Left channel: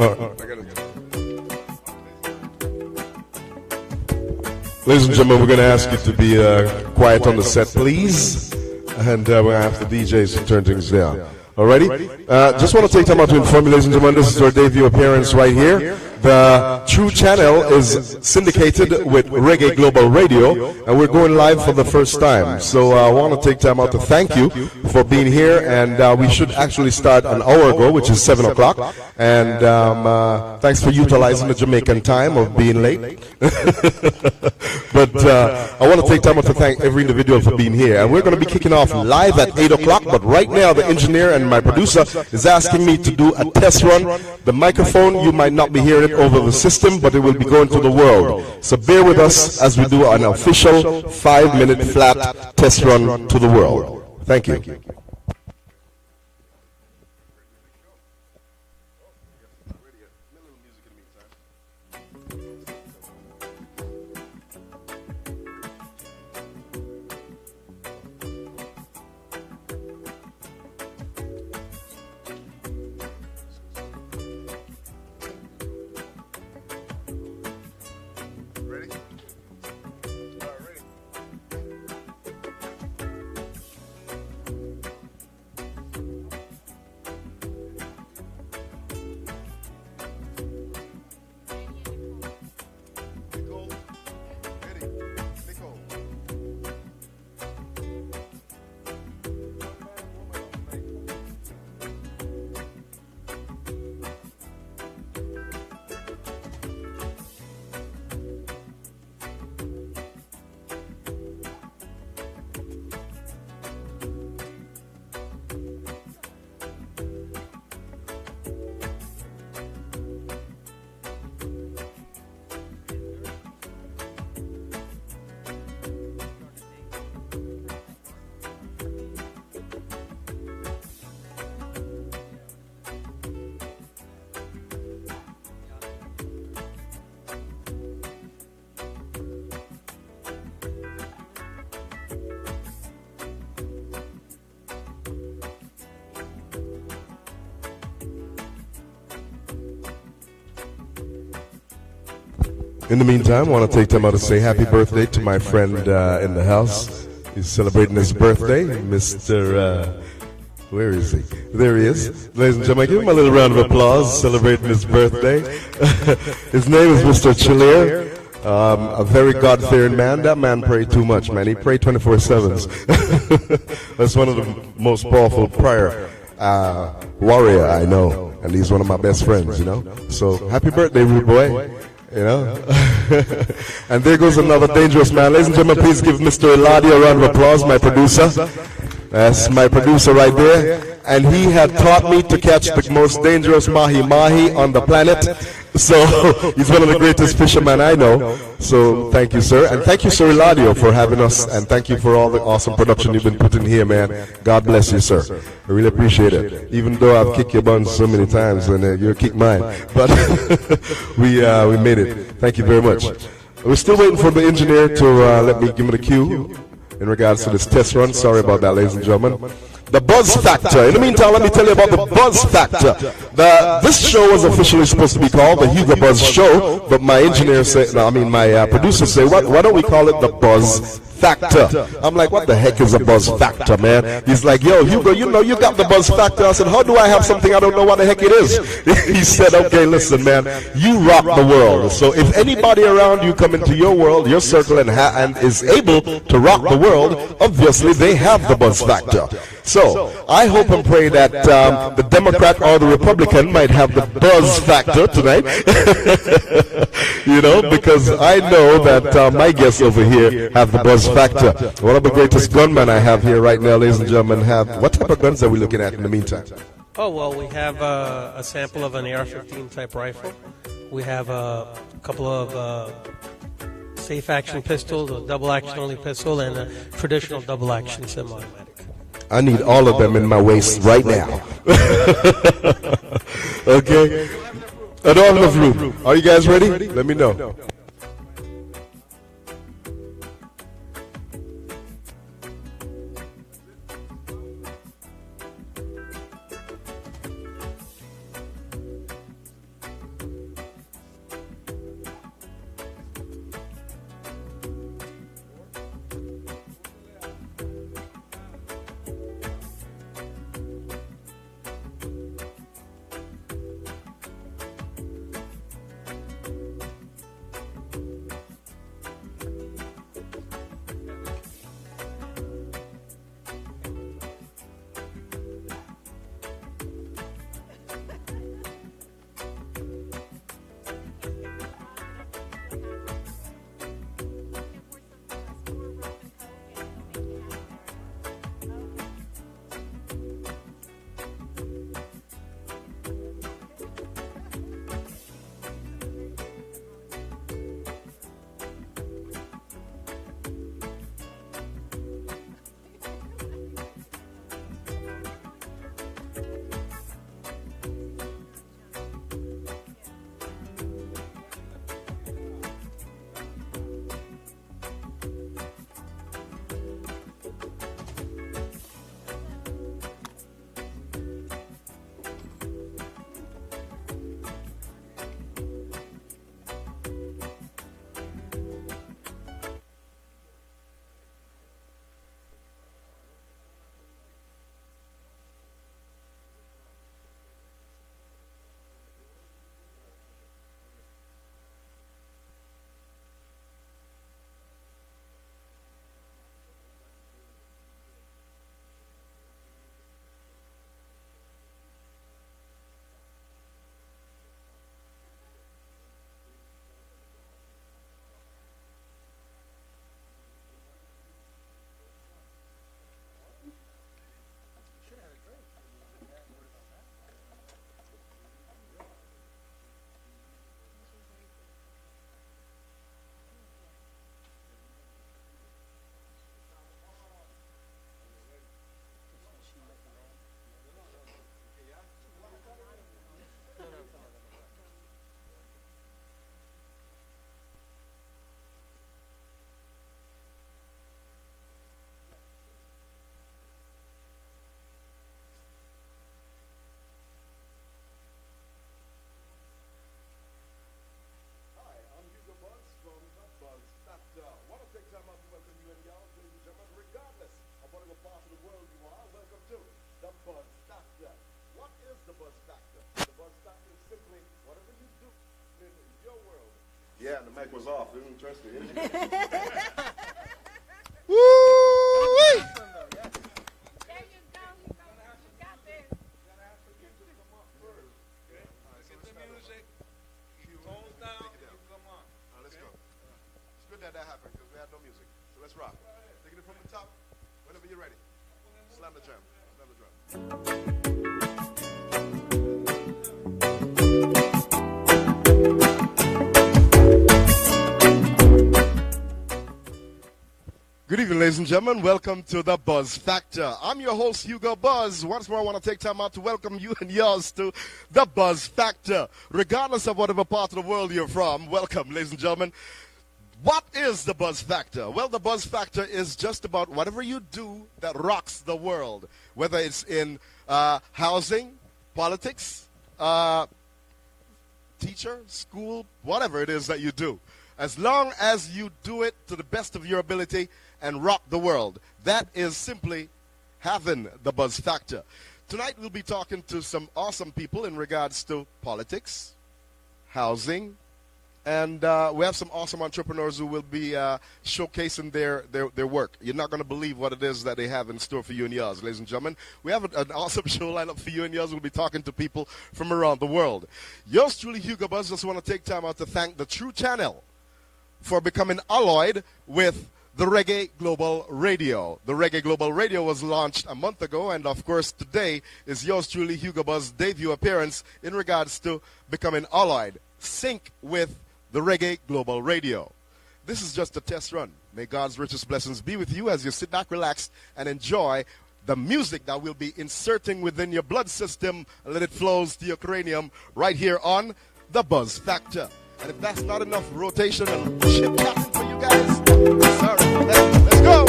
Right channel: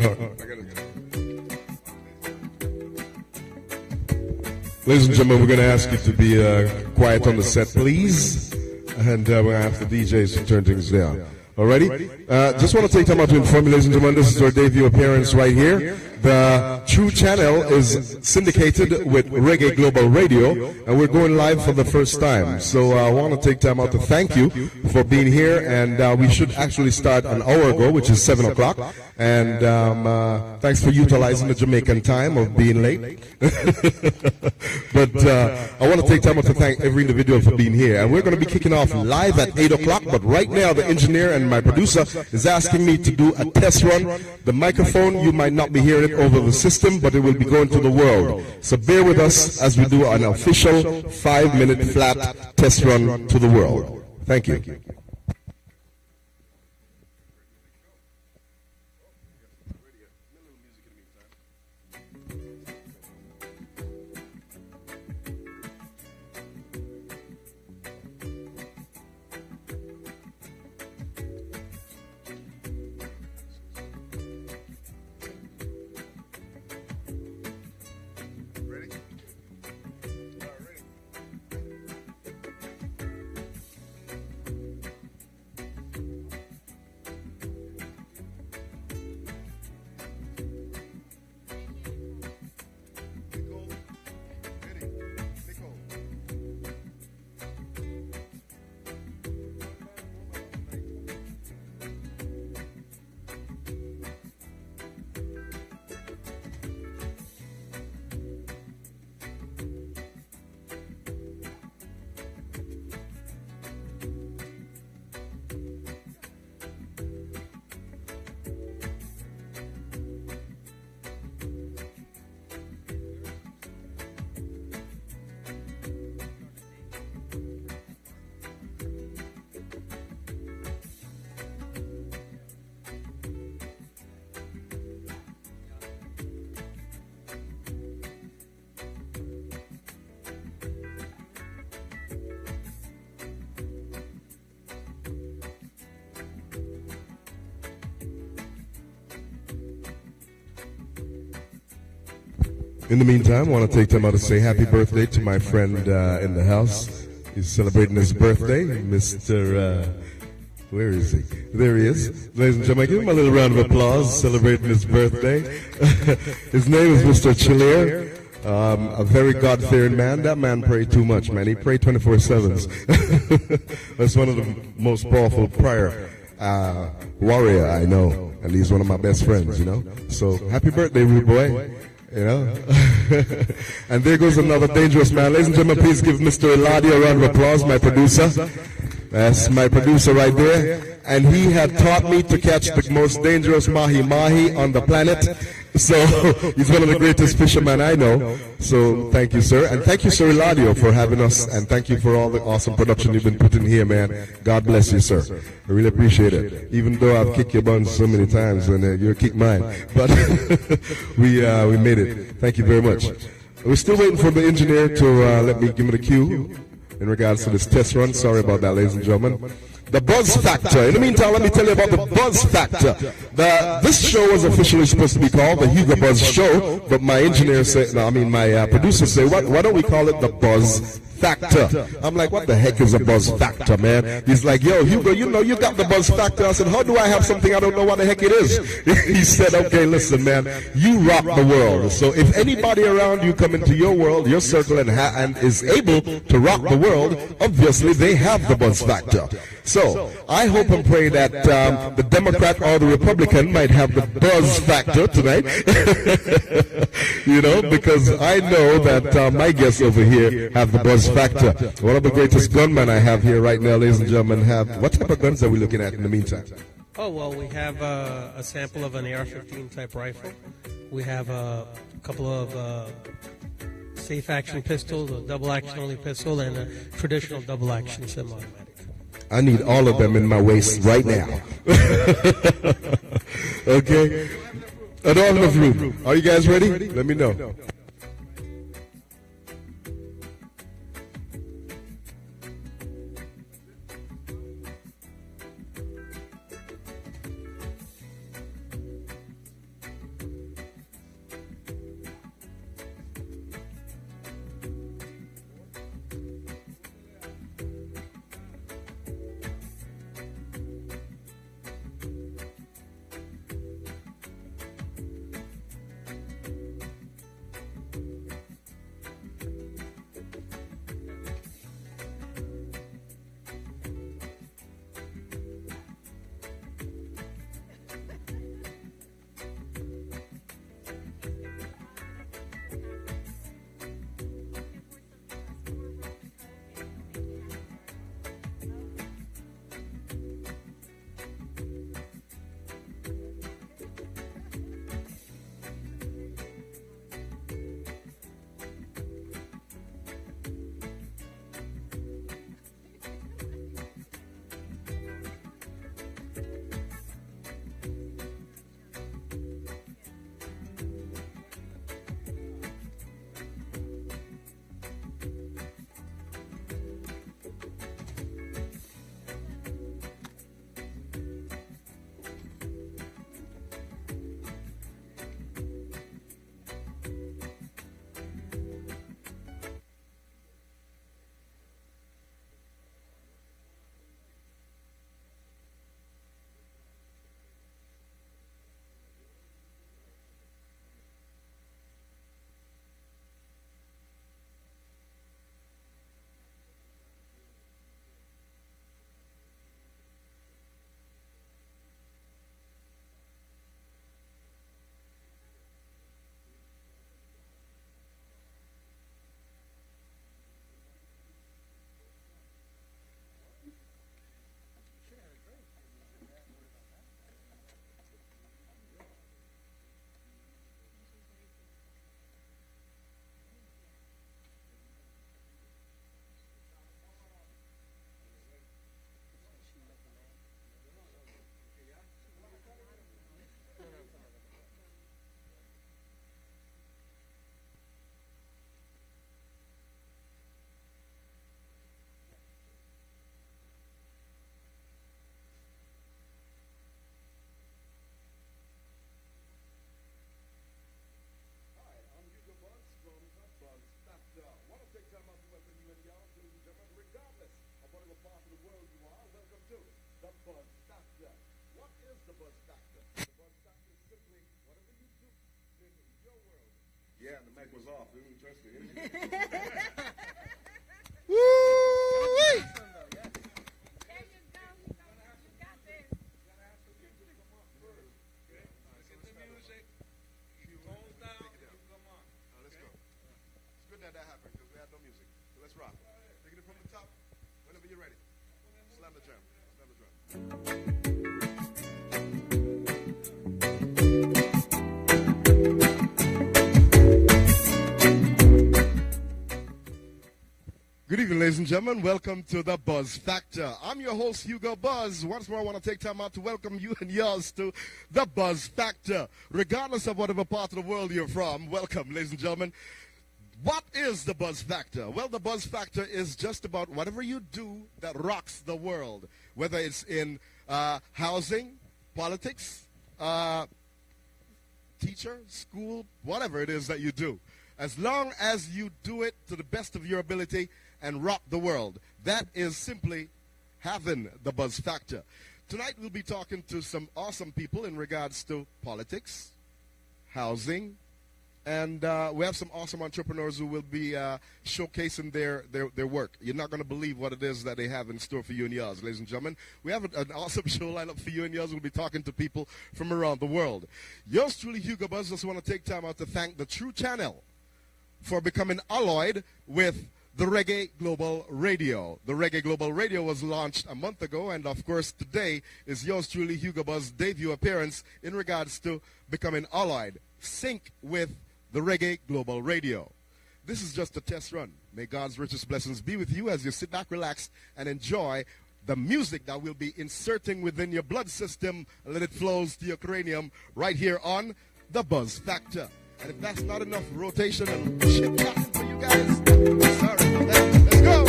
Ladies and gentlemen, we're going to ask you to be quiet on the set, please. And we're going to ask the DJs to turn things down. Alrighty? Just want to take time out to inform you, ladies and gentlemen, this is our debut appearance right here. The True channel is syndicated with Reggae Global Radio, and we're going live for the first time. So I want to take time out to thank you for being here, and we should actually start an hour ago, which is 7 o'clock. And thanks for utilizing the Jamaican time of being late. But I want to take time out to thank every individual for being here. And we're going to be kicking off live at 8 o'clock, but right now the engineer and my producer is asking me to do a test run. The microphone, you might not be hearing it over the system, but it will be going to the world. So bear with us as we do an official 5-minute flat test run to the world. Thank you. In the meantime, I want to take time out to say happy birthday to my friend in the house. He's celebrating his birthday, Mr. Where is he? There he is. Ladies and gentlemen, give him a little round of applause celebrating his birthday. His name is Mr. Chilier. A very God-fearing man. That man prayed too much, man. He prayed 24/7. That's one of the most powerful prayer warrior I know. And he's one of my best friends, you know. So happy birthday, rude boy. You know, and there goes another dangerous man. Ladies and gentlemen, please give Mr. Eladio a round of applause, my producer. That's my producer right there. And he had taught me to catch the most dangerous mahi-mahi on the planet. So he's one of the greatest fishermen I know. So thank you, sir. And thank you, Sir Eladio, for having us. And thank you for all the awesome production you've been putting here, man. God bless you, sir. I really appreciate it. Even though I've kicked your buns so many times, and you kicked mine. But we made it. Thank you very much. We're still waiting for the engineer to let me give me the cue in regards to this test run. Sorry about that, ladies and gentlemen. The buzz factor. In the meantime, let me tell you about the buzz factor. This show was officially supposed to be called the Hugo Buzz Show, but my engineer said, my producer said, why don't we call it the Buzz Factor? I'm like, what the heck is a buzz factor, man? He's like, yo, Hugo, you know you got the buzz factor. I said, how do I have something I don't know what the heck it is? He said, okay, listen, man, you rock the world. So if anybody around you come into your world, your circle, and is able to rock the world, obviously they have the buzz factor. So I hope and pray that the Democrat or the Republican might have the buzz factor tonight. You know, because I know that my guests over here have the buzz factor. One of the greatest gunmen I have here right now, ladies and gentlemen, what type of guns are we looking at in the meantime? Oh, well, we have a sample of an AR-15 type rifle. We have a couple of safe action pistols, a double action only pistol, and a traditional double action semi-automatic. I need all of them in my waist right now. Okay? I don't have enough room. Are you guys ready? Let me know. the buzz factor. What is the buzz factor? The buzz factor is simply whatever you do in your world. Yeah, the mic was off. They didn't trust me. Woo! That happened because we had no music. So let's rock. Taking it from the top. Whenever you're ready. Slam the drum. Slam the drum. Good evening, ladies and gentlemen. Welcome to the Buzz Factor. I'm your host, Hugo Buzz. Once more, I want to take time out to welcome you and yours to the Buzz Factor. Regardless of whatever part of the world you're from, welcome, ladies and gentlemen. What is the Buzz Factor? Well, the Buzz Factor is just about whatever you do that rocks the world, whether it's in housing, politics, teacher, school, whatever it is that you do. As long as you do it to the best of your ability and rock the world, that is simply having the Buzz Factor. Tonight we'll be talking to some awesome people in regards to politics, housing, and we have some awesome entrepreneurs who will be showcasing their work. You're not going to believe what it is that they have in store for you and yours, ladies and gentlemen. We have an awesome show lineup for you and yours. We'll be talking to people from around the world. Yours truly, Hugo Buzz, just want to take time out to thank the True Channel for becoming allied with the Reggae Global Radio. The Reggae Global Radio was launched a month ago, and of course today is yours truly, Hugo Buzz's debut appearance in regards to becoming allied, sync with the Reggae Global Radio. This is just a test run. May God's richest blessings be with you as you sit back, relax, and enjoy the music that we'll be inserting within your blood system and let it flows to your cranium right here on The Buzz Factor. And if that's not enough rotation and chit-chatting for you guys, sorry about that. Let's go!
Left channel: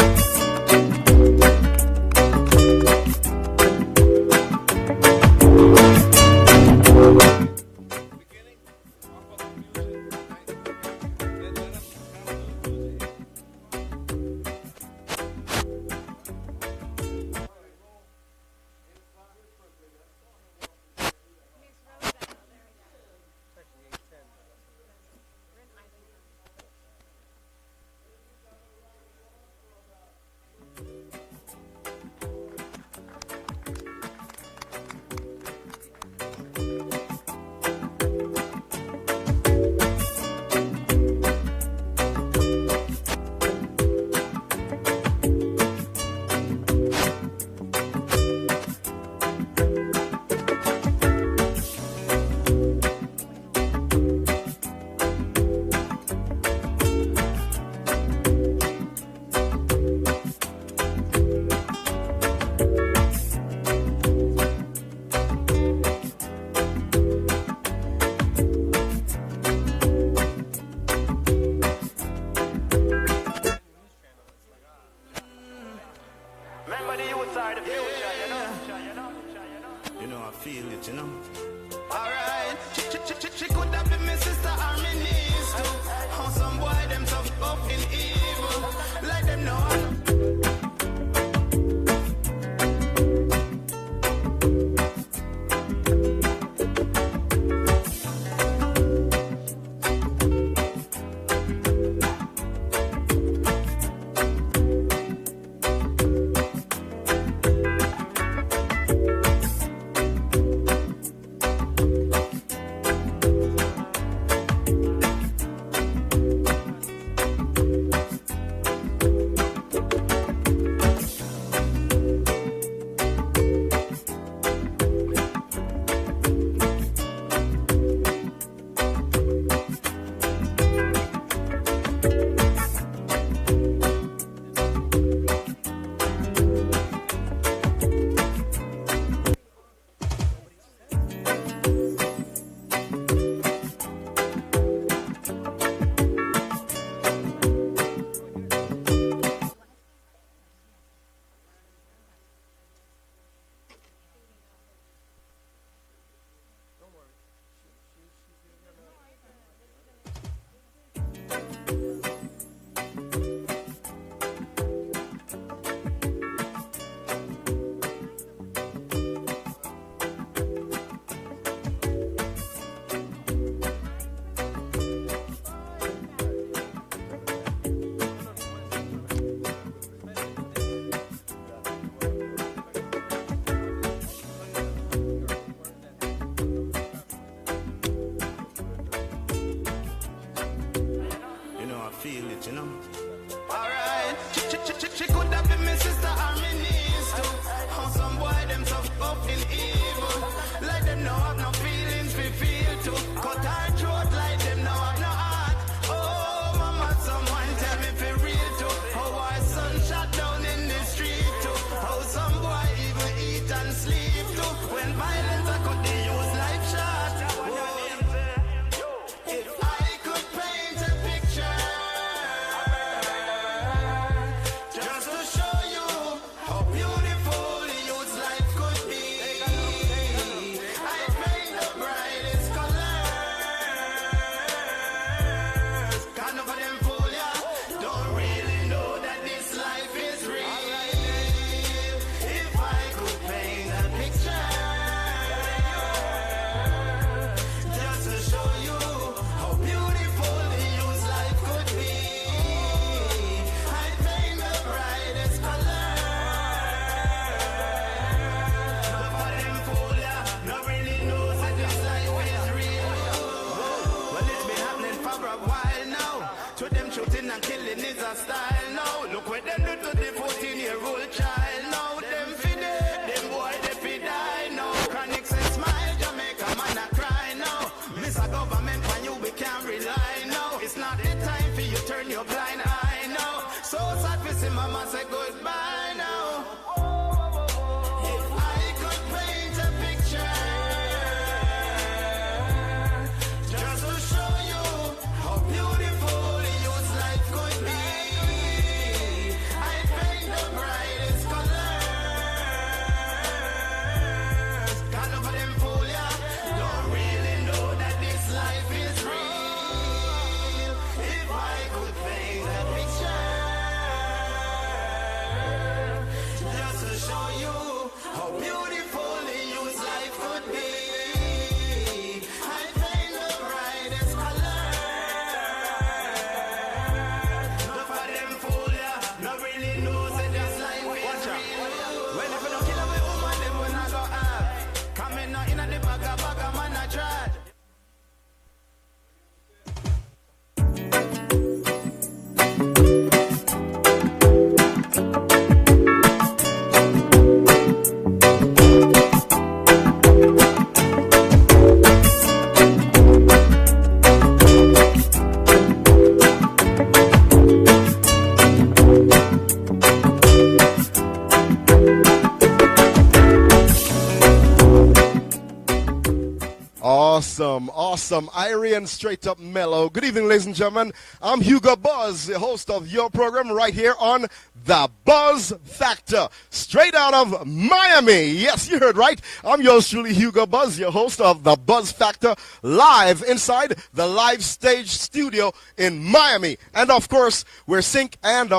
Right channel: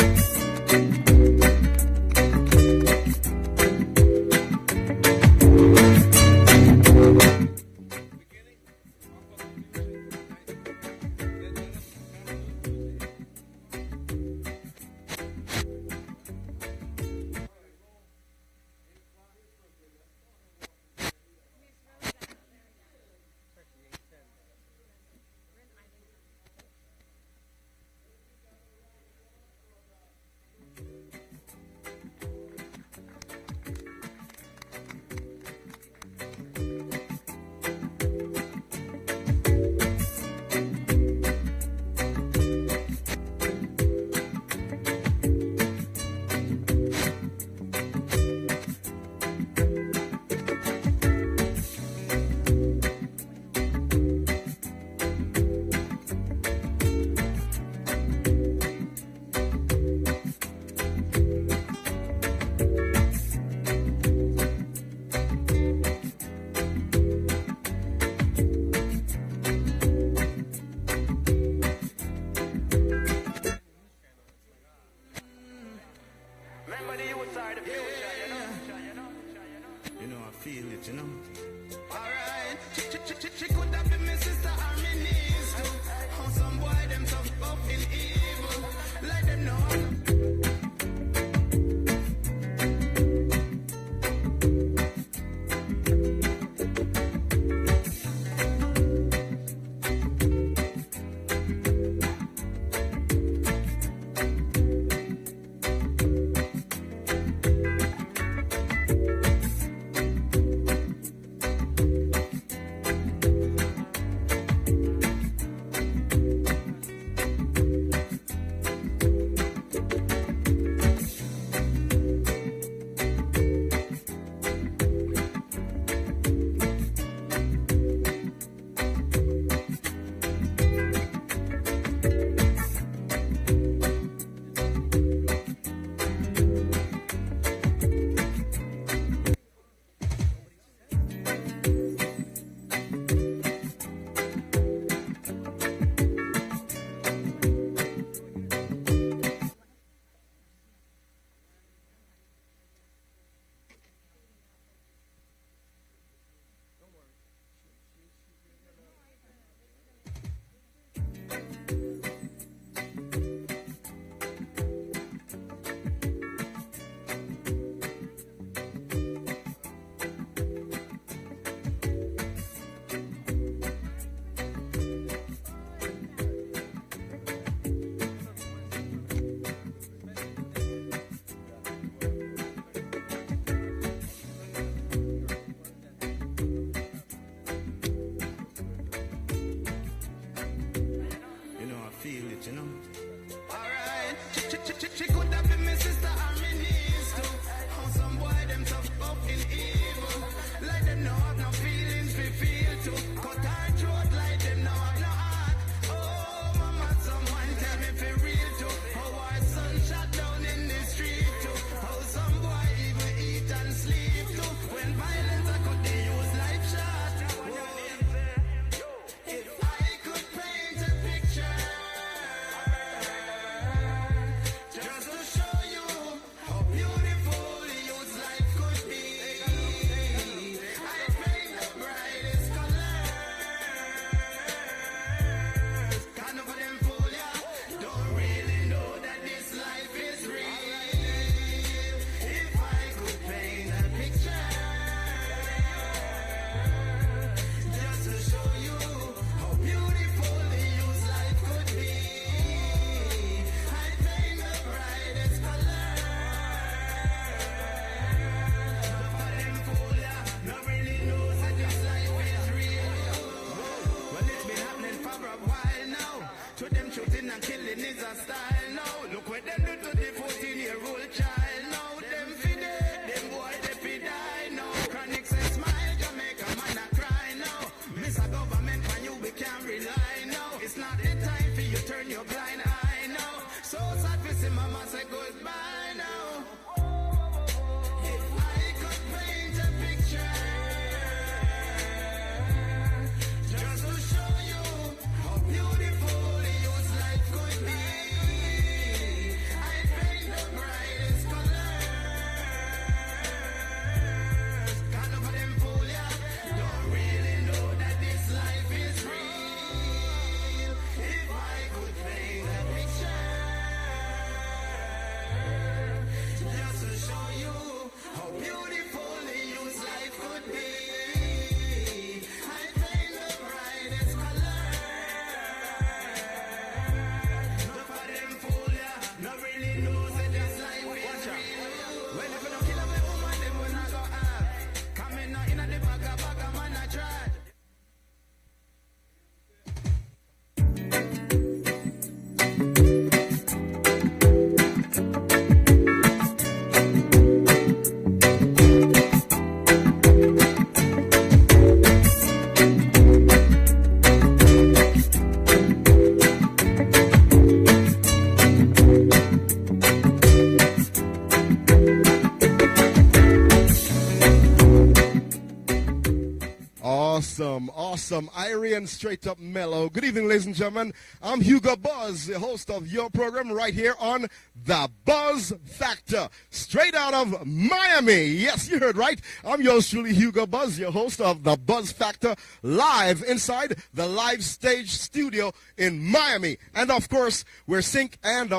Awesome, awesome. Irie and straight up mellow. Good evening, ladies and gentlemen. I'm Hugo Buzz, the host of your program right here on The Buzz Factor, straight out of Miami. Yes, you heard right. I'm yours truly, Hugo Buzz, your host of The Buzz Factor, live inside the live stage studio in Miami. And of course, we're syndicated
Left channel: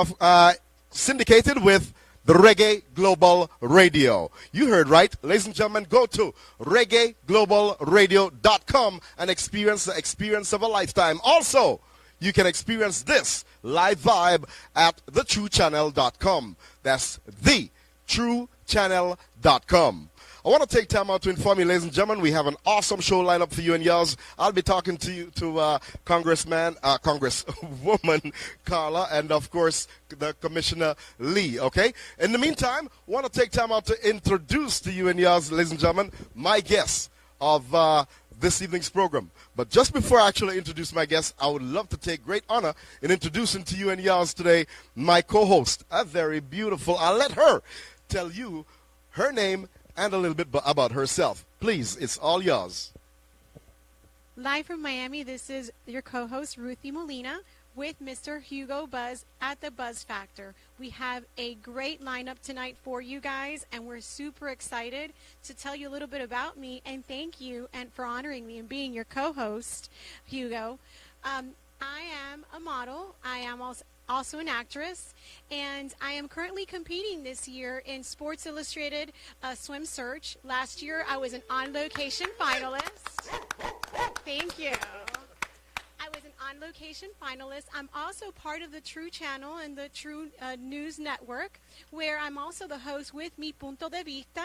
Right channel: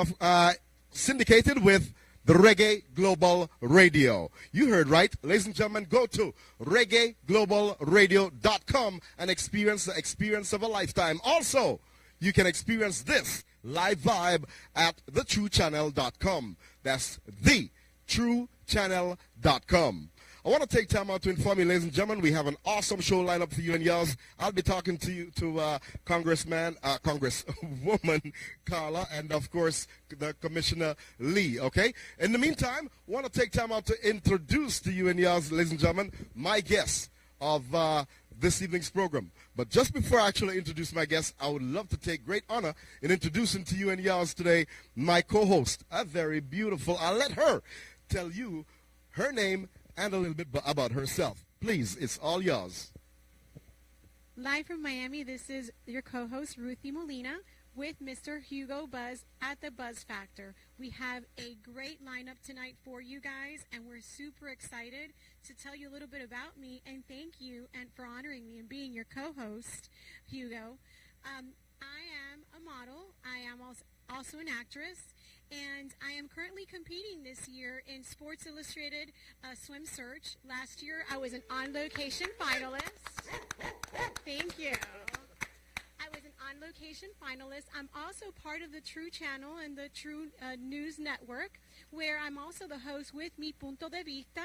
with the Reggae Global Radio. You heard right, ladies and gentlemen. Go to reggaeglobalradio.com and experience the experience of a lifetime. Also, you can experience this live vibe at thetruechannel.com. That's thetruechannel.com. I want to take time out to inform you, ladies and gentlemen, we have an awesome show lined up for you and yours. I'll be talking to you, to Congresswoman Carla, and of course, the Commissioner Lee, okay? In the meantime, I want to take time out to introduce to you and yours, ladies and gentlemen, my guests of this evening's program. But just before I actually introduce my guests, I would love to take great honor in introducing to you and yours today my co-host, a very beautiful, I'll let her tell you her name and a little bit about herself. Please, it's all yours. Live from Miami, this is your co-host, Ruthie Molina, with Mr. Hugo Buzz at the Buzz Factor. We have a great lineup tonight for you guys, and we're super excited to tell you a little bit about me, and thank you and for honoring me and being your co-host, Hugo. I am a model. I am also an actress, and I am currently competing this year in Sports Illustrated Swim Search. Last year, I was an on-location finalist. Thank you. I was an on-location finalist. I'm also part of the True Channel and the True News Network, where I'm also the host with Mi Punto de Vista,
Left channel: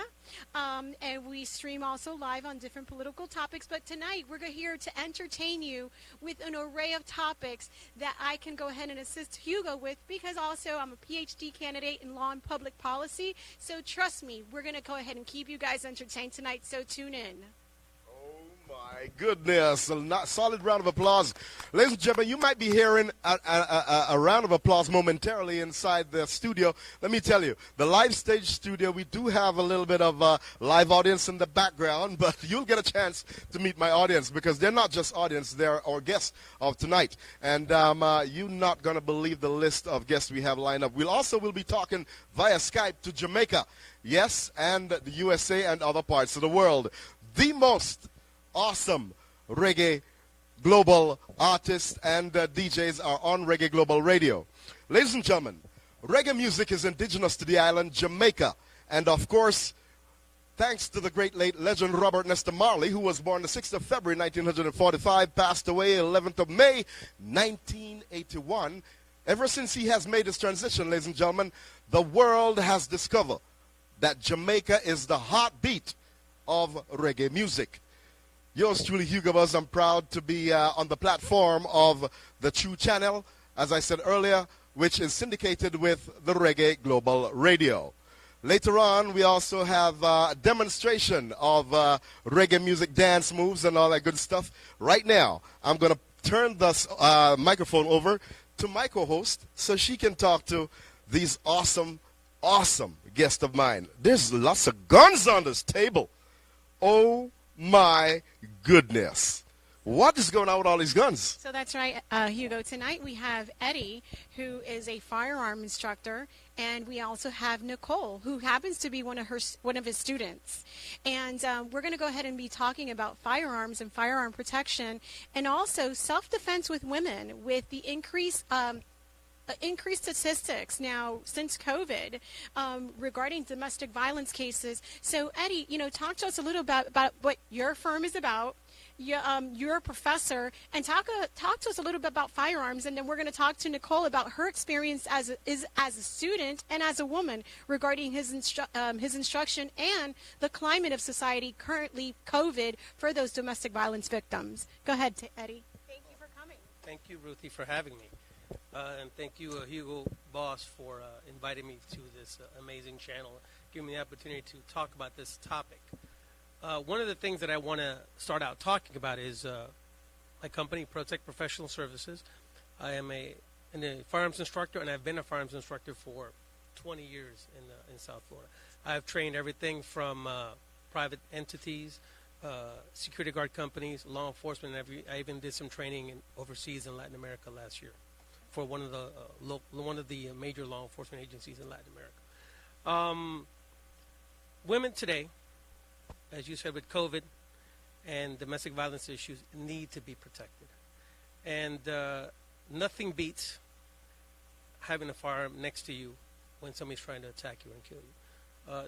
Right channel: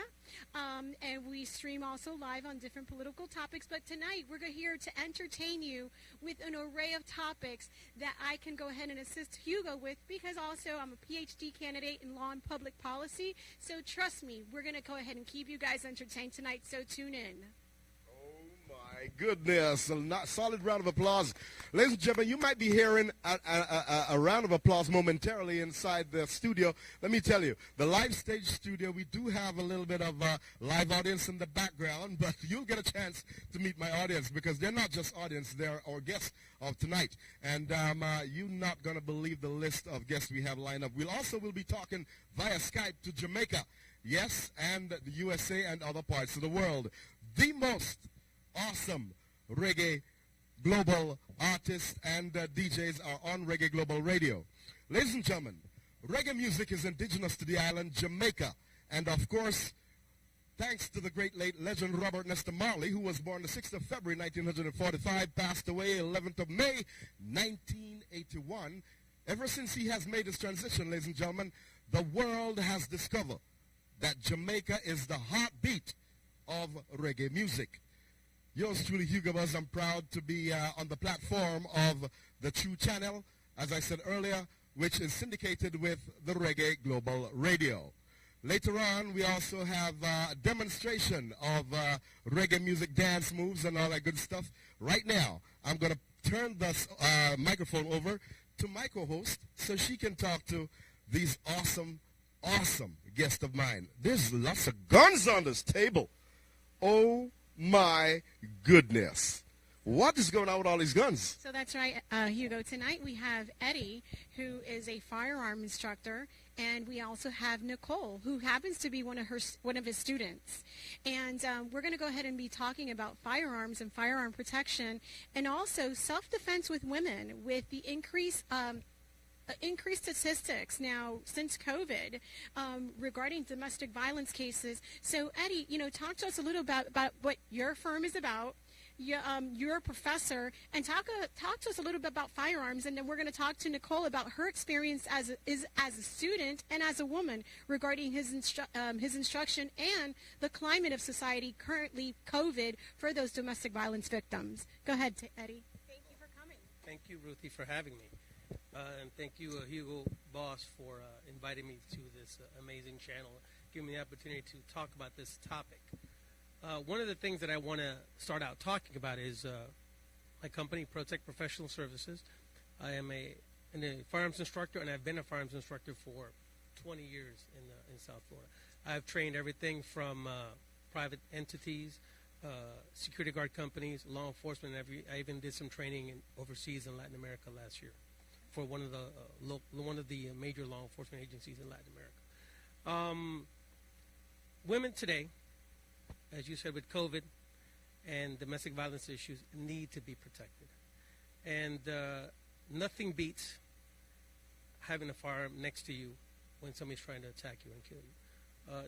and we stream also live on different political topics. But tonight, we're here to entertain you with an array of topics that I can go ahead and assist Hugo with, because also I'm a PhD candidate in law and public policy. So trust me, we're going to go ahead and keep you guys entertained tonight, so tune in. My goodness, a solid round of applause. Ladies and gentlemen, you might be hearing a round of applause momentarily inside the studio. Let me tell you, the live stage studio, we do have a little bit of a live audience in the background, but you'll get a chance to meet my audience, because they're not just audience, they're our guests of tonight. And you're not going to believe the list of guests we have lined up. We'll be talking via Skype to Jamaica, yes, and the USA and other parts of the world. The most awesome reggae global artists and DJs are on Reggae Global Radio. Ladies and gentlemen, reggae music is indigenous to the island Jamaica, and of course, thanks to the great late legend Robert Nesta Marley, who was born the 6th of February 1945, passed away 11th of May 1981. Ever since he has made his transition, ladies and gentlemen, the world has discovered that Jamaica is the heartbeat of reggae music. Yours truly, Hugo Buzz. I'm proud to be on the platform of the True Channel, as I said earlier, which is syndicated with the Reggae Global Radio. Later on, we also have a demonstration of reggae music dance moves and all that good stuff. Right now, I'm going to turn this microphone over to my co-host so she can talk to these awesome guests of mine. There's lots of guns on this table. Oh, my goodness. What is going on with all these guns? So that's right, Hugo. Tonight we have Eddie, who is a firearm instructor, and we also have Nicole, who happens to be one of his students. And we're going to go ahead and be talking about firearms and firearm protection, and also self-defense with women, with the increased statistics now since COVID regarding domestic violence cases. So, Eddie, talk to us a little about what your firm is about. You're a professor, and talk to us a little bit about firearms, and then we're going to talk to Nicole about her experience as a student and as a woman regarding his instruction and the climate of society currently, COVID, for those domestic violence victims. Go ahead, Eddie. Thank you for coming. Thank you, Ruthie, for having me. And thank you, Hugo Boss, for inviting me to this amazing channel, giving me the opportunity to talk about this topic. One of the things that I want to start out talking about is my company, Protect Professional Services. I am a firearms instructor, and I've been a firearms instructor for 20 years in South Florida. I've trained everything from private entities security guard companies, law enforcement. I even did some training overseas in Latin America last year for one of the major law enforcement agencies in Latin America. Women today, as you said, with COVID and domestic violence issues, need to be protected. And nothing beats having a firearm next to you when somebody's trying to attack you and kill you.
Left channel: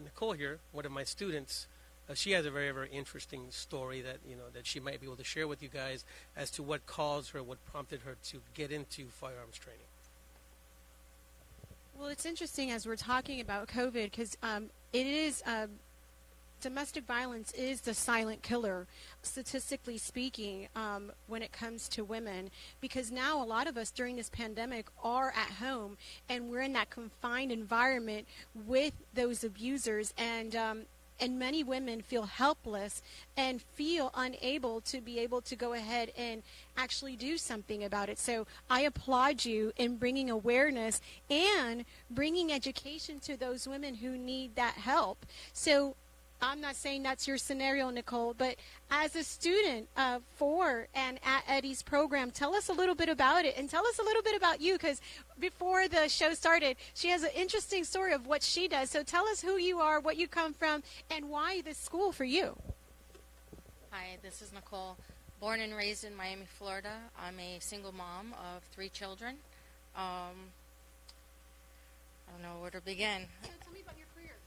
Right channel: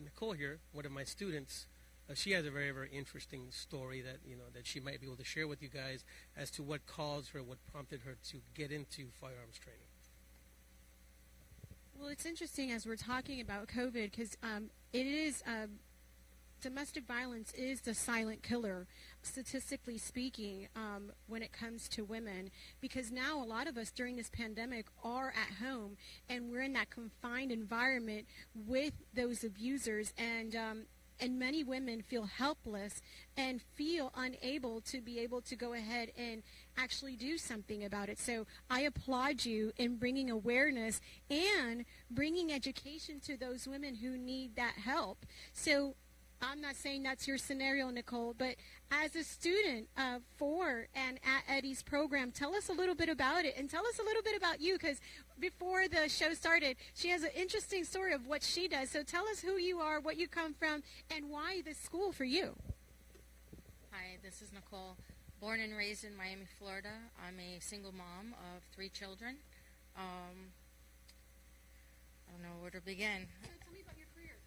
Nicole here, one of my students, she has a very, very interesting story that she might be able to share with you guys as to what caused her, what prompted her to get into firearms training. Well, it's interesting as we're talking about COVID because it is domestic violence is the silent killer, statistically speaking, when it comes to women. Because now a lot of us during this pandemic are at home and we're in that confined environment with those abusers, and many women feel helpless and feel unable to be able to go ahead and actually do something about it. So I applaud you in bringing awareness and bringing education to those women who need that help. So I'm not saying that's your scenario, Nicole, but as a student for and at Eddie's program, tell us a little bit about it, and tell us a little bit about you, because before the show started, she has an interesting story of what she does. So tell us who you are, what you come from, and why this school for you. Hi, this is Nicole. Born and raised in Miami, Florida. I'm a single mom of 3 children. I don't know where to begin. So tell me about your career.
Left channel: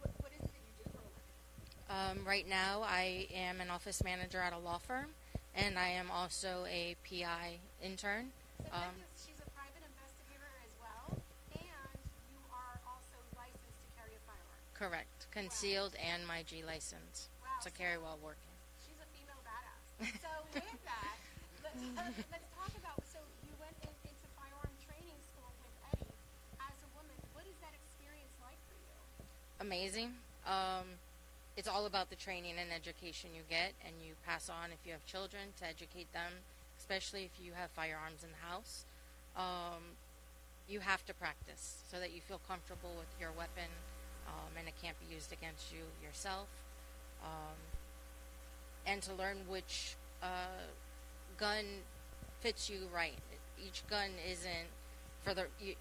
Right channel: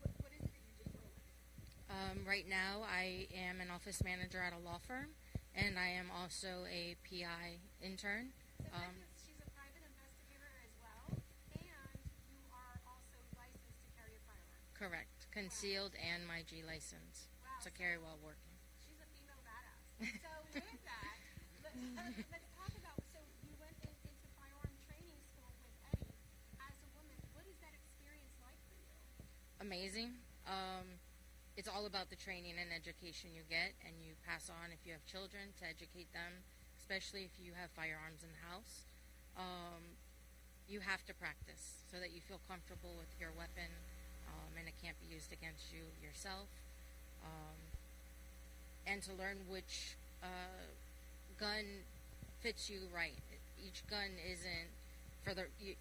What is it that you do for a living? Right now, I am an office manager at a law firm, and I am also a PI intern. So she's a private investigator as well, and you are also licensed to carry a firearm. Correct. Concealed and my G license to carry while working. She's a female badass. So with that, let's talk about, so you went into firearm training school with Eddie. As a woman, what is that experience like for you? Amazing. It's all about the training and education you get, and you pass on if you have children to educate them, especially if you have firearms in the house. You have to practice so that you feel comfortable with your weapon, and it can't be used against you yourself. And to learn which gun fits you right. Each gun isn't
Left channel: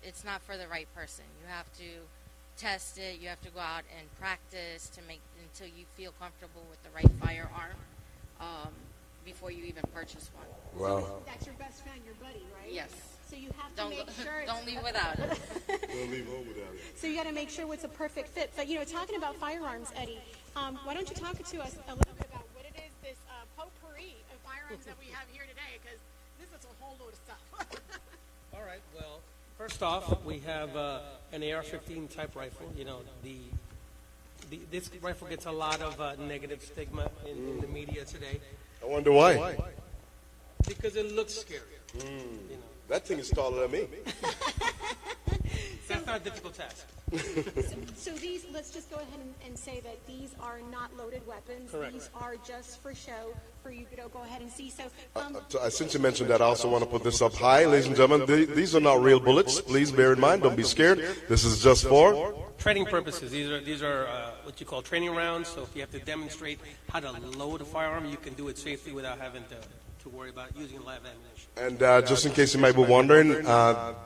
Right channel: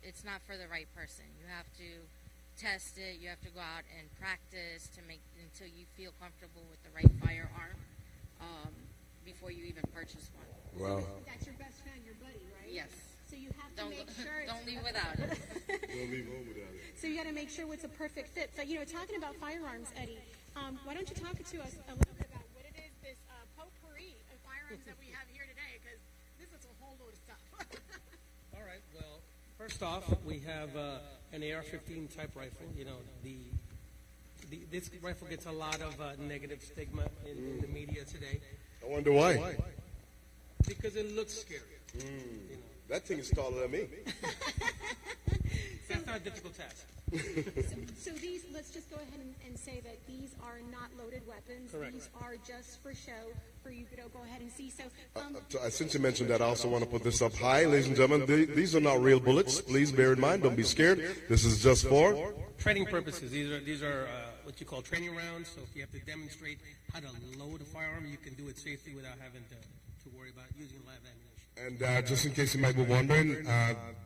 it's not for the right person. You have to test it. You have to go out and practice until you feel comfortable with the right firearm before you even purchase one. Wow. That's your best friend, your buddy, right? Yes. So you have to make sure. Don't leave without it. Don't leave home without it. So you got to make sure it's a perfect fit. But talking about firearms, Eddie, why don't you talk to us a little bit about what it is, this potpourri of firearms that we have here today? Because this is a whole load of stuff. All right. Well, first off, we have an AR-15 type rifle. This rifle gets a lot of negative stigma in the media today I wonder why. because it looks scary. That thing is taller than me. That's not a difficult task. So these, let's just go ahead and say that these are not loaded weapons. Correct. These are just for show, for you to go ahead and see. So, Since you mentioned that, I also want to put this up high, ladies and gentlemen. These are not real bullets. Please bear in mind. Don't be scared. This is just for Training purposes. These are what you call training rounds. So if you have to demonstrate how to load a firearm, you can do it safely without having to worry about using live ammunition. And just in case you might be wondering,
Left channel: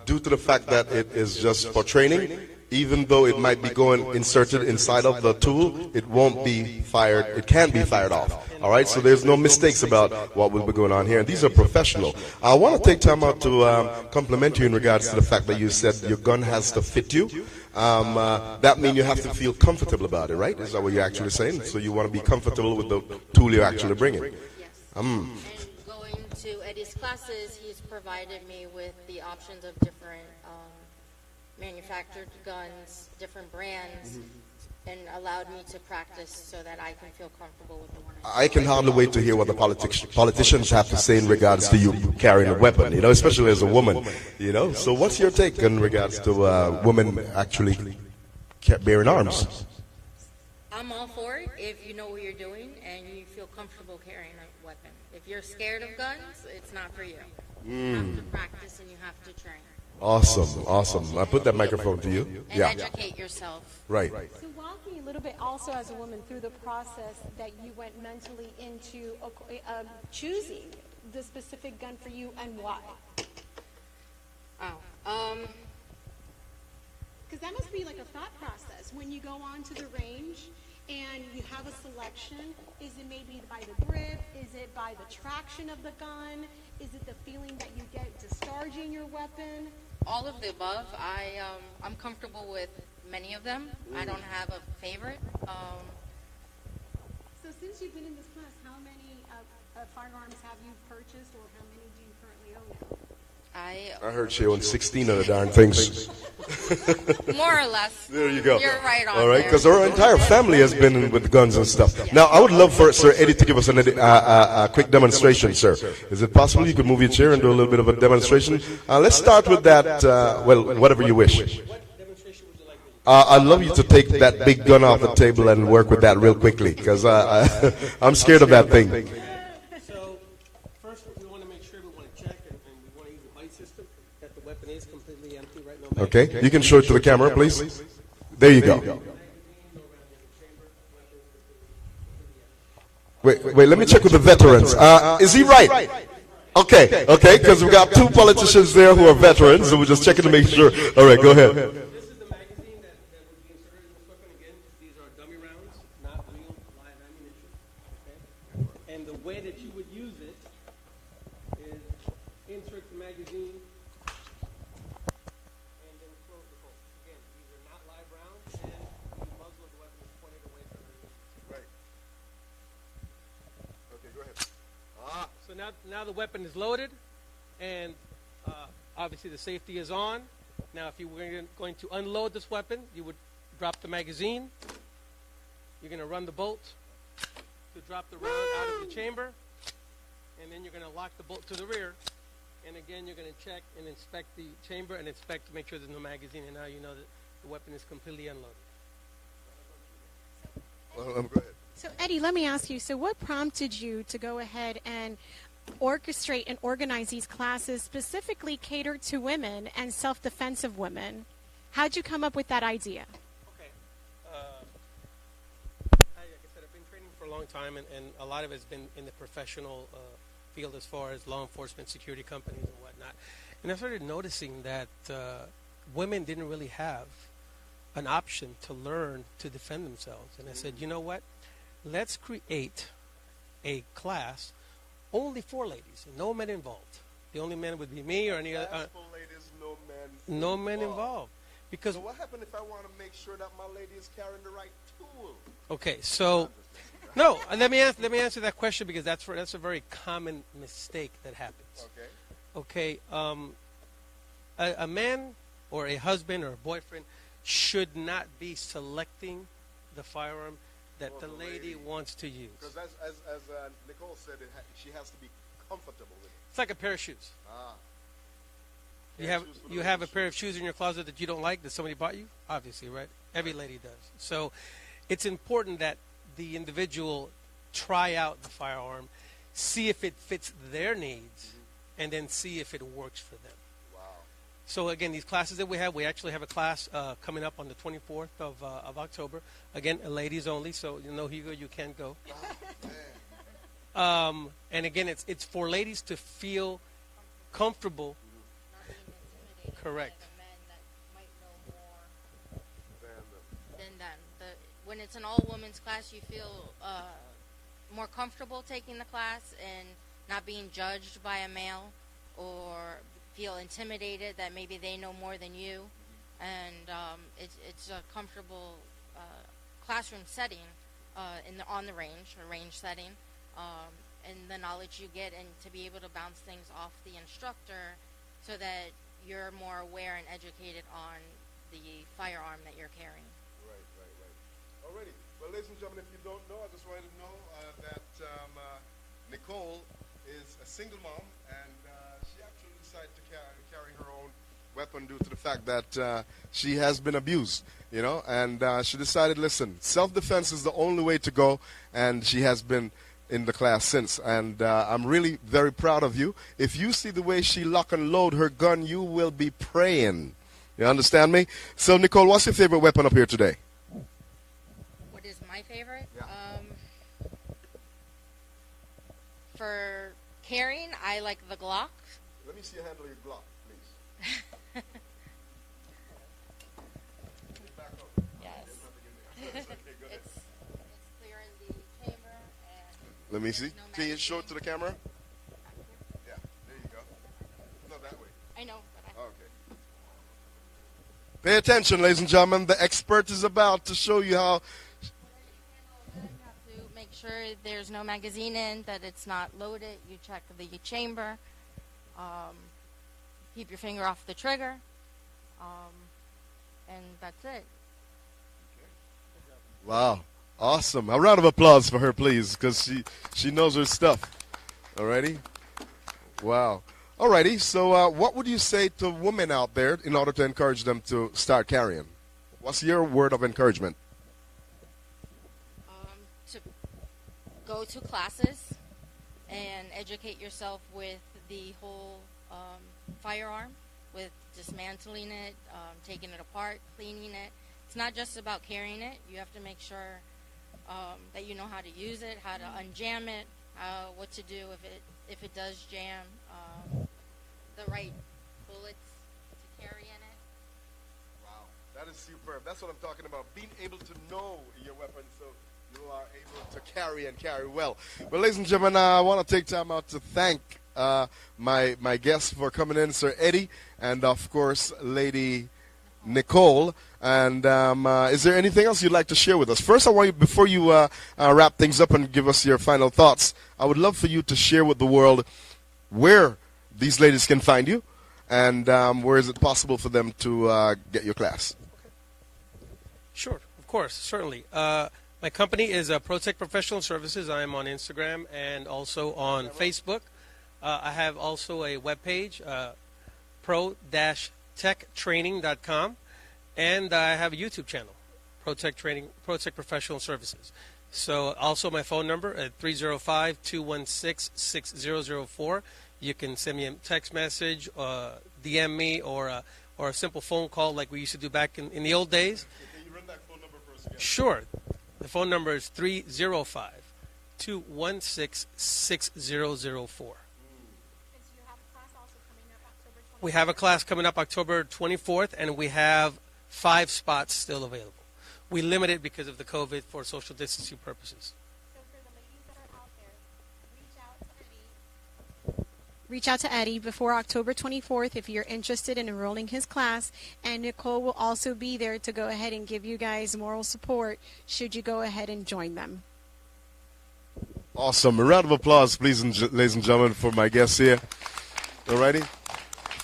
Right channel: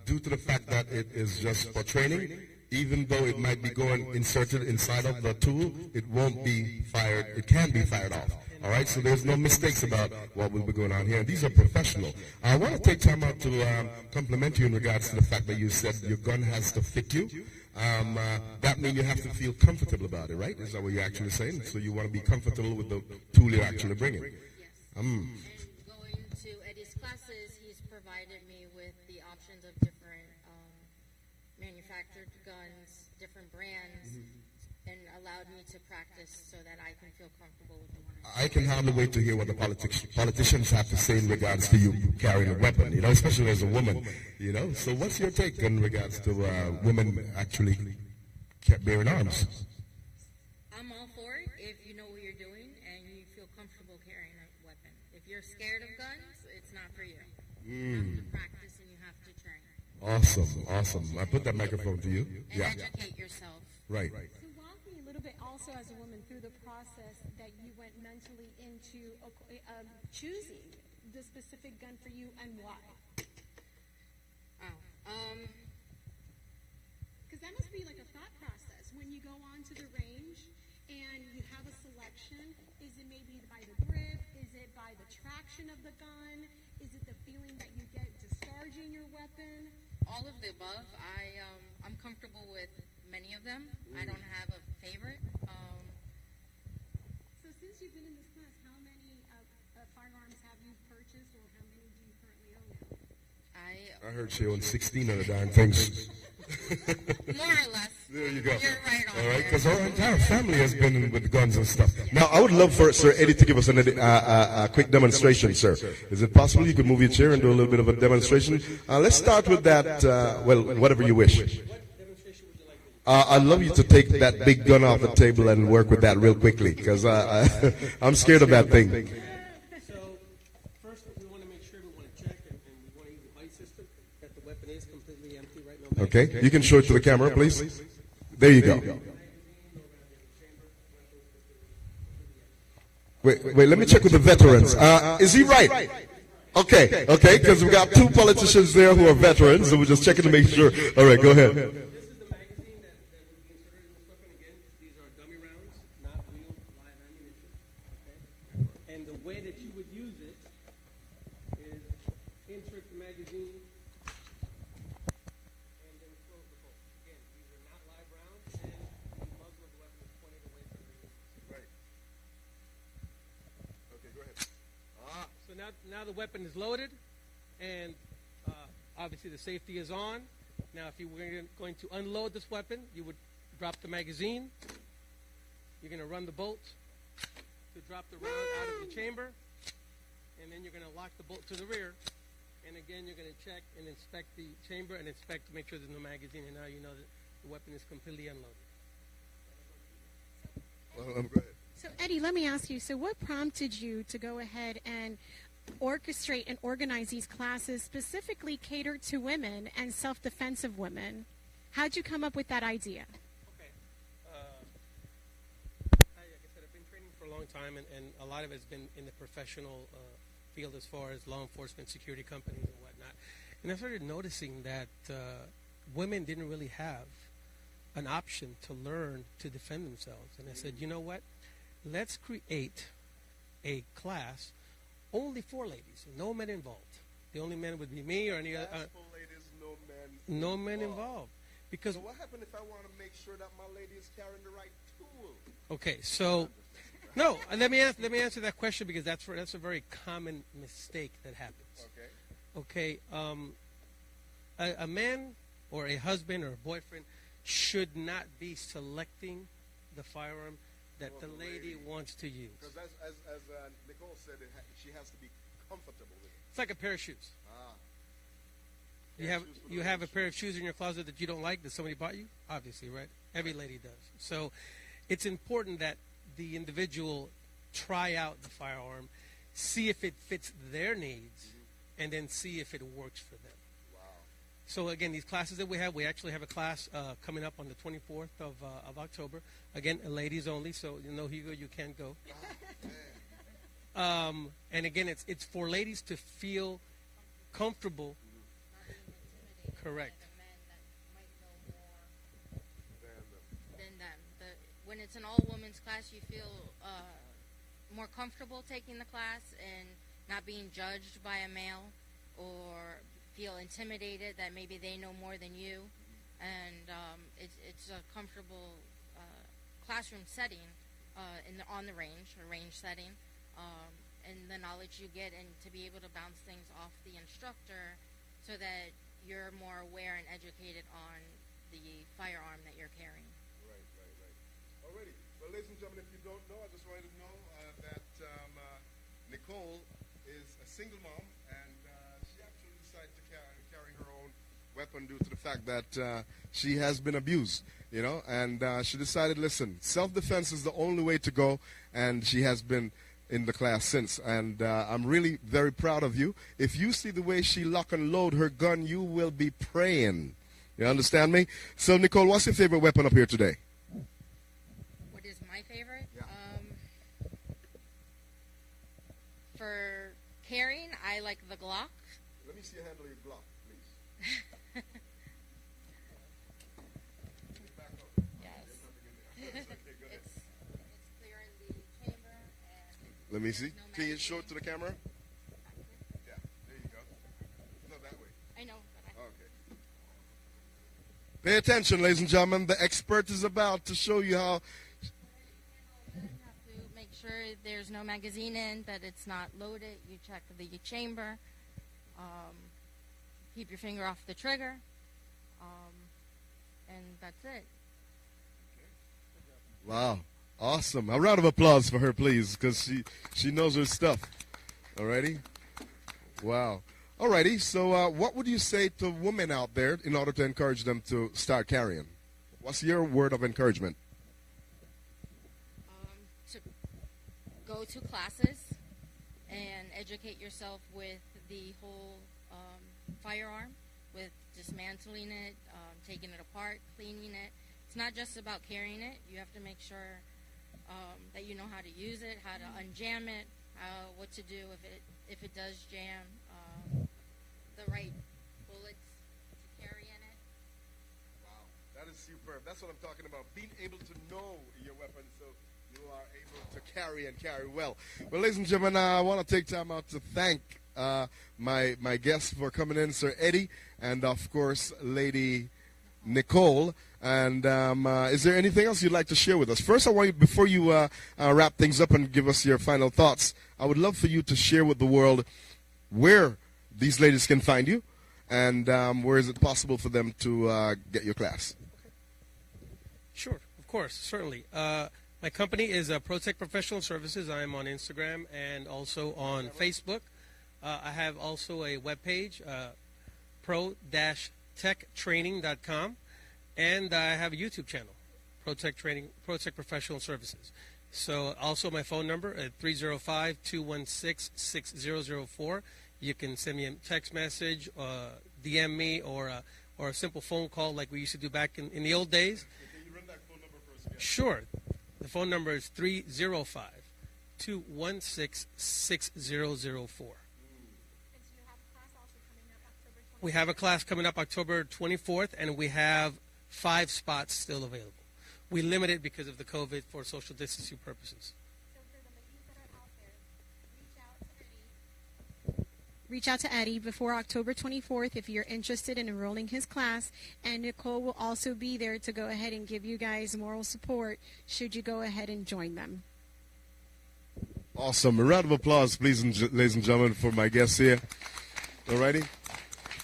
due to the fact that it is just for training, even though it might be inserted inside of the tool, it won't be fired. It can be fired off. All right, so there's no mistakes about what will be going on here. And these are professional. I want to take time out to compliment you in regards to the fact that you said your gun has to fit you. That means you have to feel comfortable about it, right? Is that what you're actually saying? So you want to be comfortable with the tool you're actually bringing. Yes. And going to Eddie's classes, he's provided me with the options of different manufactured guns, different brands, and allowed me to practice so that I can feel comfortable with the one I can hardly wait to hear what the politicians have to say in regards to you carrying a weapon, especially as a woman, So what's your take in regards to women actually bearing arms? I'm all for it if you know what you're doing and you feel comfortable carrying a weapon. If you're scared of guns, it's not for you. You have to practice and you have to train. Awesome, awesome. I put that microphone to you. and Yeah, educate yourself. right. So walk me a little bit also as a woman through the process that you went mentally into choosing the specific gun for you and why. Because that must be like a thought process when you go on to the range and you have a selection. Is it maybe by the grip? Is it by the traction of the gun? Is it the feeling that you get discharging your weapon? All of the above. I'm comfortable with many of them. I don't have a favorite. So since you've been in this class, how many firearms have you purchased or how many do you currently own now? I heard she owns 16 of the darn things. More or less. There you go. You're right on All right, there. because our entire family has been with guns and stuff. Now, I would love for Sir Eddie to give us a quick demonstration, sir. Is it possible you could move your chair and do a little bit of a demonstration? Let's start with that, whatever you wish. I'd love you to take that big gun off the table and work with that real quickly, because I'm scared of that thing. So first, we want to make sure we want to check and we want to use the light system that the weapon is completely empty right now. Okay, you can show it to the camera, please. There you go. Wait, let me check with the veterans. Is he right? Okay, because we've got two politicians there who are veterans, so we're just checking to make sure. All right, go ahead. This is the magazine that would be inserted in this weapon. Again, these are dummy rounds, not real live ammunition. Okay? And the way that you would use it is insert the magazine and then close the bolt. Again, these are not live rounds, and the muzzle of the weapon is pointed away from the Right. Okay, go ahead. So now the weapon is loaded, and obviously the safety is on. Now, if you were going to unload this weapon, you would drop the magazine. You're going to run the bolt to drop the round out of the chamber, and then you're going to lock the bolt to the rear. And again, you're going to check and inspect the chamber and inspect to make sure there's no magazine, and now you know that the weapon is completely unloaded. Go ahead. So Eddie, let me ask you, so what prompted you to go ahead and orchestrate and organize these classes specifically catered to women and self-defense of women? How'd you come up with that idea? Okay. Like I said, I've been training for a long time, and a lot of it's been in the professional field as far as law enforcement, security companies, and whatnot. And I started noticing that women didn't really have an option to learn to defend themselves. And I said, you know what? Let's create a class only for ladies, no men involved. The only men would be me or any other. For ladies, no men. No men involved. Because So what happened if I want to make sure that my lady is carrying the right tool? okay, so no, let me answer that question because that's a very common mistake that happens. Okay. Okay, a man or a husband or a boyfriend should not be selecting the firearm that the lady wants to use. Because as Nicole said, she has to be comfortable with it. It's like a pair of shoes. Ah. You have a pair of shoes in your closet that you don't like that somebody bought you? Obviously, right? Every lady does. So it's important that the individual try out the firearm, see if it fits their needs, and then see if it works for them. Wow. So again, these classes that we actually have a class coming up on the 24th of October. Again, ladies only, so you know, Hugo, you can't go. And again, it's for ladies to feel comfortable. Correct. Like a man that might know more than them. When it's an all-women's class, you feel more comfortable taking the class and not being judged by a male or feel intimidated that maybe they know more than you. And it's a comfortable classroom setting on the range, a range setting, and the knowledge you get and to be able to bounce things off the instructor so that you're more aware and educated on the firearm that you're carrying. Right. Alrighty. Well, ladies and gentlemen, if you don't know, I just wanted to know that Nicole is a single mom, and she actually decided to carry her own weapon due to the fact that she has been abused, you know, and she decided, listen, self-defense is the only way to go, and she has been in the class since, and I'm really very proud of you. If you see the way she lock and load her gun, you will be praying. You understand me? So, Nicole, what's your favorite weapon up here today? What is my favorite? Yeah. For carrying, I like the Glock. Let me see you handle your Glock, please. Yes. It's clear in the chamber. And Let me see. no Can you magazine. show it to the camera? Yeah, there you go. No, that way. I know, but Okay. Pay attention, ladies and gentlemen. The expert is about to show you how. you have to make sure there's no magazine in, that it's not loaded. You check the chamber. Keep your finger off the trigger. And that's it. Wow. Awesome. A round of applause for her, please, because she knows her stuff. Alrighty? Wow. Alrighty. So what would you say to women out there in order to encourage them to start carrying? What's your word of encouragement? To go to classes and educate yourself with the whole firearm, with dismantling it, taking it apart, cleaning it. It's not just about carrying it. You have to make sure that you know how to use it, how to unjam it, what to do if it does jam, the right bullets to carry in it. Wow, that is superb. That's what I'm talking about. Being able to know your weapon so you are able to carry and carry well. Well, ladies and gentlemen, I want to take time out to thank my guests for coming in, Sir Eddie, and of course, Lady Nicole. And is there anything else you'd like to share with us? First, I want you, before you wrap things up and give us your final thoughts, I would love for you to share with the world where these ladies can find you, and where is it possible for them to get your class? Sure, of course, certainly. My company is Protect Professional Services. I am on Instagram and also on Facebook. I have also a webpage, pro-techtraining.com, and I have a YouTube channel, Protect Professional Services. So also my phone number at 305-216-6004. You can send me a text message, DM me, or a simple phone call like we used to do back in the old days. Can you run that phone number for us again? Sure. The phone number is 305-216-6004. We have a class coming up October 24th, and we have 5 spots still available. We limit it because of the COVID for social distancing purposes. So for the ladies that are out there, reach out to Eddie before October 24th if you're interested in enrolling his class, and Nicole will also be there to go ahead and give you guys moral support should you go ahead and join them. Awesome. A round of applause, please, ladies and gentlemen, for my guests here. Alrighty?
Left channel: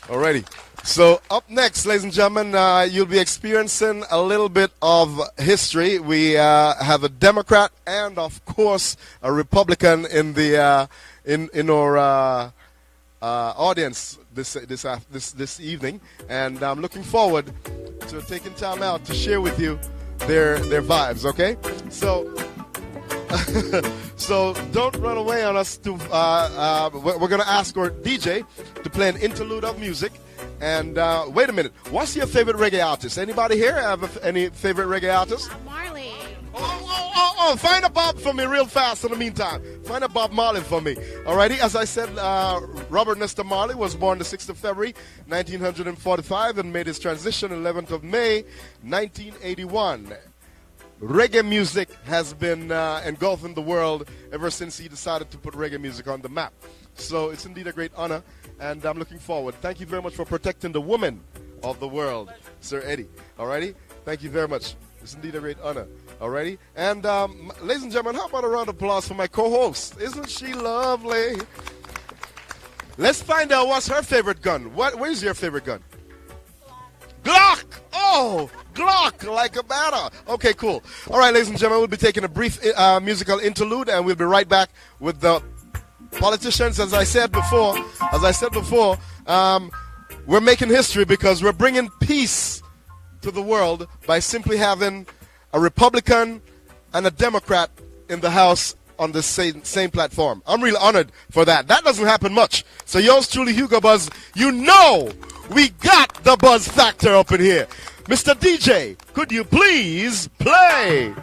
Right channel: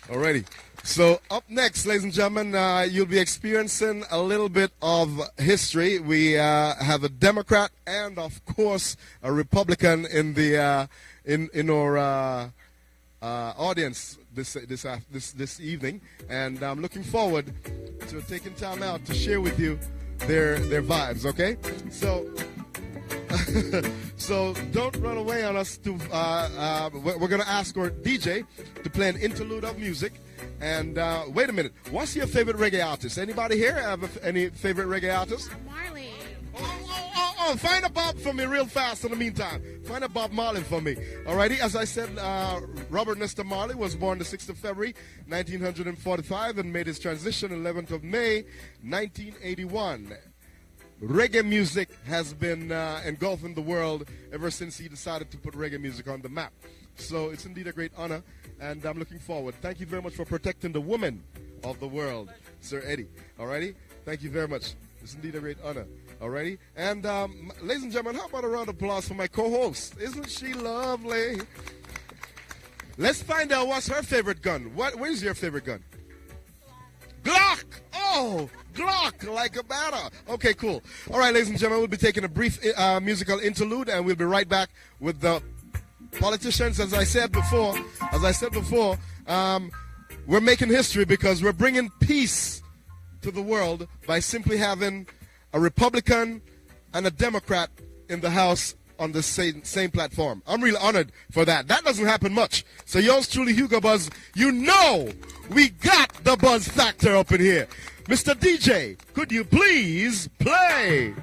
Alrighty. So up next, ladies and gentlemen, you'll be experiencing a little bit of history. We have a Democrat and, of course, a Republican in the in our audience this evening, and I'm looking forward to taking time out to share with you their vibes. Okay, so. So don't run away on us. We're going to ask our DJ to play an interlude of music. And wait a minute. What's your favorite reggae artist? Anybody here have any favorite reggae artist? Marley. Oh, find a Bob for me real fast in the meantime. Find a Bob Marley for me. Alrighty, as I said, Robert Nesta Marley was born the 6th of February, 1945 and made his transition 11th of May, 1981. Reggae music has been engulfing the world ever since he decided to put reggae music on the map. So it's indeed a great honor, and I'm looking forward. Thank you very much for protecting the women of the world, Sir Eddie. Alrighty? Thank you very much. It's indeed a great honor. Alrighty? And ladies and gentlemen, how about a round of applause for my co-host? Isn't she lovely? Let's find out what's her favorite gun. Where's your favorite gun? Glock! Oh, Glock, like a batter. Okay, cool. All right, ladies and gentlemen, we'll be taking a brief musical interlude, and we'll be right back with the politicians. As I said before, we're making history because we're bringing peace to the world by simply having a Republican and a Democrat in the House on the same platform. I'm really honored for that. That doesn't happen much. So yours truly, Hugo Buzz, you know we got the buzz factor up in here. Mr. DJ, could you please play?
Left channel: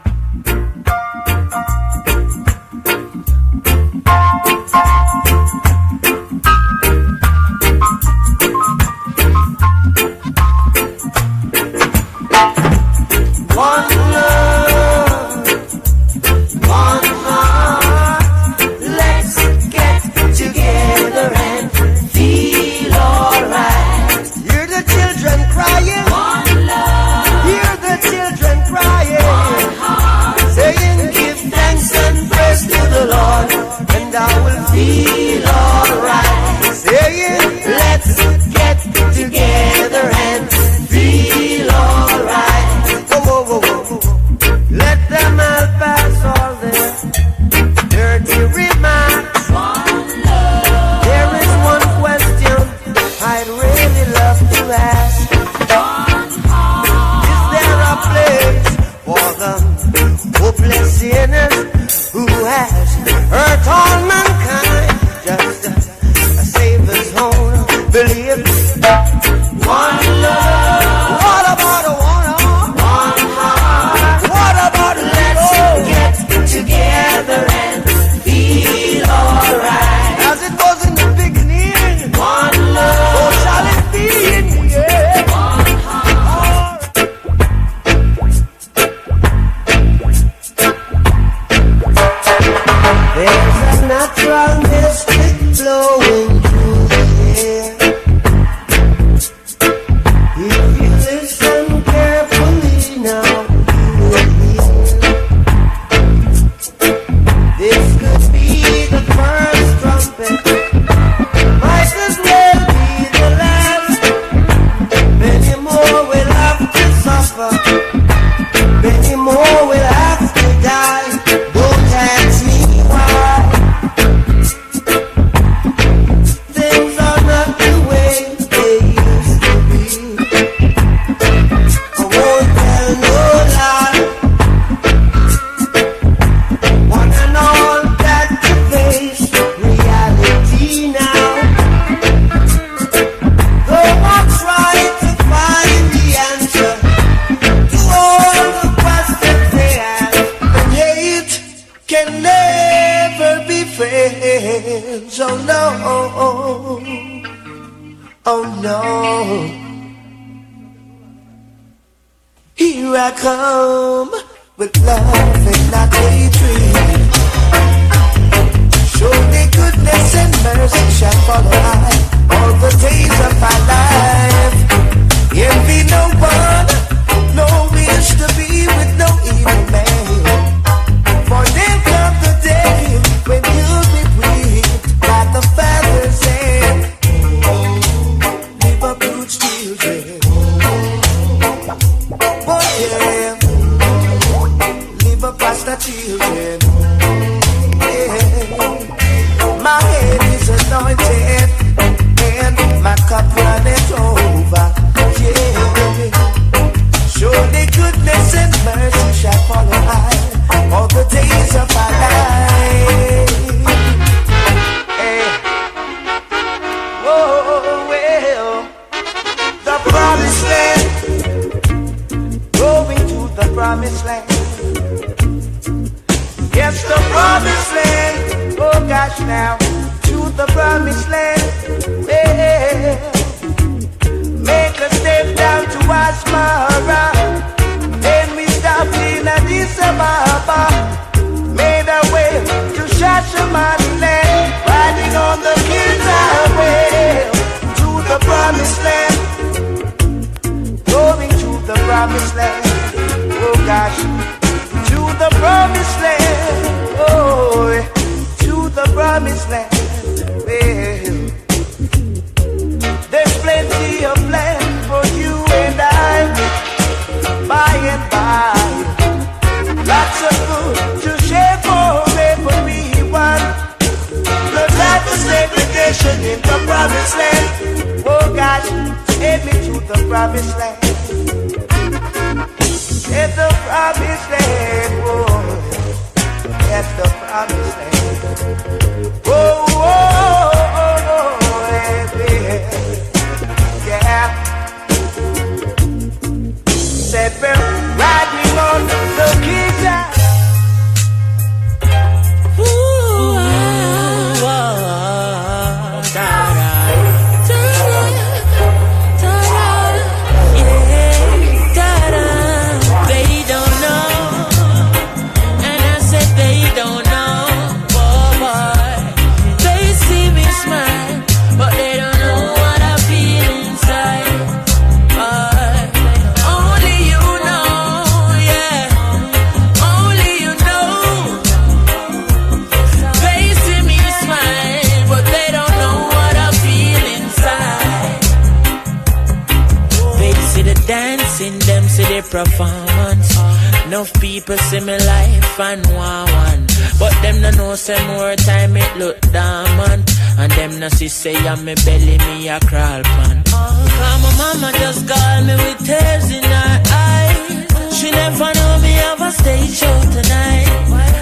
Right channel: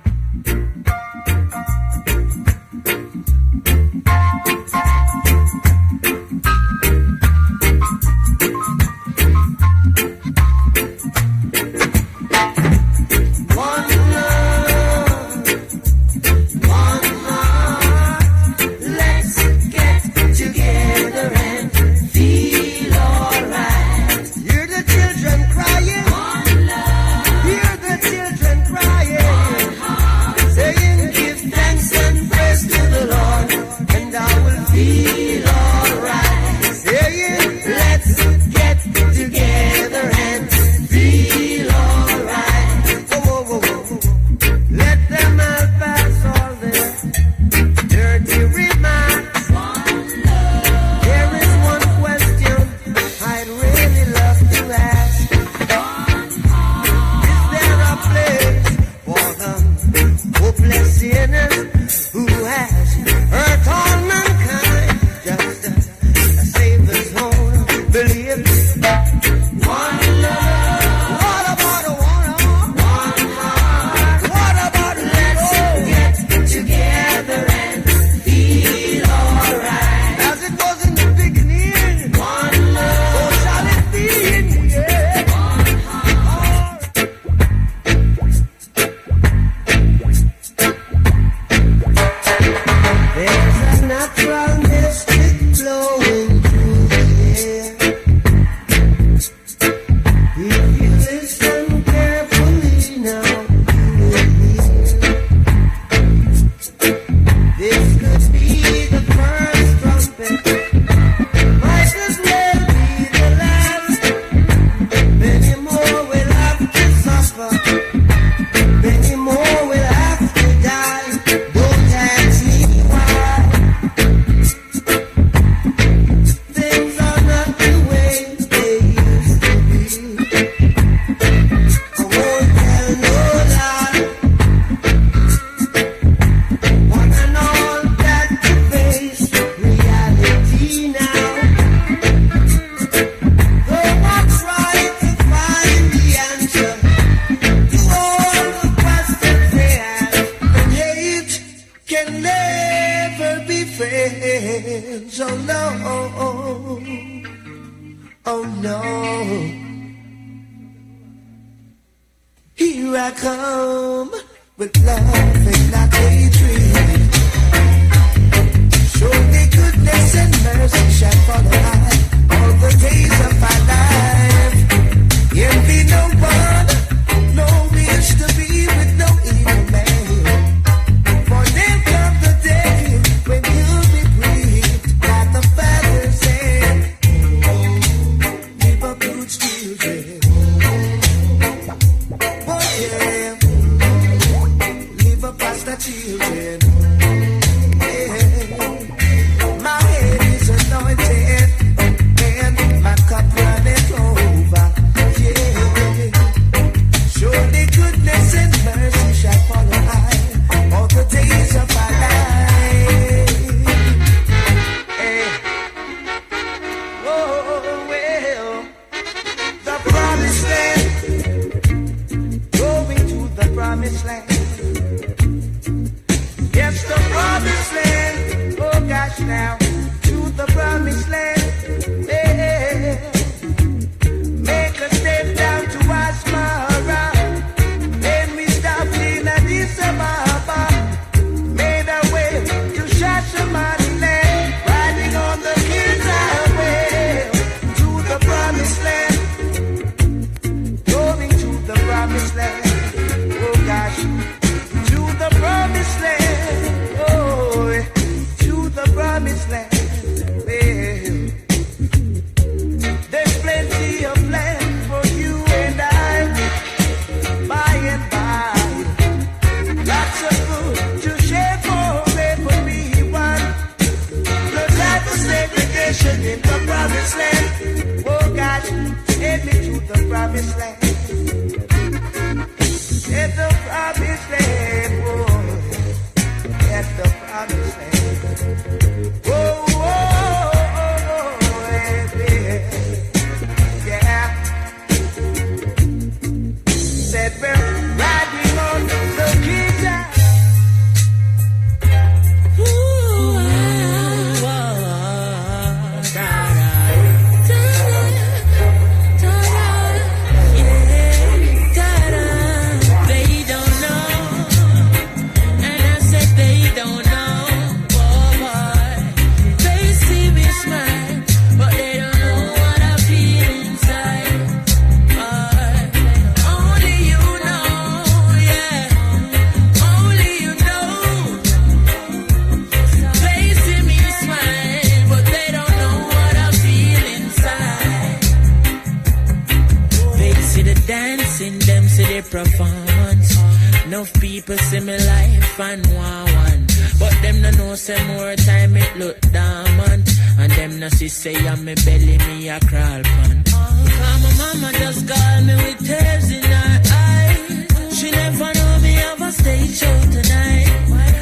people see me life and one. But them no know say more time it look dormant. And them no see say I'm me belly me a crawl pan. Cause my mama just call me with tears in her eyes. She never know me have a stage show tonight.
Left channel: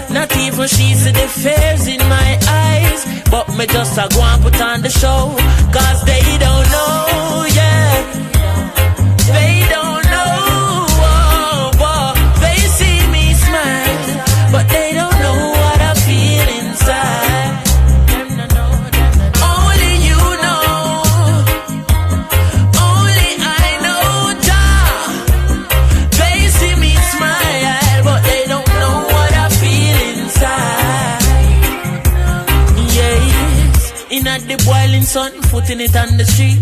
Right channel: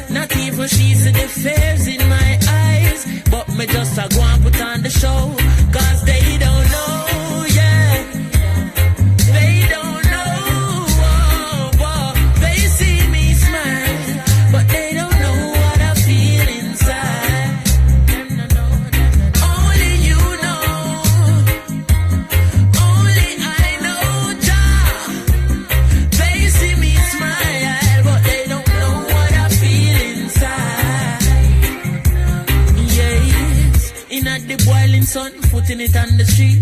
Not even she see the fears in my eyes. But me just a go and put on the show. Cause they don't know, yeah. They don't know, oh, oh. They see me smile, but they don't know what I feel inside. Only you know, only I know, Jah. They see me smile, but they don't know what I feel inside. Yes, in at the boiling sun, putting it on the street.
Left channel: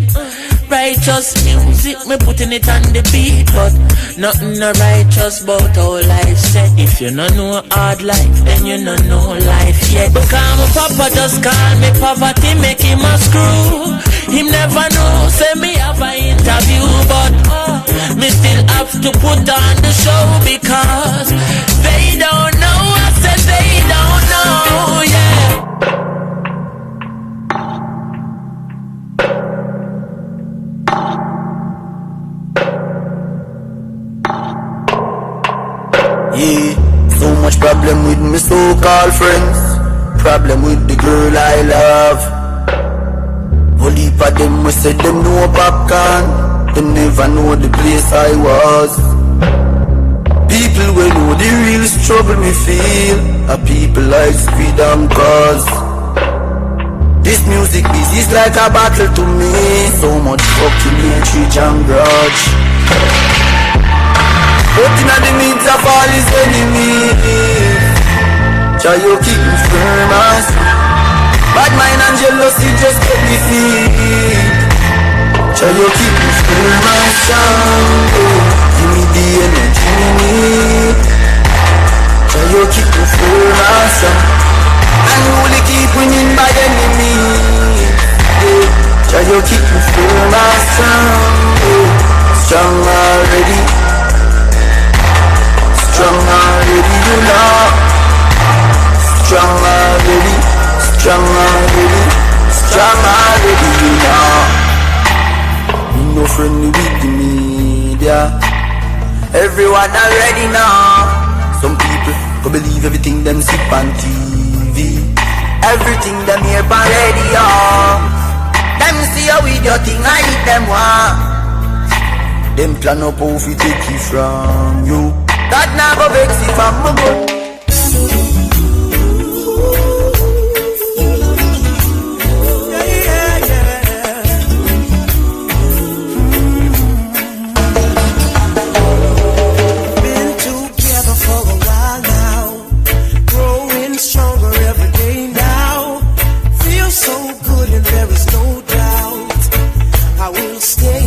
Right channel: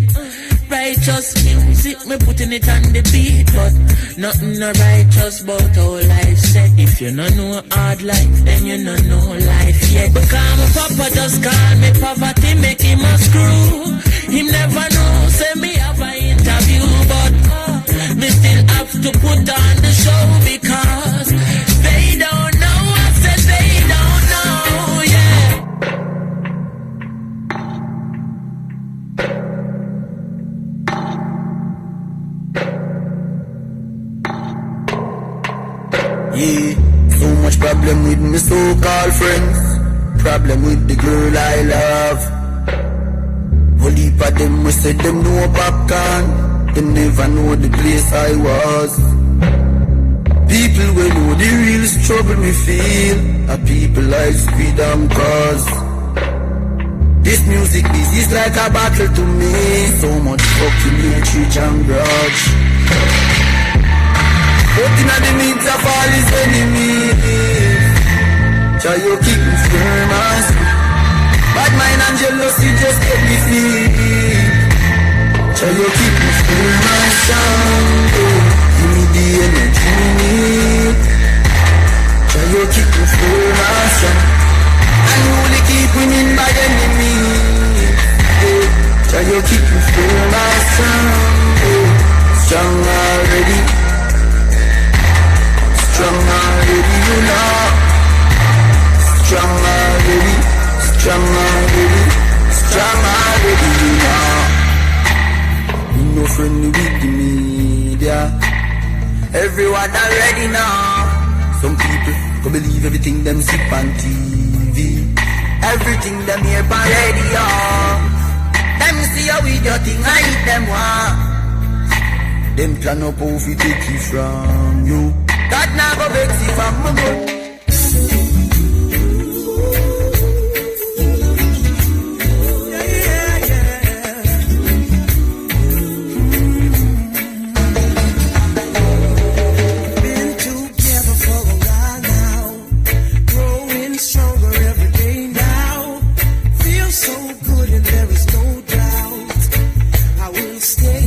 Righteous music, me putting it on the beat. But nothing no righteous about all life said. If you no know hard life, then you no know life yet. Because my papa just call me poverty, make him a screw. Him never know, say me have an interview. But me still have to put on the show. Because they don't know, I said they don't know, yeah. Yeah, so much problem with my so-called friends. Problem with the girl I love. Whole heap of them we said them know popcorn. Them never know the place I was. People will know the real struggle me feel. A people like speed and cause. This music is like a battle to me. So much fucking hatred and grudge. But in the midst of all his enemies, try you keep me firm as bad mind and jealousy just get me feet. Try you keep me firm and strong. Give me the energy me need. Try you keep me firm and strong. And only keep winning by enemies. Try you keep me firm and strong. Strong already. Strong already, you know. Strong already, strong already, strong already, you know. You no friendly with the media. Everyone already know. Some people go believe everything them see on TV. Everything them hear on radio. Them see a video thing I hit them one. Them plan up how we take it from you. God never vex if I'm a good. Been together for a while now, growing stronger every day now. Feel so good and there is no doubt I will stay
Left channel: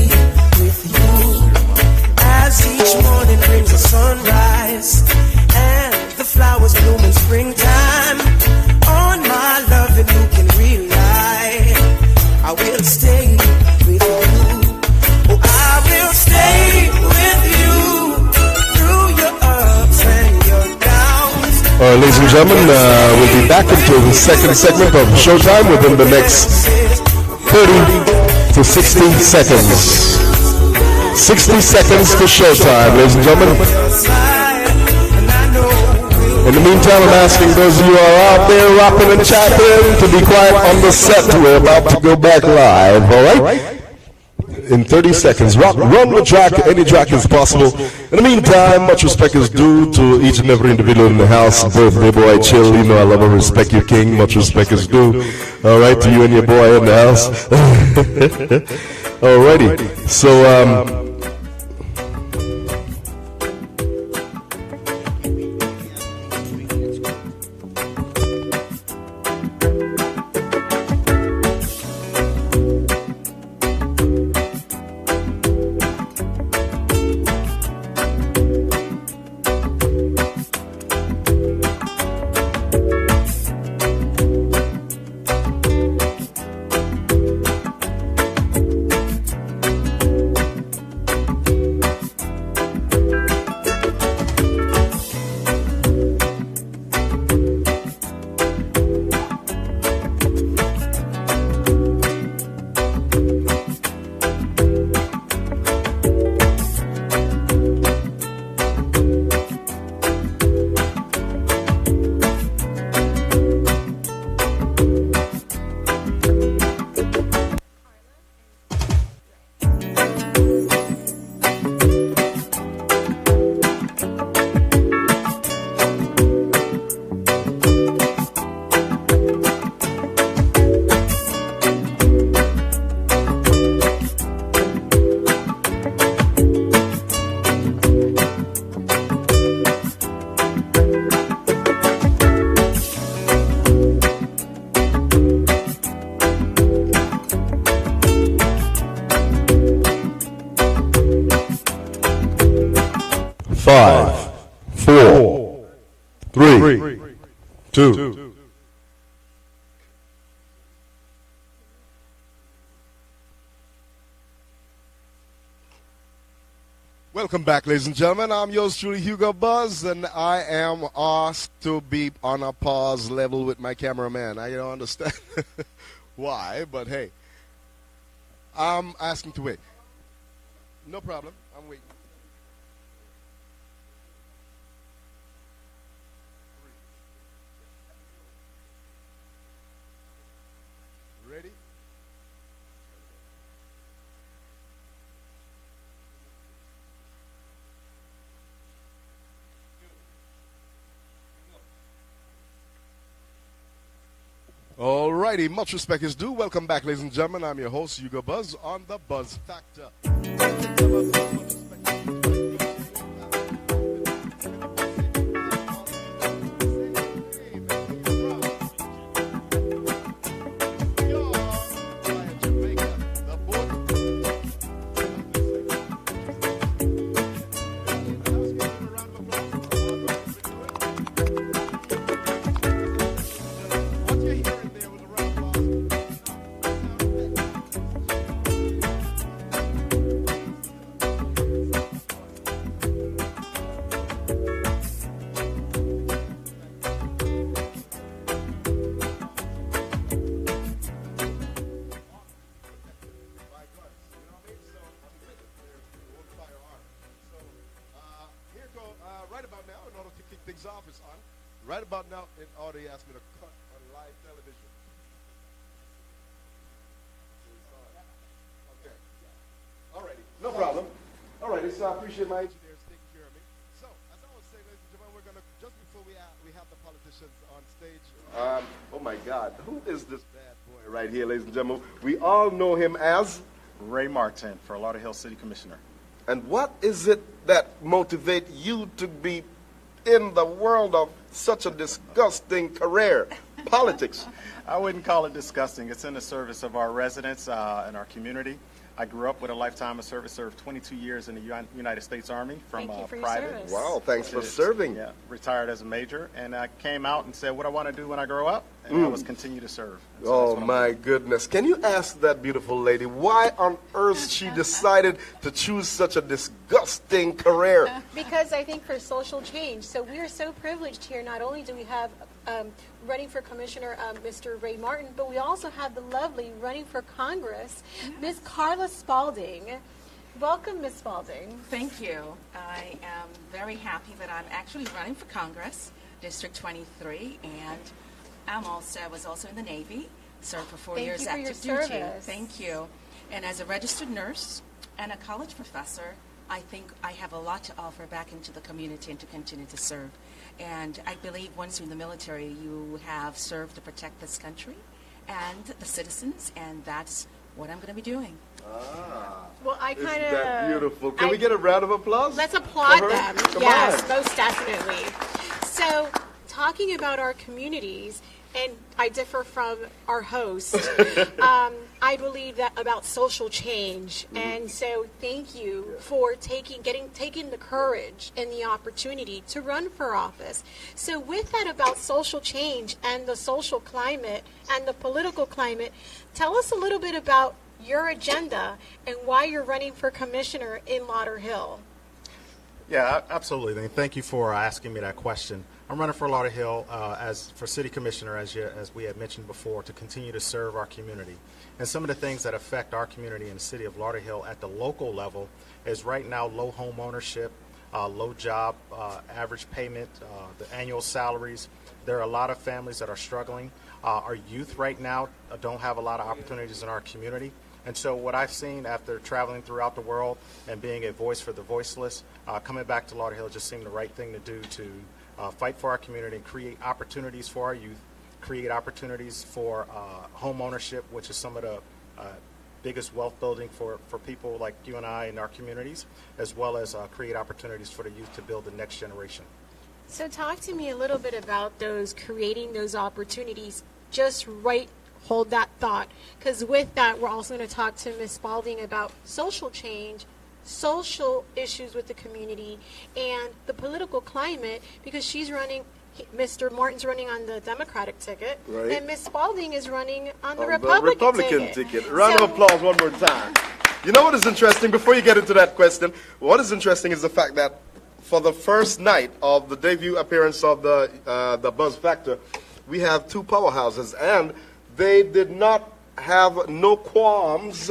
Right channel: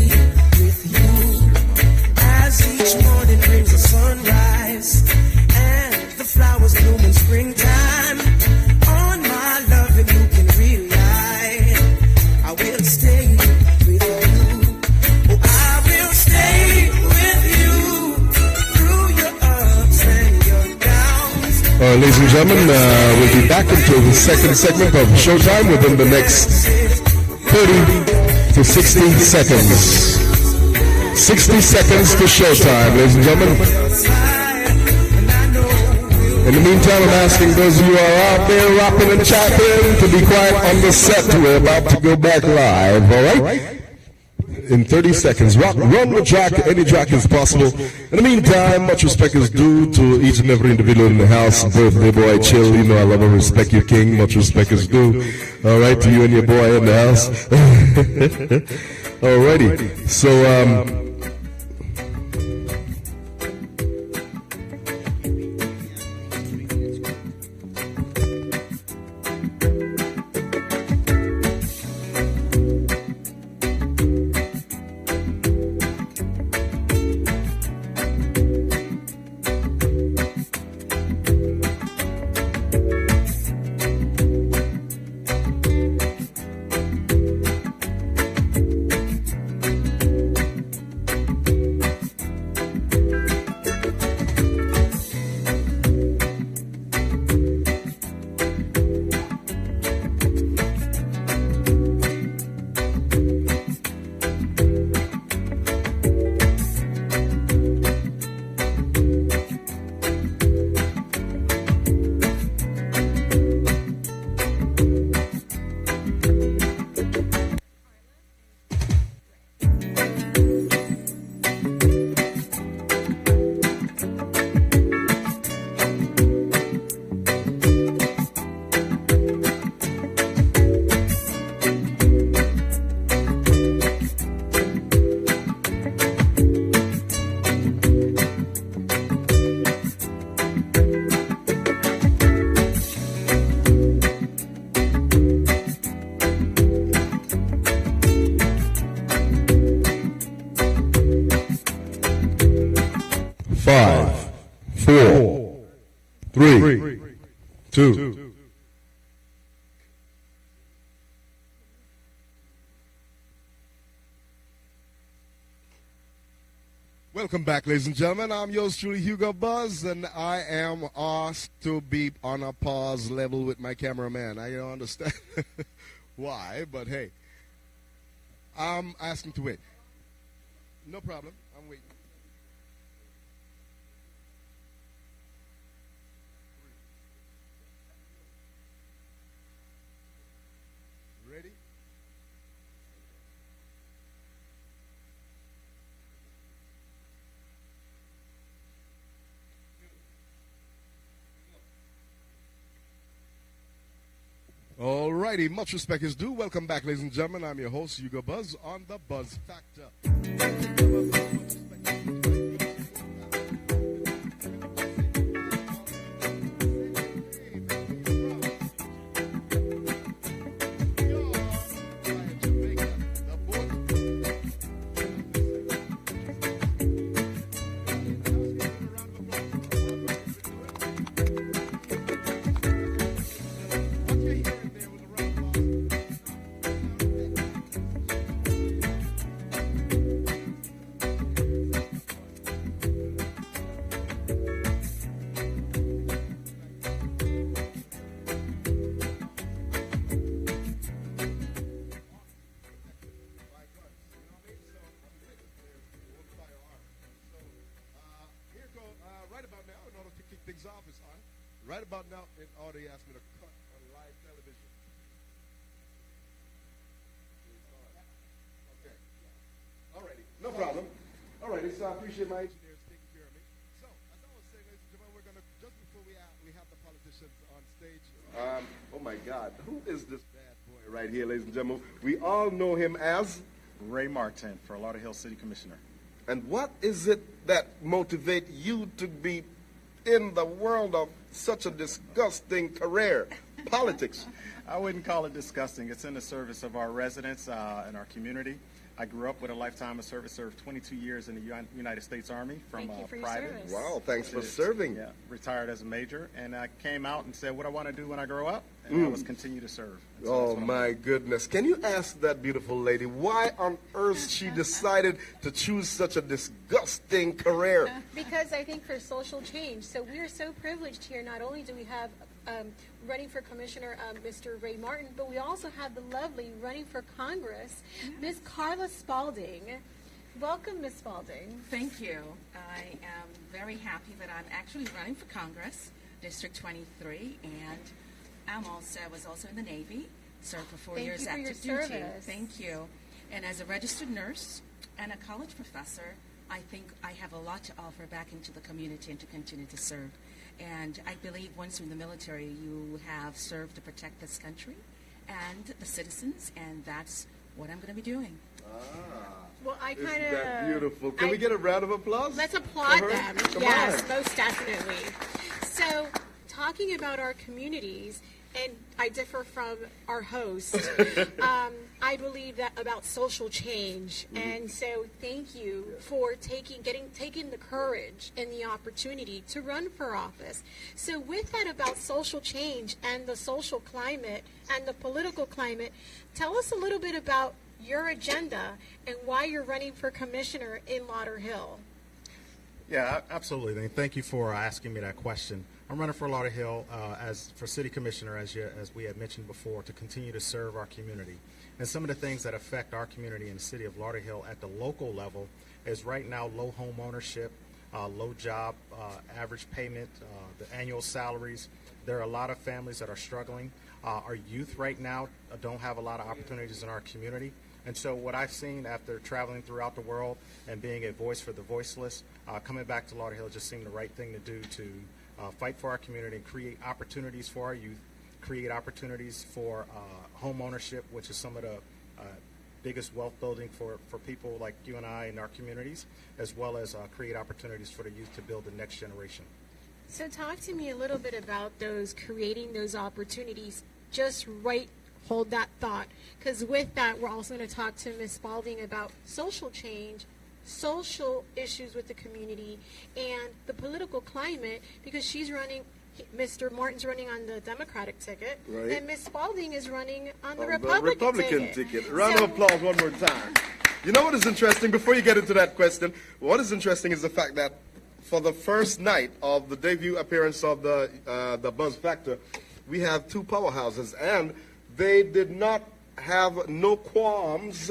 with you as each morning brings the sunrise and the flowers bloom in springtime. On my love and you can rely. I will stay with you. Oh, I will stay with you through your ups and your downs. All right, ladies and gentlemen, we'll be back into the second segment of Showtime within the next 30 to 60 seconds. 60 seconds to Showtime, ladies and gentlemen. In the meantime, I'm asking those of you who are out there rapping and chatting to be quiet on the set. We're about to go back live, all right? In 30 seconds, run the track, any track is possible. In the meantime, much respect is due to each and every individual in the house. Birthday boy, chill, you know I love and respect you, king. Much respect is due. All right, to you and your boy in the house. Alrighty, so 3, 2. Welcome back, ladies and gentlemen. I'm yours truly, Hugo Buzz, and I am asked to be on a pause level with my cameraman. I don't understand why, but hey, I'm asking to wait. No problem. I'm waiting. Ready? All righty, much respect is due. Welcome back, ladies and gentlemen. I'm your host, Hugo Buzz, on the Buzz Factor. Office on. Right about now, it already asked me to cut on live television. Okay. Alrighty, no problem. Alrighty, so I appreciate my engineers taking care of me. So, as I was saying, ladies and gentlemen, we're gonna just before we have the politicians on stage. Oh my God, who is this bad boy right here, ladies and gentlemen? We all know him as Ray Martin for Lauderhill City Commissioner. And what is it that motivates you to be in the world of such a disgusting career, politics? I wouldn't call it disgusting. It's in the service of our residents and our community. I grew up with a lifetime of service, served 22 years in the United States Army from Thank you for your private. service. Wow, thanks for It's- serving. Yeah, retired as a major, and I came out and said what I want to do when I grow up, and I was continue to serve. And so that's Oh what I'm my doing. goodness. Can you ask that beautiful lady why on earth she decided to choose such a disgusting career? Because I think for social change. So we are so privileged here. Not only do we have running for commissioner, Mr. Ray Martin, but we also have the lovely running for Congress, Ms. Carla Spalding. Welcome, Ms. Spalding. Thank you. I am very happy that I'm actually running for Congress, District 23, and I was also in the Navy, served for 4 Thank years you for your active duty. service. Thank you. And as a registered nurse and a college professor, I think I have a lot to offer back into the community and to continue to serve. And I believe once you're in the military, you have served to protect this country and the citizens, and that's what I'm going to be doing. Well, I Isn't kind that of... beautiful? Can we get a round of applause? Let's applaud for her? them. Come Yes, on. most definitely. So, talking about our communities, and I differ from our host, I believe that about social change, and so thank you for taking the courage and the opportunity to run for office. So, with that about social change and the social climate and the political climate, tell us a little bit about your agenda and why you're running for commissioner in Lauderhill. Yeah, absolutely. And thank you for asking me that question. I'm running for Lauderhill as for city commissioner, as we had mentioned before, to continue to serve our community. And some of the things that affect our community in the city of Lauderhill at the local level is right now low home ownership, low job, average payment, the annual salaries. There are a lot of families that are struggling. Our youth right now don't have a lot of opportunities in our community. And so what I've seen after traveling throughout the world and being a voice for the voiceless, coming back to Lauderhill just seemed the right thing to do to fight for our community and create opportunities for our youth, create opportunities for home ownership, which is some of the biggest wealth building for people like you and I in our communities, as well as create opportunities for the youth to build the next generation. So talk to me a little bit about creating those opportunities. Just hold that thought, because with that, we're also going to talk to Ms. Spalding about social change, social issues with the community, and the political climate, because she's running Mr. Martin's running on the Democratic ticket, Right. and Miss Spalding is running on the On Republican, ticket. Round So- of applause one more time. You know what is interesting? Before you get into that question, what is interesting is the fact that for the first night of the debut appearance of the Buzz Factor, we have two powerhouses, and they did not have no qualms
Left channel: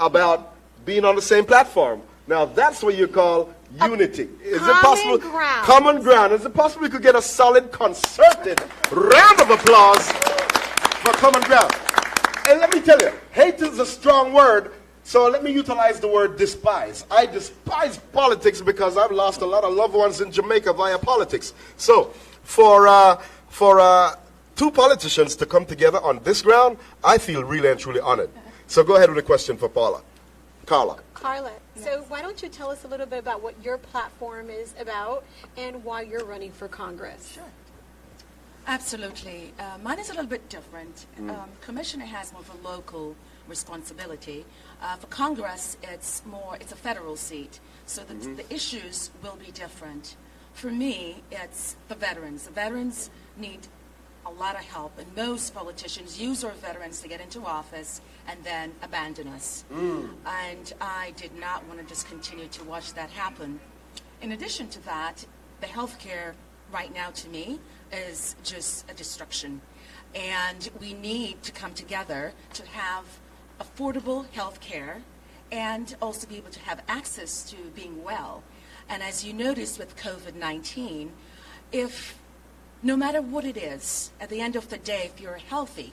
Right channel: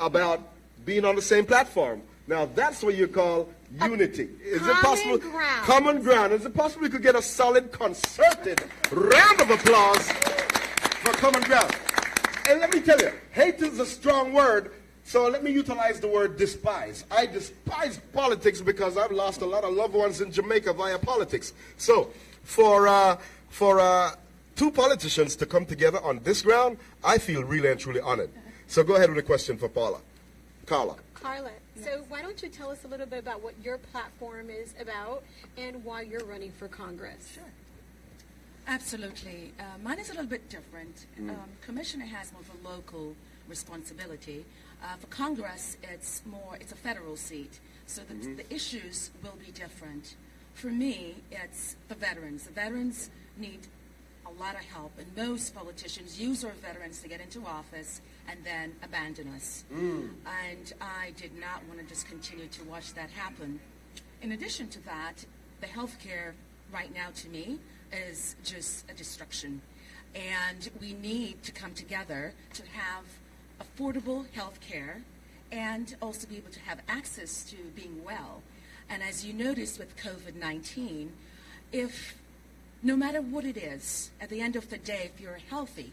about being on the same platform. Now that's what you call unity. Is it common possible? ground. Common ground. Is it possible we could get a solid, concerted round of applause for common ground? And let me tell you, hate is a strong word, so let me utilize the word despise. I despise politics because I've lost a lot of loved ones in Jamaica via politics. So for two politicians to come together on this ground, I feel really and truly honored. So go ahead with a question for Carla. Carla, so why don't you tell us a little bit about what your platform is about and why you're running for Congress? Sure. Absolutely. Mine is a little bit different. Commissioner has more of a local responsibility. For Congress, it's a federal seat, so the issues will be different. For me, it's the veterans. The veterans need a lot of help, and most politicians use our veterans to get into office and then abandon us. And I did not want to just continue to watch that happen. In addition to that, the health care right now to me is just a destruction. And we need to come together to have affordable health care and also be able to have access to being well. And as you notice with COVID-19, no matter what it is, at the end of the day, if you're healthy,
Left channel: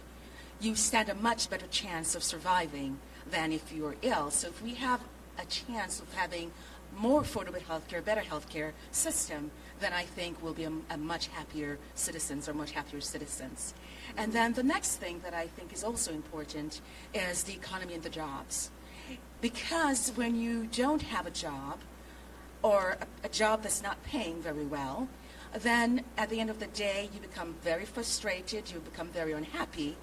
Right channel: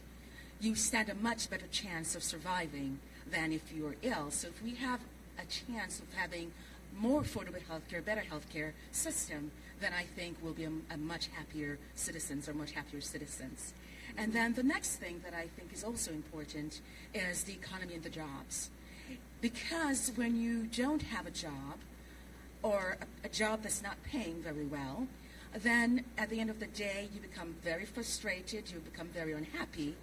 you stand a much better chance of surviving than if you're ill. So if we have a chance of having more affordable healthcare, better healthcare system, then I think we'll be a much happier citizens. And then the next thing that I think is also important is the economy and the jobs. Because when you don't have a job or a job that's not paying very well, then at the end of the day, you become very frustrated, you become very unhappy,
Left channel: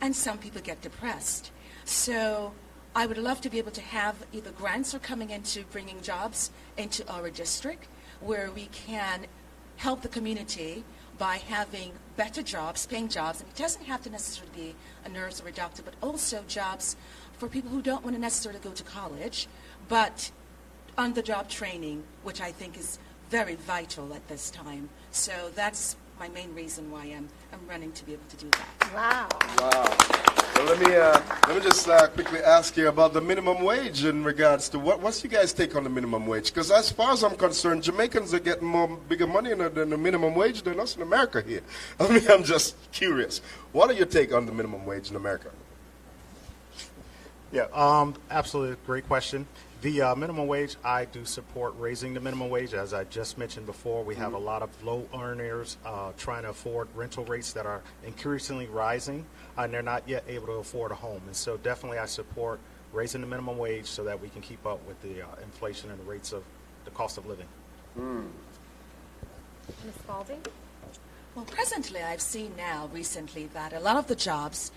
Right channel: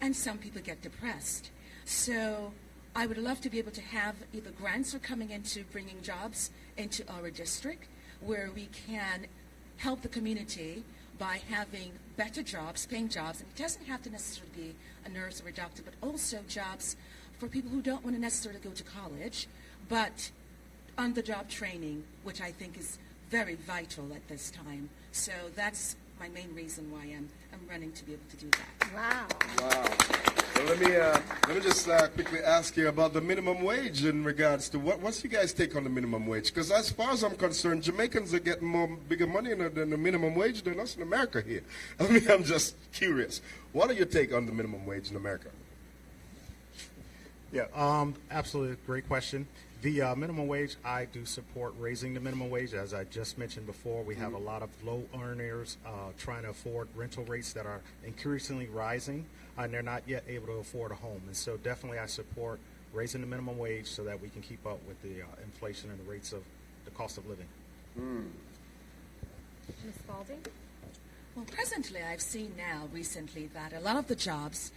and some people get depressed. So I would love to be able to have either grants or coming into bringing jobs into our district where we can help the community by having better jobs, paying jobs. And it doesn't have to necessarily be a nurse or a doctor, but also jobs for people who don't want to necessarily go to college, but on-the-job training, which I think is very vital at this time. So that's my main reason why I'm running to be able to do that. Wow. Well, let me just quickly ask you about the minimum wage in regards to what's you guys' take on the minimum wage? Because as far as I'm concerned, Jamaicans are getting bigger money than the minimum wage than us in America here. I mean, I'm just curious. What are your take on the minimum wage in America? Yeah, absolutely. Great question. The minimum wage, I do support raising the minimum wage. As I just mentioned before, we have a lot of low earners trying to afford rental rates that are increasingly rising, and they're not yet able to afford a home. And so definitely I support raising the minimum wage so that we can keep up with the inflation and the rates of the cost of living. Ms. Spalding? Well, presently, I've seen now recently that a lot of the jobs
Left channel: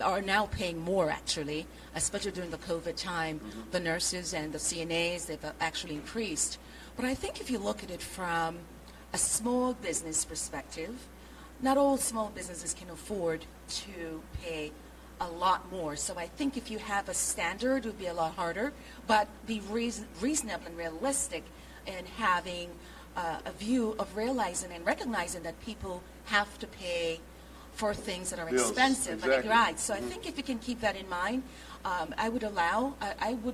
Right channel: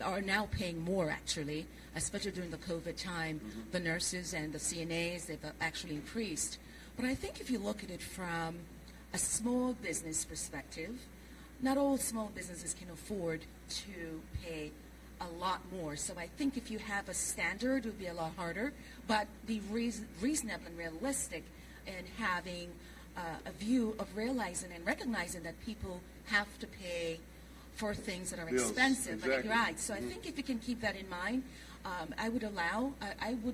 are now paying more, actually, especially during the COVID time. The nurses and the CNAs, they've actually increased. But I think if you look at it from a small business perspective, not all small businesses can afford to pay a lot more. So I think if you have a standard, it would be a lot harder, but be reasonable and realistic in having a view of realizing and recognizing that people have to pay for things that are expensive. Exactly. Right. So I think if you can keep that in mind, I would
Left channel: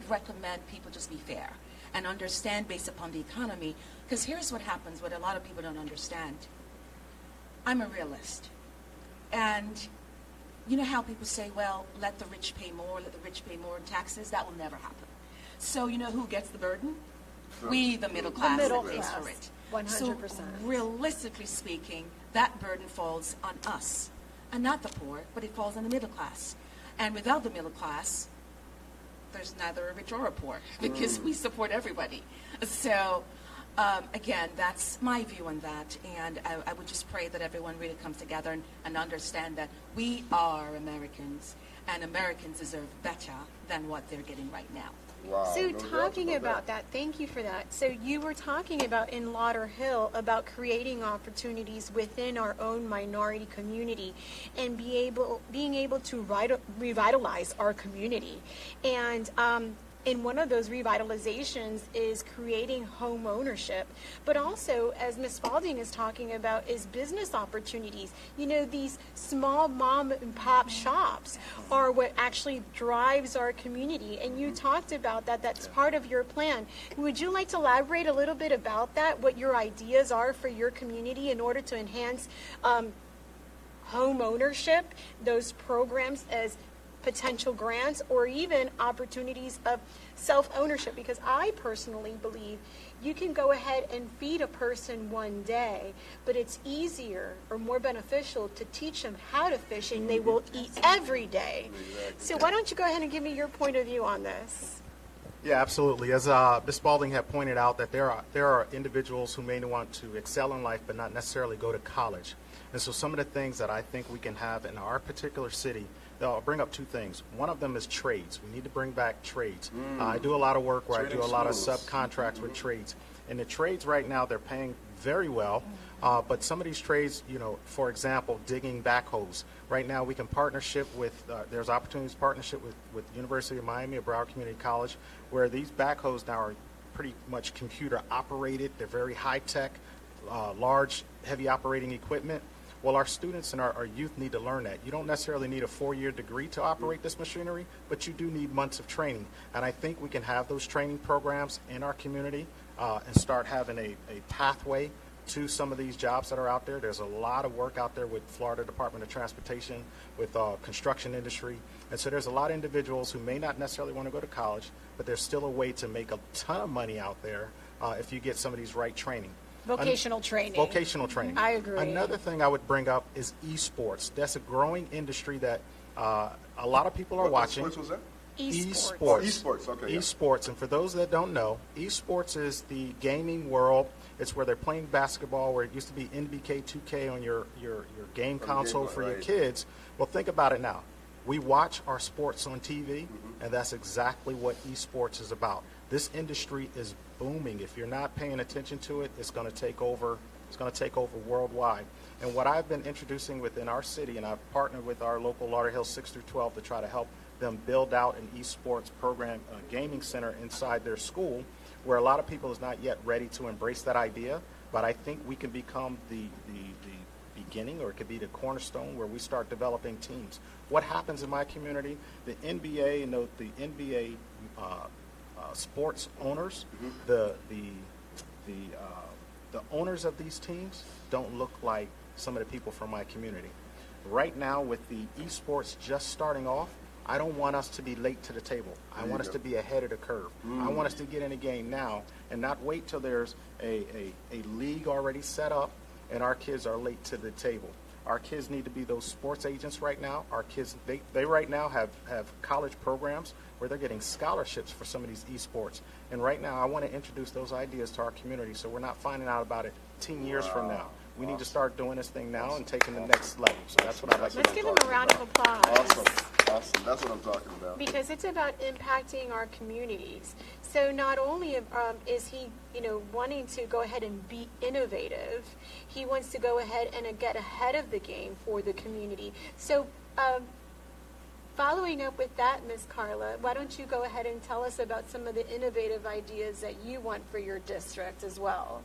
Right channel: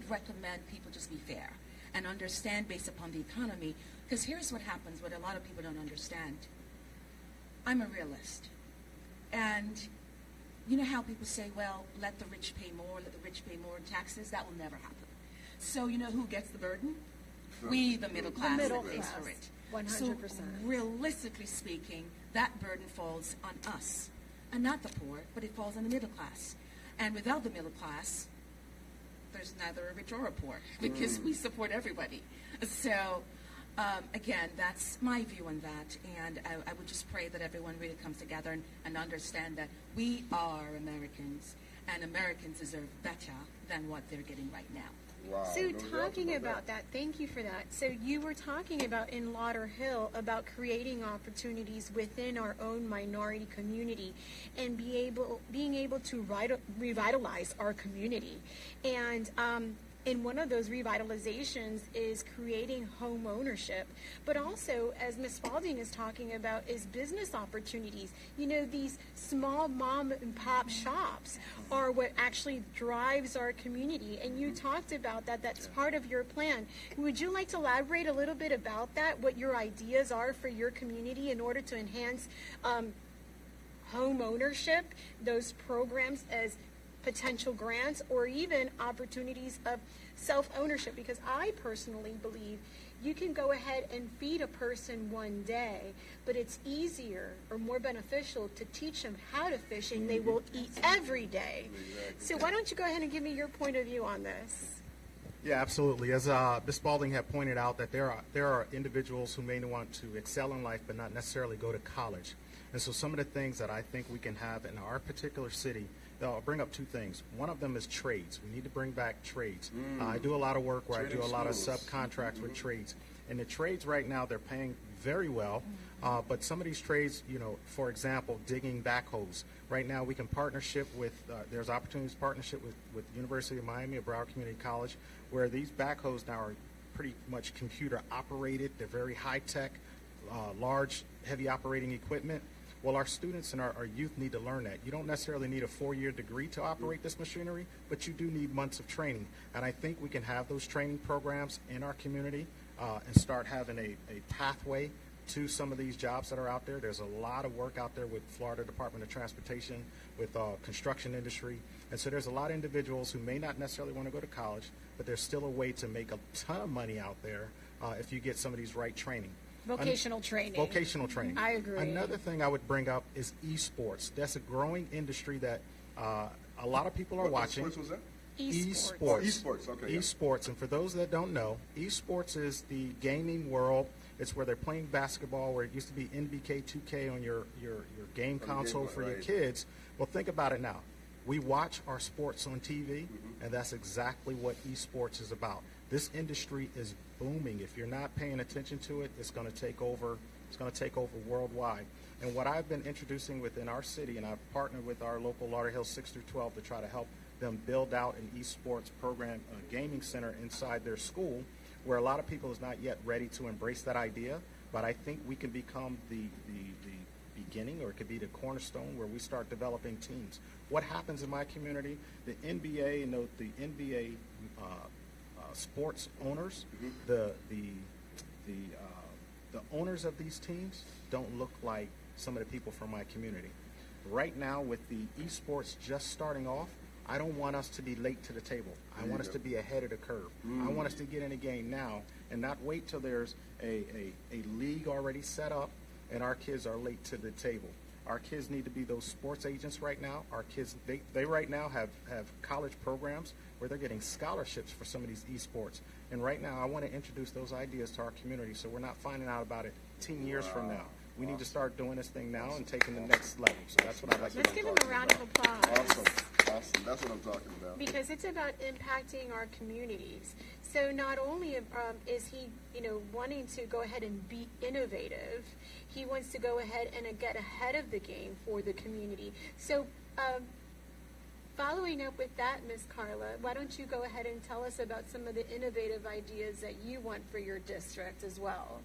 recommend people just be fair and understand based upon the economy. Because here's what happens, what a lot of people don't understand. I'm a realist. And you know how people say, well, let the rich pay more in taxes? That will never happen. So you know who gets the burden? We, the middle class, middle that pays class. for it. 100%. So realistically speaking, that burden falls on us, and not the poor, but it falls on the middle class. And without the middle class, there's neither a rich or a poor, because we support everybody. So again, that's my view on that, and I would just pray that everyone really comes together and understand that we are Americans, and Americans deserve better than what they're getting right now. Wow. So no doubt talking about that, thank you for that. So you were talking about in Lauderhill about creating opportunities within our own minority community and being able to revitalize our community. And in one of those revitalizations is creating home ownership, but also, as Ms. Spalding is talking about, is business opportunities. You know, these small mom and pop shops are what actually drives our community, and you talked about that. That's part of your plan. Would you like to elaborate a little bit about that, what your ideas are for your community in order to enhance home ownership, those programs as potential grants, or even opportunities of self-ownership? Because I personally believe you can go ahead and feed a person one day, but it's easier or more beneficial to teach them how to fish, and they will eat every day. So why don't you go ahead and give me your point of view on this? Yeah, absolutely. As Ms. Spalding had pointed out, that there are individuals who may want to excel in life but not necessarily go to college. And so some of the things that I think we can have in our particular city, I'll bring up two things. One of them is trades. We need to bring back trades. I do a lot of work where I do a lot of subcontracts with trades. And the trades right now, they're paying very well. But some of these trades, you know, for example, digging backhoes. Right now we can partnership with, there's opportunities to partnership with University of Miami or Broward Community College, where these backhoes now are pretty much computer operated. They're very high tech, large, heavy operating equipment. Well, our students and our youth need to learn that. You don't necessarily need a 4-year degree to operate this machinery, but you do need months of training. And I think we can have those training programs in our community and start having a pathway to some of these jobs that are out there. There's a lot of work out there with Florida Department of Transportation, with construction industry. And so there's a lot of individuals who may not necessarily want to go to college, but there's still a way to make a ton of money out there if you get some of these right training. Vocational training. Vocational training. I agree. Another thing I would bring up is esports. That's a growing industry that a lot of people are watching. What was that? Esports. Oh, esports. Okay. Esports. And for those that don't know, esports is the gaming world. It's where they're playing basketball, where it used to be NBK 2K on your game console for your kids. Well, think about it now. We watch our sports on TV, and that's exactly what esports is about. This industry is booming. If you're not paying attention to it, it's going to take over. It's going to take over worldwide. And what I've been introducing within our city, and I've partnered with our local Lauderhill 6 through 12 to try to help them build out an esports program, a gaming center inside their school, where a lot of people is not yet ready to embrace that idea. But I think we can become the beginning, or it could be the cornerstone where we start developing teams. What happens in my community? The NBA and the NBA sports owners, the owners of these teams don't look like some of the people from my community. Right now, with the esports just starting off, I don't want us to be late to the table. I want us to be ahead of the curve. I want us to get in the game now and not wait till there's a league already set up and our kids are late to the table. Our kids need to be those sports agents right now. Our kids, they right now have college programs where they're getting scholarships for some of these esports. And right now, I want to introduce those ideas to our community so we're not finding out about it 10 years from now. We need to start doing this thing now and taking the next level. So that's what I'd like to do. Let's give him a round of applause. Awesome. That's what I'm talking about. Because it's about impacting our communities. So not only is he, wanting to go ahead and be innovative, he wants to go ahead and get ahead of the game for the community. So following up with that, Ms. Carla, why don't you go ahead and tell us about some of the innovative ideas that you want for your district as well?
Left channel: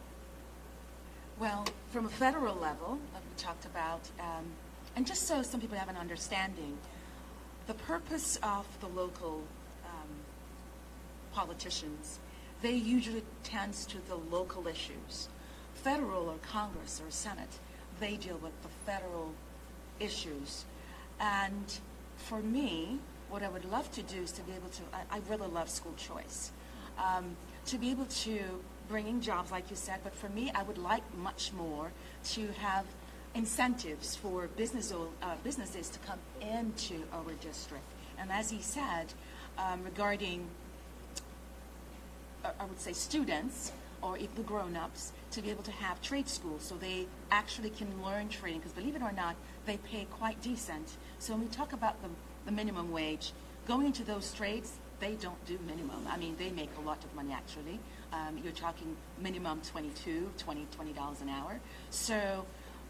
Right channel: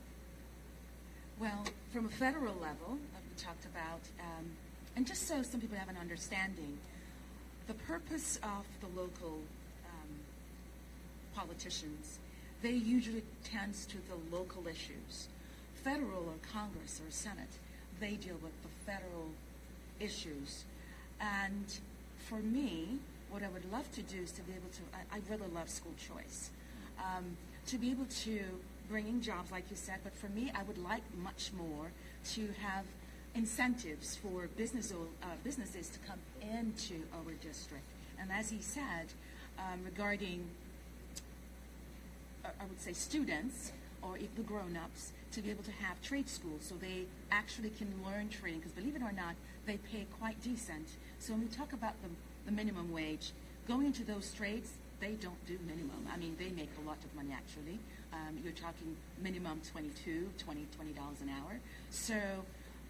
Well, from a federal level, we talked about, and just so some people have an understanding, the purpose of the local politicians, they usually tends to the local issues. Federal or Congress or Senate, they deal with the federal issues. And for me, what I would love to do is to be able to, I really love school choice, to be able to bring in jobs, like you said, but for me, I would like much more to have incentives for businesses to come into our district. And as he said, regarding, I would say students, or if the grown-ups, to be able to have trade schools so they actually can learn trading, because believe it or not, they pay quite decent. So when we talk about the minimum wage, going into those trades, they don't do minimum. I mean, they make a lot of money actually. You're talking minimum $20 an hour. So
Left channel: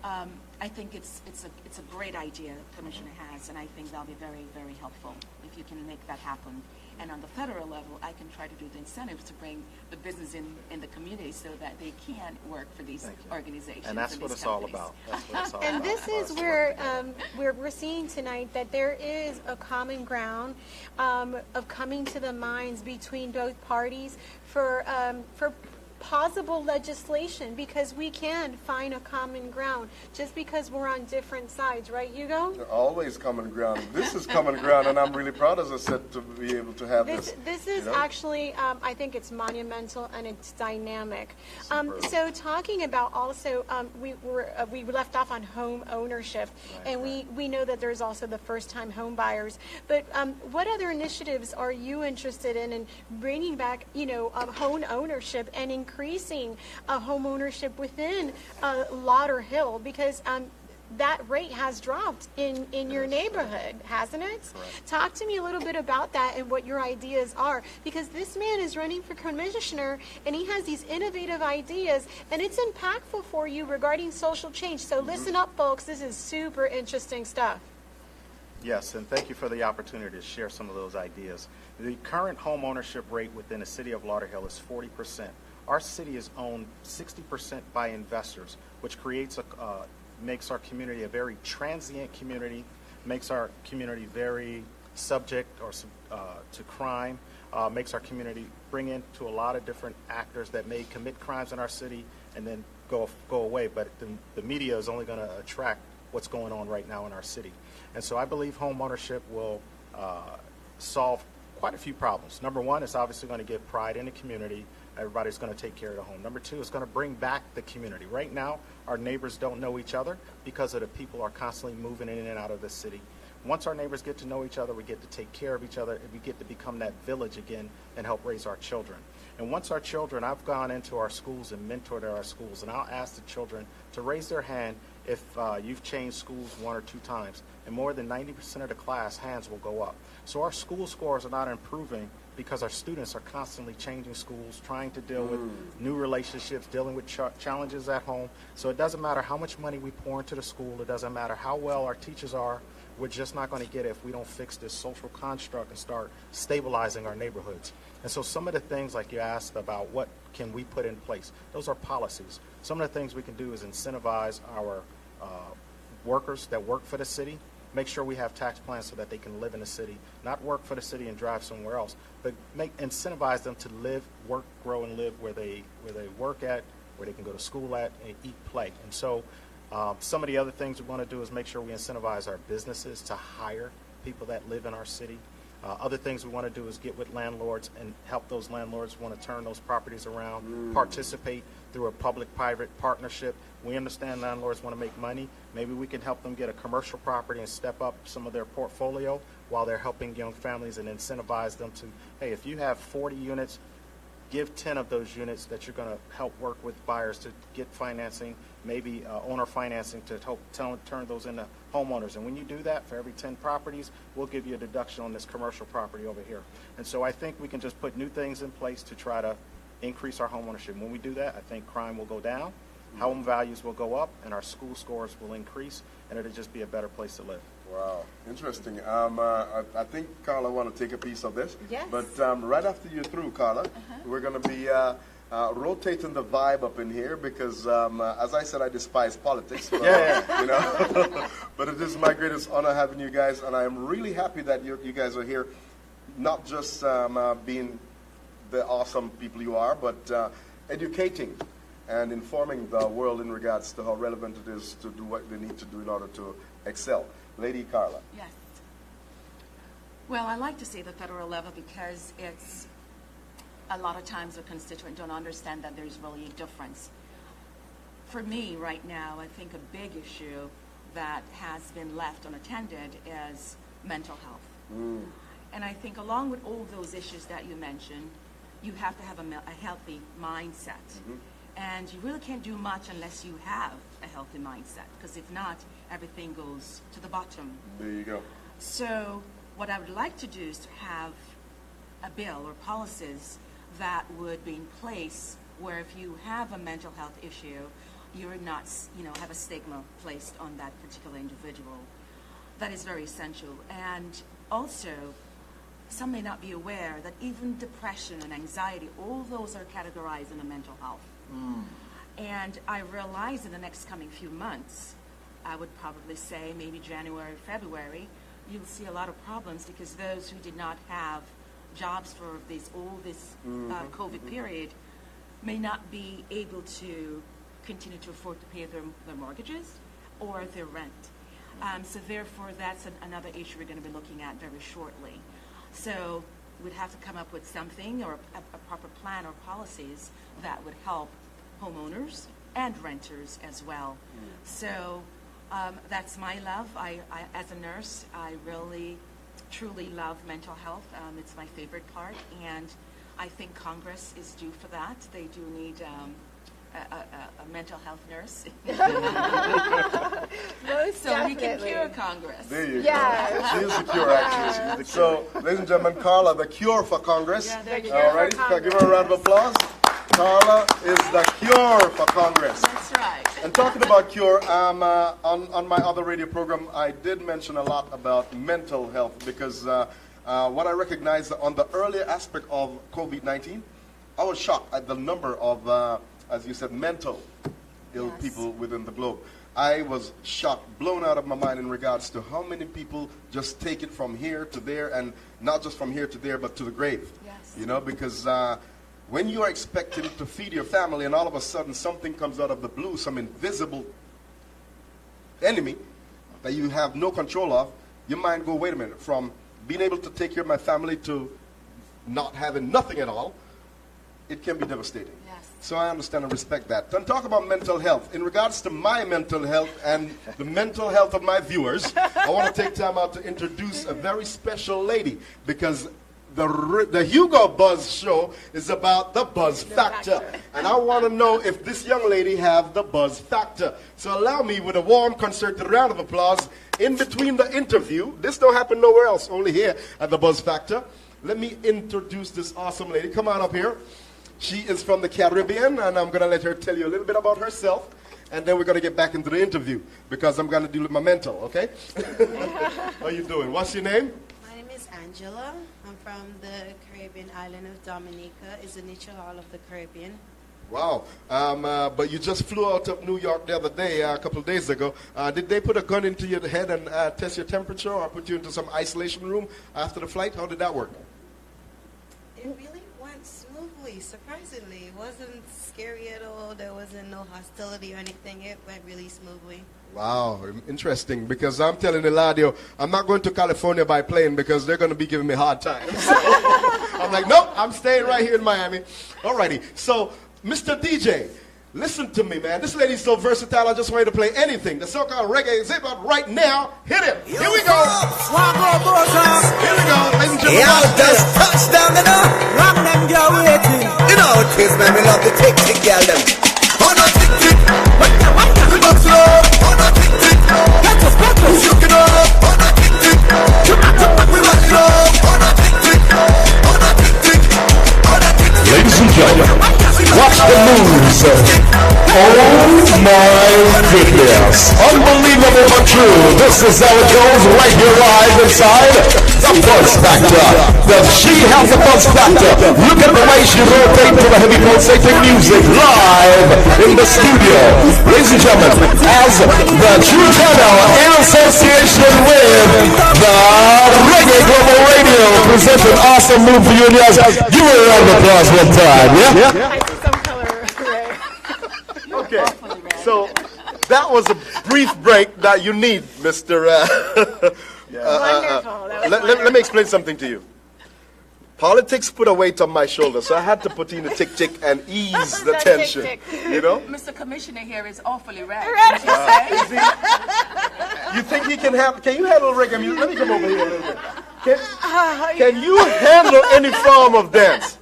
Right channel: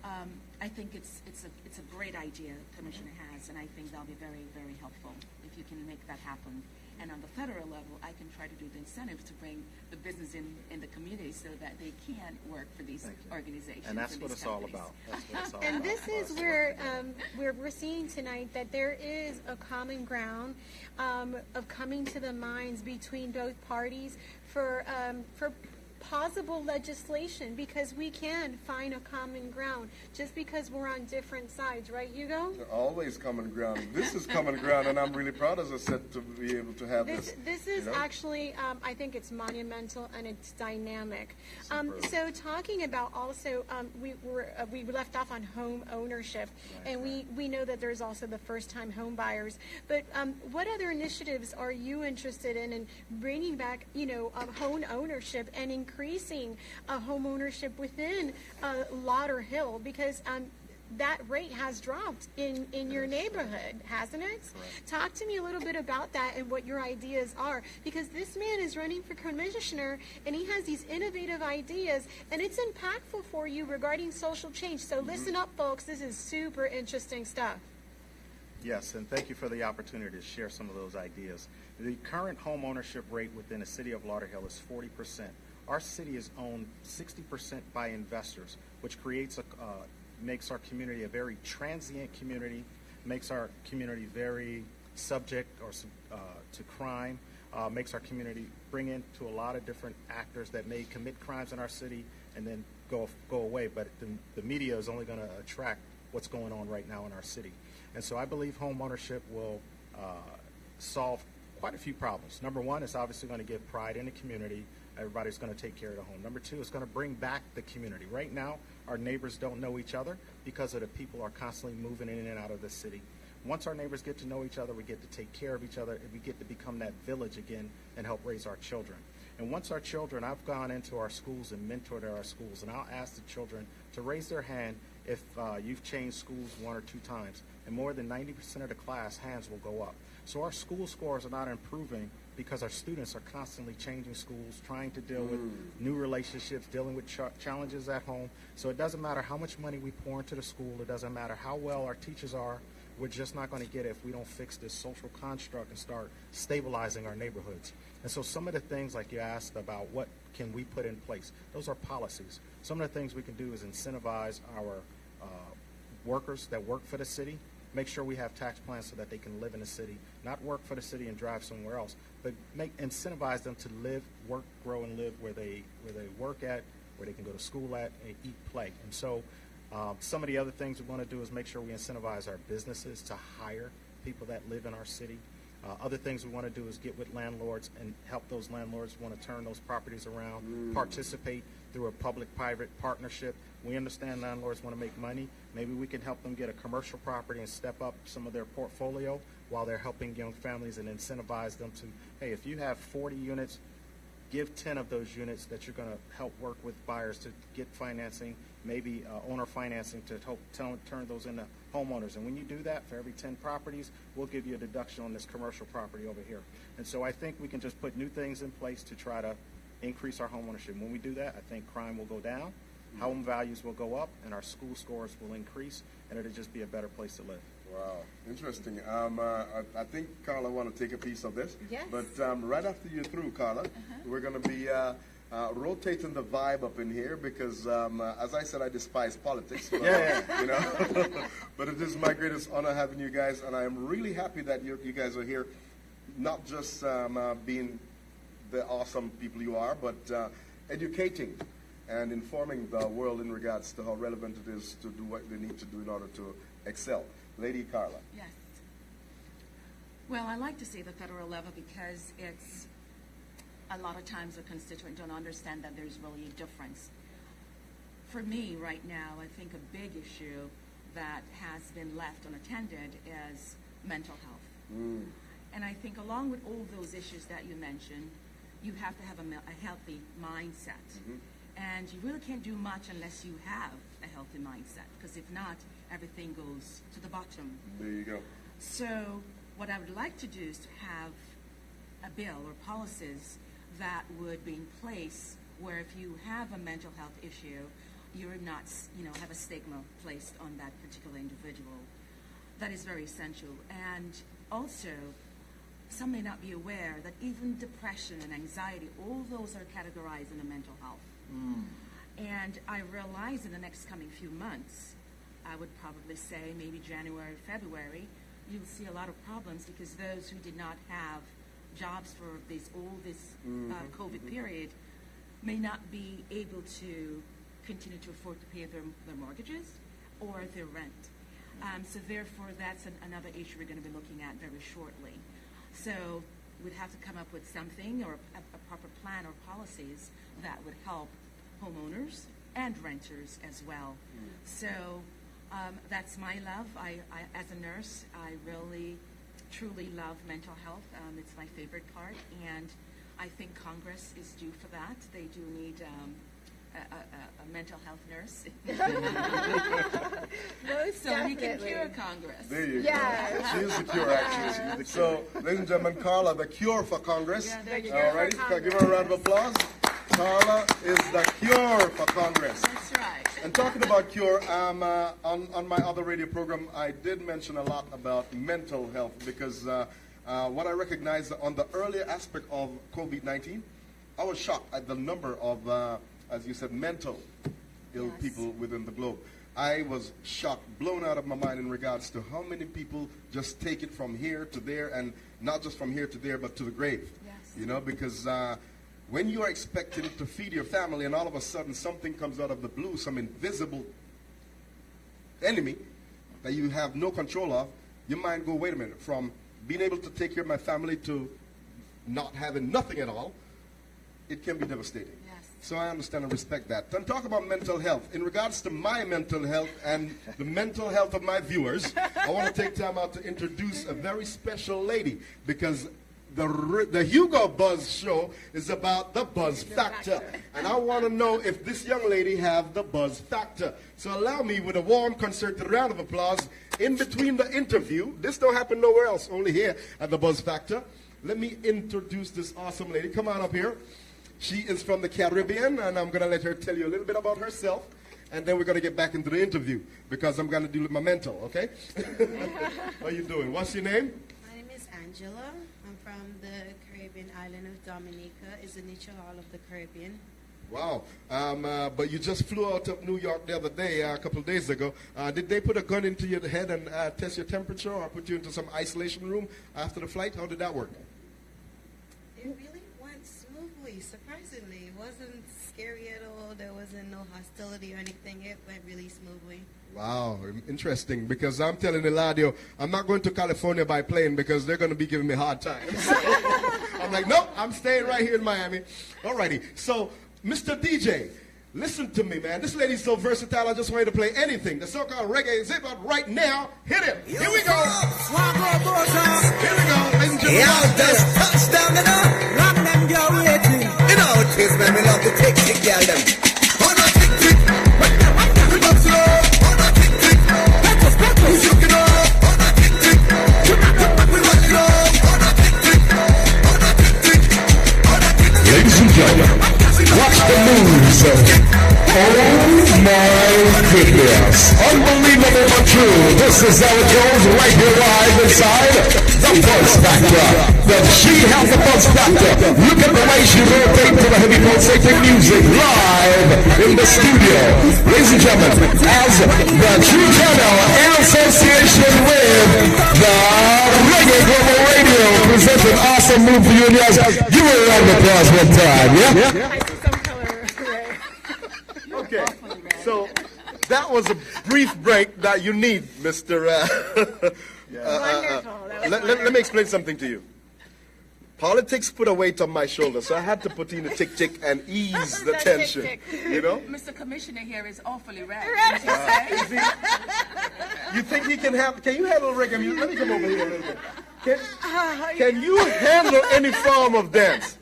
I think it's a great idea the Commissioner has, and I think that'll be very, very helpful if you can make that happen. And on the federal level, I can try to do the incentives to bring the business in the community so that they can work for these organizations. And that's and what these it's all companies. about. That's what it's all And about. this is where we're seeing tonight that there is a common ground of coming to the minds between both parties for possible legislation, because we can find a common ground just because we're on different sides, right, Hugo? Always common ground. This is common ground, and I'm really proud, as I said, to be able to have this. This is you know? actually, I think it's monumental and it's dynamic. So talking about also, we left off on home ownership, and we know that there's also the first-time home buyers. But what other initiatives are you interested in bringing back, home ownership and increasing home ownership within Lauderhill, because that rate has dropped in your neighborhood, hasn't it? Correct. Talk to me a little bit about that and what your ideas are, because this man is running for commissioner and he has these innovative ideas, and it's impactful for you regarding social change. So listen up, folks. This is super interesting stuff. Yes, and thank you for the opportunity to share some of those ideas. The current home ownership rate within the city of Lauderhill is 40%. Our city is owned 60% by investors, which makes our community a very transient community, makes our community very subject to crime, makes our community bring into a lot of different actors that may commit crimes in our city and then go away. But the media is only going to attract what's going on right now in our city. And so I believe home ownership will solve quite a few problems. Number one, it's obviously going to give pride in the community. Everybody's going to take care of the home. Number two, it's going to bring back the community. Right now, our neighbors don't know each other because of the people are constantly moving in and out of the city. Once our neighbors get to know each other, we get to take care of each other, and we get to become that village again and help raise our children. And once our children, I've gone into our schools and mentored our schools, and I'll ask the children to raise their hand if you've changed schools 1 or 2 times. And more than 90% of the class, hands will go up. So our school scores are not improving because our students are constantly changing schools, trying to deal with new relationships, dealing with challenges at home. So it doesn't matter how much money we pour into the school. It doesn't matter how well our teachers are. We're just not going to get it if we don't fix this social construct and start stabilizing our neighborhoods. And so some of the things, like you asked about what can we put in place, those are policies. Some of the things we can do is incentivize our workers that work for the city, make sure we have tax plans so that they can live in the city, not work for the city and drive somewhere else, but incentivize them to live, work, grow, and live where they work at, where they can go to school at, and eat, play. And so some of the other things we want to do is make sure we incentivize our businesses to hire people that live in our city. Other things we want to do is get with landlords and help those landlords want to turn those properties around, participate through a public-private partnership. We understand landlords want to make money. Maybe we can help them get a commercial property and step up some of their portfolio while they're helping young families and incentivize them to, hey, if you have 40 units, give 10 of those units that you're going to help work with buyers to get financing, maybe owner financing to help turn those into homeowners. And when you do that, for every 10 properties, we'll give you a deduction on this commercial property over here. And so I think we can just put new things in place to try to increase our home ownership. When we do that, I think crime will go down, home values will go up, and our school scores will increase, and it'll just be a better place to live. Wow, interesting. I think Carla want to take a piece of this. Yes. But right after you're through, Carla, we're going to be rotating the vibe up in here because, as I said, I despise politics. But, you know, but it is my greatest honor having you guys, and I am really happy that you guys are here, not just being the awesome people you are, but educating and informing the world in regards to how relevant it is to do what they need to do in order to excel. Lady Carla. Yes. Well, I like to say the federal level because it's a lot of times a constituent don't understand that there's really a difference. For me right now, I think a big issue that has been left unattended is mental health. And I think along with all those issues that you mentioned, you have to have a healthy mindset. And you really can't do much unless you have a healthy mindset, because if not, everything goes to the bottom. There you go. So what I would like to do is to have a bill or policies that would be in place where if you have a mental health issue, you're not, have a stigma placed on that particular individual. That is very essential. And also, some may not be aware that even depression and anxiety, all those are categorized in the mental health. And I realize in the next coming few months, I would probably say maybe January, February, you'll see a lot of problems because those who did not have jobs for this COVID period may not be able to continue to afford to pay their mortgages or their rent. So therefore, that's another issue we're going to be looking at very shortly. So we'd have to come up with something or a proper plan or policies that would help homeowners and renters as well. So that's my love. I as a nurse, I really, truly love mental health. It's my favorite part, and I think Congress is due for that. They do need a mental health nurse. So we can cure Congress. There you go. She is the cure, actually. So, ladies and gentlemen, Carla, the cure for Congress. Yeah, there you All right, give her a round of applause. Carla is the cure for Congress. That's right. And talking about cure, on my other radio program, I did mention a lot about mental health because what I recognize on the earlier aspect of COVID-19, I was shocked at the number of, as you said, mental ill people within the globe. I was shocked, blown out of my mind in regards to how many people just take it from here to there, and not just from here to there, but to the grave. Yes. Because when you are expecting to feed your family and all of a sudden something comes out of the blue, some invisible enemy that you have no control of, your mind go, wait a minute, from being able to take care of my family to not having nothing at all, it can be devastating. Yes. So I understand and respect that. And talk about mental health. In regards to my mental health and the mental health of my viewers, I want to take time out to introduce a very special lady because the Hugo Buzz show is about the buzz factor. And I want to know if this young lady have the buzz factor. So allow me with a warm concerted round of applause in between the interview. This don't happen nowhere else, only here at the Buzz Factor. Let me introduce this awesome lady. Come on up here. She is from the Caribbean, and I'm going to let her tell you a little bit about herself. And then we're going to get back into the interview because I'm going to deal with my mental, okay? How you doing? What's your name? My name is Angela. I'm from the Caribbean island of Dominica. It's the natural hall of the Caribbean. Wow. But you just flew out of New York the other day, a couple of days ago. Did they put a gun into your head and test your temperature or put you into some isolation room after the flight? How did that work? It really went smoothly, surprisingly. It wasn't scary at all. There wasn't no hostility or anything. It went really smoothly. Wow, interesting, because I'm telling Eladio, I'm not going to California by plane because they're going to be giving me hard time. I'm like, nope, I'm staying right here in Miami. Alrighty, so Mr. DJ, listen to me, man. This lady's so versatile, I just want you to play anything. The so-called reggae is about right now. Hit it. Here we go. Here we go, ladies and gentlemen. Yeah, just touchdown and up. Rock them girl waiting. You know it is, man. We love the tick girl them. Oh no, tick. You got slow. Oh no, tick. Get us. You can up. Oh no, tick. We want slow. Oh no, tick. Oh no, tick. Oh no, tick. Ladies and gentlemen, watch the moves. Oh my goodness. Unbelievable but true. This is how it goes right here live inside the Buzz Factor. Does she have the Buzz Factor? Look at the way she rotates to the heavy pulsating music live in the studio. Ladies and gentlemen, as the True Channel in association with the Reggae Global Radio presents an awesome move for you and yours. Give her a round of applause one time, yeah? Okay, so that was a brief break that you need, Mr. Let me explain something to you. Politics put a weight on my shoulder, so I had to put in a tick and ease the tension. You know? Mr. Commissioner here is awfully red. You think he can have? Can you handle reggae music? Let me come over here a little bit. Can you handle any form of dance?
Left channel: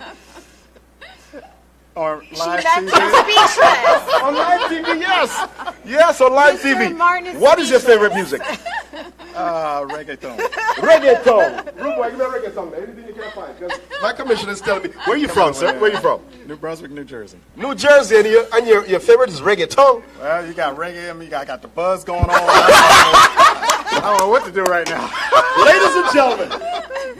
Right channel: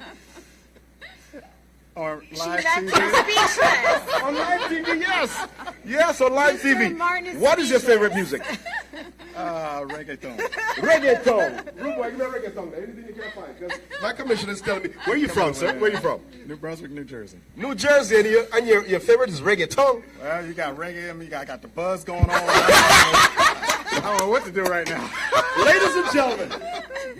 Or She live left TV. him speechless. On live TV, yes. Yes, on live Mr. TV. Martin is What is your speechless. favorite music? Reggaeton. Reggaeton. Rude boy, give me a reggaeton. Anything you can find. 'Cause my commissioner is telling me. Where you from, sir? Where you from? New Brunswick, New Jersey. New Jersey, and your favorite is reggaeton. Well, you got reggae, I mean, I got the buzz going on. I don't know what to do right now. Ladies and gentlemen,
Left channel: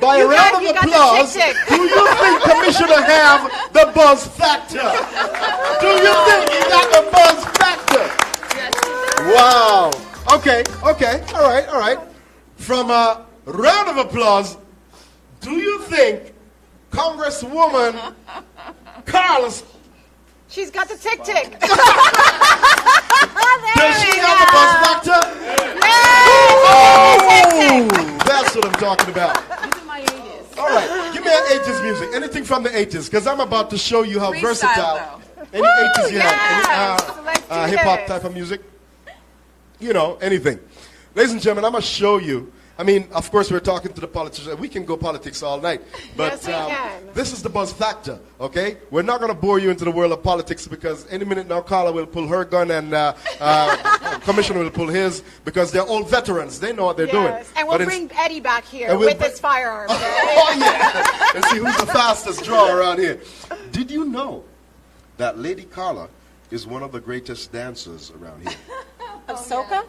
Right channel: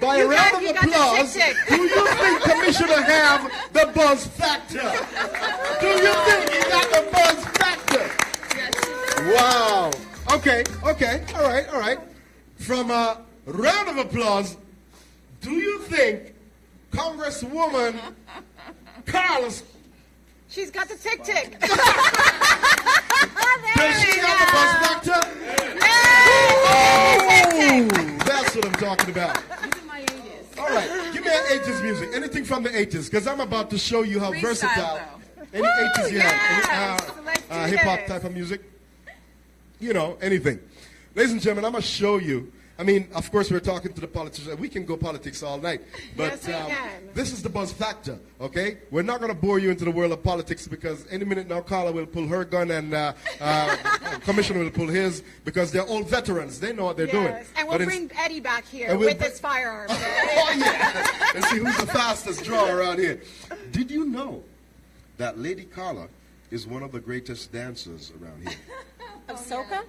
by a round of applause, do you think Commissioner have the buzz factor? Do you think he got the buzz factor? Wow. Okay. All right. From a round of applause, do you think Congresswoman Carla... She's got the tick-tick. Does she have the buzz factor? Oh, that's what I'm talking about. All right, give me an 80s music. Anything from the 80s, because I'm about to show you how versatile. Any 80s you have? Any hip-hop type of music? You know, anything. Ladies and gentlemen, I'm going to show you. I mean, of course, we're talking to the politicians. We can go politics all night. But yes, we can. This is the buzz factor, okay? We're not going to bore you into the world of politics because any minute now, Carla will pull her gun and Commissioner will pull his because they're all veterans. They know what they're doing. And we'll bring Eddie back here with his firearms. Oh, yeah. And see who's the fastest draw around here. Did you know that Lady Carla is one of the greatest dancers around here? Of soca?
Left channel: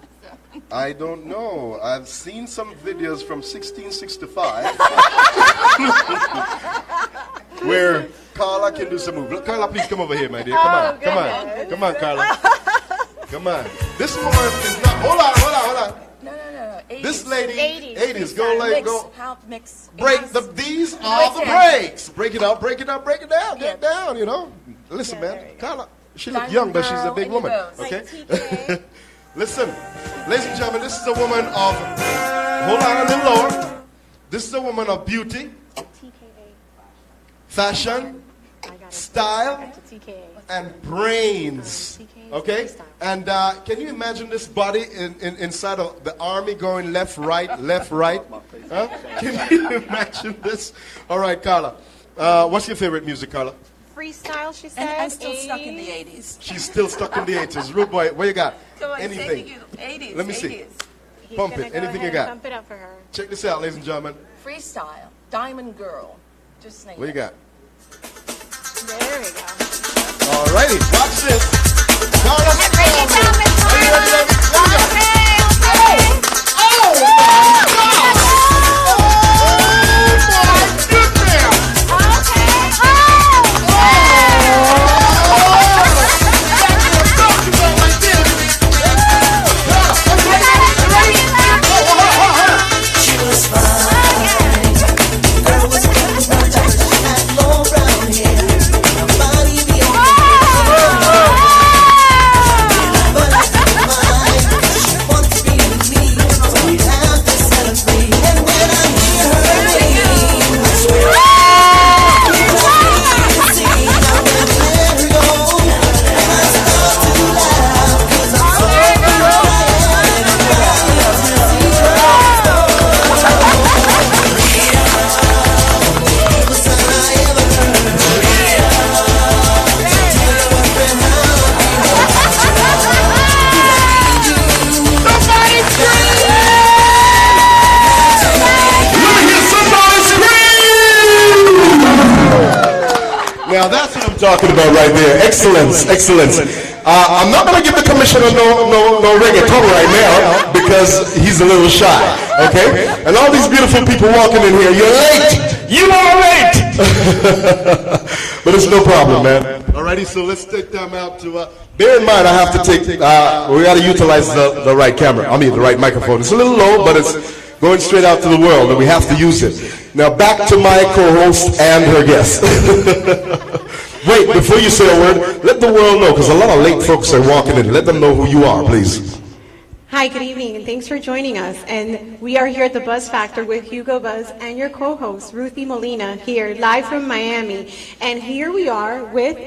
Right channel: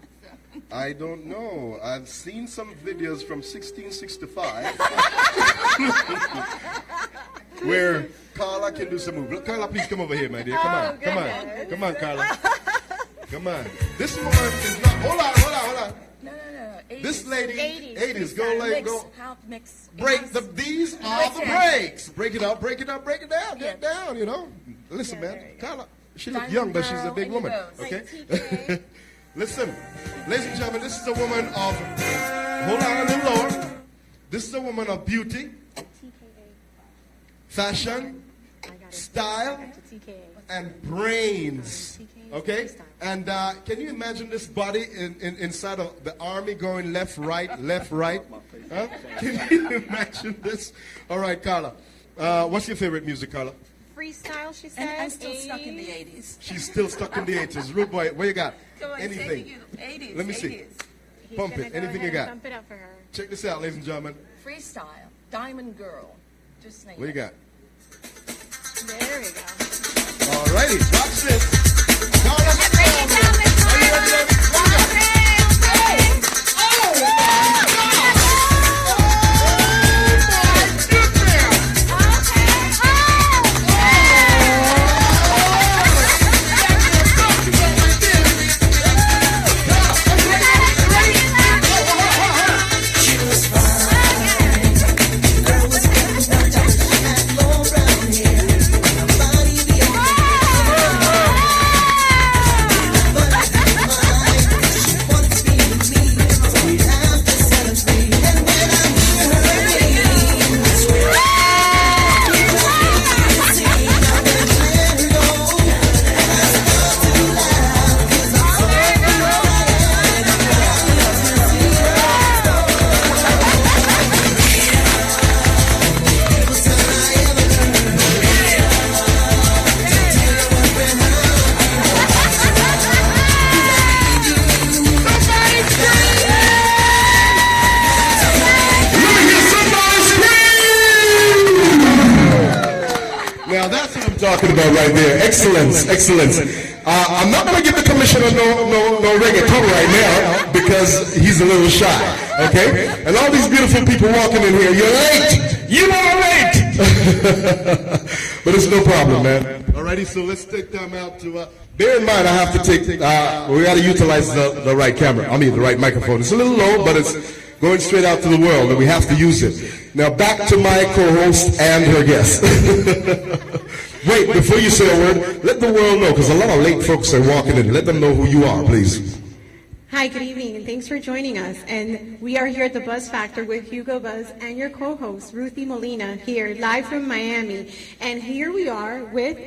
I don't know. I've seen some videos from 1665 where Carla can do some moves. Carla, please come over here, my dear. Come on, Carla. Come on. This woman is not. Hold on. No. 80s. This lady, 80s. Go. Mix. Break these are the breaks. Break it up, break it down, get down. You know. Listen, man, Carla. She looks young, but she's a big woman. Okay. Listen, ladies and gentlemen, this is a woman of, hold on a little lower. This is a woman of beauty, fashion, style, and brains. Okay? And can you imagine this body inside of the army going left, right? Huh? Can you imagine this? All right, Carla. What's your favorite music, Carla? Freestyle, she said. And I'm still stuck in the 80s. She's still stuck in the 80s. Rude boy, what you got? Anything. 80s. Let me see. Pump it. Anything you got? Pump it up for her. Check this out, ladies and gentlemen. Freestyle. Diamond Girl. Just name What you got? There we go. All righty. Watch this. Carla, are you ready? Talking about right there. Excellence. I'm not going to give the commissioner no reggaeton right now because he's a little shy. Okay? And all these beautiful people walking in here, you're late. You are late. But it's no problem, man. Alrighty, so let's take them out to. Bear in mind, I have to take. We got to utilize the right camera. I mean, the right microphone. It's a little low, but it's going straight out to the world, and we have to use it. Now back to my co-host and her guest. Wait, before you say a word, let the world know, because a lot of late folks are walking in. Let them know who you are, please. Hi, good evening, and thanks for joining us. And we are here at the Buzz Factor with Hugo Buzz and your co-host, Ruthie Molina, here live from Miami. And here we are with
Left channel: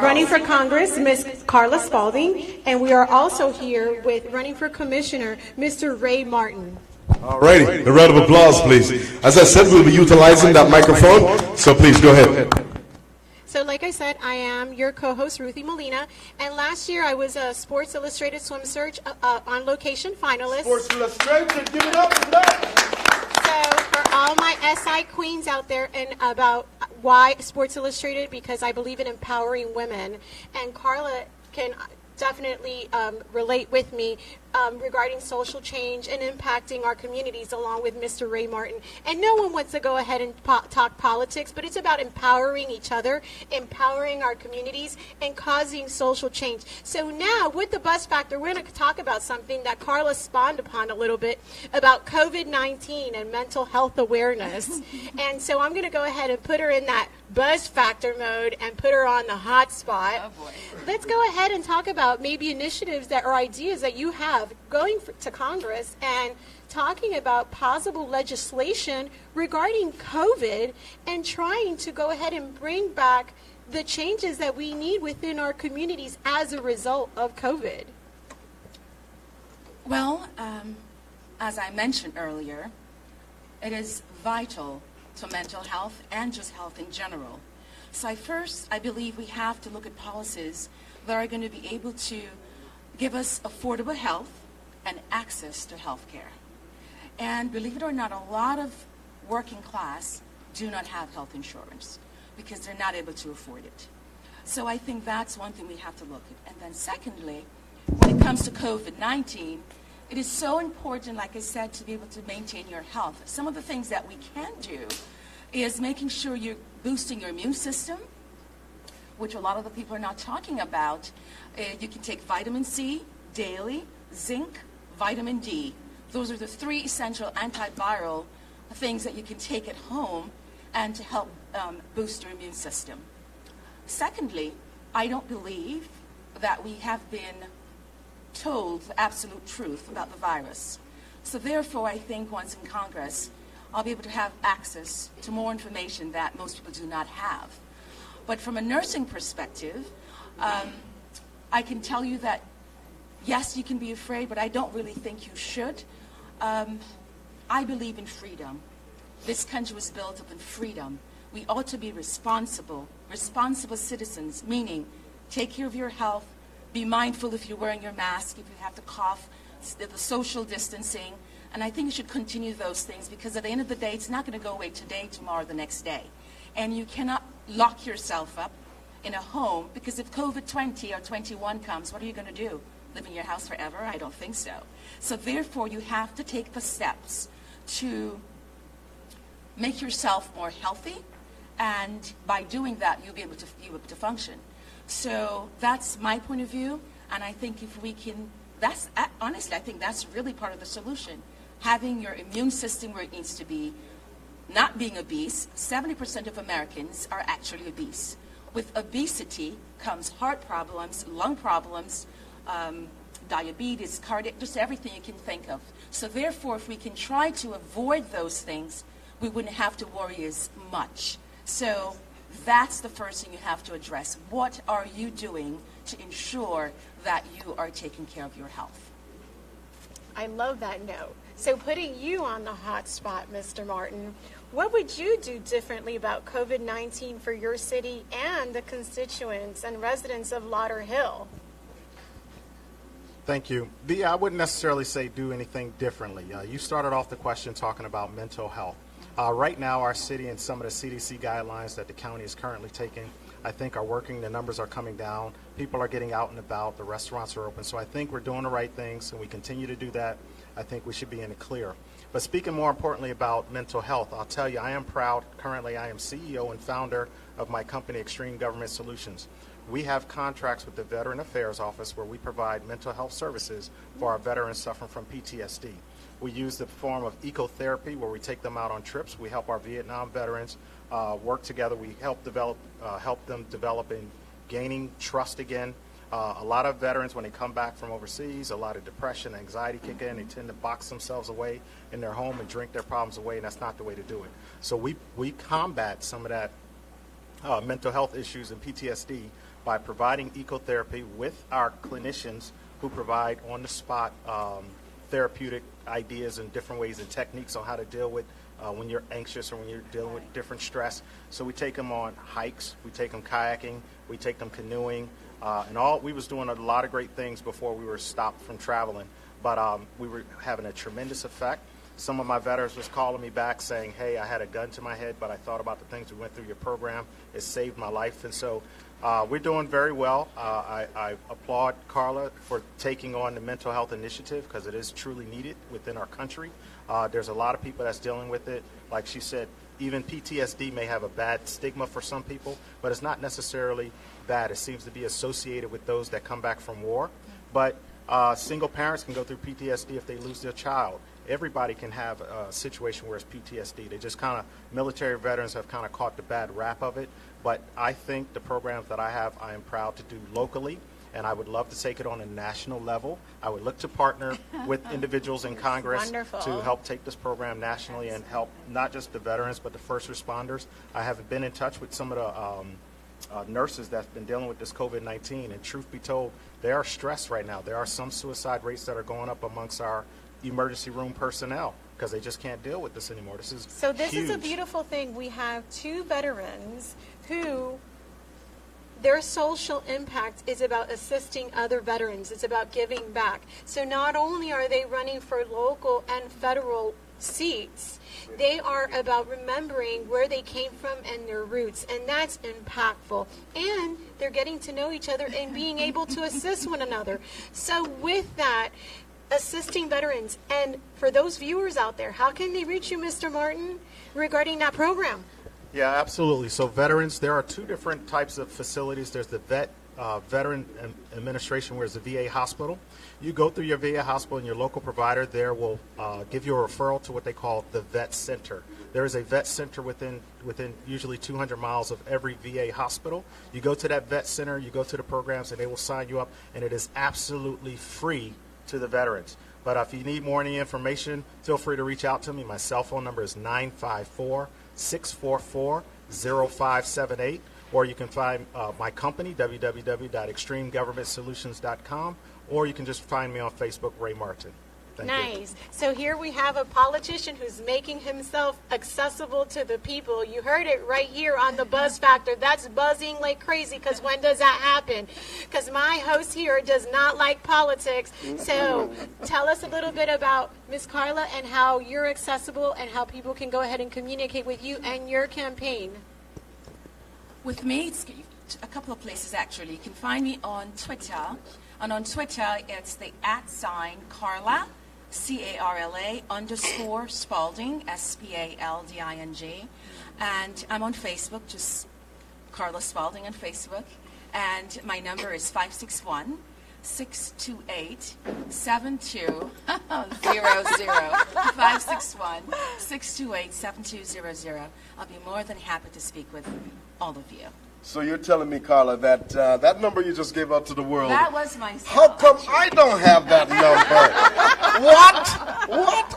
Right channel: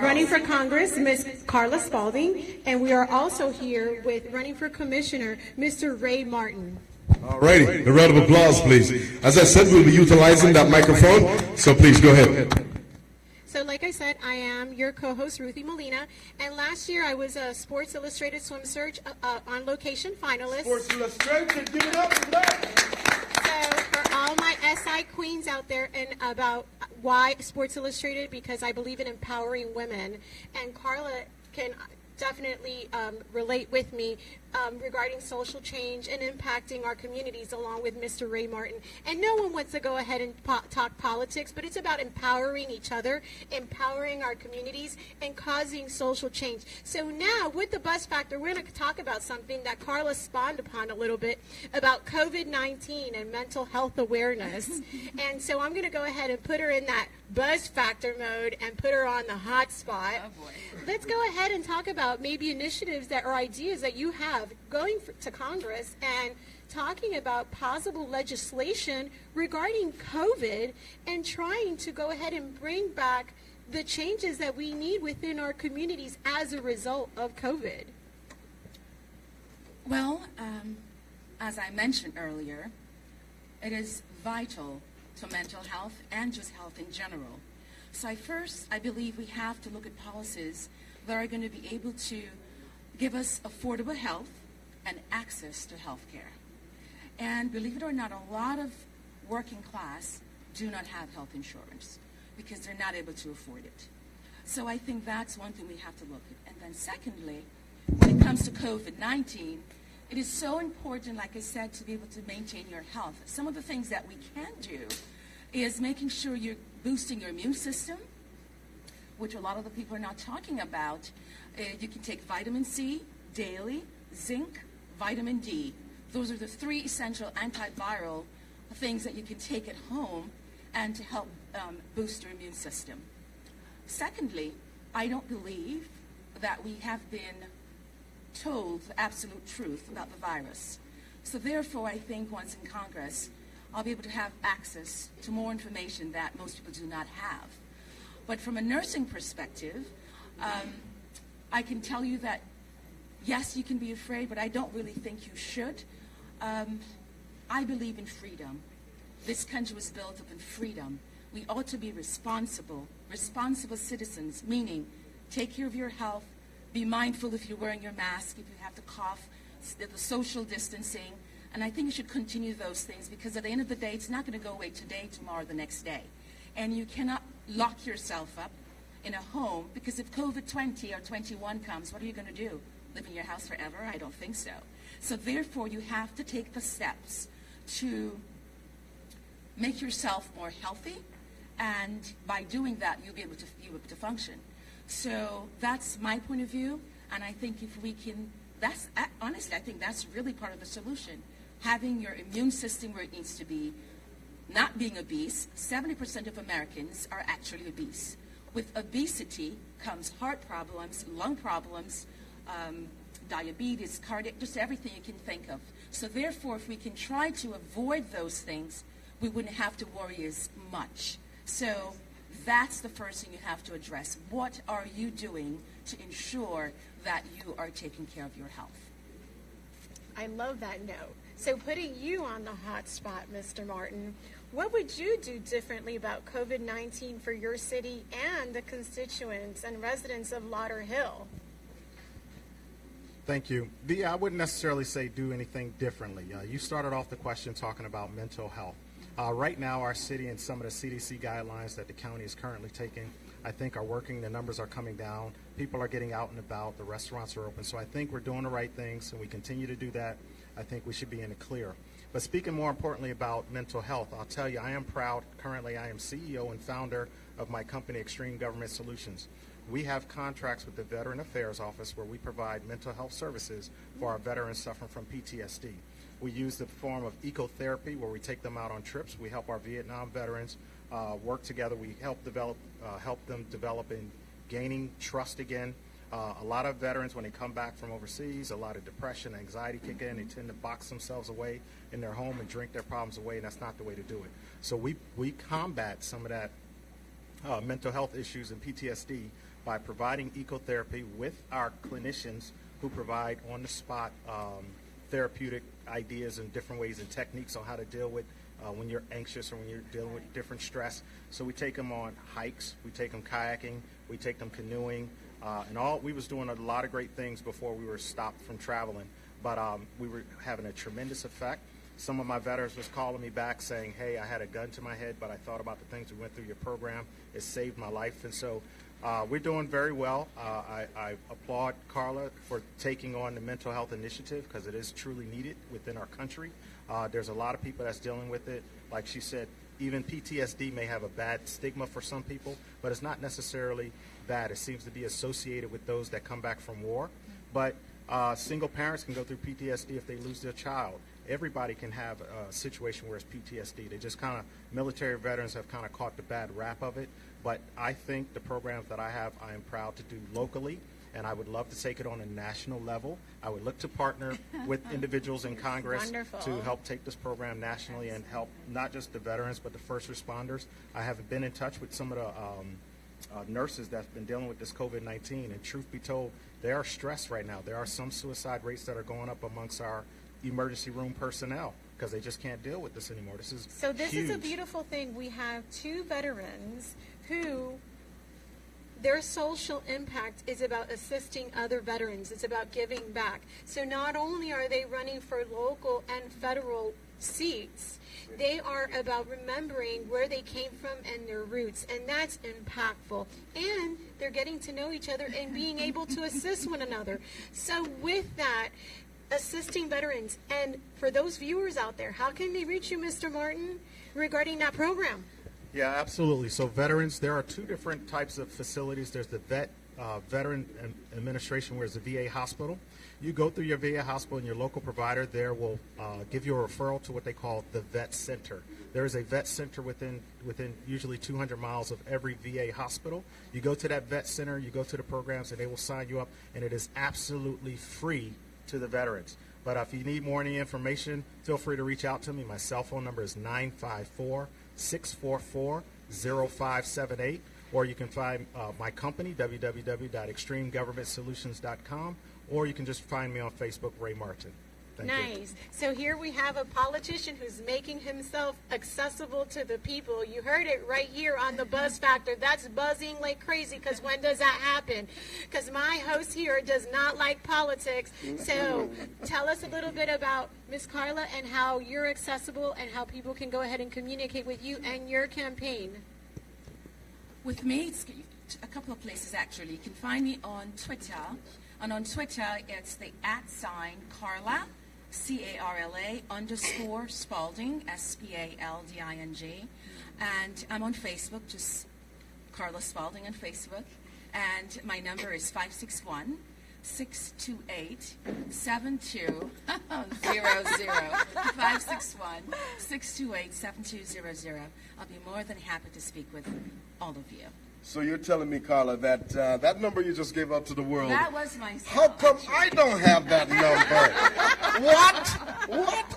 running for Congress, Miss Carla Spalding, and we are also here with running for Commissioner, Mr. Ray Martin. All righty, a round of applause, please. As I said, we'll be utilizing that microphone, so please go ahead. So like I said, I am your co-host, Ruthie Molina. And last year I was a Sports Illustrated Swim Search on location finalist. Sports Illustrated, give it up for that. So for all my SI queens out there, and about why Sports Illustrated, because I believe in empowering women. And Carla can definitely relate with me regarding social change and impacting our communities, along with Mr. Ray Martin. And no one wants to go ahead and talk politics, but it's about empowering each other, empowering our communities, and causing social change. So now, with the Buzz Factor, we're going to talk about something that Carla spawned upon a little bit about COVID-19 and mental health awareness. And so I'm going to go ahead and put her in that Buzz Factor mode and put her on the hot spot. Oh, boy. Let's go ahead and talk about maybe initiatives that or ideas that you have going to Congress and talking about possible legislation regarding COVID and trying to go ahead and bring back the changes that we need within our communities as a result of COVID. Well, as I mentioned earlier, it is vital to mental health and just health in general. So I believe we have to look at policies that are going to be able to give us affordable health and access to health care. And believe it or not, a lot of working class do not have health insurance because they're not able to afford it. So I think that's one thing we have to look at. And then secondly, when it comes to COVID-19, it is so important, like I said, to be able to maintain your health. Some of the things that we can do is making sure you're boosting your immune system, which a lot of the people are not talking about. You can take vitamin C daily, zinc, vitamin D. Those are the 3 essential antiviral things that you can take at home and to help boost your immune system. Secondly, I don't believe that we have been told the absolute truth about the virus. So therefore, I think once in Congress, I'll be able to have access to more information that most people do not have. But from a nursing perspective, I can tell you that, yes, you can be afraid, but I don't really think you should. I believe in freedom. This country was built up in freedom. We ought to be responsible citizens, meaning take care of your health, be mindful if you're wearing your mask, if you have to cough, the social distancing. And I think you should continue those things because at the end of the day, it's not going to go away today, tomorrow, the next day. And you cannot lock yourself up in a home because if COVID-20 or 21 comes, what are you going to do? Live in your house forever? I don't think so. So therefore, you have to take the steps to make yourself more healthy. And by doing that, you'll be able to function. So that's my point of view. And I think if we can, honestly, I think that's really part of the solution. Having your immune system where it needs to be, not being obese. 70% of Americans are actually obese. With obesity comes heart problems, lung problems, diabetes, cardiac, just everything you can think of. So therefore, if we can try to avoid those things, we wouldn't have to worry as much. So that's the first thing you have to address. What are you doing to ensure that you are taking care of your health? I love that note. So putting you on the hot spot, Mr. Martin, what would you do differently about COVID-19 for your city and the constituents and residents of Lauderhill? Thank you. I wouldn't necessarily say do anything differently. You started off the question talking about mental health. Right now, our city and some of the CDC guidelines that the county is currently taking, I think are working. The numbers are coming down. People are getting out and about. The restaurants are open. So I think we're doing the right things, and we continue to do that. I think we should be in the clear. But speaking more importantly about mental health, I'll tell you, I am proud. Currently, I am CEO and founder of my company, Extreme Government Solutions. We have contracts with the Veteran Affairs Office where we provide mental health services for our veterans suffering from PTSD. We use the form of ecotherapy where we take them out on trips. We help our Vietnam veterans work together. We help them develop in gaining trust again. A lot of veterans, when they come back from overseas, a lot of depression, anxiety kick in. They tend to box themselves away in their home and drink their problems away, and that's not the way to do it. So we combat some of that mental health issues and PTSD by providing ecotherapy with our clinicians who provide on-the-spot therapeutic ideas and different ways and techniques on how to deal with when you're anxious or when you're dealing with different stress. So we take them on hikes, we take them kayaking, we take them canoeing, we was doing a lot of great things before we were stopped from traveling, but we were having a tremendous effect. Some of my veterans was calling me back saying, hey, I had a gun to my head, but I thought about the things we went through your program. It saved my life. And so we're doing very well. I applaud Carla for taking on the mental health initiative because it is truly needed within our country. There's a lot of people that's dealing with it. Like she said, even PTSD may have a bad stigma for some people, but it's not necessarily bad. It seems to be associated with those that come back from war. But single parents can go through PTSD if they lose their child. Everybody can have a situation where it's PTSD. They just kind of, military veterans have kind of caught the bad rap of it. But I think the programs that I have, I am proud to do locally, and I would love to take it on a national level. I would look to partner with individuals in Congress to help take this program nationally and help not just the veterans, but the first responders. I have been in touch with some of the nurses that's been dealing with this COVID-19, and truth be told, they are stressed right now. There are some suicide rates that are going up amongst our emergency room personnel because they just can't deal with this anymore. This is huge. Is a beautiful thing. We have two veterans who their social impact is about assisting other veterans. It's about giving back. So not only are they running for local and federal seats, they are about remembering where they came from and their roots, and that's impactful. And they're getting to know each other and being able to assist one another. So with that, assisting veterans, and for those viewers out there, how can they reach you, Mr. Martin, regarding that program? Yeah, absolutely. So veterans, there are two different types of facilities. There's the Veteran Administration, where it's a VA hospital. You go through your VA hospital and your local provider there will give you a referral to what they call the Vet Center. There is a vet center within usually 200 miles of every VA hospital. You go to that vet center, you go to the programs, and they will sign you up, and it is absolutely free to the veterans. But if you need more any information, feel free to reach out to me. My cell phone number is 954-644-0578, or you can find my company, www.extremegovernmentsolutions.com, or you can just find me on Facebook, Ray Martin. Thank you. So here we have a politician who's making himself accessible to the people. You heard it right here on the Buzz Factor. That's buzzing like crazy, because when does that happen? Because my host here does not like politics. So tell us a little bit about Ms. Carla and how you're accessible and how people can go ahead and communicate with you and your campaign. With me, it's a couple of places actually. You can find me on Twitter. And on Twitter, it's the @Carla, CARLA _ Spalding, SPALDING. And I'm on Facebook, just Carla Spalding on Facebook. And my number is 561-628-7200. 561-628-7200. I'll be more than happy to speak with all of you. So you're telling me, Carla, that that number you just gave out to the world. That was my cell. How come I don't have that number? What?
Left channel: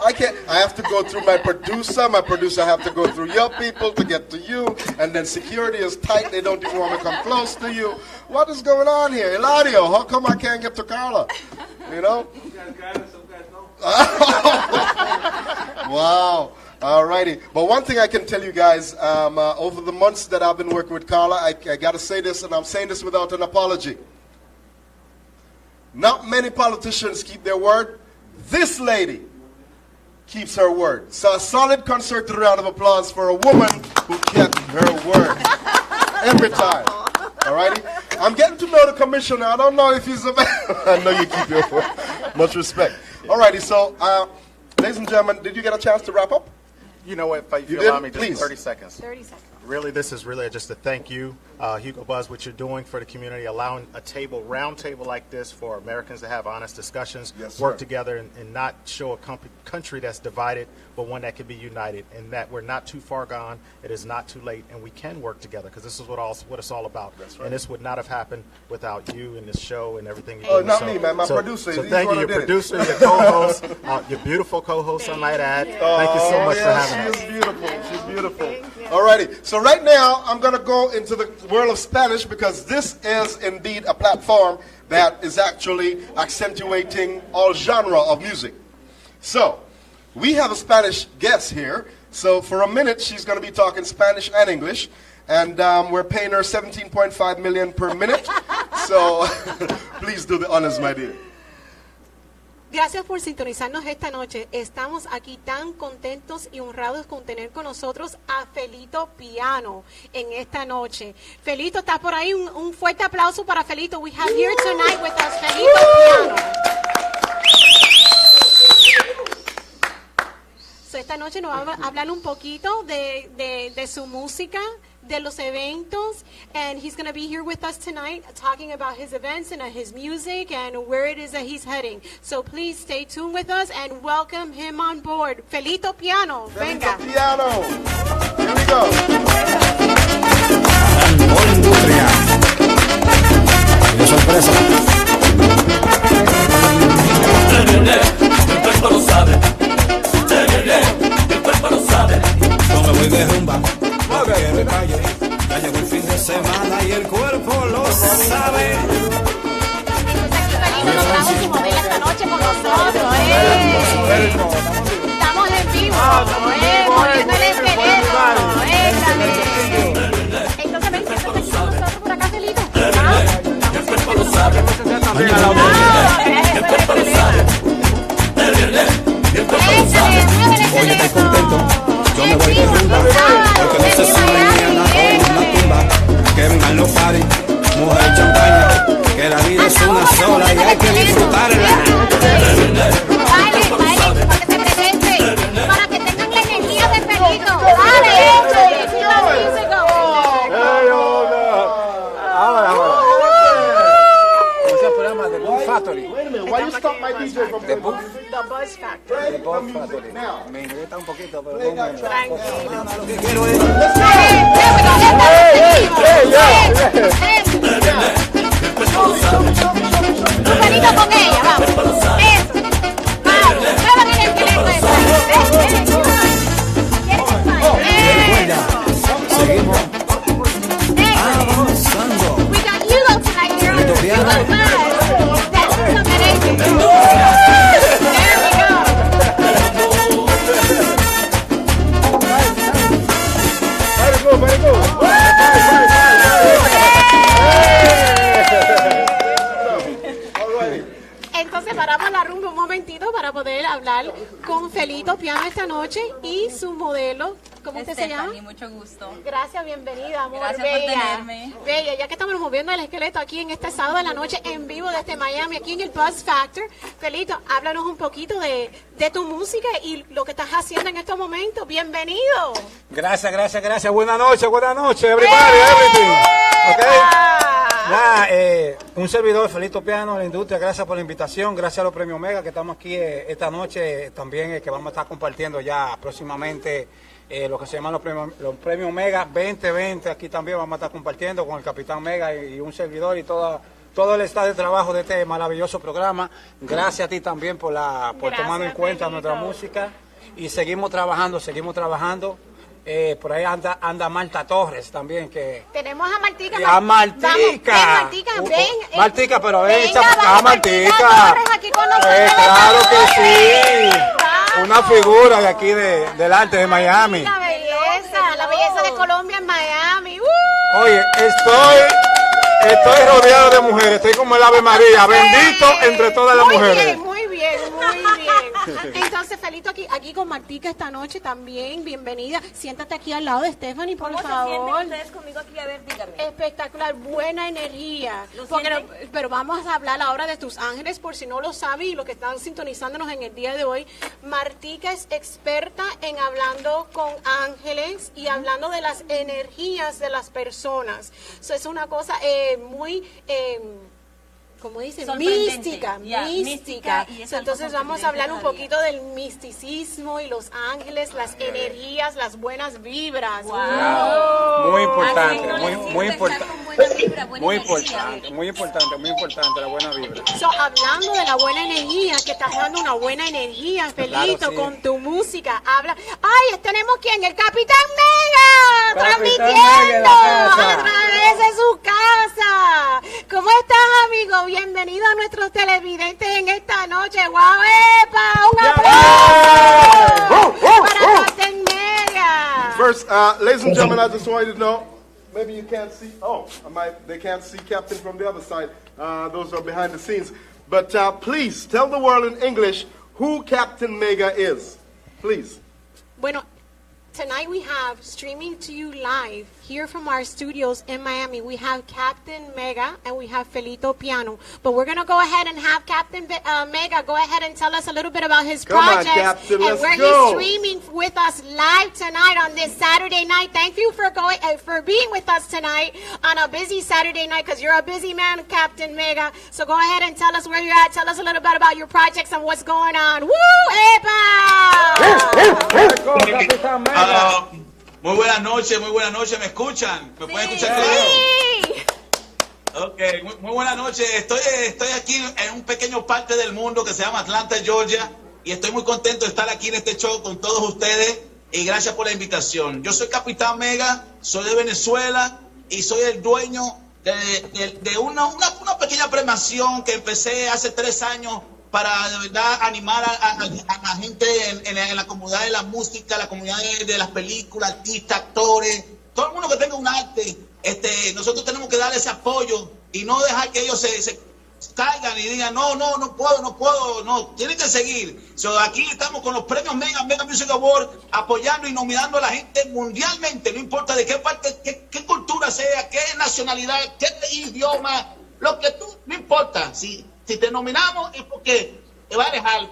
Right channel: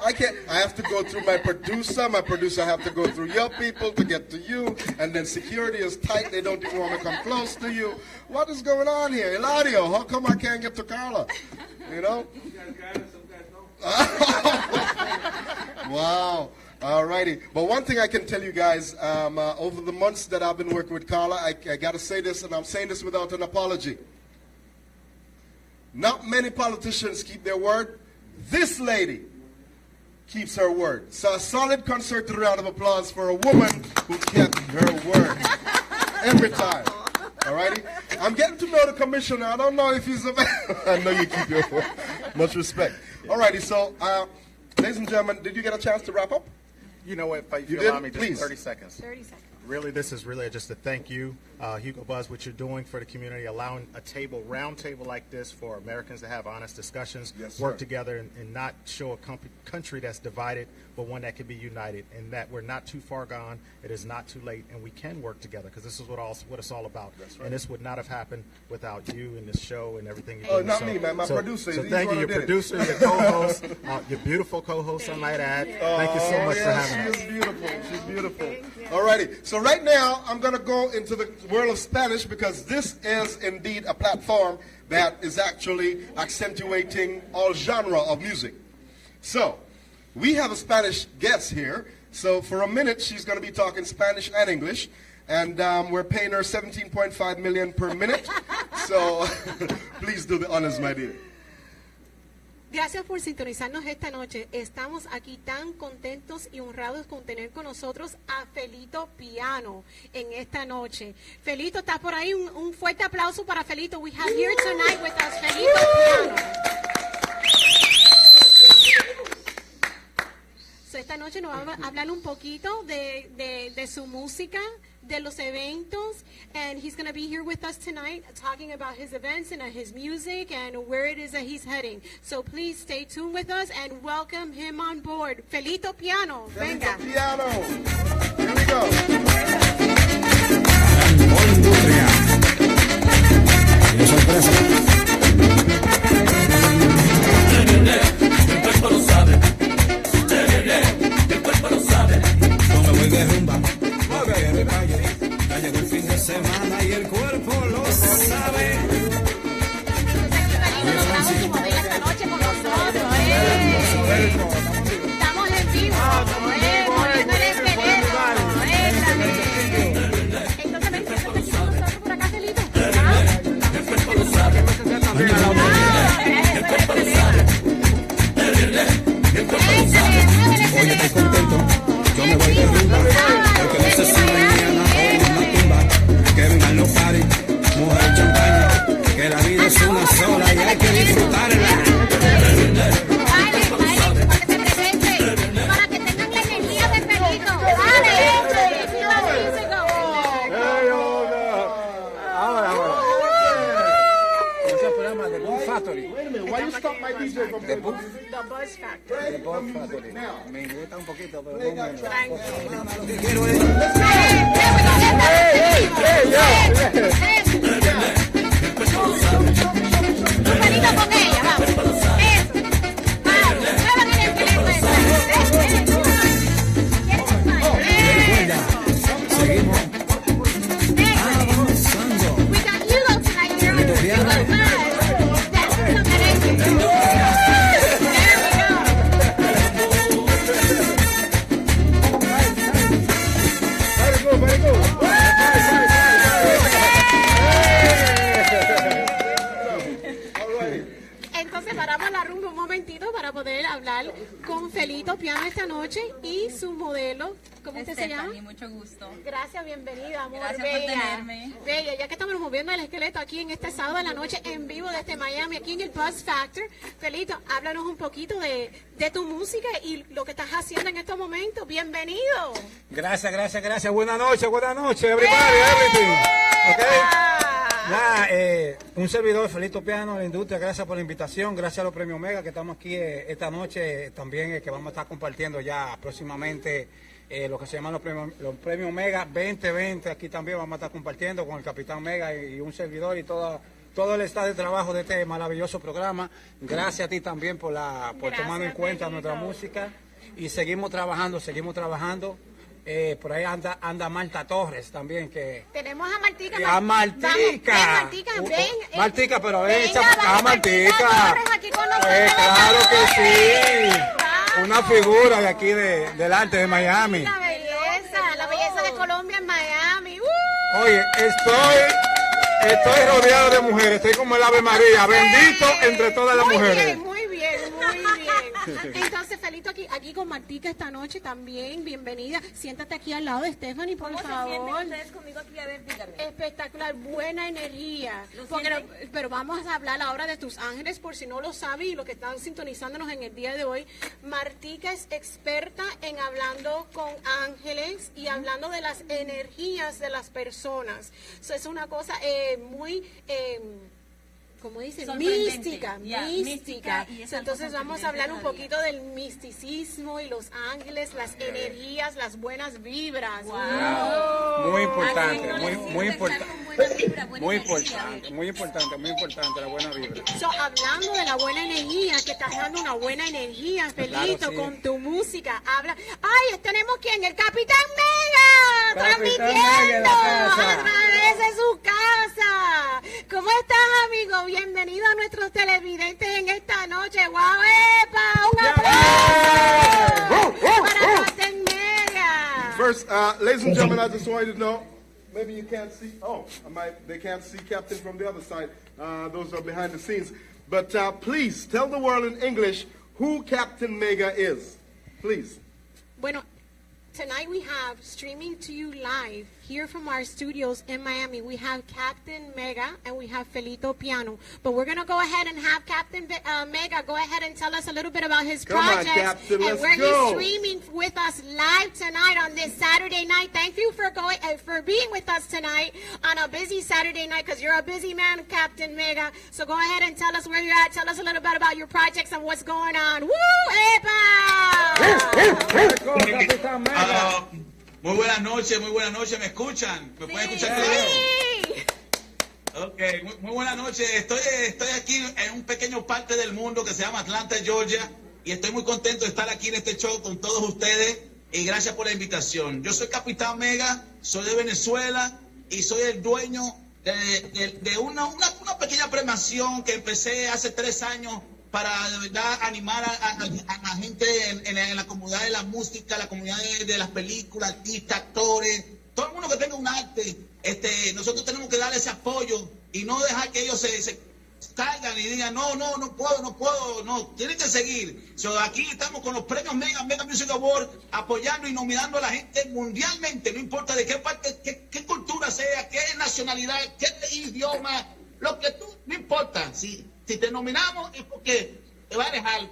I can't. I have to go through my producer. My producer have to go through your people to get to you, and then security is tight. They don't even want to come close to you. What is going on here, Eladio? How come I can't get to Carla? You know? You guys got it. Some guys don't. Wow. Alrighty, but one thing I can tell you guys, over the months that I've been working with Carla, I got to say this, and I'm saying this without an apology. Not many politicians keep their word. This lady keeps her word. So a solid concerted round of applause for a woman who kept her word every time. Alrighty, I'm getting to know the commissioner. I don't know if he's available. I know you keep your word. Much respect. Alrighty, so ladies and gentlemen, did you get a chance to wrap up? You know what, if you did? allow me, just Please. 30 seconds. 30 seconds. Really, this is really just a thank you, Hugo Buzz, what you're doing for the community, allowing a round table like this for Americans to have honest discussions, Yes, work sir. together, and not show a country that's divided, but one that can be united, and that we're not too far gone, it is not too late, and we can work together, because this is what it's all about. That's right. And this would not have happened without you and this show and everything you Oh, do. not me, man. My producer. So He's thank the you, one your who did it. producer, your co-host, your beautiful co-host, I might add. Thank you so much for having us. She's beautiful. She's beautiful. Alrighty, so right now I'm going to go into the world of Spanish because this is indeed a platform that is actually accentuating all genre of music. So, we have a Spanish guest here. So for a minute, she's going to be talking Spanish and English. And we're paying her $17.5 million per minute. So please do the honors, my dear. Gracias por sintonizarnos esta noche. Estamos aquí tan contentos y honrados con tener con nosotros a Felito Piano en esta noche. Felito, ¿estás por ahí? Un fuerte aplauso para Felito. We have here tonight with us Felito Piano. So, esta noche nos va a hablar un poquito de su música, de los eventos, and he's going to be here with us tonight talking about his events and his music and where it is that he's heading. So please stay tuned with us and welcome him on board. Felito Piano, venga. Felito Piano. Here we go. ¡Qué sorpresa! El cuerpo lo sabe. El cuerpo lo sabe. Cuando voy de rumba, de calle, ya llegó el fin de semana y el cuerpo lo sabe. Estamos y modela esta noche con nosotros. Estamos en vivo. Poniéndole el teléfono. Entonces, ven, siéntate aquí con nosotros por acá, Felito. El cuerpo lo sabe. El cuerpo lo sabe. El cuerpo lo sabe. Hoy estoy contento. Yo me voy de rumba. Porque no se sabe ni una tumba. Que vengan los pares, mujer y champaña. Que la vida es una sola y hay que disfrutarla. Baile, para que se presente, para que tengan la energía de Felito. Wait a minute, why you stop my DJ from The Buzz Factor. The Buzz Factory. Me inquieta un poquito, pero no menos. Felito con ella, vamos. Eso. Seguimos avanzando. We got Hugo tonight, girl. Hugo Buzz. Entonces paramos la rumba un momentito para poder hablar con Felito Piano esta noche y su modelo. ¿Cómo usted se llama? Mucho gusto. Gracias, bienvenida, amor. Gracias Bella. por tenerme. Bella, ya que estamos moviendo el esqueleto aquí en este sábado de la noche en vivo desde Miami, aquí en el Buzz Factor. Felito, háblanos un poquito de tu música y lo que estás haciendo en estos momentos. Bienvenido. Gracias. Buenas noches, everybody, everything. Okay. Nada, un servidor, Felito Piano, la industria, gracias por la invitación, gracias a los premios Mega que estamos aquí esta noche, también que vamos a estar compartiendo ya próximamente lo que se llaman los premios Mega 2020, aquí también vamos a estar compartiendo con el Capitán Mega y un servidor y todo el estado de trabajo de este maravilloso programa. Gracias a ti también por tomar en cuenta nuestra música y seguimos trabajando. Por ahí anda Marta Torres también que tenemos a Martica. Martica, pero ven, venga, Martica. Aquí con nosotros. Claro que sí. Una figura de aquí del arte de Miami. La belleza de Colombia en Miami. Oye, estoy rodeado de mujeres, estoy como el Ave María, bendito entre todas las mujeres. Muy bien. Entonces, Felito, aquí con Martica esta noche también, bienvenida. Siéntate aquí al lado de Stephanie, por favor. ¿Cómo se sienten ustedes conmigo aquí? A ver, dígame. Espectacular, buena energía. Pero vamos a hablar ahora de tus ángeles, por si no lo saben y los que están sintonizándonos en el día de hoy. Martica es experta en hablando con ángeles y hablando de las energías de las personas. Eso es una cosa muy... como dicen, mística. Entonces vamos a hablar un poquito del misticismo y los ángeles, las energías, las buenas vibras. Wow. Muy importante la buena vibra. Hablando de la buena energía, que estás dando una buena energía, Felito, claro, sí, con tu música. Tenemos ¿quién? El Capitán Mega, transmitiendo a través de su casa. ¿Cómo estás, amigo? Bienvenido a nuestros televidentes en esta noche. ¡Guau, epa! ¡Un aplauso para Capitán Mega! first, ladies and gentlemen, I just want you to know, maybe you can't see, they can't see Captain from the other side. Those are behind the scenes. But please, tell the world in English who Captain Mega is. Please. Bueno, tonight we have streaming to you live here from our studios in Miami. We have Captain Mega and we have Felito Piano. But we're going to go ahead and have Captain Mega go ahead and tell us a little bit about his projects. Come on, Captain, and let's where go. he's streaming with us live tonight on this Saturday night. Thank you for for being with us tonight on a busy Saturday night, because you're a busy man, Captain Mega. So go ahead and tell us where you're at. Tell us a little bit about your projects and what's going on. Woo! ¡Epa! Muy buenas noches, ¿me escuchan? ¿Me pueden escuchar? Sí. Ok, muy buenas noches. Estoy aquí en un pequeño parte del mundo que se llama Atlanta, Georgia, y estoy muy contento de estar aquí en este show con todos ustedes, y gracias por la invitación. Yo soy Capitán Mega, soy de Venezuela, y soy el dueño de una pequeña premiación que empecé hace 3 años para de verdad animar a la gente en la comunidad de la música, la comunidad de las películas, artistas, actores, todo el mundo que tenga un arte. Nosotros tenemos que darle ese apoyo y no dejar que ellos se caigan y digan no puedo, tienen que seguir. Aquí estamos con los premios Mega Music Award, apoyando y nominando a la gente mundialmente, no importa de qué parte, qué cultura sea, qué nacionalidad, qué idioma, lo que tú, no importa. Si te nominamos es porque te va a dejar,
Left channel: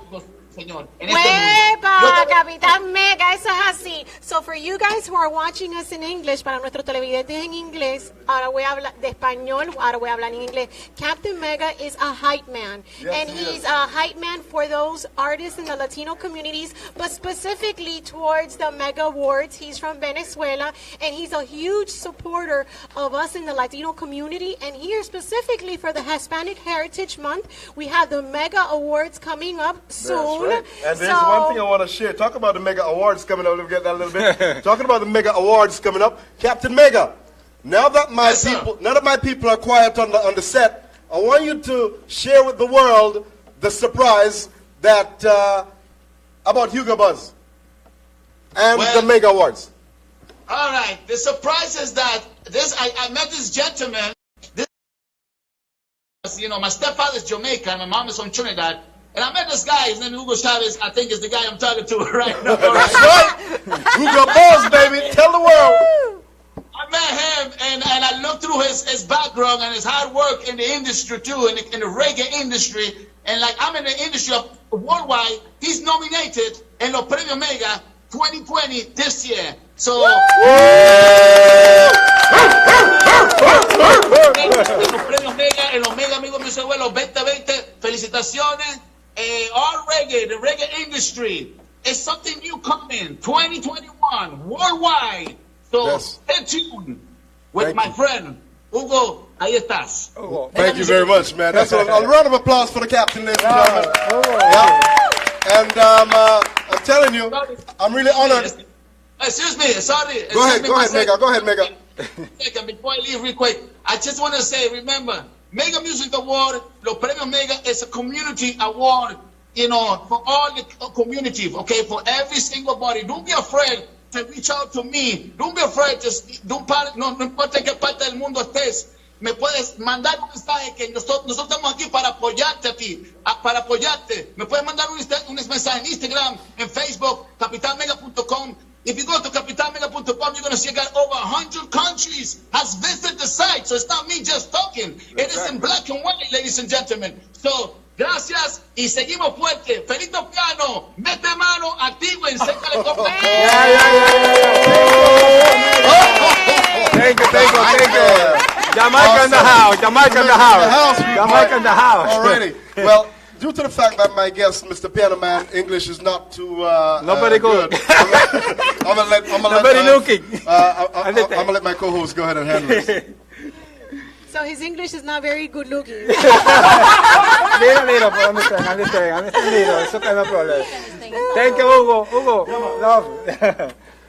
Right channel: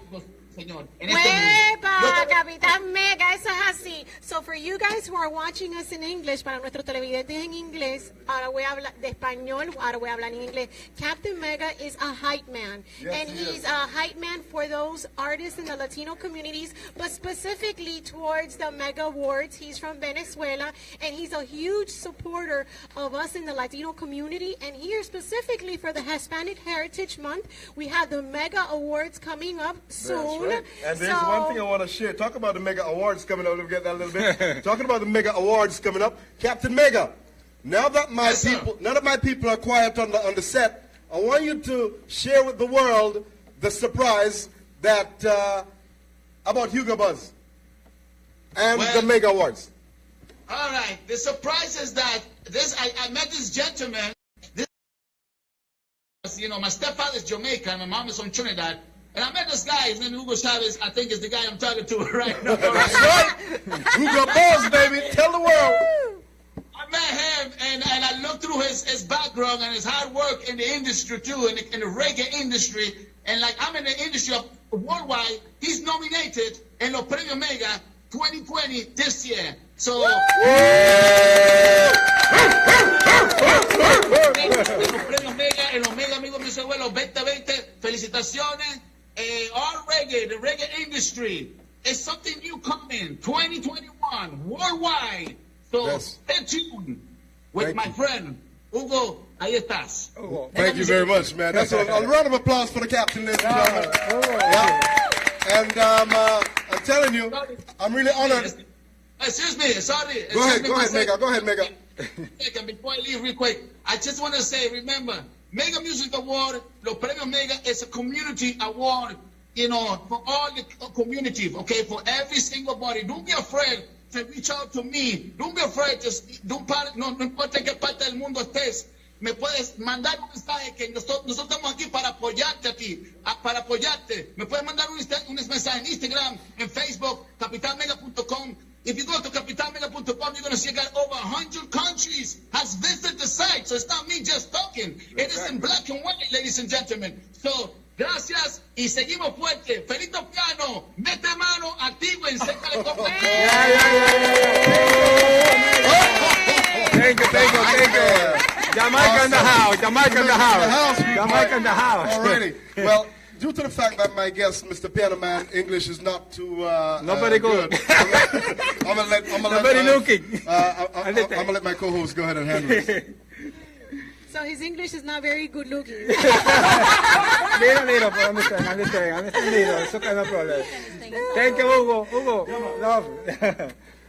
señor, en este mundo. Capitán Mega, eso es así. So for you guys who are watching us in English, para nuestros televidentes en inglés, ahora voy a hablar de español, ahora voy a hablar en inglés. Captain Mega is a hype man. Yes, and he's a hype man for those artists in the Latino communities, but specifically towards the Mega Awards. He's from Venezuela, and he's a huge supporter of us in the Latino community. And here specifically for the Hispanic Heritage Month, we have the Mega Awards coming up soon. That's right. And there's one thing I want to share. Talk about the Mega Awards coming up. Let me get that a little bit. Talking about the Mega Awards coming up. Captain Mega, now that my people are quiet on the set, I want you to share with the world the surprise that about Hugo Buzz and the Mega Awards. All right. The surprise is that I met this gentleman. My stepfather's Jamaican, and my mom is from Trinidad. And I met this guy, his name is Hugo Chavez, I think is the guy I'm talking to right now. That's right. Hugo Buzz, baby. Tell the world. I met him, and I looked through his background and his hard work in the industry, too, in the reggae industry. And like I'm in the industry of worldwide, he's nominated in los Premios Mega 2020 this year. So... en los Mega Amigos Music Award 2020, felicitaciones. All reggae, the reggae industry, is something new coming, 2021, worldwide. So stay tuned with my friend, Hugo. Ahí estás. Thank you very much, man. That's a round of applause for the captain, ladies and gentlemen. And I'm telling you, I'm really honored. Excuse me, sorry. Go ahead, Mega. Before I leave real quick, I just want to say, remember, Mega Music Award, Los Premios Mega is a community award, for all the community, okay, for every single body. Don't be afraid to reach out to me. Don't be afraid no importa en qué parte del mundo estés. Me puedes mandar un mensaje que nosotros estamos aquí para apoyarte a ti, para apoyarte. Me puedes mandar un mensaje en Instagram, en Facebook, capitanmega.com. If you go to capitanmega.com, you're going to see that over 100 countries has visited the site. So it's not me just talking. It is in black and white, ladies and gentlemen. So, gracias y seguimos fuerte. Felito Piano, mete mano, activo, enséñale cómo. Thank you. Jamaica in the house. Alrighty. Well, due to the fact that my guest, Mr. Piano Man, English is not too not very good. I'm gonna let my co-host go ahead and handle this. So his English is not very good looking. Little, but understand. It's okay, no problem. Thank you, Hugo. Love.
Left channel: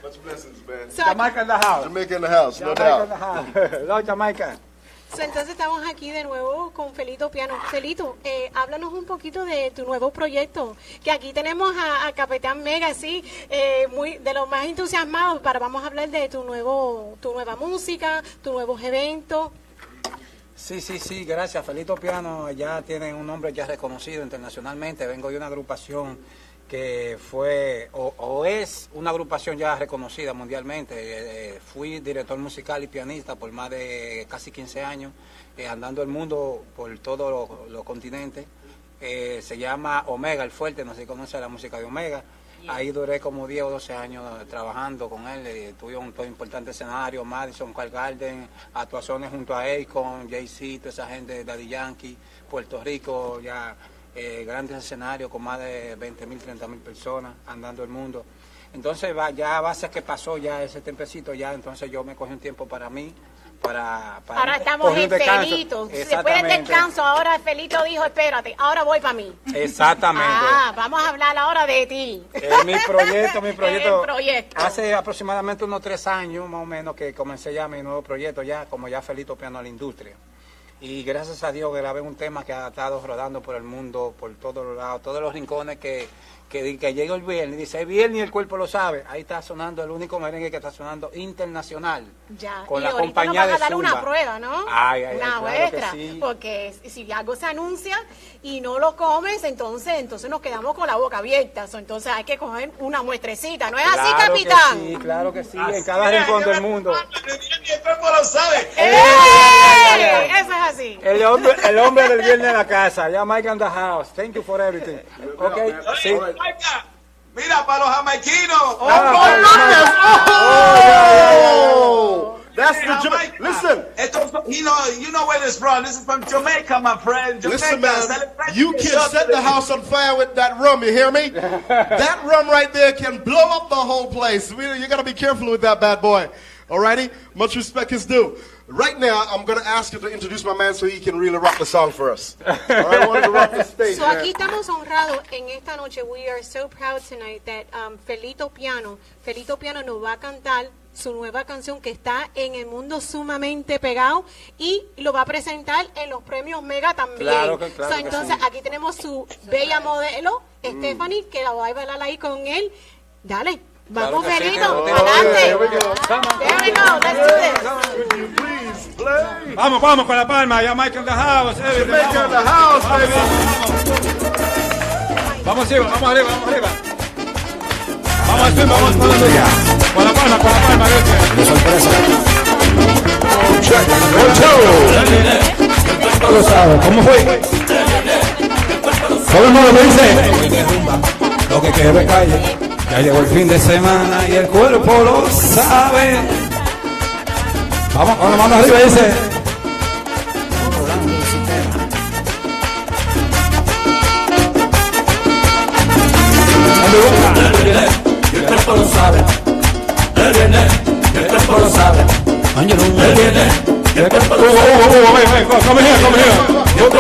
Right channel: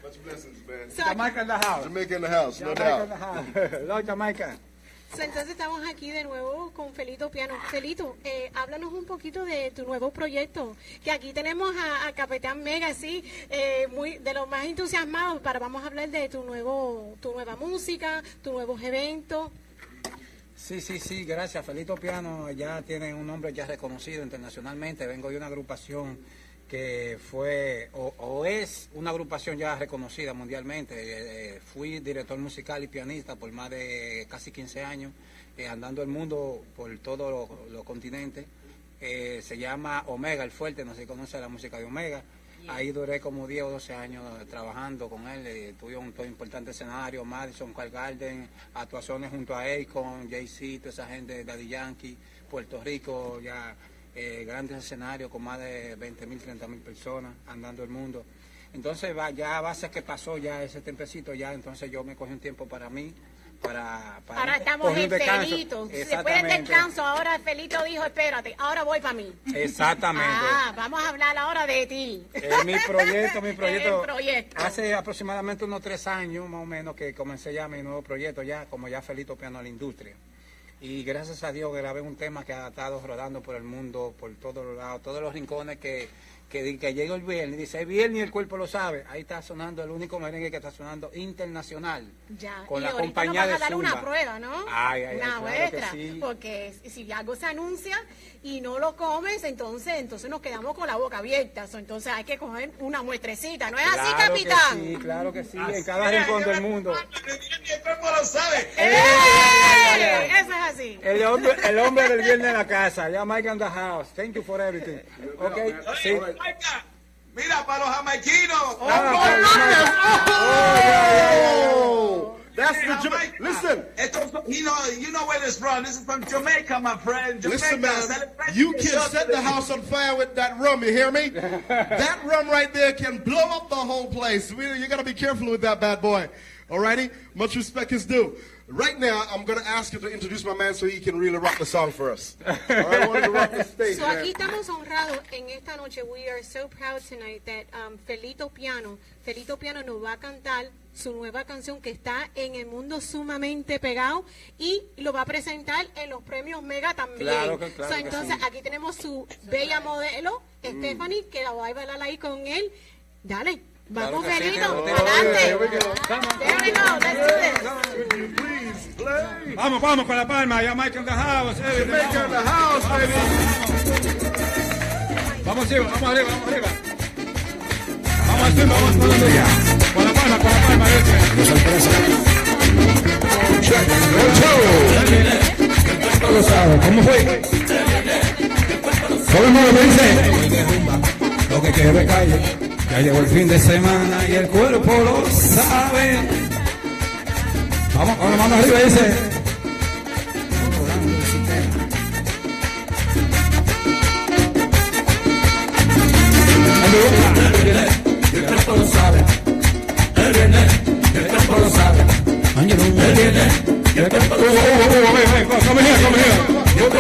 Much blessings, man. Jamaica in the house. Jamaica in the house, no doubt. Love Jamaica. Entonces estamos aquí de nuevo con Felito Piano. Felito, háblanos un poquito de tu nuevo proyecto, que aquí tenemos a Capitán Mega, sí, muy de los más entusiasmados vamos a hablar de tu nueva música, tus nuevos eventos. Sí, gracias. Felito Piano ya tiene un nombre ya reconocido internacionalmente. Vengo de una agrupación que fue o es una agrupación ya reconocida mundialmente. Fui director musical y pianista por más de casi 15 años, andando el mundo por todos los continentes. Se llama Omega, el Fuerte, no sé si conoce la música de Omega. Ahí duré como 10 o 12 años trabajando con él. Tuve un importante escenario, Madison Square Garden, actuaciones junto a Akon, Jay-Z, toda esa gente de Daddy Yankee, Puerto Rico, ya grandes escenarios con más de 20.000, 30.000 personas andando el mundo. Entonces ya a base que pasó ya ese tiempecito, ya entonces yo me cogí un tiempo para mí, ahora estamos en Felito. Después del descanso, ahora Felito dijo, espérate, ahora voy para mí. Exactamente. Vamos a hablar ahora de ti. Mi proyecto. El proyecto. Hace aproximadamente unos 3 años más o menos que comencé ya mi nuevo proyecto, ya como ya Felito Piano a la Industria. Y gracias a Dios grabé un tema que ha estado rodando por el mundo, por todos los lados, todos los rincones que llega el viernes y dice, el viernes y el cuerpo lo sabe. Ahí está sonando el único merengue que está sonando internacional. Ya. Con y la compañía nos vas a dar Zumba. una prueba, ¿no? Una claro muestra. Sí. Porque si algo se anuncia y no lo comes, entonces nos quedamos con la boca abierta. Entonces hay que coger una muestrecita. ¿No es así, capitán? Sí, claro que sí. En cada rincón del mundo. El cuerpo lo sabe. Eso es así. El hombre del viernes en la casa. Ya Mike in the house. Thank you for everything. Okay. Sí. Mira, para los jamaiquinos. That's the listen. You know where this from? This is from Jamaica, my friend. Jamaica. Listen, man, you can set the house on fire with that rum. You hear me? That rum right there can blow up the whole place. You got to be careful with that bad boy. Alrighty? Much respect is due. Right now, I'm going to ask you to introduce my man so he can really rock the song for us. All right, I want to rock the stage, So aquí estamos honrados en esta noche. We are so proud tonight that Felito Piano nos va a cantar su nueva canción que está en el mundo sumamente pegado y lo va a presentar en los premios Mega también. Claro que entonces sí. aquí tenemos su bella modelo, Stephanie, que la va a bailar ahí con él. Dale. Vamos, Felito, adelante. There we go, let's do this. Vamos con la palma, ya Mike in the house. Jamaica in the house, baby. Vamos arriba. Vamos con la palma, Lo sabe, ¿cómo fue? Todo el mundo lo dice. Lo que quiero es calle. Ya llegó el fin de semana y el cuerpo lo sabe. Vamos con la mano arriba, dice. El cuerpo lo sabe. El cuerpo lo sabe. El cuerpo lo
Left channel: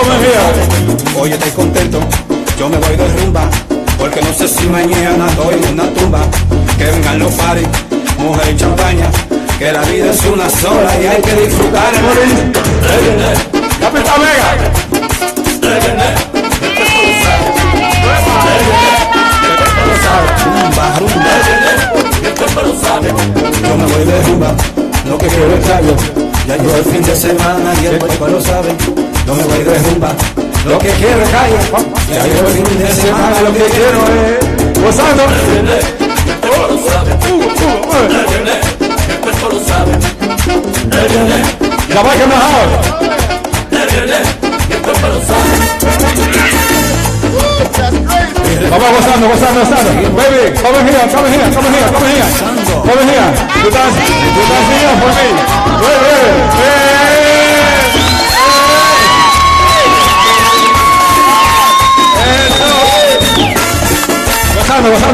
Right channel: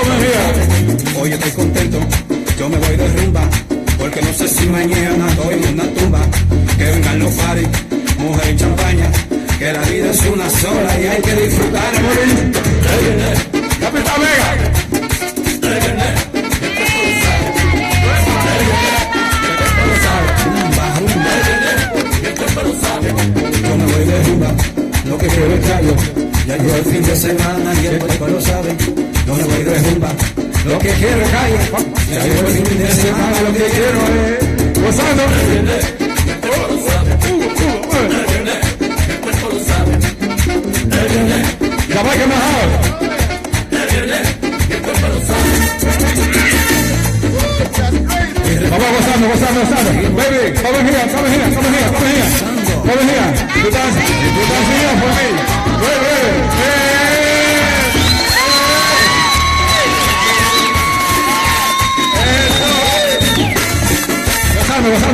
sabe. Oye, estoy contento. Yo me voy de rumba. Porque no sé si mañana estoy en una tumba. Que vengan los paris, mujer y champaña. Que la vida es una sola y hay que disfrutar. Capitán Mega. Yo me voy de rumba, lo que quiero es callo. Ya llegó el fin de semana y el cuerpo lo sabe. Yo me voy de rumba, lo que quiero es callo. Ya llegó el fin de semana, lo que quiero es gozando. El cuerpo lo sabe. El cuerpo lo sabe. La vaca mejor. El cuerpo lo sabe. Vamos gozando. Baby, come here. You dance here for me.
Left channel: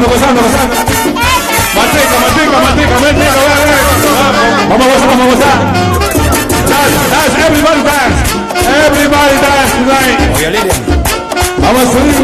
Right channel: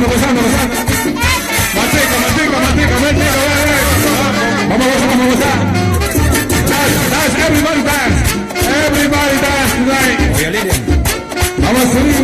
Gozando. Matica. Vamos a gozar. Dance, everybody dance tonight. Oye, Lilian. Vamos a subir.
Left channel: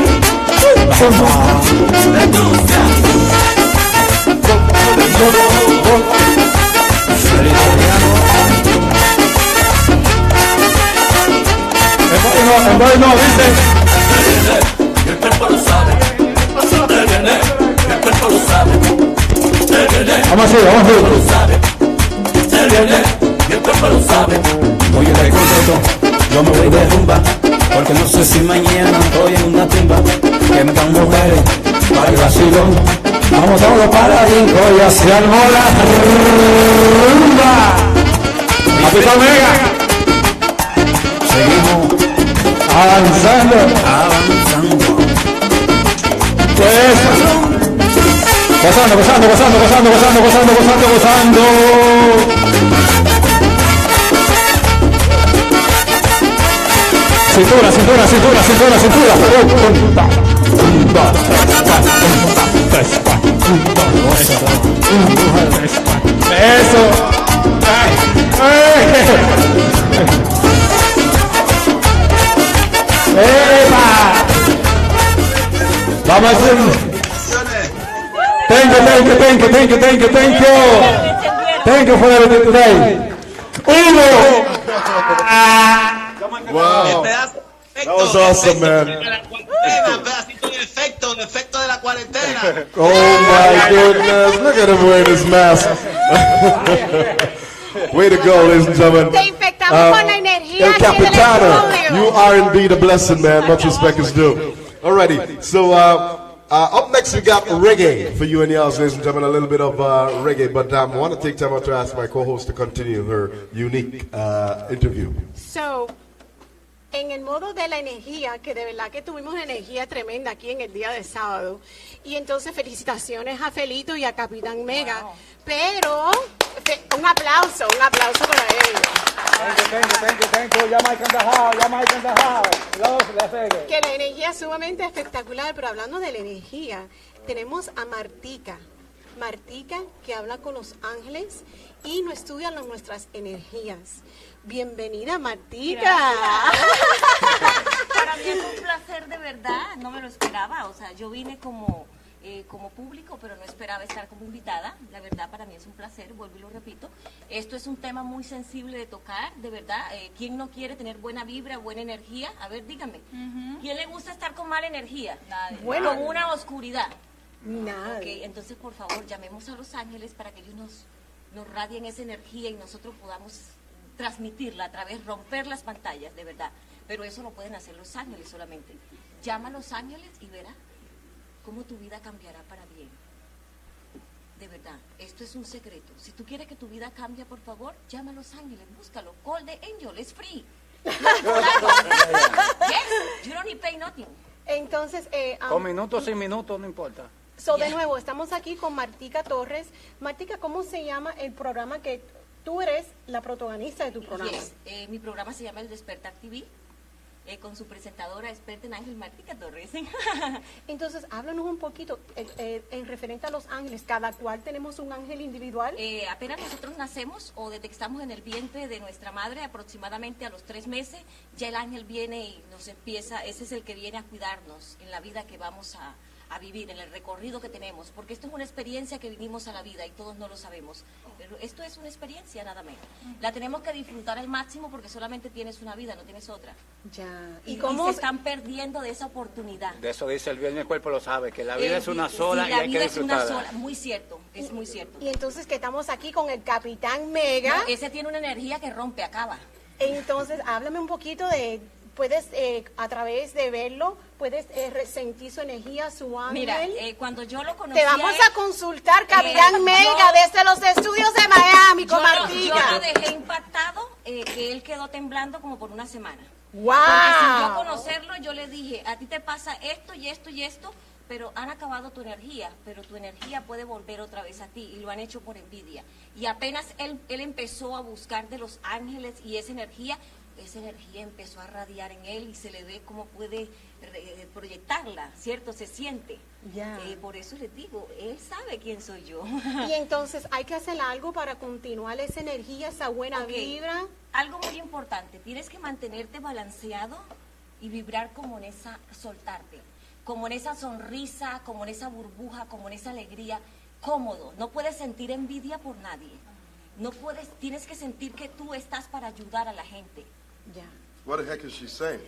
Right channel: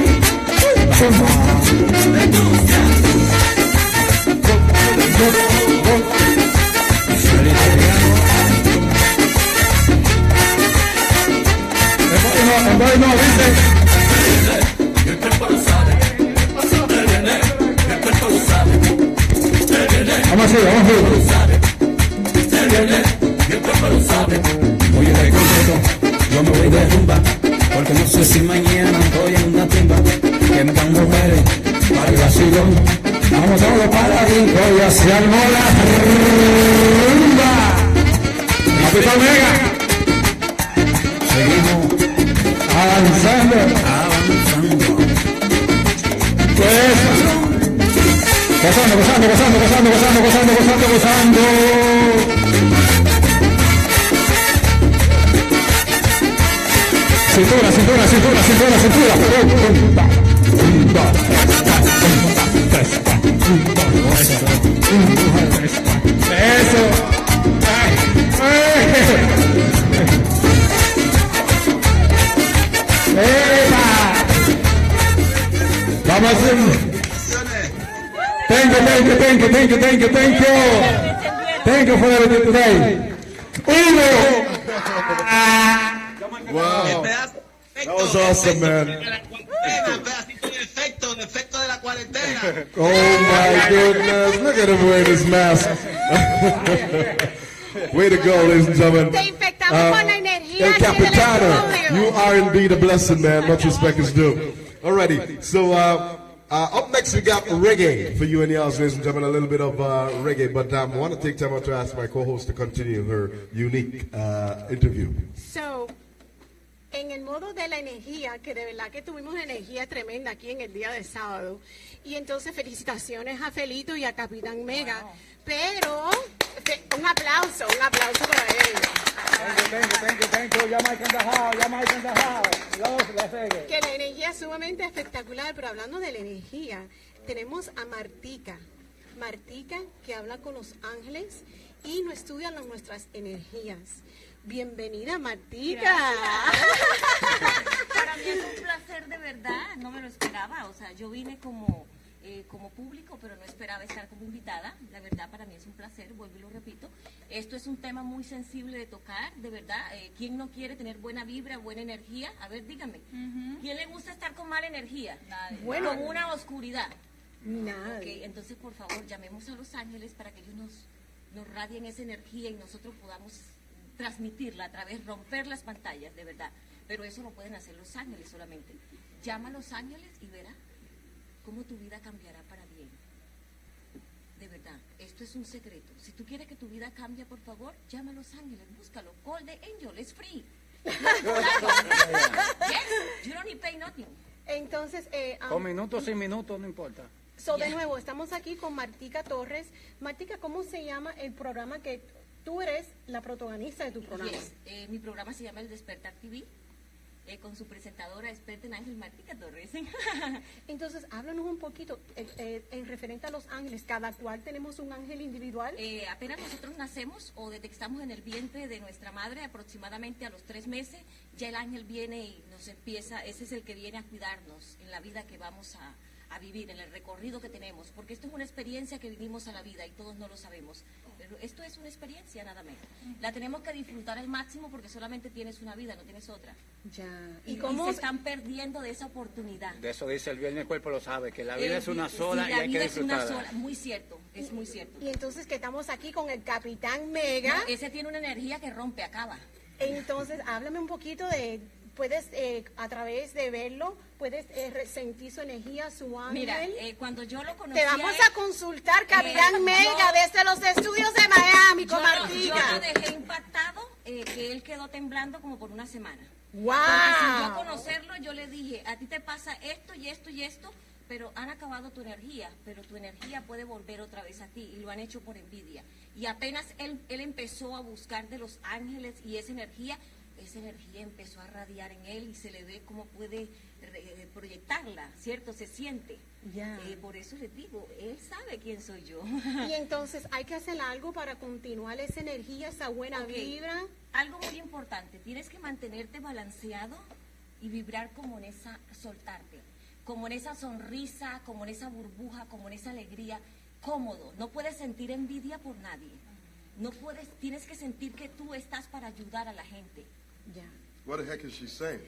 rico. Vamos todos para rico y así armó la rumba. Capitán Mega. Seguimos avanzando. Pues, gozando. Cintura. Eso. Vamos a hacer. Thank you for everything today. Uno. Wow. That was awesome, man. El efecto de la cuarentena. Oh my goodness. Look at him wearing his mask. Way to go, ladies and gentlemen. Te infectamos con la energía. El Capitano, you are indeed a blessing, man. Much respect is due. Alrighty, so up next we got reggae for you and yours, ladies and gentlemen. A little bit of reggae, but I want to take time out to ask my co-host to continue her unique interview. So, en el modo de la energía, que de verdad que tuvimos una energía tremenda aquí en el día de sábado. Y entonces felicitaciones a Felito y a Capitán Mega. Wow. Pero un aplauso para ellos. Thank you. Jamaica in the house. Que la energía es sumamente espectacular, pero hablando de la energía, tenemos a Martica, que habla con los ángeles y nos estudia nuestras energías. Bienvenida, Martica. Para mí es un placer de verdad, no me lo esperaba, o sea, yo vine como público, pero no esperaba estar como invitada. La verdad, para mí es un placer, vuelvo y lo repito. Esto es un tema muy sensible de tocar, de verdad. ¿Quién no quiere tener buena vibra, buena energía? A ver, díganme. ¿Quién le gusta estar con mala energía? Nadie. Bueno, con una oscuridad. Nadie. Ok, entonces, por favor, llamemos a los ángeles para que ellos nos radien esa energía y nosotros podamos transmitirla a través, romper las pantallas, de verdad. Pero eso lo pueden hacer los ángeles solamente. Llama a los ángeles y verá cómo tu vida cambiará para bien. De verdad, esto es un secreto. Si tú quieres que tu vida cambie, por favor, llama a los ángeles, búscalo. Call the angel, es free. Yes, you don't need pay nothing. Entonces, con minutos, sin minutos, no importa. De nuevo, estamos aquí con Martica Torres. Martica, ¿cómo se llama el programa que tú eres la protagonista de tu programa? Yes, mi programa se llama El Despertar TV. Con su presentadora experta en Ángel Martica Torres. Entonces, háblanos un poquito en referente a los ángeles. ¿Cada cual tenemos un ángel individual? Apenas nosotros nacemos o detectamos en el vientre de nuestra madre, aproximadamente a los 3 meses, ya el ángel viene y nos empieza, ese es el que viene a cuidarnos en la vida que vamos a vivir, en el recorrido que tenemos, porque esto es una experiencia que vinimos a la vida y todos no lo sabemos, pero esto es una experiencia nada menos. La tenemos que disfrutar al máximo porque solamente tienes una vida, no tienes otra. Ya. ¿Y cómo se están perdiendo de esa oportunidad? De eso dice el bien, el cuerpo lo sabe, que la vida es una sola, sí, y hay que disfrutarla. La vida es una sola, muy cierto, es muy cierto. Y entonces que estamos aquí con el Capitán Mega. No, ese tiene una energía que rompe, acaba. Entonces, háblame un poquito de... Puedes, a través de verlo, puedes sentir su energía, su ángel. Mira, cuando yo lo conocí... Te vamos a consultar, Capitán Mega, desde los estudios de Miami, con Martica. Yo lo dejé impactado, que él quedó temblando como por una semana. ¡Wow! Porque sin yo conocerlo, yo le dije, a ti te pasa esto y esto y esto, pero han acabado tu energía, pero tu energía puede volver otra vez a ti, y lo han hecho por envidia. Y apenas él empezó a buscar de los ángeles y esa energía empezó a radiar en él y se le ve cómo puede proyectarla, ¿cierto? Se siente. Ya. Por eso les digo, él sabe quién soy yo. Y entonces hay que hacer algo para continuar esa energía, esa buena vibra. Algo muy importante, tienes que mantenerte balanceado y vibrar como en esa, soltarte, como en esa sonrisa, como en esa burbuja, como en esa alegría, cómodo. No puedes sentir envidia por nadie. No puedes, tienes que sentir que tú estás para ayudar a la gente. Yeah. What the heck is she saying?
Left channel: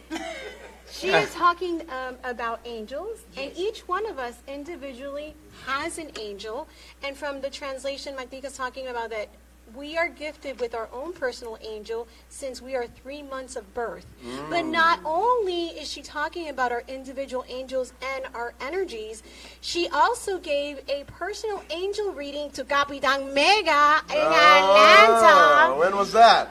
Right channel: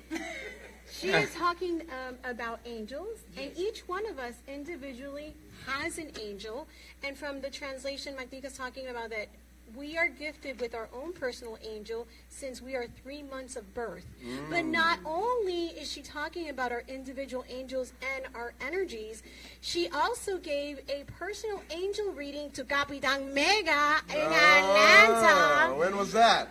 She is talking about angels, and each one of us individually has an angel. And from the translation, Martica is talking about that we are gifted with our own personal angel since we are 3 months of birth. But not only is she talking about our individual angels and our energies, she also gave a personal angel reading to Capitan Mega in Atlanta. When was that?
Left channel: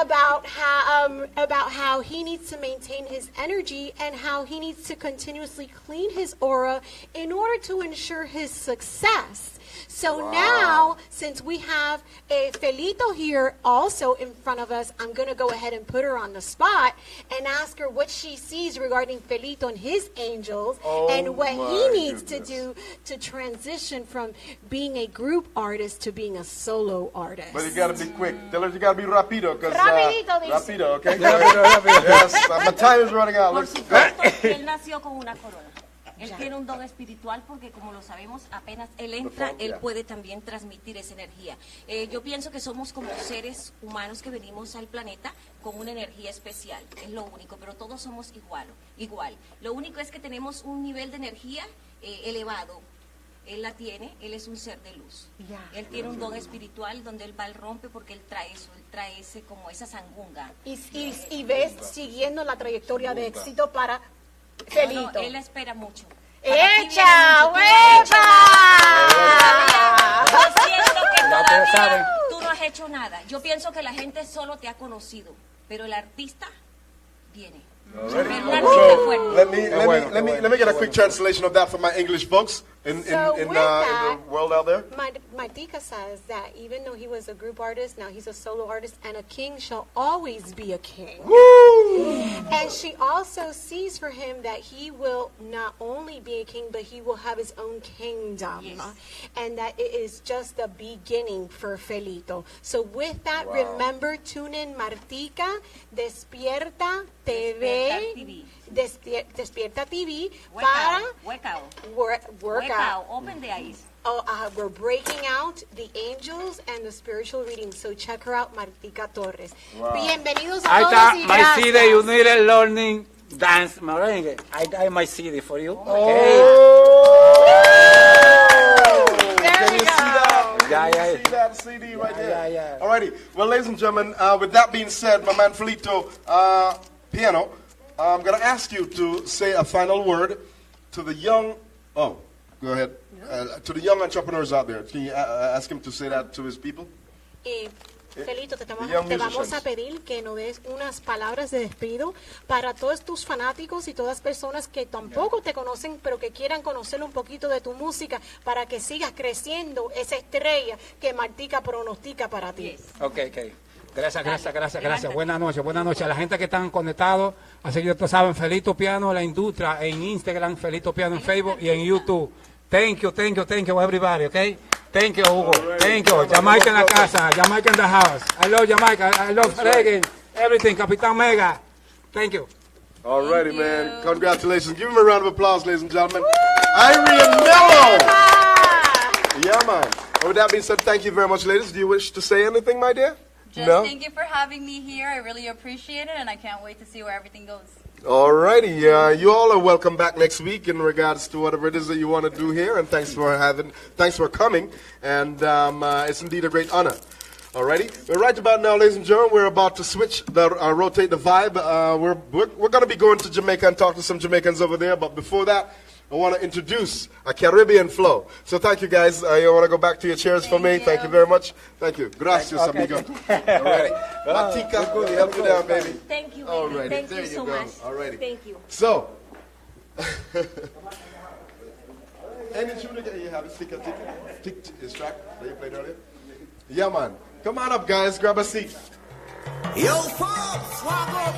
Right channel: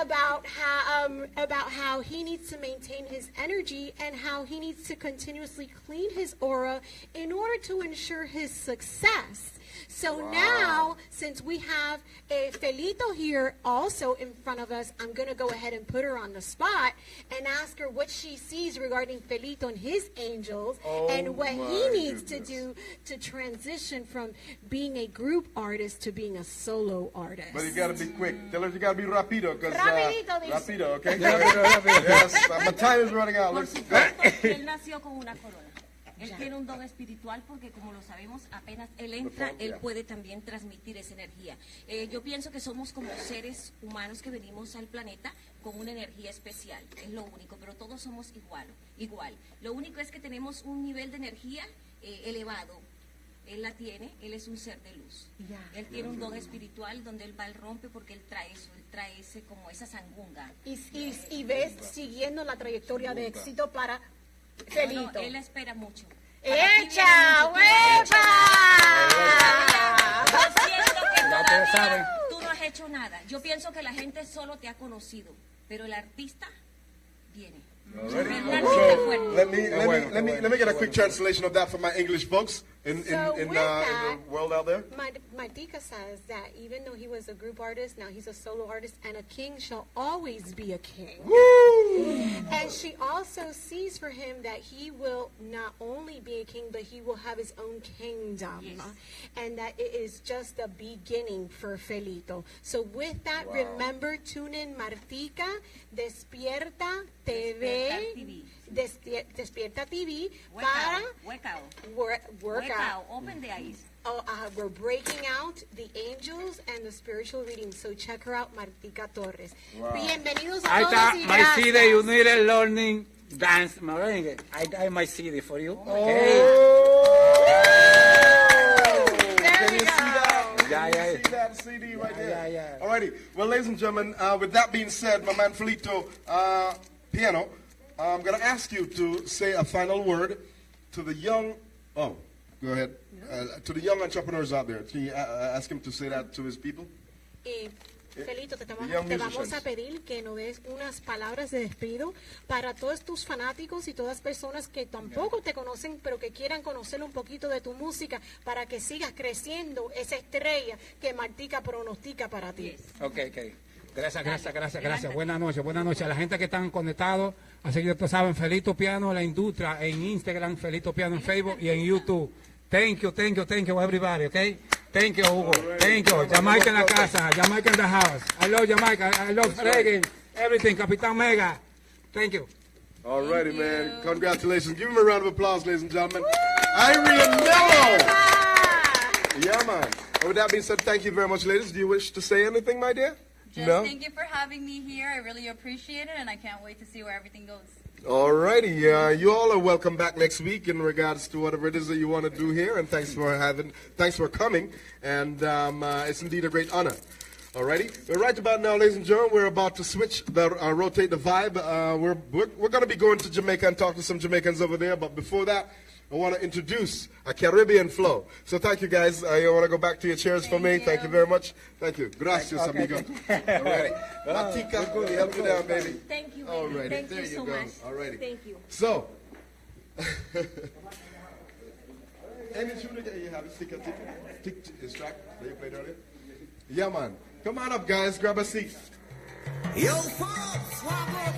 About how he needs to maintain his energy and how he needs to continuously clean his aura in order to ensure his success. So now, since we have a Felito here also in front of us, I'm going to go ahead and put her on the spot and ask her what she sees regarding Felito and his angels and what he needs to do to transition from being a group artist to being a solo artist. But you got to be quick. Tell her you got to be rapido. Rapido, okay? Rápido. Yes, my time is running out. Por supuesto, él nació con una corona. Él tiene un don espiritual porque, como lo sabemos, apenas él entra, él puede también transmitir esa energía. Yo pienso que somos como seres humanos que venimos al planeta con una energía especial, es lo único, pero todos somos igual. Lo único es que tenemos un nivel de energía elevado. Él la tiene, él es un ser de luz. Él tiene un don espiritual donde él va al rompe porque él trae eso, él trae ese, como esa sangunga. Y ves siguiendo la trayectoria de éxito para Felito. No, él espera mucho. ¡Echa, huepa! Yo siento que todavía tú no has hecho nada. Yo pienso que la gente solo te ha conocido, pero el artista viene. So, let me get a quick translation of that for my English folks in the world out there. Martika says that even though he was a group artist, now he's a solo artist, and a king shall always be a king. Woo! And she also sees for him that he will not only be a king, but he will have his own kingdom. And that it is just the beginning for Felito. So with that, remember, tune in Martika, Despierta TV. Despierta TV para workout. Open the eyes. We're breaking out the angels and the spiritual readings. So check her out, Martika Torres. Bienvenidos a Ahí todos está, y my gracias. CD, you need a learning dance merengue. I got my CD for you. Okay. Can you see that? Yeah. See that CD right there? Yeah. Alrighty. Well, ladies and gentlemen, with that being said, my man Felito Piano, I'm going to ask you to say a final word to the young, go ahead, to the young entrepreneurs out there. Can you ask him to say that to his people? Felito, te vamos a pedir que nos des unas palabras de despido para todos tus fanáticos y todas personas que tampoco te conocen, pero que quieran conocer un poquito de tu música para que sigas creciendo esa estrella que Martika pronostica para ti. Okay. Gracias. Buenas noches a la gente que están conectados. Así que ustedes saben, Felito Piano, la industria, en Instagram, Felito Piano en Facebook y en YouTube. Thank you, everybody, okay? Thank you, Hugo. Thank you. Jamaica en la casa, Jamaica in the house. I love Jamaica, I love reggae, everything. Capitán Mega. Thank you. Alrighty, man. Congratulations. Give him a round of applause, ladies and gentlemen. Irene Mello. Yeah, man. With that being said, thank you very much, ladies. Do you wish to say anything, my dear? Thank you for having me here. I really appreciate it, and I can't wait to see where everything goes. Alrighty, you all are welcome back next week in regards to whatever it is that you want to do here, and thanks for coming, and it's indeed a great honor. Alrighty, well, right about now, ladies and gentlemen, we're about to switch, rotate the vibe. We're going to be going to Jamaica and talk to some Jamaicans over there, but before that, I want to introduce a Caribbean flow. So thank you, guys. You want to go back to your chairs for me? Thank you very much. Thank you. Gracias, amigo. Alrighty. Matika, we help you down, baby. Thank you, baby. Alrighty, Thank there you so go. much. Alrighty. Thank you. So, any tune that you have, tick, this track that you played earlier? Yeah, man. Come on up, guys. Grab a seat. Yo, folks,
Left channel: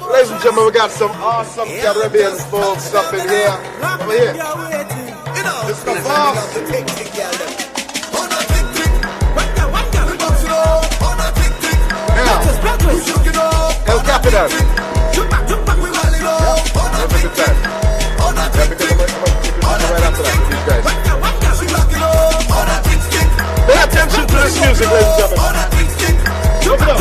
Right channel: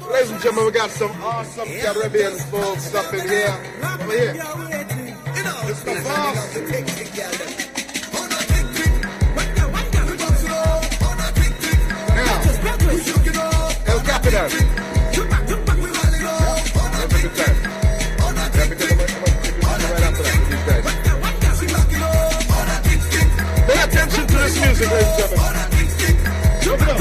ladies and gentlemen, we got some awesome Caribbean folk stuff in here. Over here. It's the boss. Now, El Capitan. Have a good time. Yeah, because I'm right after that with these guys. Pay attention to this music, ladies and gentlemen. Look it up.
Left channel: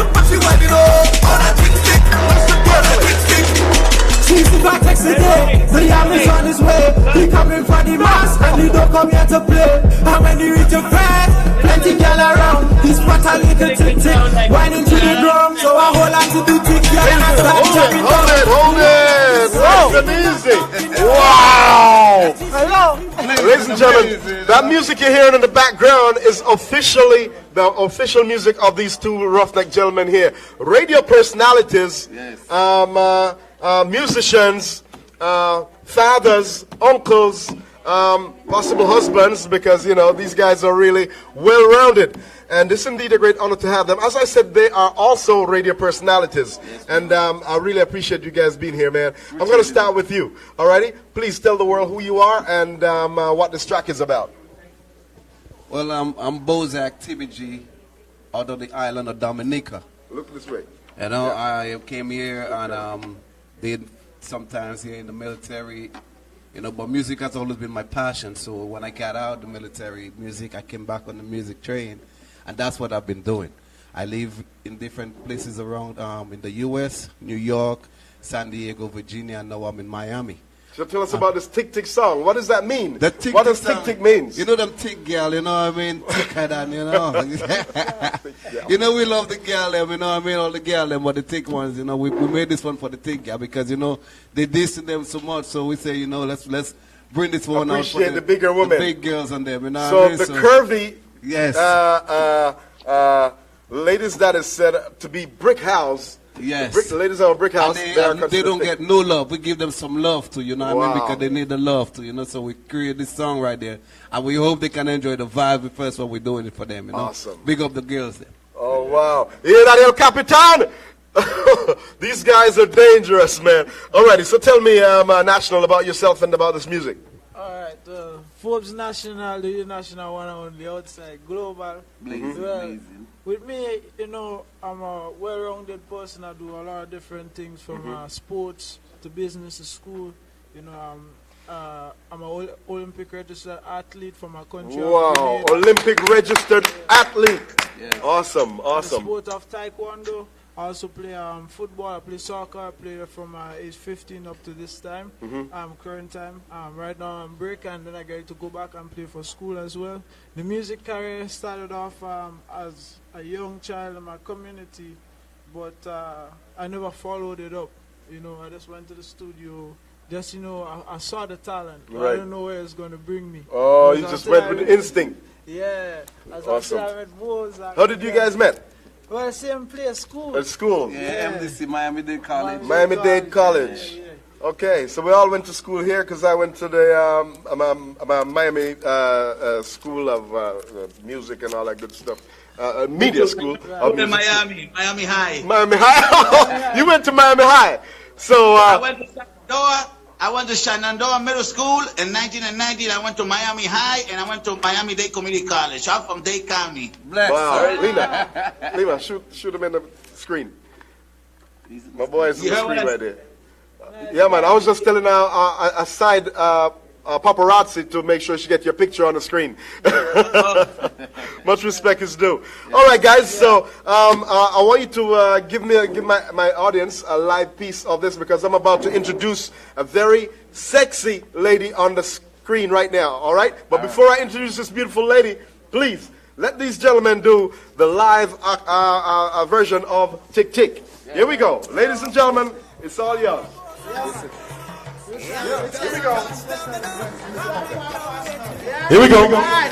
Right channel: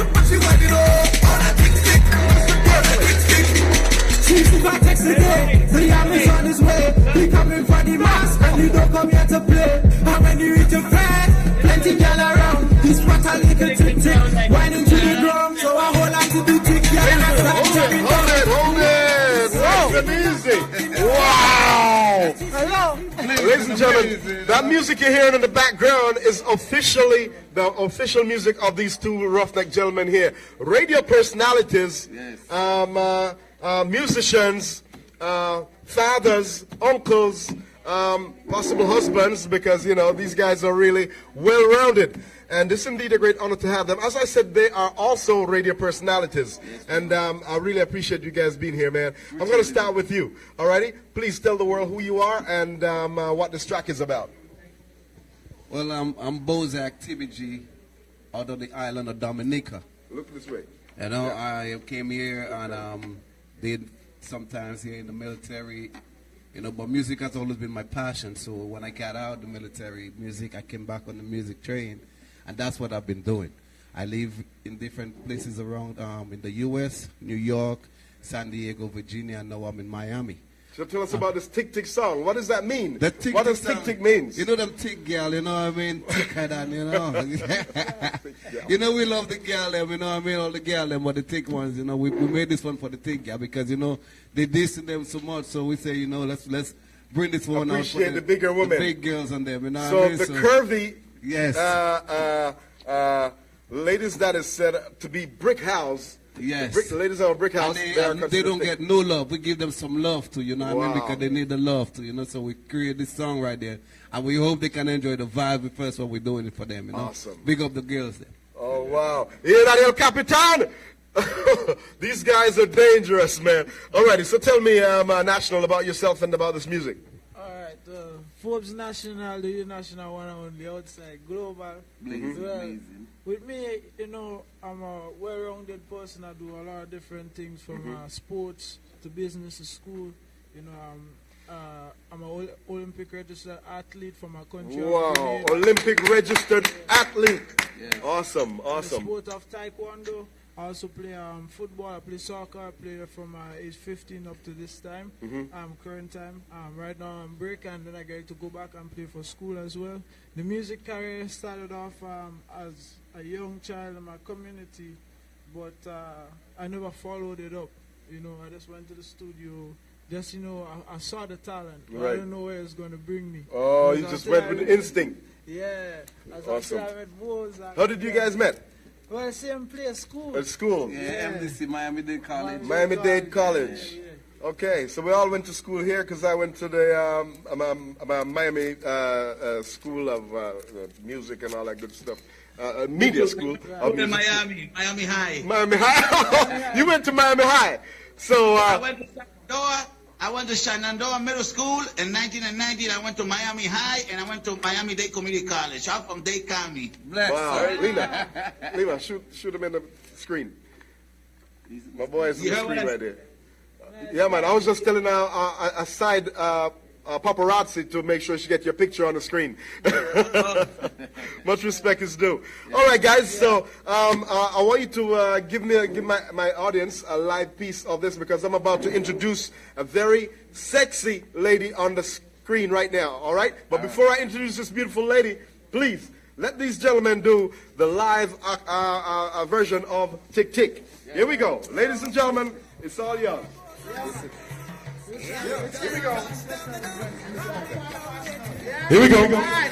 She's the context today. The island's on his way. He coming in front for the mass, and you don't come here to play. And when you reach your friends, plenty girl around. This spot a little tick tick, whining to the drum. So I hold on to the tick, girl, and I start jumping down. Hold it. Where's the music? Wow. Hello. Ladies and gentlemen, that music you're hearing in the background is officially the official music of these two roughneck gentlemen here. Radio personalities, musicians, fathers, uncles, possible husbands, because, you know, these guys are really well-rounded. And it's indeed a great honor to have them. As I said, they are also radio personalities. And I really appreciate you guys being here, man. I'm going to start with you. All righty? Please tell the world who you are and what this track is about. Well, I'm Bozak TBG out of the island of Dominica. Look this way. You know, I came here and did sometimes here in the military, you know, but music has always been my passion. So when I got out of the military music, I came back on the music train, and that's what I've been doing. I live in different places around in the U.S., New York, San Diego, Virginia, and now I'm in Miami. So tell us about this Tick Tick song. What does that mean? The what does Tick Tick means? You know them tick girl, you know what I mean? Ticker than, you know. You know, we love the girl them, you know what I mean? All the girl them, but the tick ones, you know. We made this one for the tick girl because, you know, they dissing them so much. So we say, you know, let's bring this one out for the bigger women. The big girls on them, you know so what I mean? The curvy yes. Ladies that is said to be brick house. Yes. The ladies are a brick house. They don't get no love. We give them some love too, you know what I mean? Because they need the love too, you know. So we create this song right there. And we hope they can enjoy the vibe first while we're doing it for them, you know. Awesome. Big up the girls there. Oh, wow. Hear that, El Capitan? These guys are dangerous, man. Alrighty, so tell me, National, about yourself and about this music. Alright, Forbes National, the national one only, outside, global. Well, with me, you know, I'm a well-rounded person. I do a lot of different things from sports to business to school. You know, I'm an Olympic registered athlete from my country. Wow, Olympic registered athlete. Yeah. Awesome, awesome. I'm the sport of Taekwondo. I also play football. I play soccer. I play from age 15 up to this time. Current time. Right now I'm break, and then I get to go back and play for school as well. The music career started off as a young child in my community, but I never followed it up. You know, I just went to the studio. Just, you know, I saw the talent. Right. I don't know where it's going to bring me. Oh, you just went with the instinct. Yeah. Awesome. How did you guys met? Well, same place, school. At school? Yeah, MDC, Miami-Dade College. Miami-Dade College. Yeah. Okay, so we all went to school here because I went to the Miami School of Music and all that good stuff. Media school. Miami High. Miami High? You went to Miami High. So I went to Shenandoah Middle School in 1990. I went to Miami High, and I went to Miami-Dade Community College. I'm from Dade County. Wow. Lena, shoot him in the screen. My boy is in the screen right there. Yeah, man, I was just telling a side paparazzi to make sure she get your picture on the screen. Much respect is due. All right, guys. So I want you to give my audience a live piece of this because I'm about to introduce a very sexy lady on the screen right now. All right. But before I introduce this beautiful lady, please let these gentlemen do the live version of Tick Tick. Here we go, ladies and gentlemen. It's all yours. Here we go. Here we go. All right.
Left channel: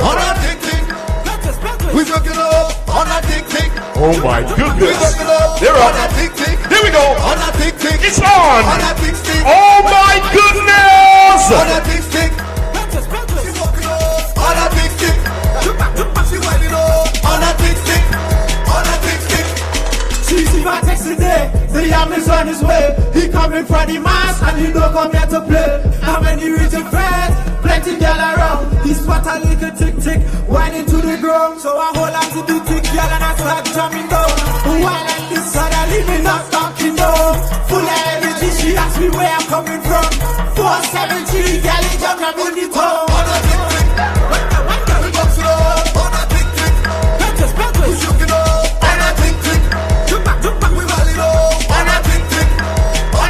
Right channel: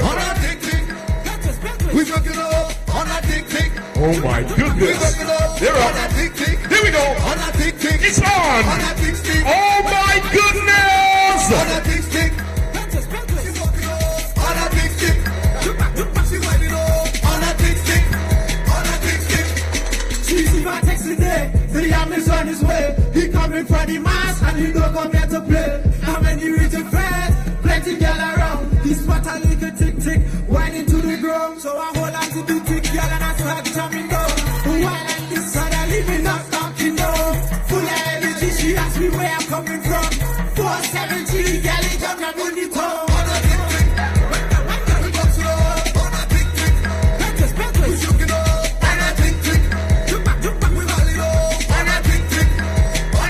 On a tick tick. We working up on a tick tick. Oh my goodness. They're up. On a tick tick. Here we go. On a tick tick. It's on. On a tick tick. Oh my goodness. On a tick tick. On a tick tick. On a tick tick. On a tick tick. She's my text today. The yam is on his way. He coming from the mass and he don't come here to play. And when you reach a friend, plenty girl around. He's what a little tick tick, whining to the ground. So I hold on to the tick girl and I start jumping down. While like this other living not talking down. Full of energy, she asks me where I'm coming from. 470, girl, he jump up in the town. On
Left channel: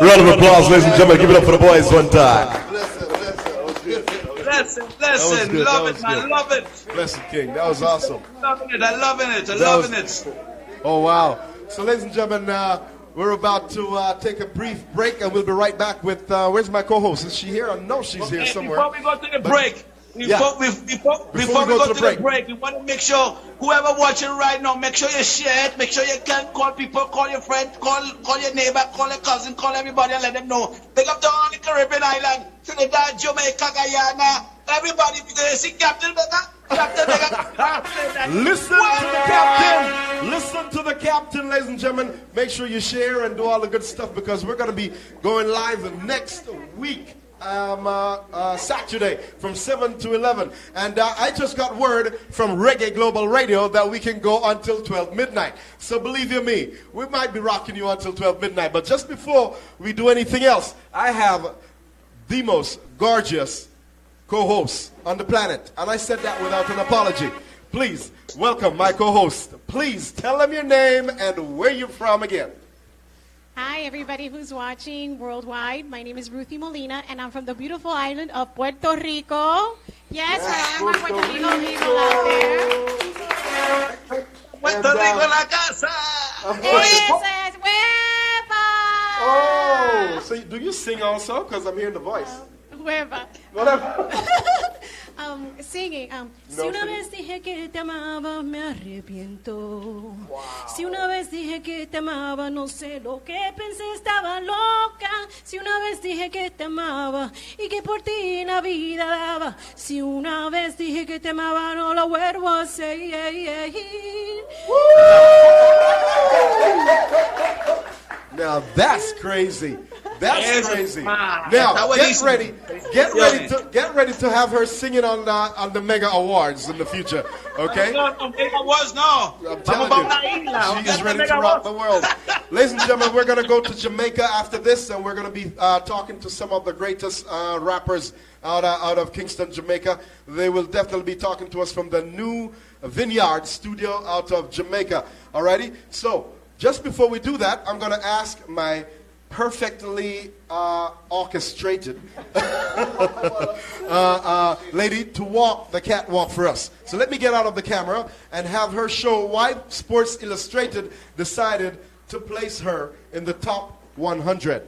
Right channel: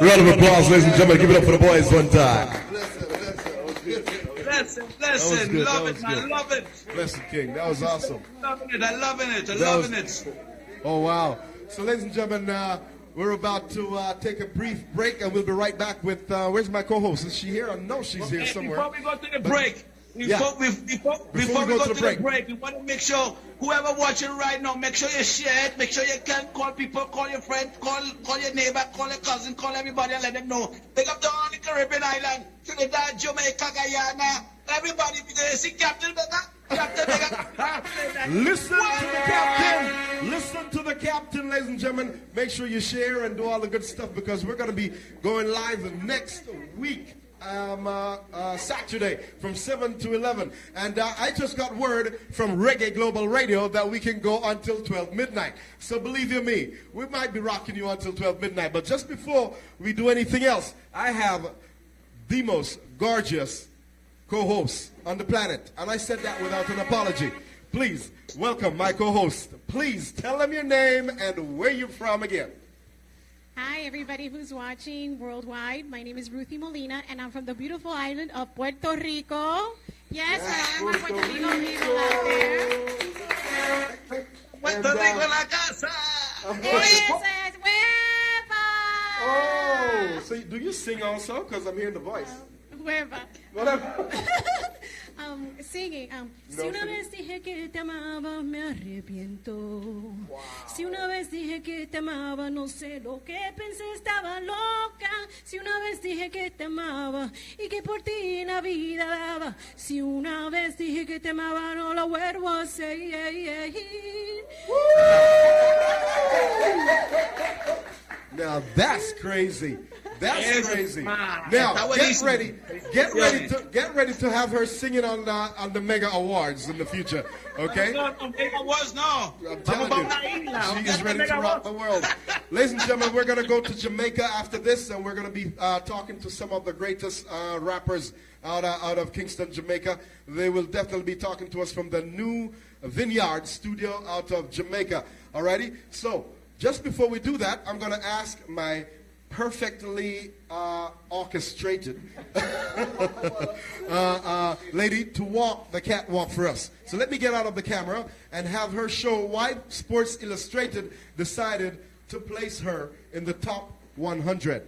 Round of applause, ladies and gentlemen. Give it up for the boys one time. Listen, love it, man, love it. Blessed King, that was awesome. Loving it, I'm loving it. Oh, wow. So, ladies and gentlemen, we're about to take a brief break, and we'll be right back with, where's my co-host? Is she here? I know she's here somewhere. Before we go to the break, before we go to the break, we want to make sure whoever watching right now, make sure you share it, make sure you can call people, call your friend, call your neighbor, call your cousin, call everybody and let them know. Pick up to all the Caribbean island, Trinidad, Jamaica, Guyana, everybody, because you see Captain Becca. Listen to the captain. Listen to the captain, ladies and gentlemen. Make sure you share and do all the good stuff, because we're going to be going live the next week. Saturday from 7 to 11, and I just got word from Reggae Global Radio that we can go until 12 midnight. So believe you me, we might be rocking you until 12 midnight. But just before we do anything else, I have the most gorgeous co-host on the planet, and I said that without an apology. Please welcome my co-host. Please tell them your name and where you're from again. Hi, everybody who's watching worldwide. My name is Ruthie Molina, and I'm from the beautiful island of Puerto Rico. Yes, I am a Puerto Rico people out there. Puerto Rico la casa. Esa es hueva. Oh, so do you sing also? Because I'm hearing the voice. Hueva. Whatever. Singing. No, Si una sing. vez dije que te amaba, me arrepiento. Si una vez dije que te amaba, no sé lo que pensé, estaba loca. Si una vez dije que te amaba y que por ti la vida daba. Si una vez dije que te amaba, no lo vuelvo a hacer. Now that's crazy. That's Yes, crazy. man. Now That's get ready to have her singing on the Mega Awards in the future. Okay? No, Mega was no. I'm telling you, she is ready to rock the world. Ladies and gentlemen, we're going to go to Jamaica after this, and we're going to be talking to some of the greatest rappers out of Kingston, Jamaica. They will definitely be talking to us from the new Vineyard studio out of Jamaica. Alrighty? So, just before we do that, I'm going to ask my perfectly orchestrated lady to walk the catwalk for us. So let me get out of the camera and have her show why Sports Illustrated decided to place her in the top 100.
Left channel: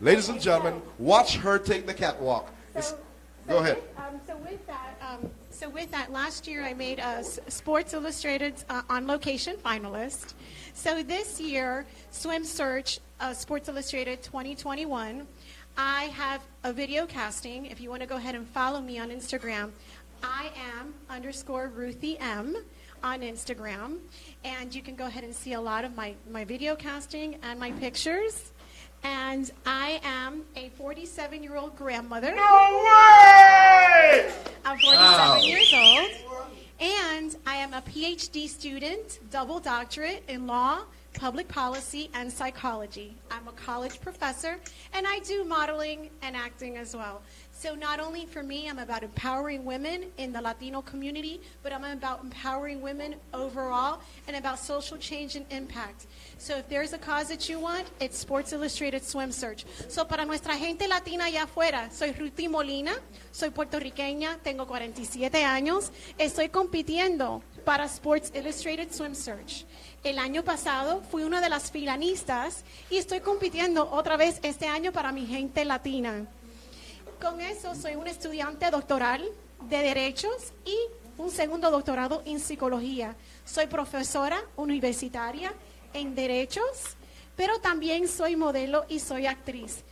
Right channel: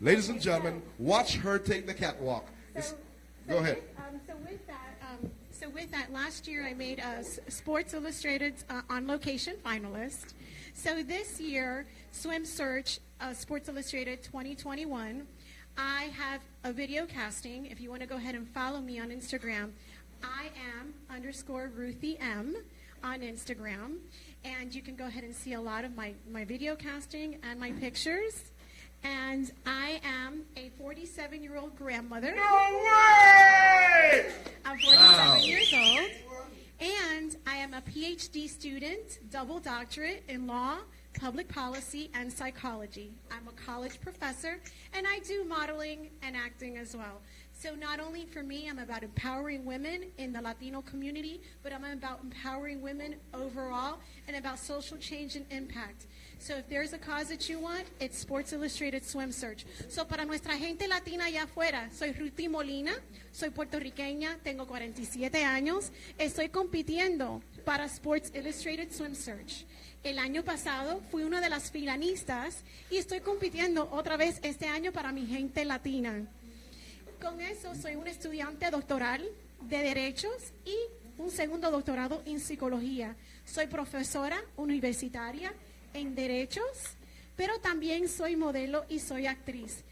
Ladies and gentlemen, watch her take the catwalk. Go ahead. So with that, last year I made Sports Illustrated's on location finalist. So this year, Swim Search Sports Illustrated 2021, I have a video casting. If you want to go ahead and follow me on Instagram, I am _Ruthie M on Instagram. And you can go ahead and see a lot of my video casting and my pictures. And I am a 47-year-old grandmother. No way! I'm 47 years old. And I am a PhD student, double doctorate in law, public policy, and psychology. I'm a college professor, and I do modeling and acting as well. So not only for me, I'm about empowering women in the Latino community, but I'm about empowering women overall and about social change and impact. So if there's a cause that you want, it's Sports Illustrated Swim Search. So para nuestra gente latina allá afuera, soy Ruthie Molina, soy puertorriqueña, tengo 47 años, estoy compitiendo para Sports Illustrated Swim Search. El año pasado fui una de las finalistas y estoy compitiendo otra vez este año para mi gente latina. Con eso soy una estudiante doctoral de Derechos y un segundo doctorado en Psicología. Soy profesora universitaria en Derechos, pero también soy modelo y soy actriz.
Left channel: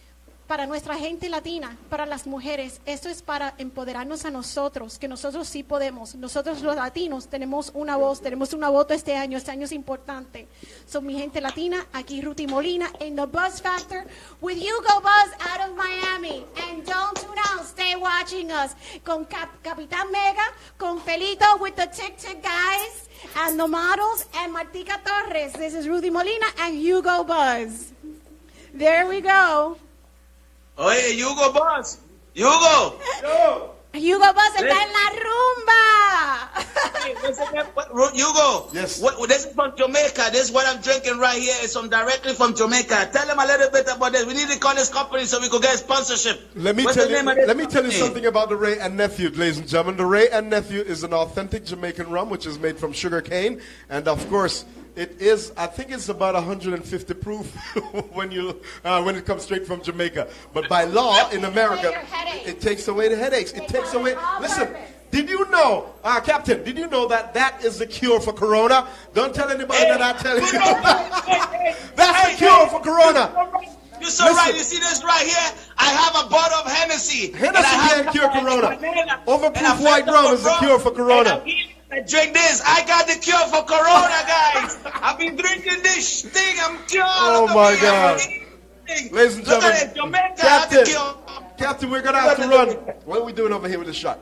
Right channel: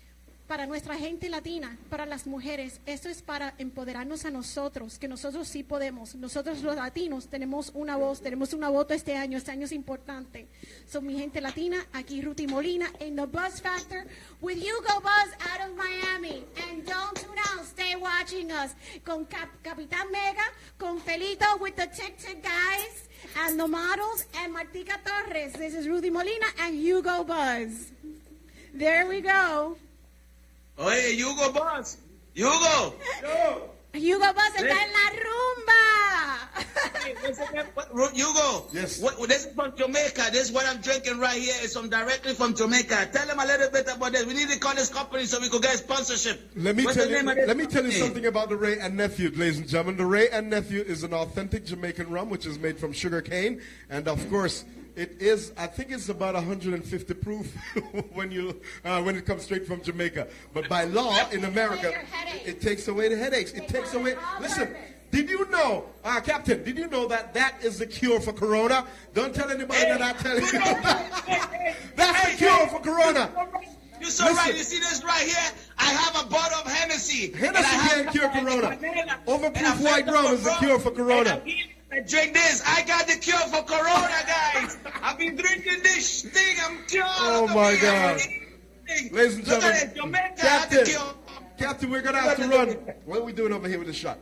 Para nuestra gente latina, para las mujeres, esto es para empoderarnos a nosotros, que nosotros sí podemos. Nosotros los latinos tenemos una voz, tenemos una voto este año es importante. So, mi gente latina, aquí Ruthie Molina in the Buzz Factor with Hugo Buzz out of Miami. And don't tune out, stay watching us. Con Capitán Mega, con Pelito with the Tic Tic guys, and the models, and Martica Torres. This is Ruthie Molina and Hugo Buzz. There we go. Oye, Hugo Boss. Hugo. Hugo Boss está en la rumba. Hey, Hugo. Yes. This is from Jamaica. This is what I'm drinking right here. It's from directly from Jamaica. Tell them a little bit about this. We need to call this company so we could get sponsorship. Let me What's tell the you. name of this Let me tell you company? something about the Ray and Nephew, ladies and gentlemen. The Ray and Nephew is an authentic Jamaican rum, which is made from sugar cane, and of course, it is. I think it's about 150 proof when it comes straight from Jamaica. But by law in America, it takes away the headaches. It takes away. Listen. Did you know, Captain, did you know that is the cure for Corona? Don't tell anybody that I tell you. That's the cure for Corona. You're so right. You see this right here? I have a bottle of Hennessy. Hennessy can't cure Corona. Overproof white rum is the cure for Corona. I drink this. I got the cure for Corona, guys. I've been drinking this thing. I'm cured. Oh, my God. Ladies and gentlemen, Captain, we're going to have to run. What are we doing over here with the shot?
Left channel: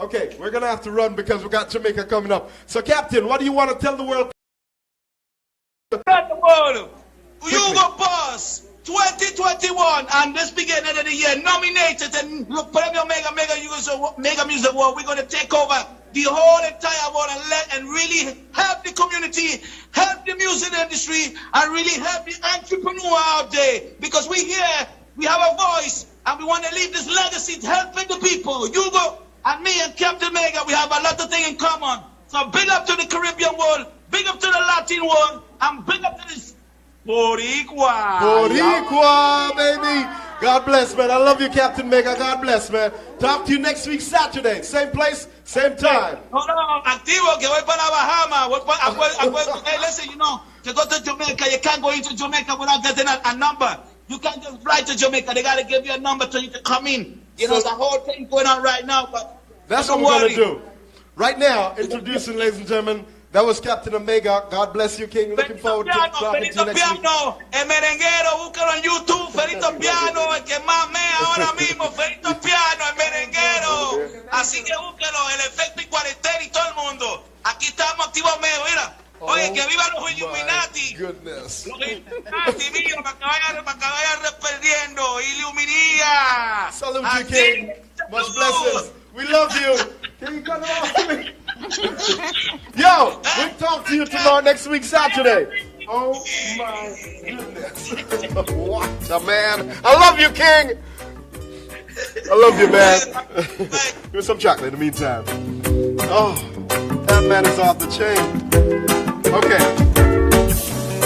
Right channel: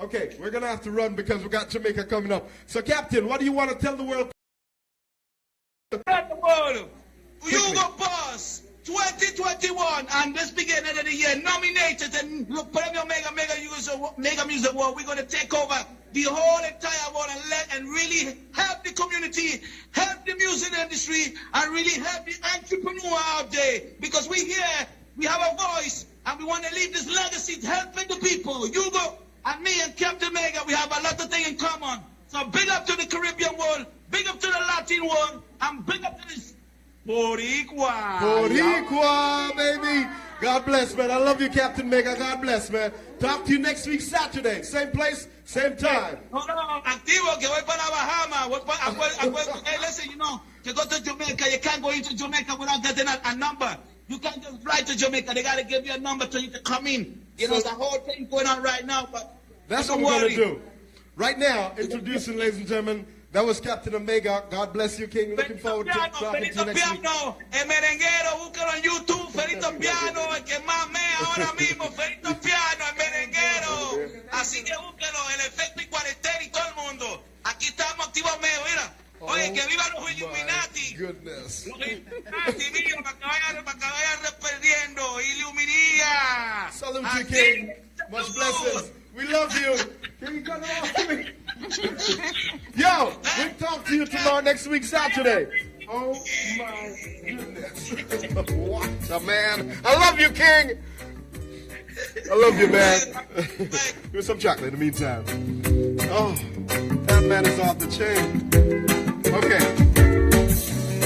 Okay, we're going to have to run because we got Jamaica coming up. So, Captain, what do you want to tell the world? Tell the world, Hugo Boss 2021, and this beginning of the year, nominated and Premio Mega Music Award. We're going to take over the whole entire world and really help the community, help the music industry, and really help the entrepreneur out there. Because we here, we have a voice, and we want to leave this legacy helping the people. Hugo and me and Captain Mega, we have a lot of things in common. So big up to the Caribbean world, big up to the Latin world, and big up to this Boricua. Boricua, baby. God bless, man. I love you, Captain Mega. God bless, man. Talk to you next week, Saturday. Same place, same time. No, activo, que voy para Bahamas. Hey, listen, you know, to go to Jamaica, you can't go into Jamaica without getting a number. You can't just fly to Jamaica. They got to give you a number so you can come in. You know, the whole thing going on right now. But that's what we're going to do. Right now, introducing, ladies and gentlemen, that was Captain Omega. God bless you, King. Looking forward to talking to you next week. El merenguero, búscalo en YouTube, Ferito Piano, el que más mea ahora mismo, Ferito Piano, el merenguero. Así que búscalo, el efecto y cuarentena y todo el mundo. Aquí estamos activos medio, mira. Oye, que viva los Illuminati. Goodness. Los Illuminati, mira, para que vayan perdiendo. Illuminía. Salute you, King. Much blessings. We love you. Can you cut it off to me? Yo, we'll talk to you tomorrow, next week, Saturday. Oh, my goodness. What the man. I love you, King. I love you, man. Give me some chocolate in the meantime. Oh, that man is off the chain. Okay.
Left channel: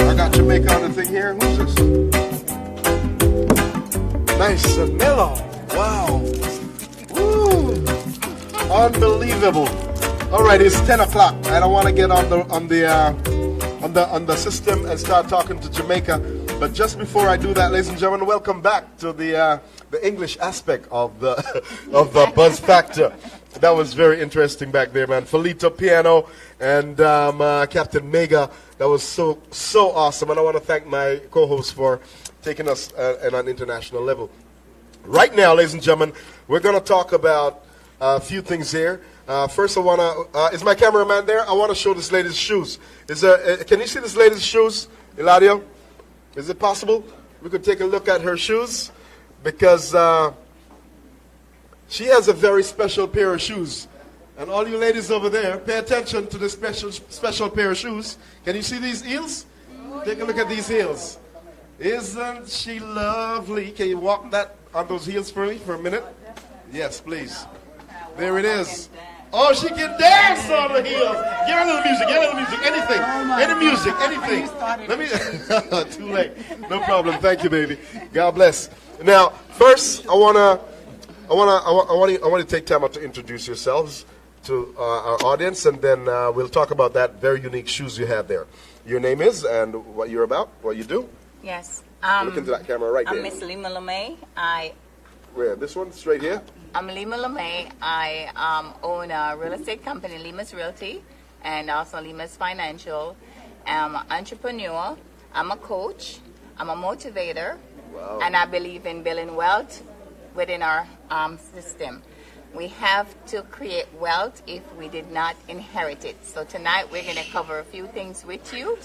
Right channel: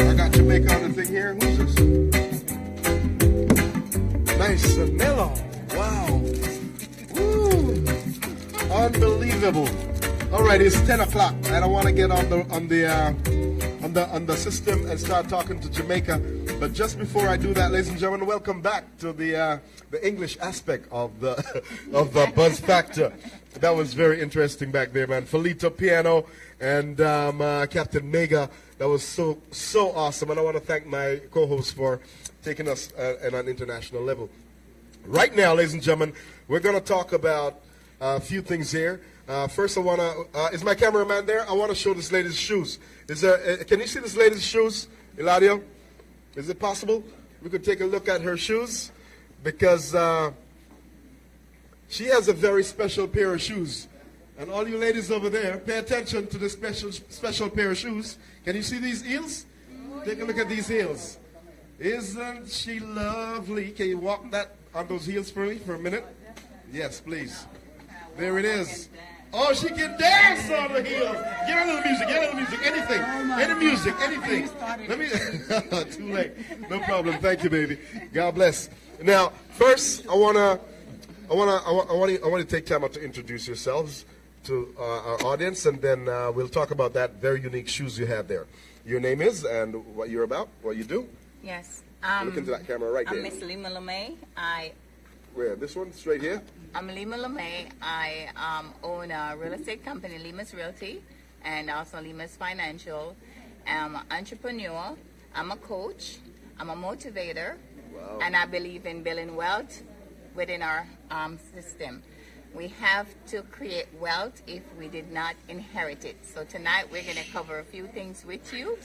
I got Jamaica on the thing here. Who's this? Nice and mellow. Wow. Woo. Unbelievable. All right, it's 10 o'clock. I don't want to get on the system and start talking to Jamaica. But just before I do that, ladies and gentlemen, welcome back to the English aspect of the Buzz Factor. That was very interesting back there, man. Felito Piano and Captain Mega. That was so awesome, and I want to thank my co-host for taking us at an international level. Right now, ladies and gentlemen, we're going to talk about a few things here. First, I want to, is my cameraman there? I want to show this lady's shoes. Can you see this lady's shoes, Eladio? Is it possible we could take a look at her shoes? Because she has a very special pair of shoes. And all you ladies over there, pay attention to the special pair of shoes. Can you see these heels? Take a look at these heels. Isn't she lovely? Can you walk on those heels for me for a minute? Yes, please. There it is. Oh, she can dance on the heels. Get a little music, anything. Any music, anything. Let me, too late. No problem. Thank you, baby. God bless. Now, first, I want to take time out to introduce yourselves to our audience, and then we'll talk about that very unique shoes you have there. Your name is, and what you're about, what you do. Yes. Look into that camera right there. I'm Miss Lima LeMay. Where? This one? Straight here? I'm Lima LeMay. I own a real estate company, Lima's Realty, and also Lima's Financial. I'm an entrepreneur. I'm a coach. I'm a motivator. Wow. And I believe in building wealth within our system. We have to create wealth if we did not inherit it. So tonight we're going to cover a few things with you.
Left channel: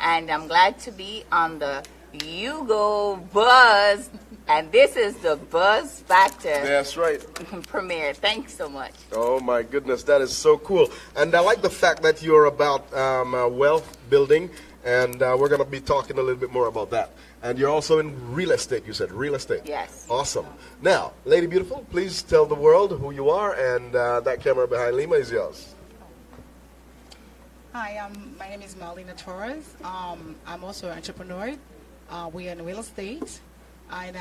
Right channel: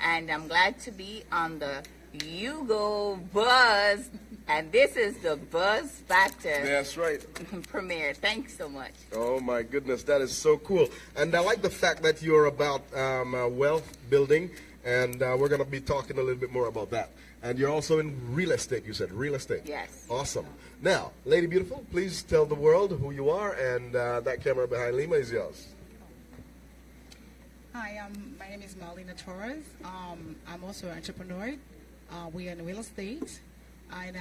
And I'm glad to be on the Hugo Buzz And this is the Buzz Factor. That's right. Premiere. Thanks so much. Oh my goodness, that is so cool. And I like the fact that you're about wealth building, and we're going to be talking a little bit more about that. And you're also in real estate, you said, real estate. Yes. Awesome. Now, Lady Beautiful, please tell the world who you are, and that camera behind Lima is yours. Hi, my name is Marlena Torres. I'm also an entrepreneur. We are in real estate, and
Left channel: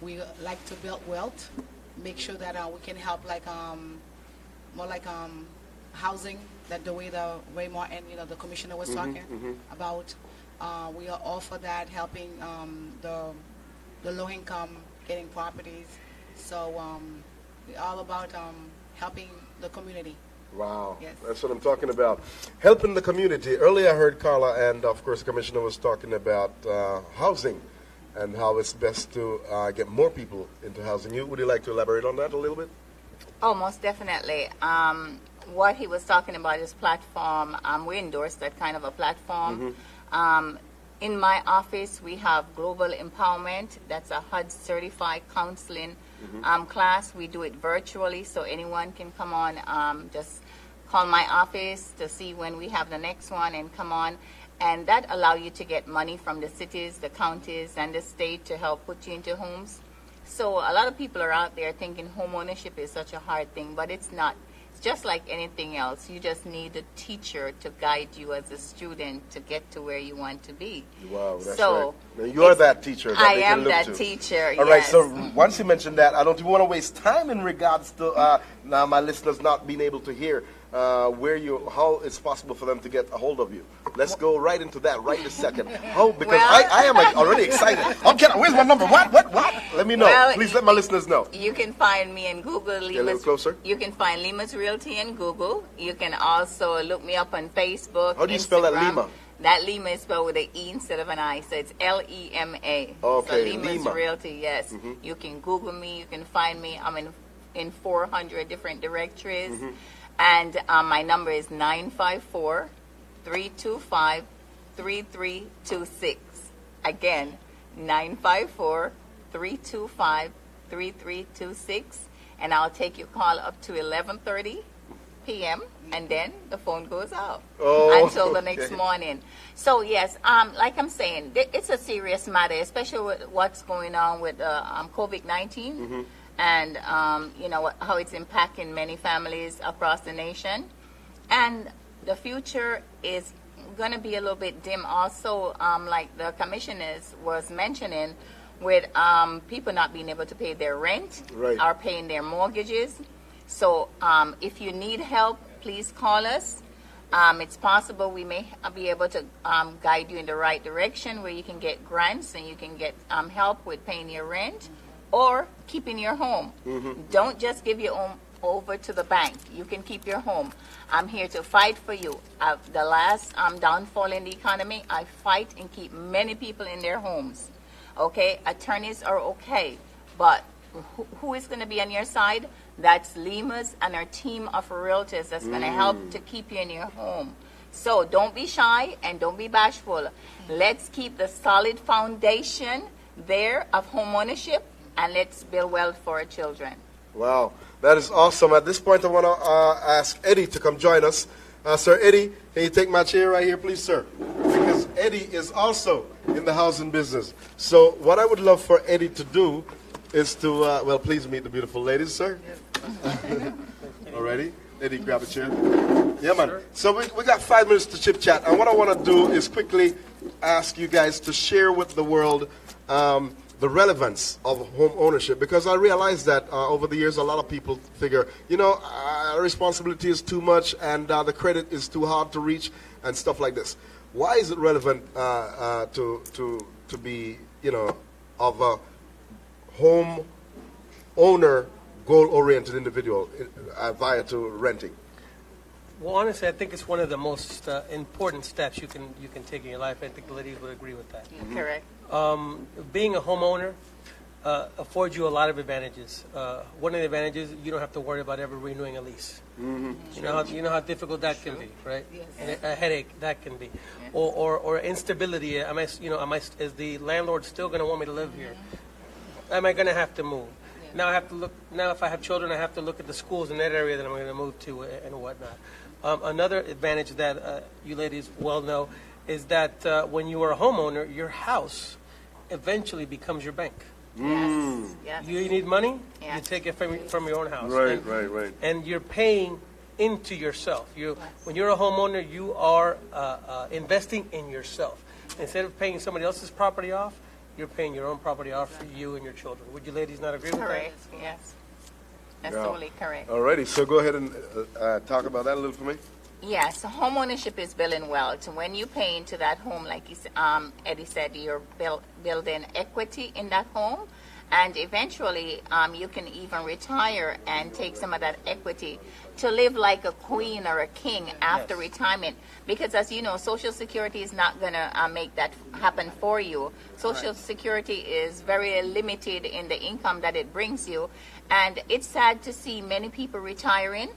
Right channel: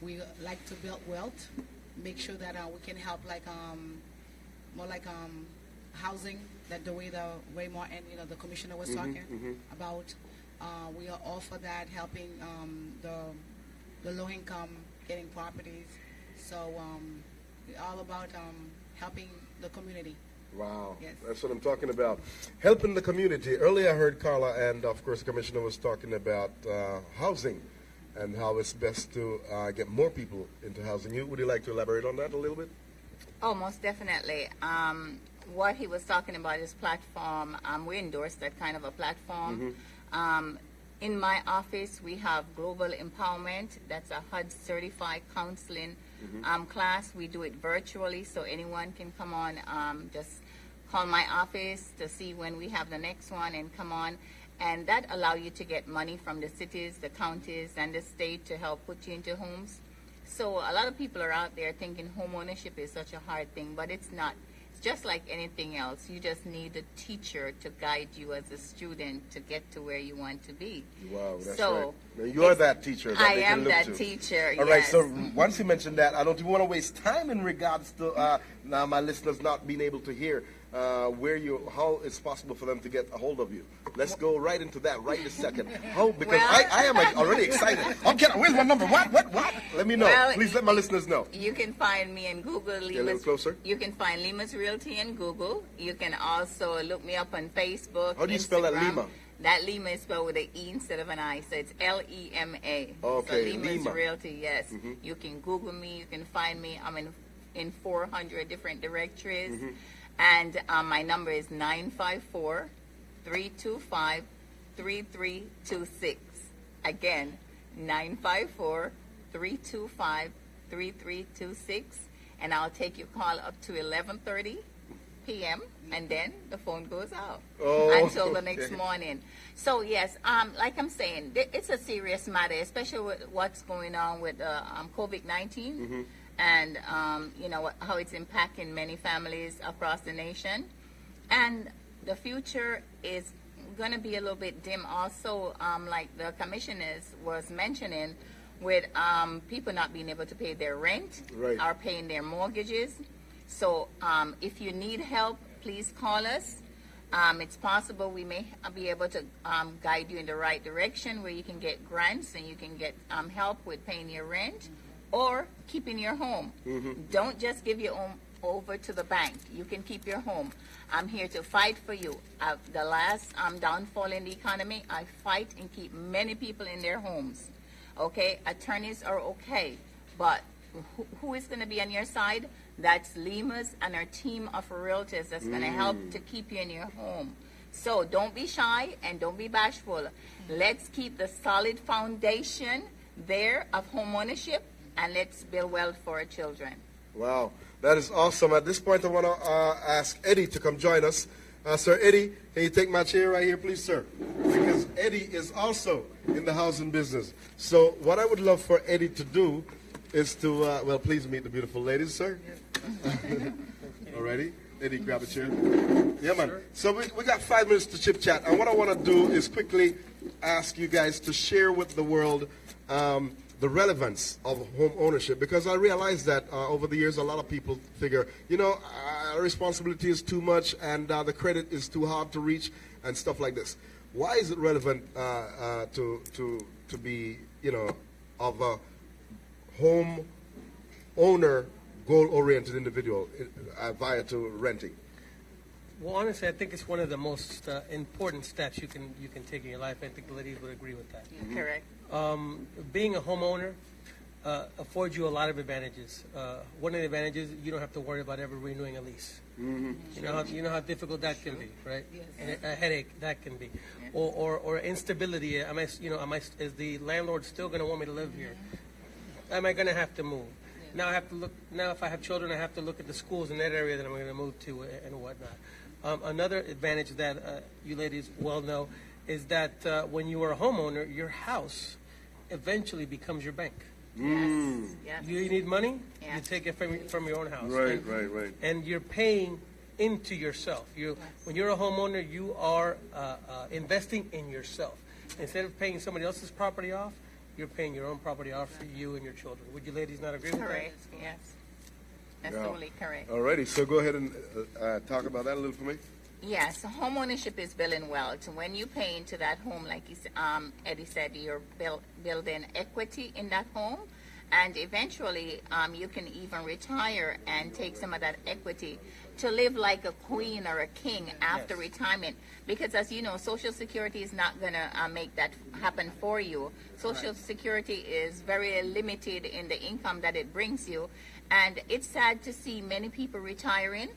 we like to build wealth, make sure that we can help more like housing, that the way Raymond and the commissioner was talking about. We are all for that, helping the low income getting properties. So we're all about helping the community. Wow, yes. That's what I'm talking about. Helping the community. Earlier I heard Carla and, of course, the commissioner was talking about housing and how it's best to get more people into housing. Would you like to elaborate on that a little bit? Oh, most definitely. What he was talking about is platform. We endorse that kind of a platform. In my office, we have Global Empowerment. That's a HUD certified counseling class. We do it virtually, so anyone can come on. Just call my office to see when we have the next one and come on. And that allows you to get money from the cities, the counties, and the state to help put you into homes. So a lot of people are out there thinking home ownership is such a hard thing, but it's not. Just like anything else, you just need a teacher to guide you as a student to get to where you want to be. Wow, that's so right. You're that teacher that I they can am look that to. teacher, All right, yes. so once you mentioned that, I don't even want to waste time in regards to now my listeners not being able to hear how it's possible for them to get a hold of you. Let's go right into that right in a second. Because I am already excited. Okay, where's my number? What? Let me know. Well, Please let my listeners know. You can find me in Google. Get a little closer. You can find Lima's Realty in Google. You can also look me up on Facebook. How do you spell that, Instagram. Lima? That Lima is spelled with an E instead of an I, so it's Lema. Okay, so Lima's Lima. Realty, yes. You can Google me. You can find me. I'm in 400 different directories. And my number is 954-325-3326. Again, 954-325-3326. And I'll take your call up to 11:30 p.m. and then the phone goes out until the next morning. So yes, like I'm saying, it's a serious matter, especially with what's going on with COVID-19. And how it's impacting many families across the nation, and the future is going to be a little bit dim. Also, like the commissioners was mentioning, with people not being able to pay their rent or paying their mortgages. So, if you need help, please call us. It's possible we may be able to guide you in the right direction where you can get grants and you can get help with paying your rent or keeping your home. Don't just give your home over to the bank. You can keep your home. I'm here to fight for you. The last downfall in the economy, I fight and keep many people in their homes. Okay, attorneys are okay, but who is going to be on your side? That's Lima's and our team of realtors that's going to help to keep you in your home. So don't be shy and don't be bashful. Let's keep the solid foundation there of home ownership, and let's build wealth for our children. Wow, that is awesome. At this point, I want to ask Eddie to come join us. Sir Eddie, can you take my chair right here, please, sir? Because Eddie is also in the housing business. So what I would love for Eddie to do is to, please meet the beautiful ladies, sir. Alrighty. Eddie, grab a chair. Yeah, man. So we got 5 minutes to chit-chat. And what I want to do is quickly ask you guys to share with the world the relevance of home ownership, because I realize that over the years a lot of people figure, responsibility is too much and the credit is too hard to reach and stuff like this. Why is it relevant to be, of a home owner, goal-oriented individual via to renting? Well, honestly, I think it's one of the most important steps you can take in your life. I think the ladies would agree with that. Correct. Being a homeowner, affords you a lot of advantages. One of the advantages, you don't have to worry about ever renewing a lease. Mm-hmm. You know how difficult that can be, right? And a headache that can be, or instability. Is the landlord still going to want me to live here? Am I going to have to move? Now I have to look. Now, if I have children, I have to look at the schools in that area that I'm going to move to and whatnot. Another advantage that you ladies well know is that when you are a homeowner, your house eventually becomes your bank. Yes. You need money, you take it from your own house. Right, right. And you're paying into yourself. When you're a homeowner, you are investing in yourself. Instead of paying somebody else's property off, you're paying your own property off for you and your children. Would you ladies not agree with that? Correct, yes. That's totally correct. Alrighty, so go ahead and talk about that a little for me. Yes, homeownership is building wealth. When you pay into that home, like Eddie said, you're building equity in that home, and eventually you can even retire and take some of that equity to live like a queen or a king after retirement. Because as you know, Social Security is not going to make that happen for you. Social Security is very limited in the income that it brings you, and it's sad to see many people retiring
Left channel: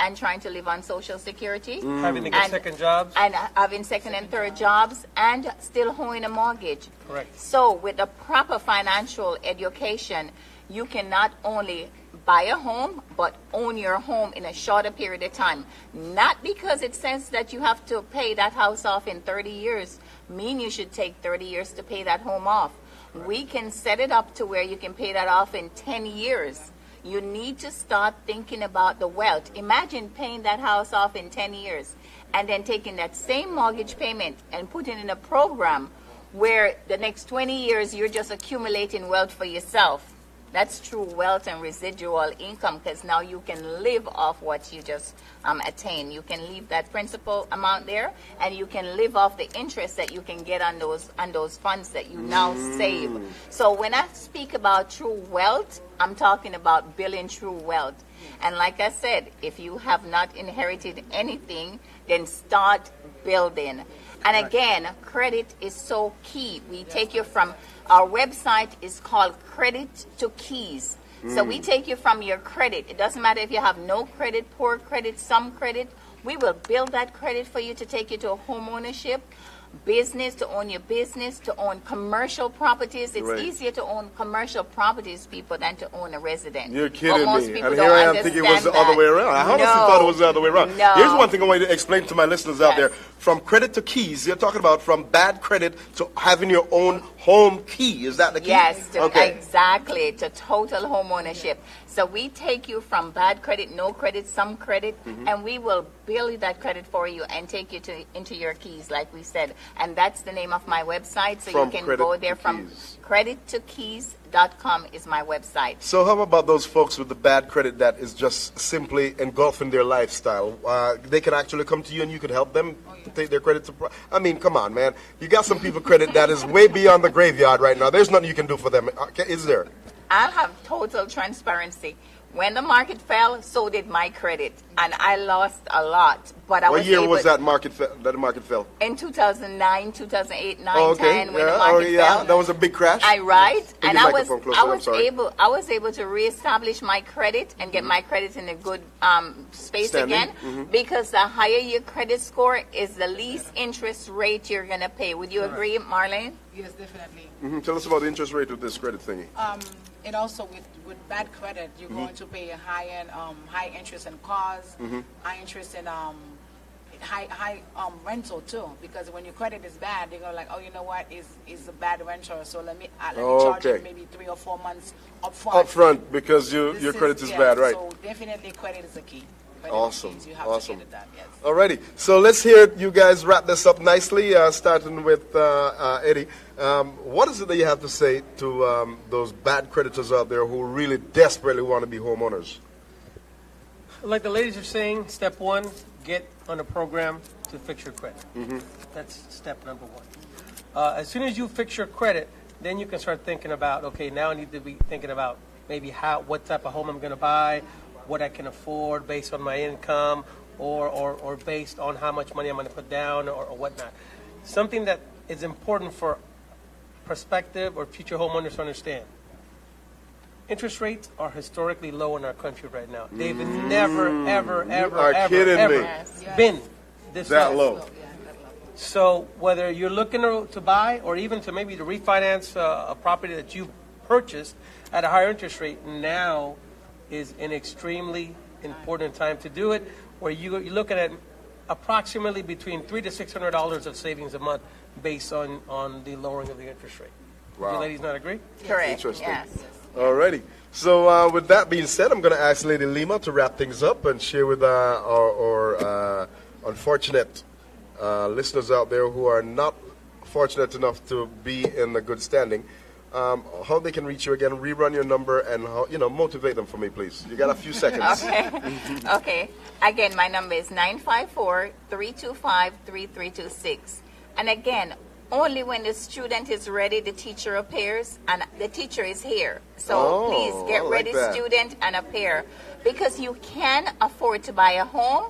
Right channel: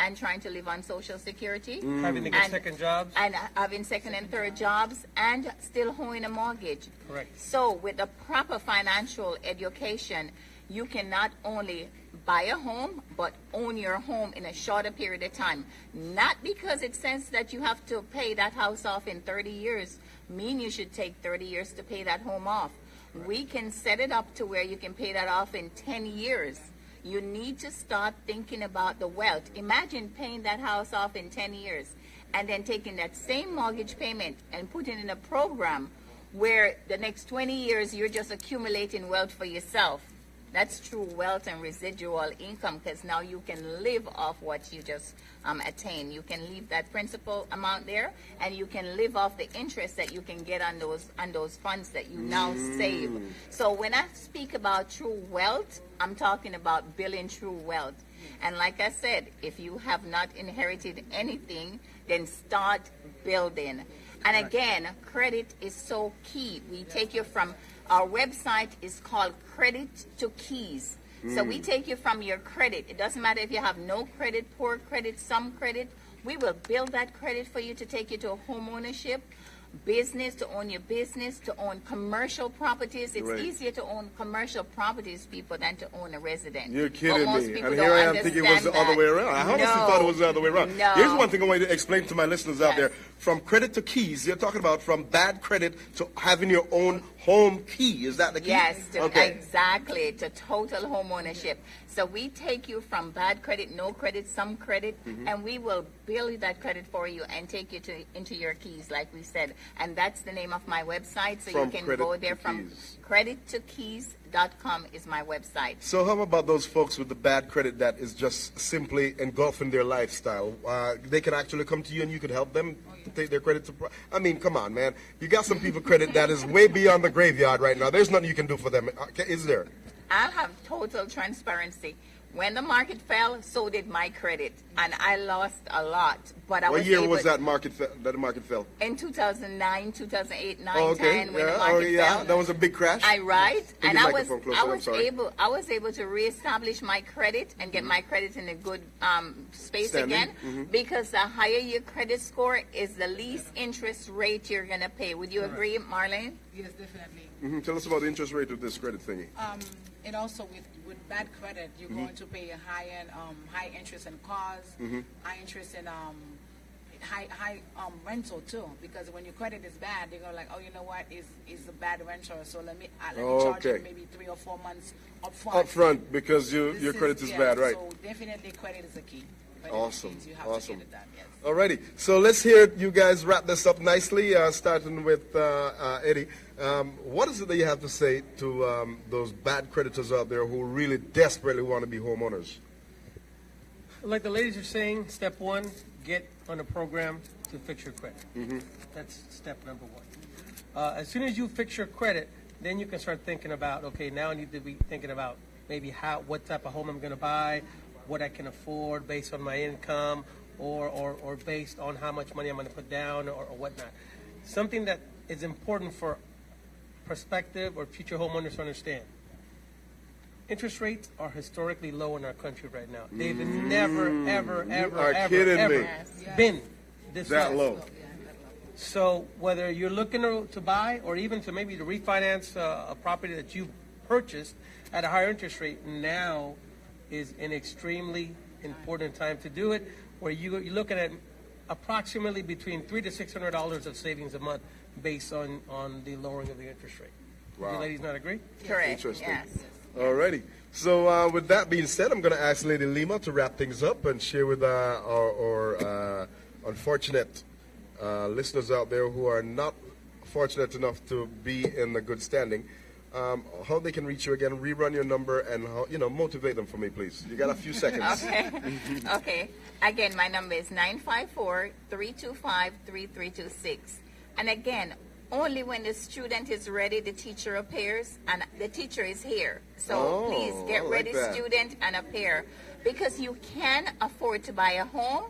and trying to live on Social Security. Having to get second jobs. And having second and third jobs and still owing a mortgage. Correct. So with a proper financial education, you can not only buy a home, but own your home in a shorter period of time. Not because it says that you have to pay that house off in 30 years, mean you should take 30 years to pay that home off. We can set it up to where you can pay that off in 10 years. You need to start thinking about the wealth. Imagine paying that house off in 10 years and then taking that same mortgage payment and putting in a program where the next 20 years you're just accumulating wealth for yourself. That's true wealth and residual income, because now you can live off what you just attain. You can leave that principal amount there, and you can live off the interest that you can get on those funds that you now save. So when I speak about true wealth, I'm talking about building true wealth. And like I said, if you have not inherited anything, then start building. And again, credit is so key. We take you from, our website is called Credit to Keys. So we take you from your credit. It doesn't matter if you have no credit, poor credit, some credit. We will build that credit for you to take you to a home ownership, business, to own your business, to own commercial properties. It's easier to own commercial properties, people, than to own a resident. You're kidding most me. people And here I am don't thinking it was the other way around. I honestly thought it was the other way around. No. Here's one thing I want to explain to my listeners out there. From credit to keys, you're talking about from bad credit to having your own home key. Is that the key? Yes, exactly, to total home ownership. So we take you from bad credit, no credit, some credit, and we will build that credit for you and take you into your keys, like we said. And that's the name of my website, so you can go there from credittokeys.com is my website. So how about those folks with the bad credit that is just simply engulfing their lifestyle? They can actually come to you and you could help them to take their credit to... I mean, come on, man. You got some people credit that is way beyond the graveyard right now. There's nothing you can do for them. Is there? I'll have total transparency. When the market fell, so did my credit, and I lost a lot. But I what was year able was that market fell? In 2009, 2008, 9, Oh, 10, when the market fell. That was a big crash. And I was able to reestablish my credit and get my credit in a good space Standing. again, because the higher your credit score is the least interest rate you're gonna pay. Would you agree, Marlene? Yes, definitely. Tell us about the interest rate of this credit thingy. And also with bad credit, you're going to pay a high interest in cars, high interest in high rental too. Because when your credit is bad, they're going like, oh, you know what, is a bad rental, so let me charge you maybe 3 or 4 months upfront. Because your credit is bad, right? So definitely credit is a key. Awesome. You have to get it done, yes. Alrighty, so let's hear you guys wrap this up nicely, starting with Eddie. What is it that you have to say to those bad creditors out there who really desperately want to be homeowners? Like the ladies are saying, step one, get on a program to fix your credit. That's step number one. As soon as you fix your credit, then you can start thinking about, okay, now I need to be thinking about maybe what type of home I'm going to buy, what I can afford based on my income, or based on how much money I'm going to put down or whatnot. Something that is important for prospective or future homeowners to understand. interest rates are historically low in our country right now. They've never, ever, ever, are ever, kidding ever me. been this That low. So whether you're looking to buy or even to maybe to refinance a property that you purchased at a higher interest rate, now is an extremely important time to do it, where you're looking at approximately between $300 to $600 of savings a month based on the lowering of the interest rate. Wow. You ladies not agree? Correct. Interesting. Yes. Alrighty. So with that being said, I'm going to ask Lady Lima to wrap things up and share with our unfortunate listeners out there who are not fortunate enough to be in a good standing, how they can reach you again, rerun your number, and how, motivate them for me, please. You got a few seconds. Okay. Okay. Again, my number is 954-325-3326. And again, only when the student is ready, the teacher appears, and the teacher is here. So please get ready, student, and appear. Because you can afford to buy a home,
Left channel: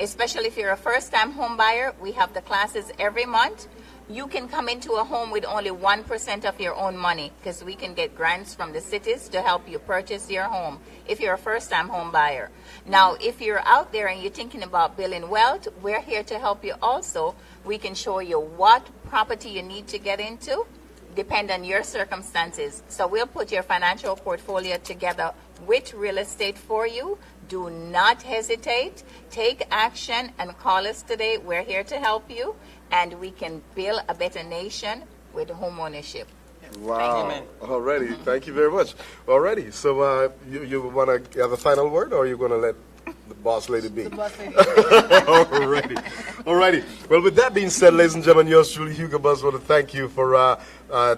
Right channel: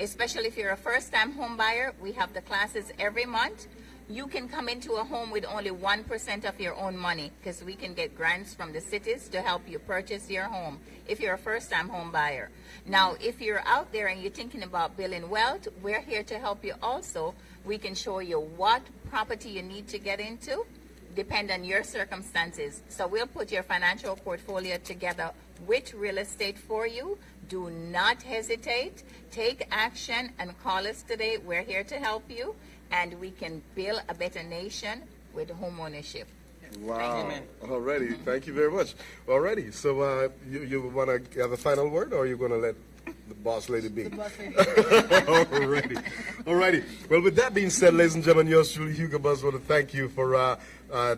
especially if you're a first-time home buyer. We have the classes every month. You can come into a home with only 1% of your own money, because we can get grants from the cities to help you purchase your home if you're a first-time home buyer. Now, if you're out there and you're thinking about building wealth, we're here to help you also. We can show you what property you need to get into, depend on your circumstances. So we'll put your financial portfolio together with real estate for you. Do not hesitate. Take action and call us today. We're here to help you, and we can build a better nation with home ownership. Wow. Alrighty. Thank you very much. Alrighty. So you want to have a final word, or are you going to let the boss lady be? Alrighty. Alrighty. Well, with that being said, ladies and gentlemen, yours truly, Hugo Buzz, want to thank you for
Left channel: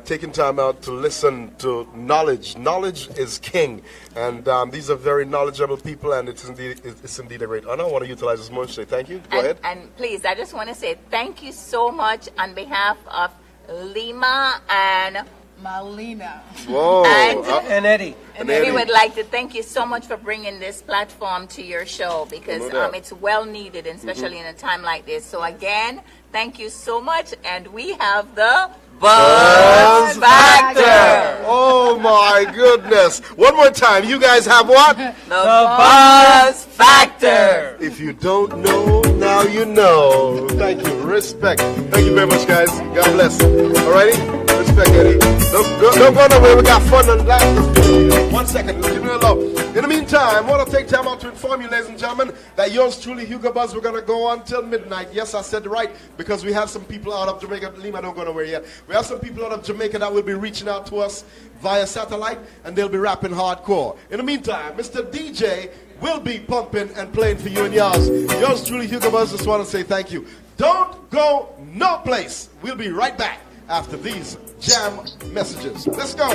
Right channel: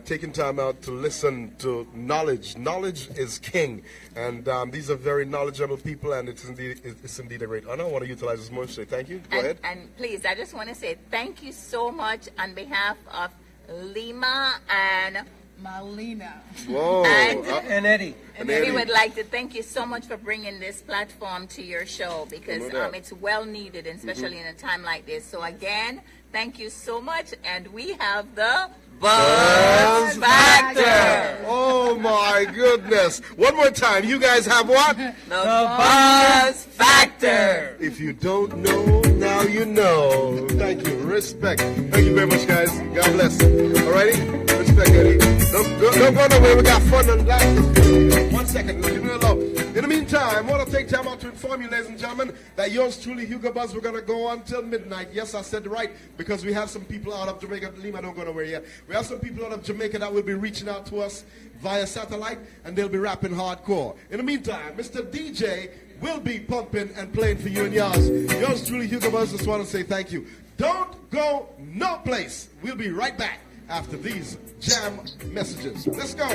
taking time out to listen to knowledge. Knowledge is king. And these are very knowledgeable people, and it's indeed a great honor. I want to utilize this moment to say thank you. Go ahead. And please, I just want to say thank you so much on behalf of Lima and Malina. Whoa. And Eddie. And we would like to thank you so much for bringing this platform to your show, because it's well needed, especially in a time like this. So again, thank you so much. And we have the Buzz Factor. Oh my goodness. One more time. You guys have what? The Buzz Factor. If you don't know, now you know. Thank you. Respect. Thank you very much, guys. God bless. Alrighty? Respect, Eddie. Don't go nowhere. We got fun and laughter. 1 second. Leave me alone. In the meantime, I want to take time out to inform you, ladies and gentlemen, that yours truly, Hugo Buzz, we're going to go on till midnight. Yes, I said right, because we have some people out of Jamaica. Lima, don't go nowhere yet. We have some people out of Jamaica that will be reaching out to us via satellite, and they'll be rapping hardcore. In the meantime, Mr. DJ will be pumping and playing for you and yours. Yours truly, Hugo Buzz, just want to say thank you. Don't go no place. We'll be right back after these jam messages. Let's go.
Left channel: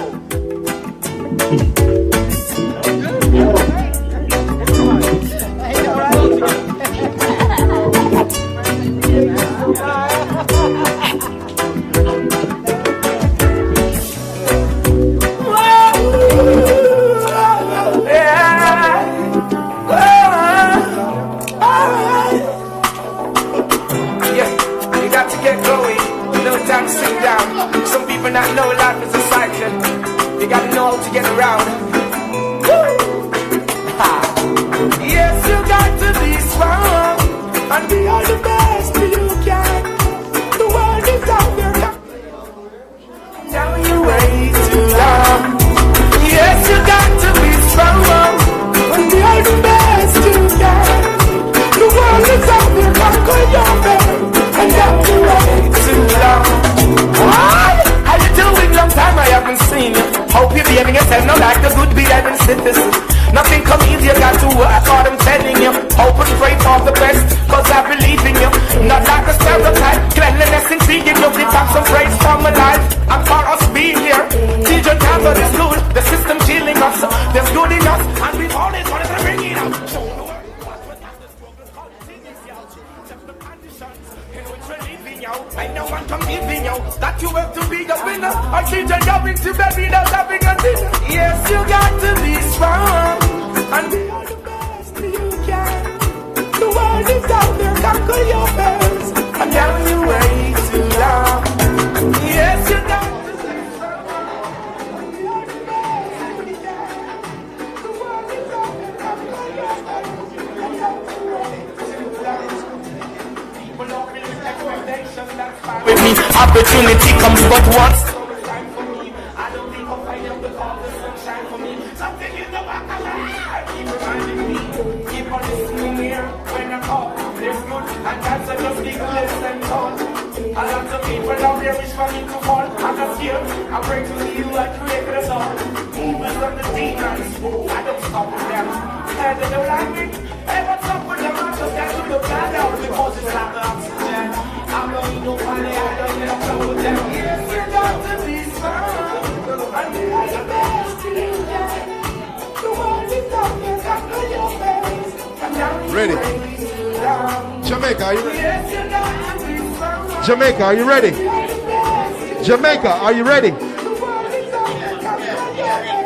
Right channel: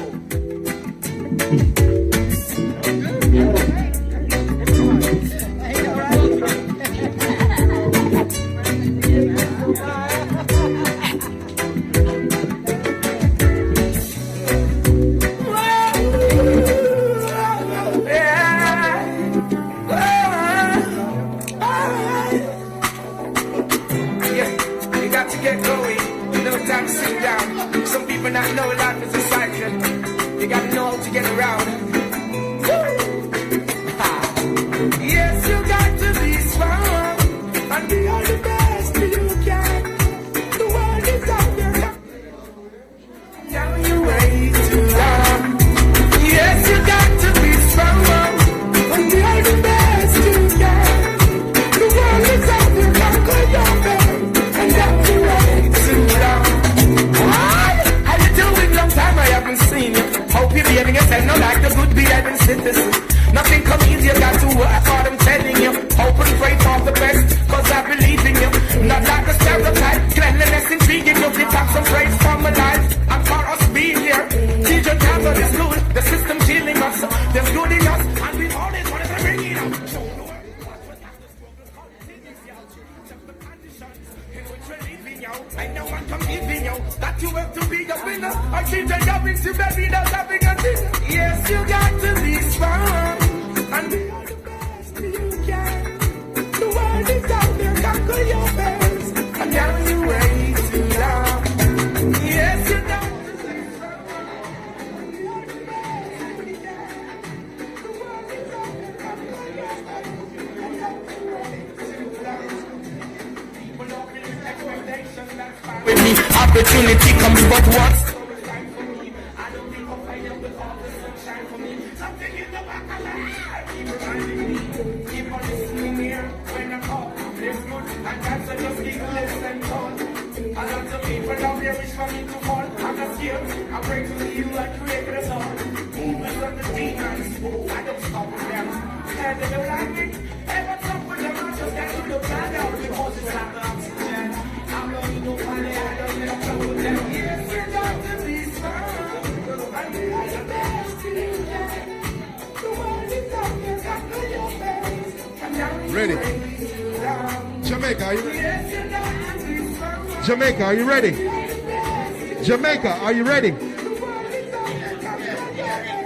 Not know life is a cycle. You gotta know how to get around. Opportunity comes but once. I'm great to you like created us all. Even from the demons, I don't stop with them. And they don't like me. And what's up with them? I just got to look down out because it's not the oxygen. I'm not even funny, I don't let them go with them. Yes, you got to be strong. I need the best in you, the world is darkness, I know your face. And now you Ready. Jamaica, are you ready? yes, you got to be strong. Jamaica, are you ready? Jamaica, are you ready?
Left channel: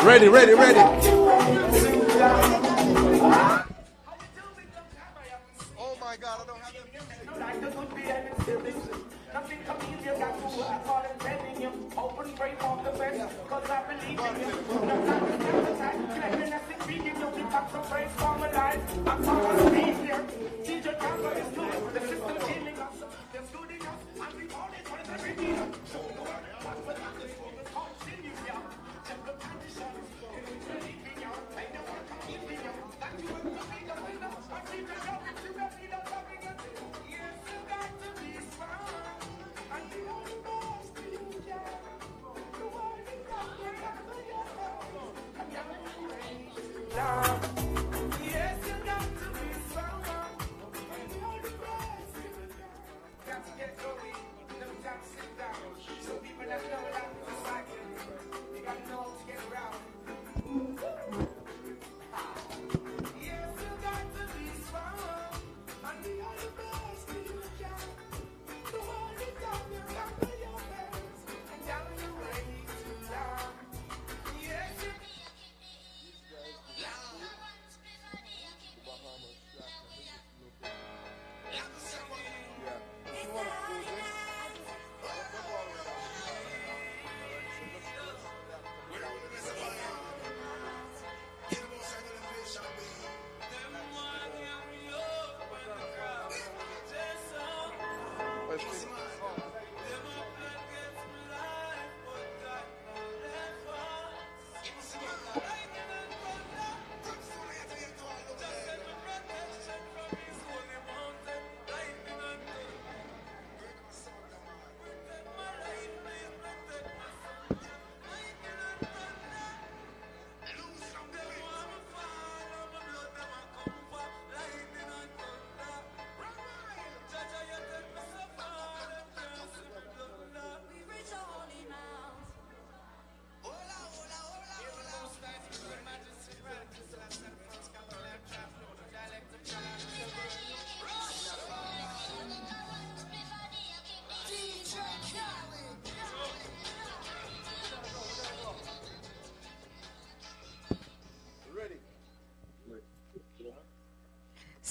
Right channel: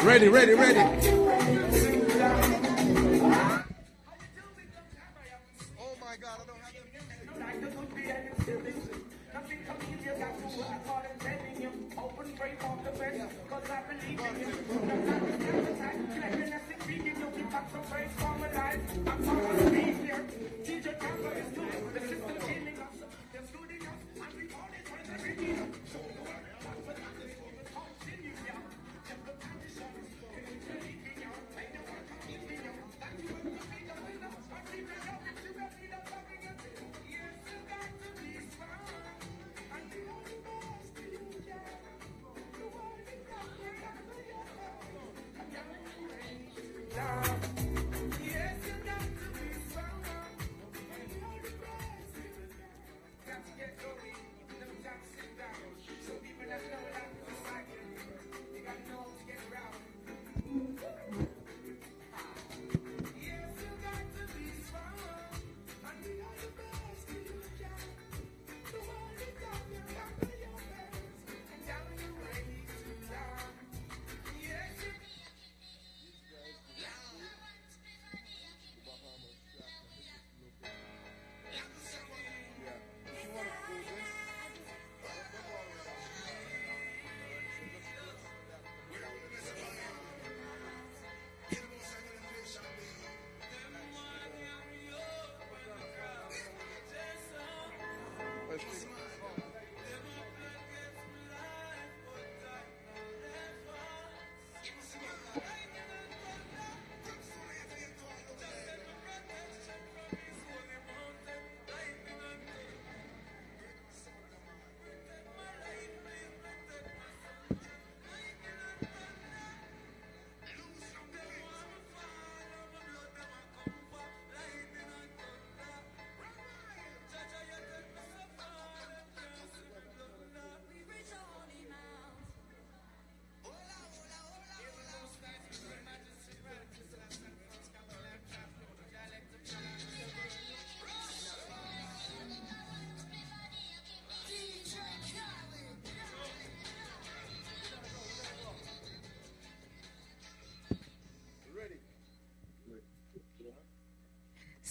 Ready, ready, ready. Oh my God, I don't have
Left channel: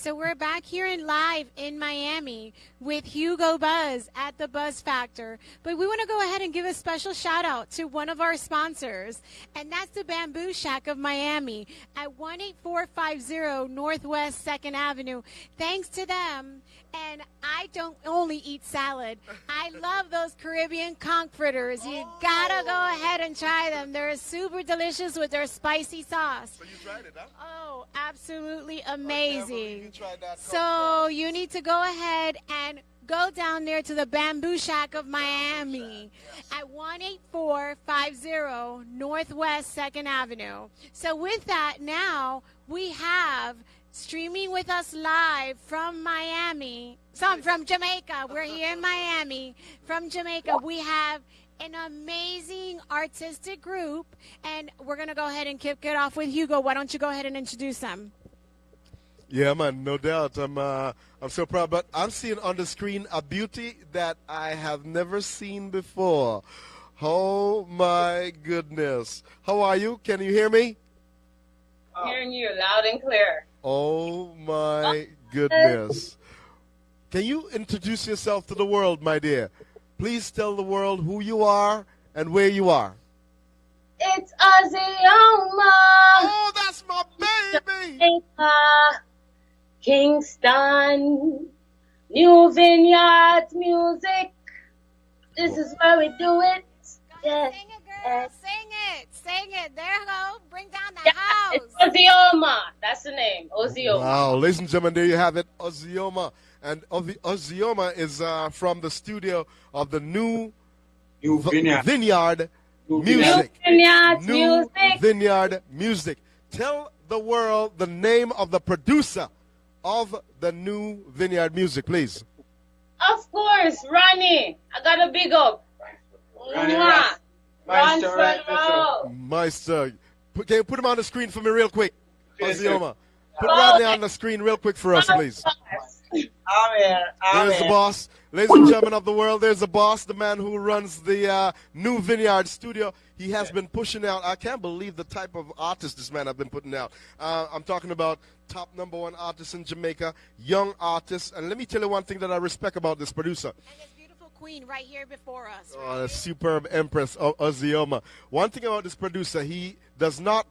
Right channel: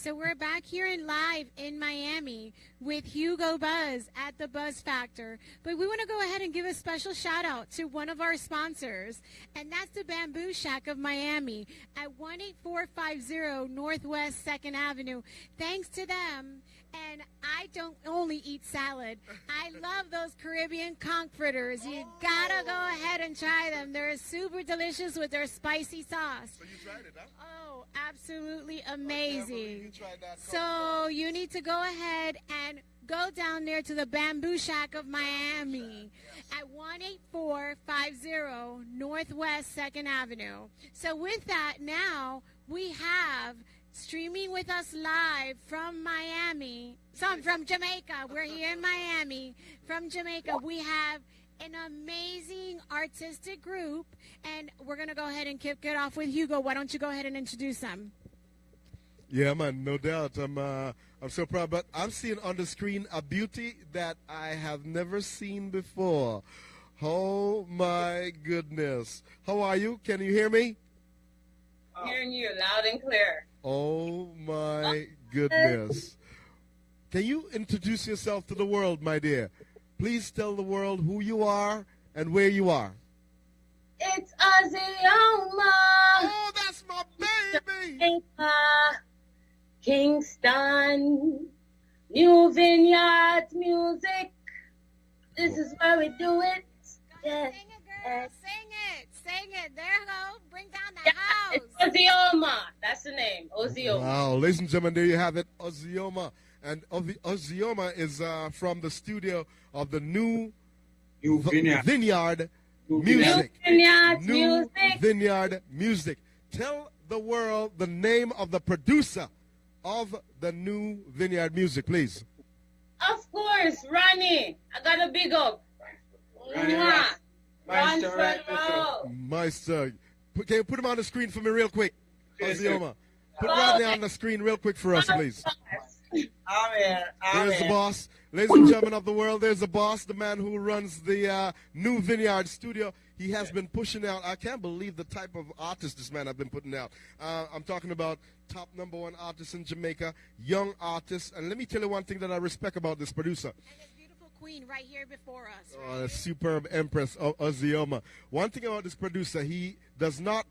So we're back here in live in Miami with Hugo Buzz at the Buzz Factor. But we want to go ahead and give a special shout out to one of our sponsors, and that's the Bamboo Shack of Miami at 18450 Northwest 2nd Avenue. Thanks to them. And I don't only eat salad. I love those Caribbean conch fritters. You gotta go ahead and try them. They're super delicious with their spicy sauce. So you tried it, huh? Oh, absolutely amazing. So you need to go ahead and go down there to the Bamboo Shack of Miami at 18450 Northwest 2nd Avenue. So with that, now we have streaming with us live from Miami. So I'm from Jamaica. We're here in Miami. From Jamaica, we have an amazing artistic group, and we're going to go ahead and kick it off with Hugo. Why don't you go ahead and introduce them? Yeah, man, no doubt. I'm so proud. But I'm seeing on the screen a beauty that I have never seen before. Oh, my goodness. How are you? Can you hear me? Hearing you loud and clear. Oh, my goodness. Can you introduce yourself to the world, my dear? Please tell the world who you are and where you are. It's Azioma. Oh, that's my baby. Kingston, New Vineyards Music, this is where we do it. Yeah. Sing it, girl. Sing it. Sing it. There you go. Bring down the house. It's Ozioma. That's the name. Ozioma. Wow, ladies and gentlemen, there you have it, Ozioma. And Ozioma is from the studio of the New Vineyard Music. New Vineyard Music. Tell the world the name of the producer of the New Vineyard Music, please. Of course, Ronnie. I got a big up. Ransford Road. Meister. Can you put him on the screen for me real quick? Ozioma. Put Rodney on the screen real quick for us, please. I'm here. There's the boss. Ladies and gentlemen of the world, there's the boss, the man who runs the New Vineyard Studio. He has been pushing out, I can't believe the type of artist this man has been putting out. I'm talking about top #1 artists in Jamaica, young artists. And let me tell you one thing that I respect about this producer. And this beautiful queen right here before us. Oh, the superb empress of Ozioma. One thing about this producer, he does not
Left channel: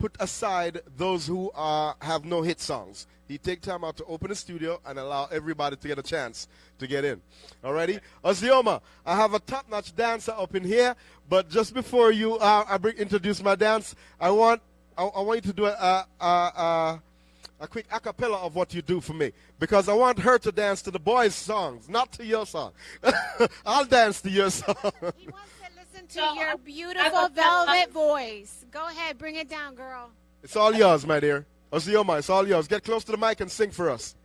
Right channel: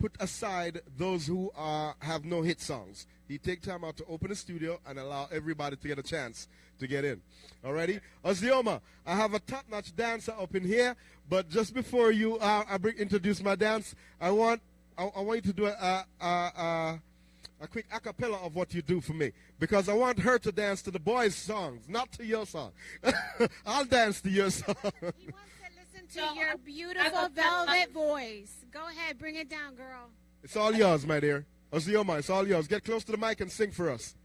put aside those who have no hit songs. He take time out to open a studio and allow everybody to get a chance to get in. Alrighty? Ozioma, I have a top-notch dancer up in here, but just before you introduce my dance, I want you to do a quick a cappella of what you do for me, because I want her to dance to the boys' songs, not to your song. I'll dance to your song. He wants to listen to your beautiful velvet voice. Go ahead, bring it down, girl. It's all yours, my dear. Ozioma, it's all yours. Get close to the mic and sing for us.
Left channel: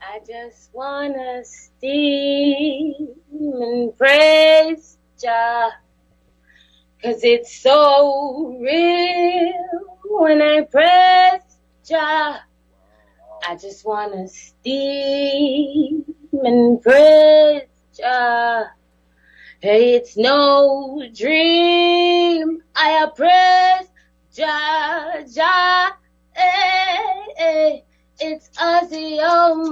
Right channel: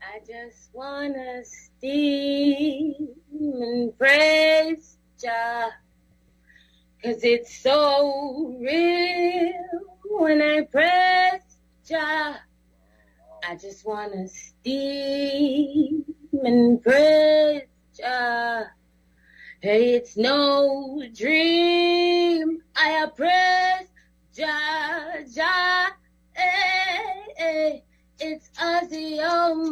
I just wanna steam and praise Jah, 'cause it's so real when I praise Jah. I just wanna steam and praise Jah. Hey, it's no dream. I praise Jah, Jah. Hey, hey. It's Ozioma.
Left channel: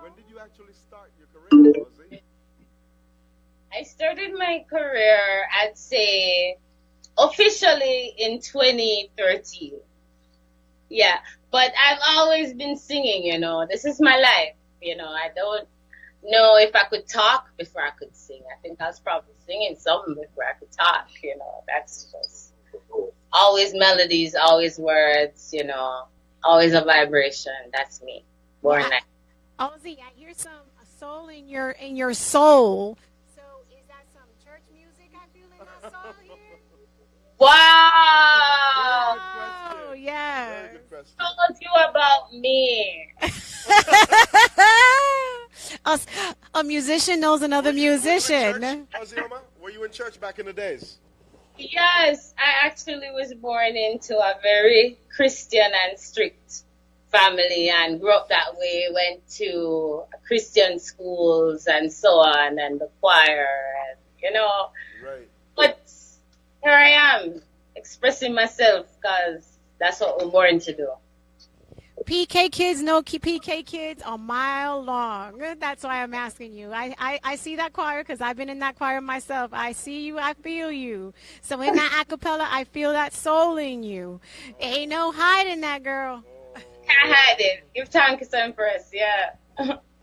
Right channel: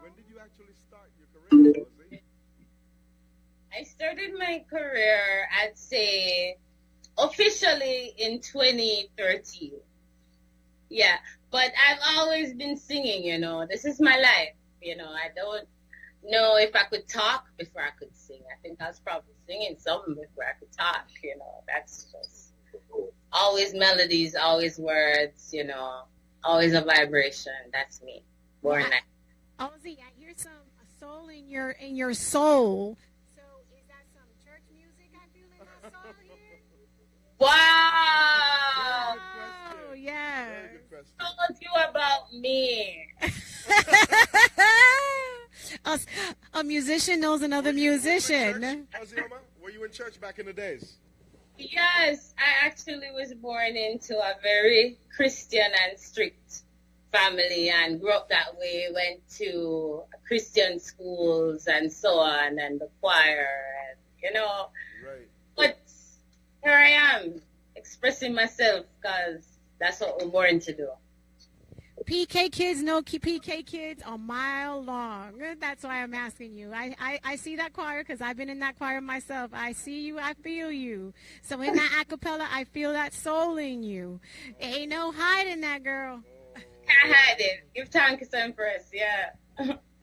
When did you actually start your career, Ozzy? I started my career, I'd say, officially in 2013. Yeah, but I've always been singing, you know. This is my life, you know. I don't know if I could talk before I could sing. I think I was probably singing something before I could talk, you know. That's just always melodies, always words, you know, always a vibration. That's me. Born like. Ozzy, I hear some soul in your soul. So is that some church music I feel in my soul here? Wow! Oh, yeah. Told you about me. A musician knows another musician. Ozioma, were you in church back in the days? Yes, I actually was born into a very Christian and strict family and grew up that way, went to Christian schools and so on, and the choir, and, you know. Right. But here I am, expressing myself, because that's what we're born to do. PK kids know PK kids a mile long. That's why I'm asking you. I see that choir because I've been in that choir myself. I see you, I feel you. So in that acapella, I feel that soul in you. Ain't no hiding that, girl. Can't hide it. Give thanks and praise, yeah.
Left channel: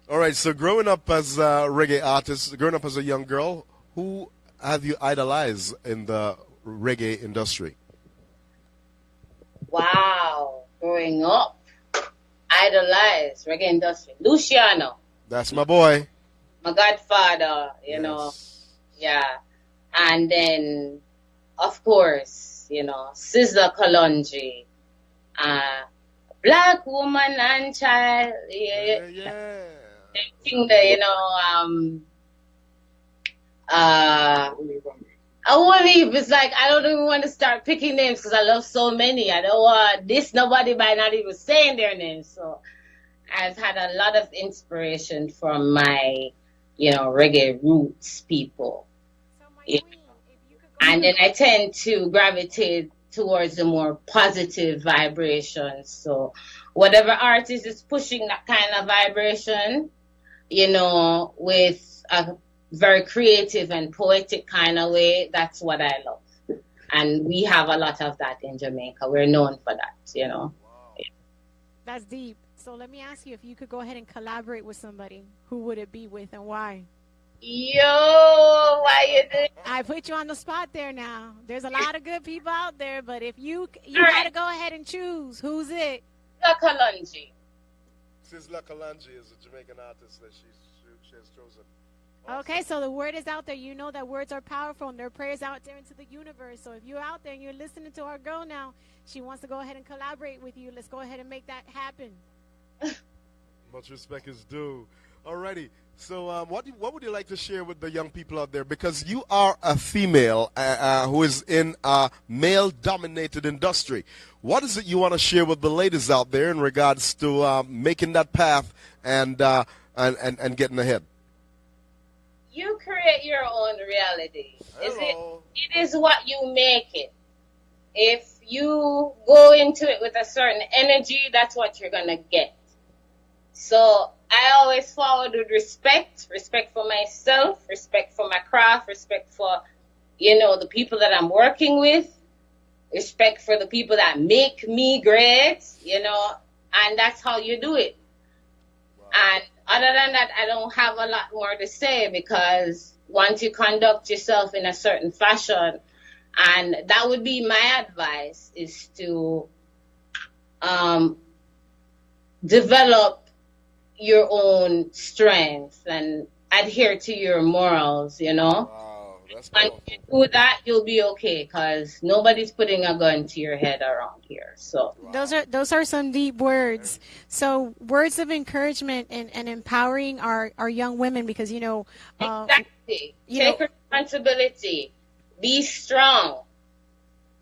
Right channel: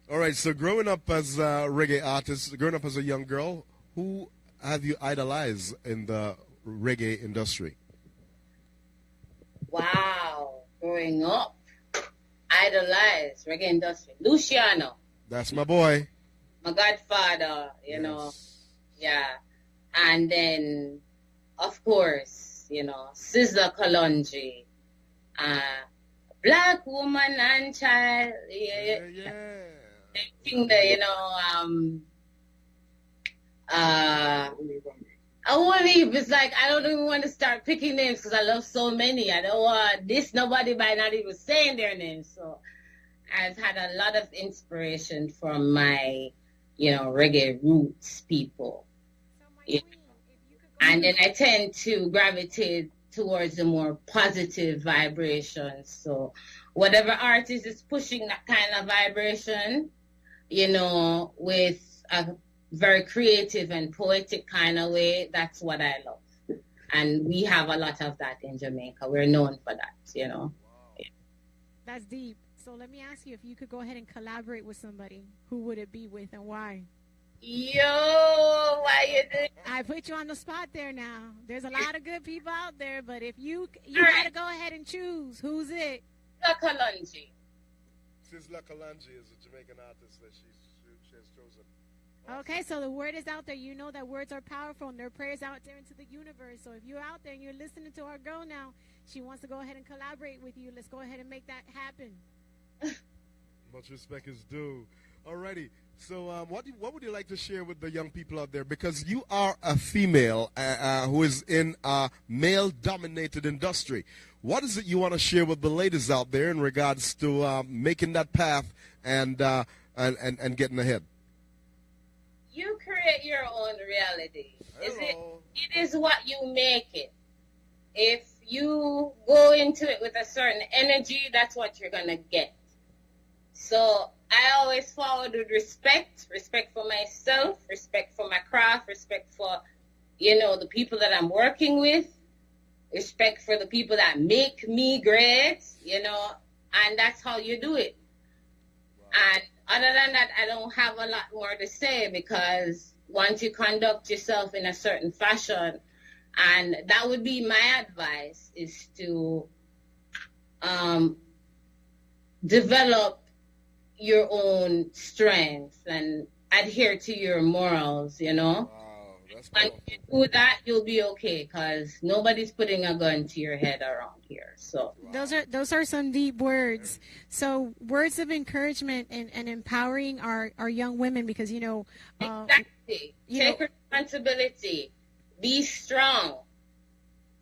All right, so growing up as a reggae artist, growing up as a young girl, who have you idolized in the reggae industry? Wow, growing up. Idolized reggae industry. Luciano. That's my boy. My godfather, you know. Yeah. And then, of course, you know, Sizzla Kalonji. Black woman and child. Yeah. Thing that, you know, I won't leave. It's like I don't even want to start picking names because I love so many. I don't want this nobody by not even saying their names. So I've had a lot of inspiration from my, you know, reggae roots people. Yeah. And then I tend to gravitate towards the more positive vibrations. So whatever artist is pushing that kind of vibration, you know, with a very creative and poetic kind of way, that's what I love. And we have a lot of that in Jamaica. We're known for that, you know. That's deep. So let me ask you, if you could go ahead and collaborate with somebody, who would it be with and why? Yo, why you doing? I put you on the spot there now. There's a lot of good people out there, but if you got to go ahead and choose, who's it? Kalonji. Sizzla Kalonji is a Jamaican artist that she has chosen. Okay, so the word is out there. You know that words are powerful and their prayers out there into the universe. So if you're out there and you're listening to our girl now, she wants to go ahead and collaborate with you. Let's go ahead and make that happen. Much respect is due. Alrighty. So what would you like to share with the young people out there? Because you are a female who is in a male-dominated industry. What is it you want to share with the ladies out there in regards to making that path and getting ahead? You create your own reality. It is what you make it. If you go into it with a certain energy, that's what you're going to get. So I always followed with respect for myself, respect for my craft, respect for, the people that I'm working with, respect for the people that make me great, and that's how you do it. And other than that, I don't have a lot more to say, because once you conduct yourself in a certain fashion, and that would be my advice, is to develop your own strengths and adhere to your morals, Wow, and if you do that, you'll be okay, because nobody's putting a gun to your head around here. So those are some deep words. So words of encouragement and empowering our young women, because exactly. Take responsibility. Be strong.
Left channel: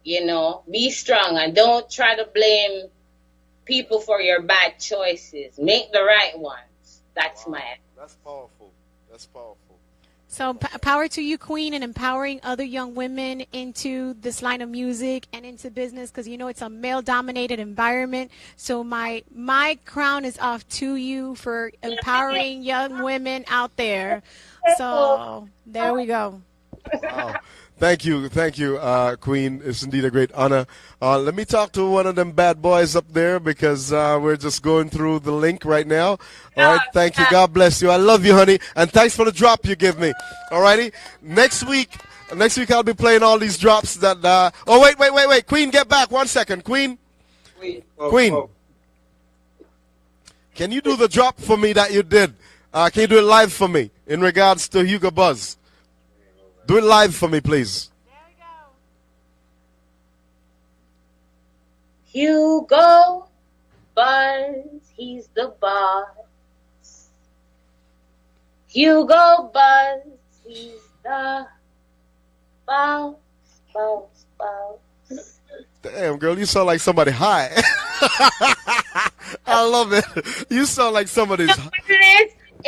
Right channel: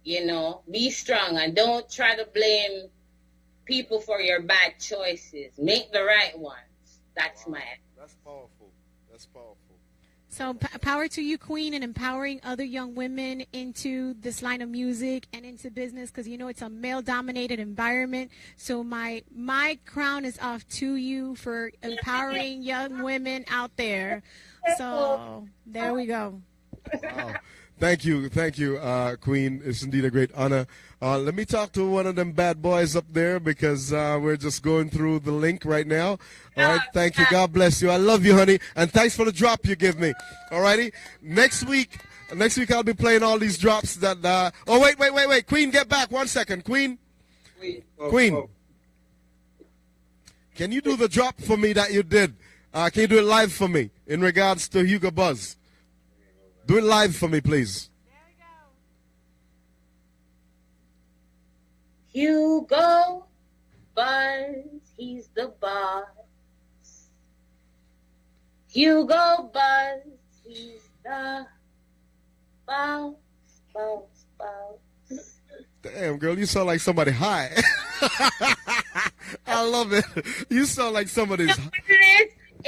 Be strong, and don't try to blame people for your bad choices. Make the right ones. That's my advice. That's powerful. That's powerful. So power to you, Queen, and empowering other young women into this line of music and into business, because it's a male-dominated environment. So my crown is off to you for empowering young women out there. So there we go. Wow. Thank you, Queen. It's indeed a great honor. Let me talk to one of them bad boys up there, because we're just going through the link right now. All right, thank you. God bless you. I love you, honey, and thanks for the drop you give me. All righty. Next week I'll be playing all these drops that. Oh wait, Queen, get back 1 second, Queen. Queen, can you do the drop for me that you did? Can you do it live for me in regards to Hugo Buzz? Do it live for me, please. Hugo Buzz, he's the boss. Hugo Buzz, he's the boss. Damn, girl, you sound like somebody high. I love it. You sound like somebody's.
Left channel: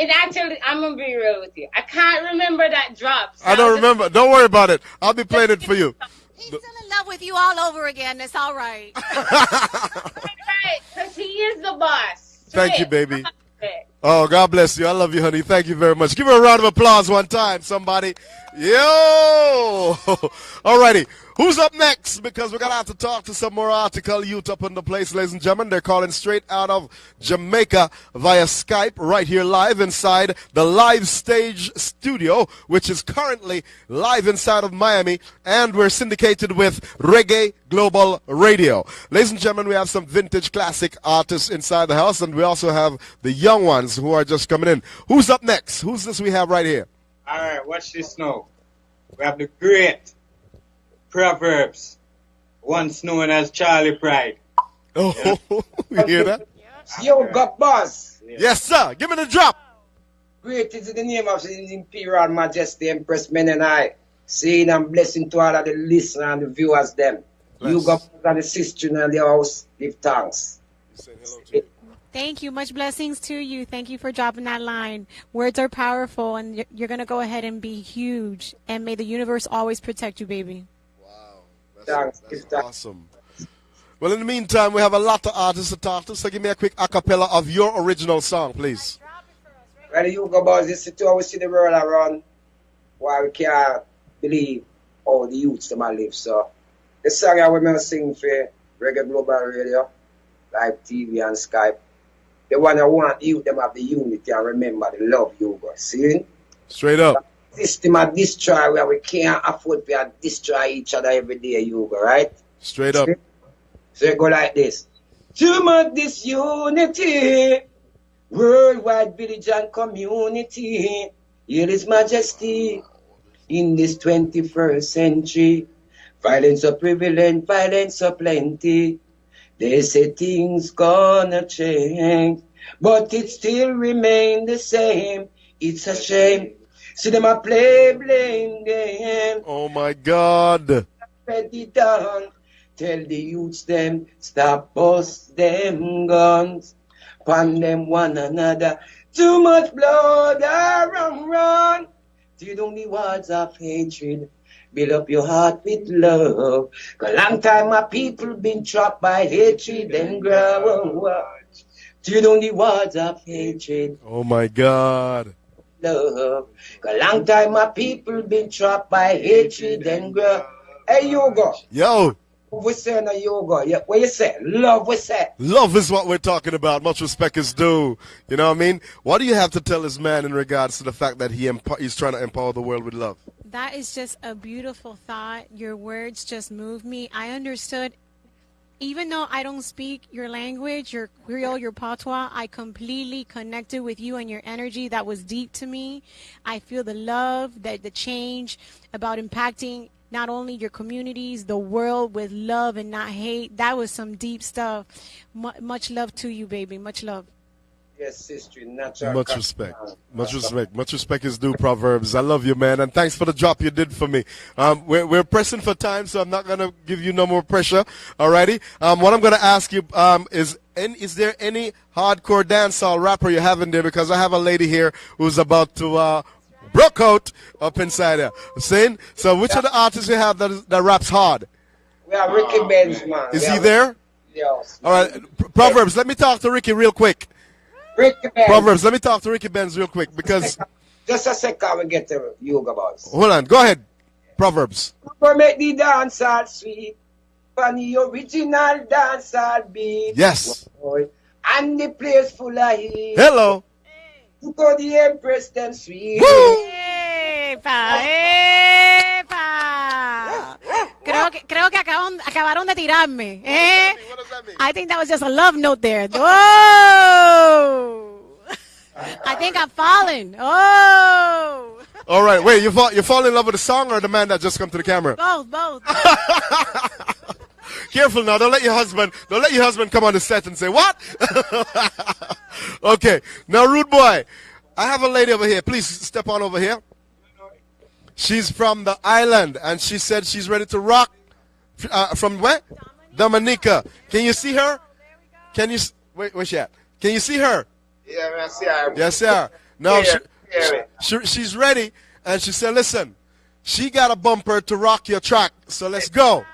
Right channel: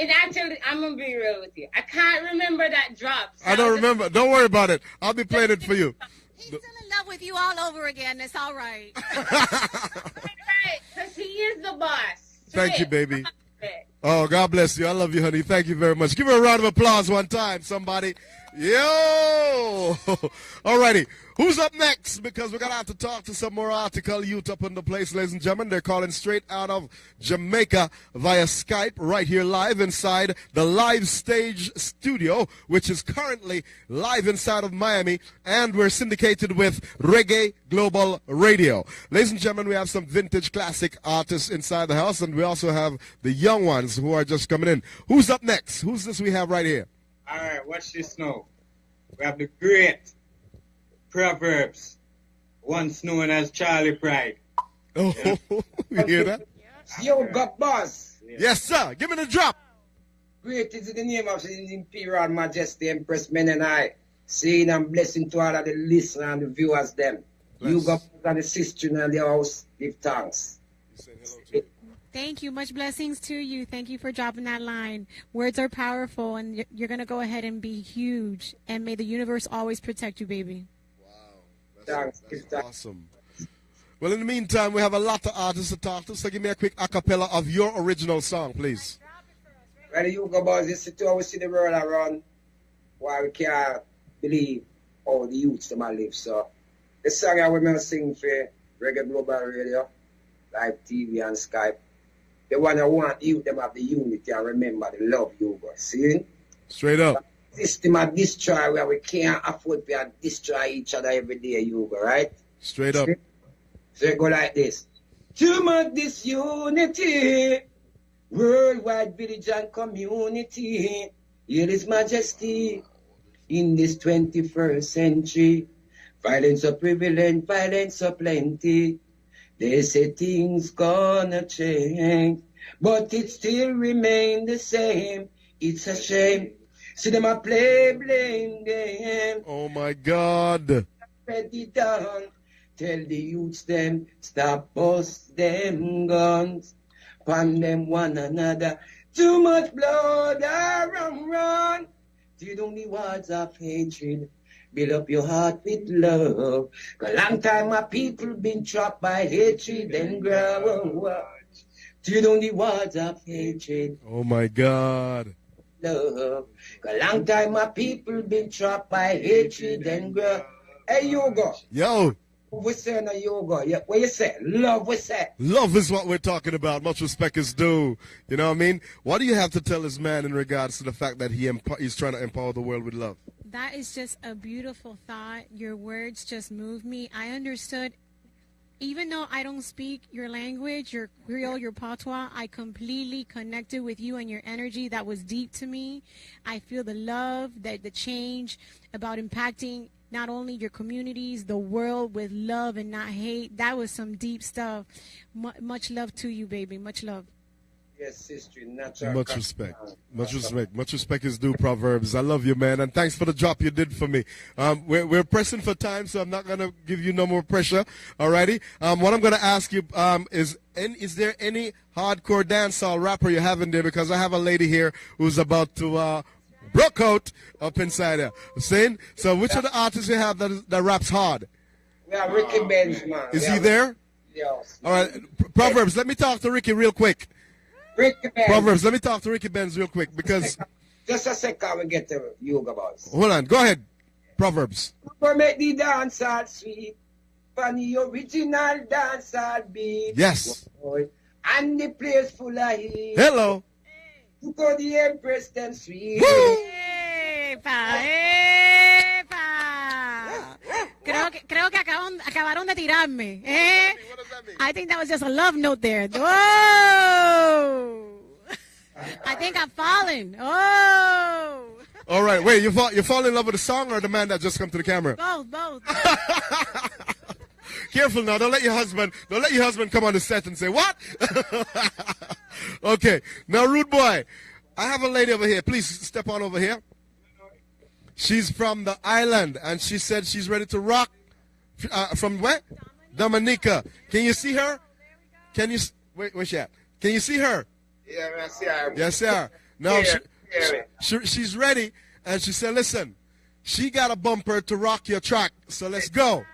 It actually, I'm going to be real with you. I can't remember that drop. So I don't remember. Don't worry about it. I'll be playing it for you. He's still in love with you all over again. It's all right. Right, because he is the boss. Thank you, baby. Oh, God bless you. I love you, honey. Thank you very much. Give her a round of applause one time, somebody. Yo! All righty. Who's up next? Because we're going to have to talk to some more article youth up in the place, ladies and gentlemen. They're calling straight out of Jamaica via Skype right here live inside the Live Stage Studio, which is currently live inside of Miami, and we're syndicated with Reggae Global Radio. Ladies and gentlemen, we have some vintage classic artists inside the house, and we also have the young ones who are just coming in. Who's up next? Who's this we have right here? All right, watch this now. We have the great Proverbs, once known as Charlie Pride. Oh, you hear that? Yo, got boss. Yes, sir. Give me the drop. Great is the name of His Imperial Majesty Empress Men and I. Saying and blessing to all of the listeners and the viewers them. Bless. You got and the sister and the house, give thanks. Thank you. Much blessings to you. Thank you for dropping that line. Words are powerful, and you're going to go ahead and be huge. And may the universe always protect you, baby. Wow. That's awesome. Well, in the meantime, we have a lot of artists to talk to, so give me a quick a cappella of your original song, please. Well, you go about this to always see the world around, why we can't believe all the youths that might live. So The song I will sing for Reggae Global Radio, live TV and Skype. The one I want you, them have the unity and remember the love you go. See? Straight up. System of destroy where we can't afford to destroy each other every day, you go, right? Straight up. So it go like this. Too much disunity, worldwide village and community. Here is majesty in this 21st century. Violence so prevalent, violence so plenty. They say things gonna change, but it still remain the same. It's a shame. See them a play blame game. Oh my God. Ready down. Tell the youths them stop bust them guns. Pan them one another. Too much blood run. Till down the walls of hatred. Build up your heart with love. 'Cause long time my people been trapped by hatred and grudge. Till down the walls of hatred. Oh my God. Love. 'Cause long time my people been trapped by hatred and grudge. Hey, Yoga. Yo. We say no yoga. Yeah, what you say? Love, we say. Love is what we're talking about. Much respect is due. You know what I mean? What do you have to tell this man in regards to the fact that he's trying to empower the world with love? That is just a beautiful thought. Your words just moved me. I understood, even though I don't speak your language, your Creole, your patois, I completely connected with you and your energy. That was deep to me. I feel the love, the change about impacting not only your communities, the world with love and not hate. That was some deep stuff. Much love to you, baby. Much love. Yes, sister. Natural. Much respect. Much respect. Much respect is due, Proverbs. I love you, man. And thanks for the drop you did for me. We're pressing for time, so I'm not going to give you no more pressure. Alrighty. What I'm going to ask you is there any hardcore dancehall rapper you have in there? Because I have a lady here who's about to broke out up inside there. Saying, so which of the artists you have that raps hard? We have Ricky Benz, man. Is he there? Yes. All right. Proverbs, let me talk to Ricky real quick. Ricky Benz. Proverbs, let me talk to Ricky Benz real quick because... Just a second, we get to Yoga Boss. Hold on. Go ahead. Proverbs. We make the dance all sweet. On the original dance all beat. Yes. And the place full of heat. Hello. You go the Empress them sweet. ¡Epa! Creo que acabaron de tirarme. I think that was just a love note there. Whoa! I think I'm falling. Oh! All right, wait, you fall in love with the song or the man that just come to the camera? Both. Careful now, don't let your husband come on the set and say, what? Okay, now rude boy, I have a lady over here. Please step on over here. She's from the island, and she said she's ready to rock. From where? Dominica. Can you see her? Can you, where's she at? Can you see her? Yeah, I see her. Yes, sir. No, she's ready, and she said, listen, she got a bumper to rock your track, so let's go.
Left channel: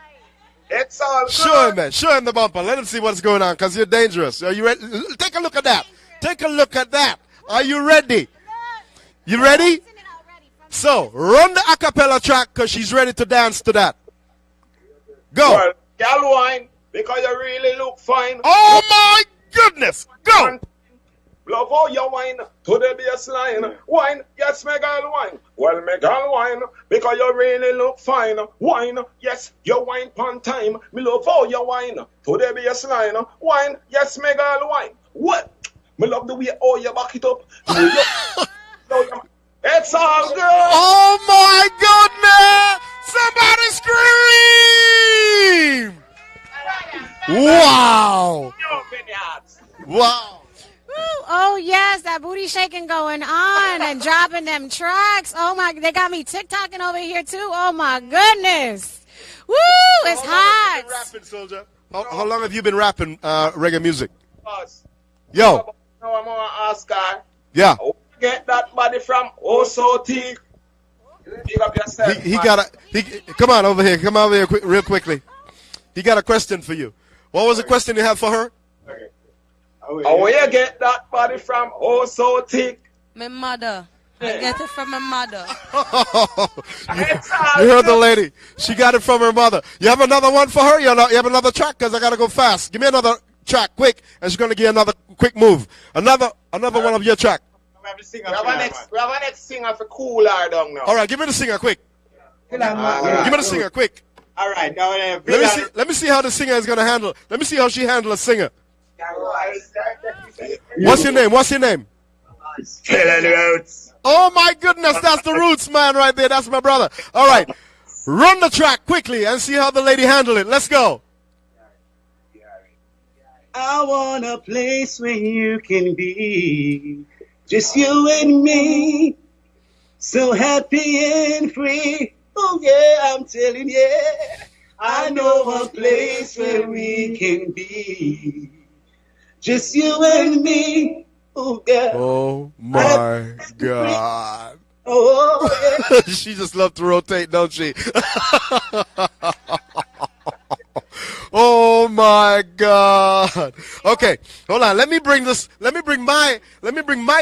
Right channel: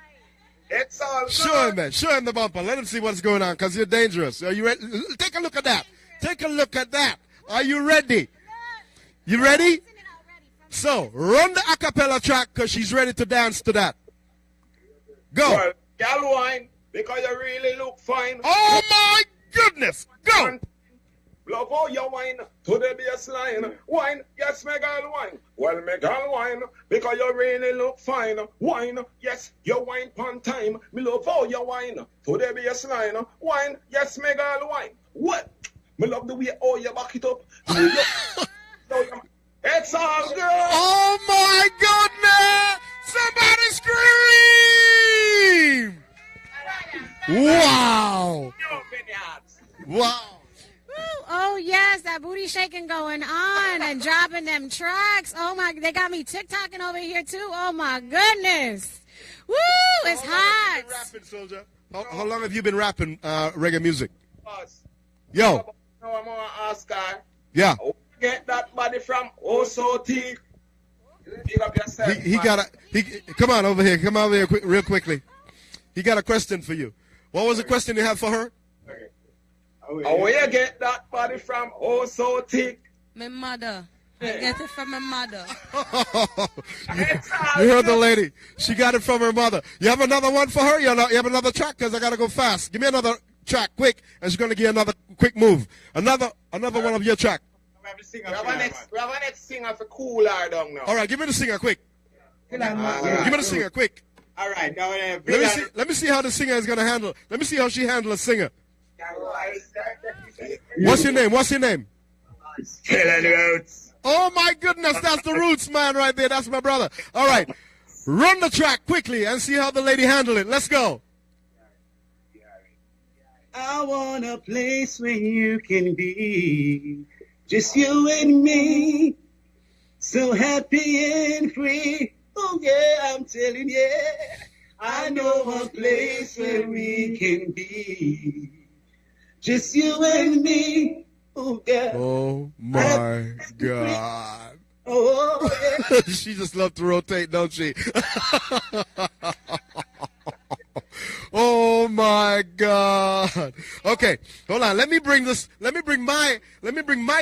It's all good. Show him, man. Show him the bumper. Let him see what's going on, because you're dangerous. Are you ready? Take a look at that. Take a look at that. Are you ready? You ready? So, run the a cappella track, because she's ready to dance to that. Go. Well, gal wine, because you really look fine. Oh, my goodness. Go. Love how you wine to the baseline. Wine, yes, me girl wine. Well, me girl wine because you really look fine. Wine, yes, you wine pon time. Me love how you wine to the baseline. Wine, yes, me girl wine. What? Me love the way how you back it up. It's all good. Oh my goodness! Somebody scream! Wow! Wow! Oh yes, that booty shaking going on and dropping them tracks. Oh my, they got me TikToking over here too. Oh my goodness. Woo, it's hot. Rapping, soldier. How long have you been rapping reggae music? Yo. Now I'm gonna ask her. Yeah. Get that body from Osoti. Pick up yourself. He got come on over here. Come over here real quickly. He got a question for you. What was the question you have for her? Where you get that body from? Oh, so thick. My mother. I get it from my mother. You heard the lady. She got it from her mother. You have another one for her? You have another track? Because I got to go fast. Give me another track quick, and she's going to give another quick move. Another one of your track. We have a next singer for Cool her down now. All right, give me the singer quick. Give me the singer quick. All right, now let me see how the singer is going to handle. Let me see how she handles a singer. What's your name? Oh my goodness, that's the Roots man right there. That's my brother. All right, run the track quickly and see how the lady handle it. Let's go. I want a place where you can be, just you and me, so happy and free. Oh yeah, I'm telling you, I know a place where we can be, just you and me. Oh yeah. Oh my God. Oh yeah. She just loves to rotate, don't she? Oh my God. Okay, hold on. Let me bring my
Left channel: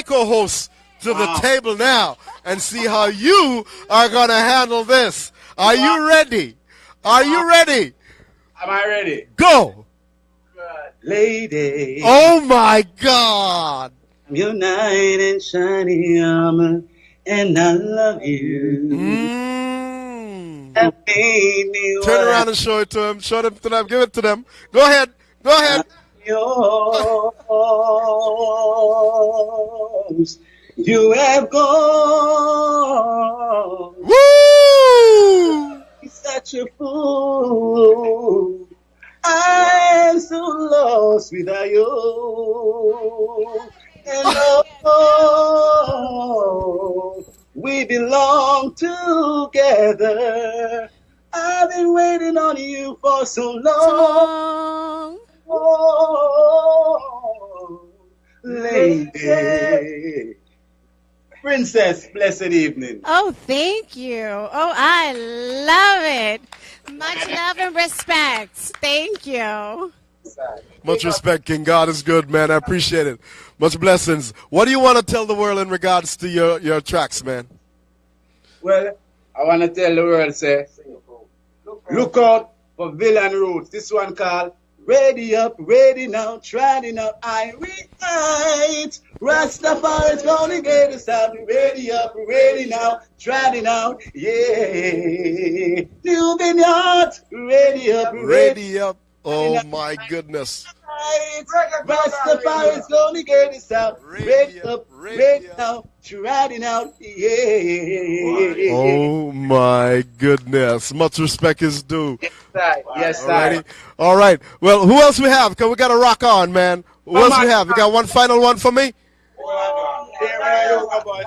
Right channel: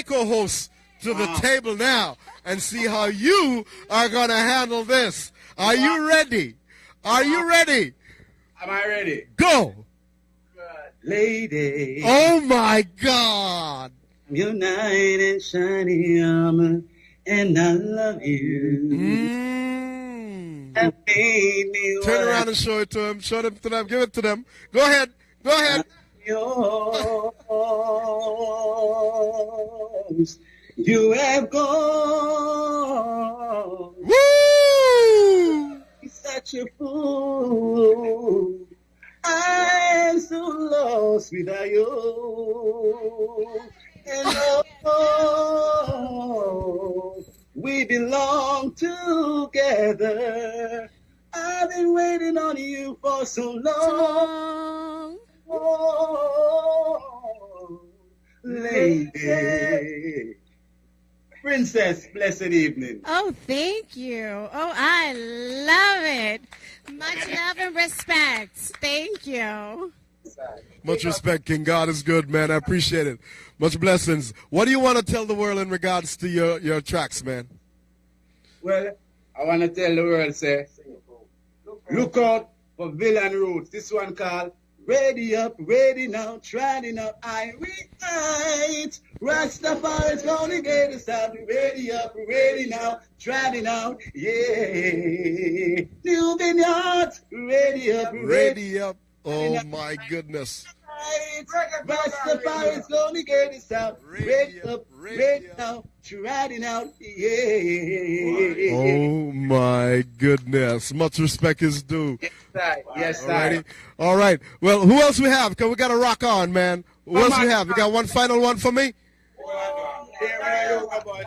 co-host to the table now and see how you are gonna handle this. Are you ready? Are you ready? Am I ready? Go. Lady. Oh my God. Your knight in shiny armor, and I love you. That made me Turn around and show it to him. Show them to them. Give it to them. Go ahead. Go ahead. Yours. You have gone. Woo! Such a fool. I'm so lost without you. And oh, we belong together. I've been waiting on you for so long. Oh, lady. Princess, blessed evening. Oh, thank you. Oh, I love it. Much love and respect. Thank you. Much respect, King. God is good, man. I appreciate it. Much blessings. What do you want to tell the world in regards to your tracks, man? Well, I want to tell the world, say, look out for Villain Roots. This one called Ready Up, Ready Now, Trying Out, I Reunite. Rastafari's gonna get us out. Ready up, ready now, trying out, yeah. New vineyards, ready up, Ready up. Oh my goodness. Rastafari's gonna get us out. Ready up, ready now, trying out, yeah. Oh my goodness. Much respect is due. Yes, sir. All right. Well, who else we have? Because we got to rock on, man. Who else we have? We got one final one for me?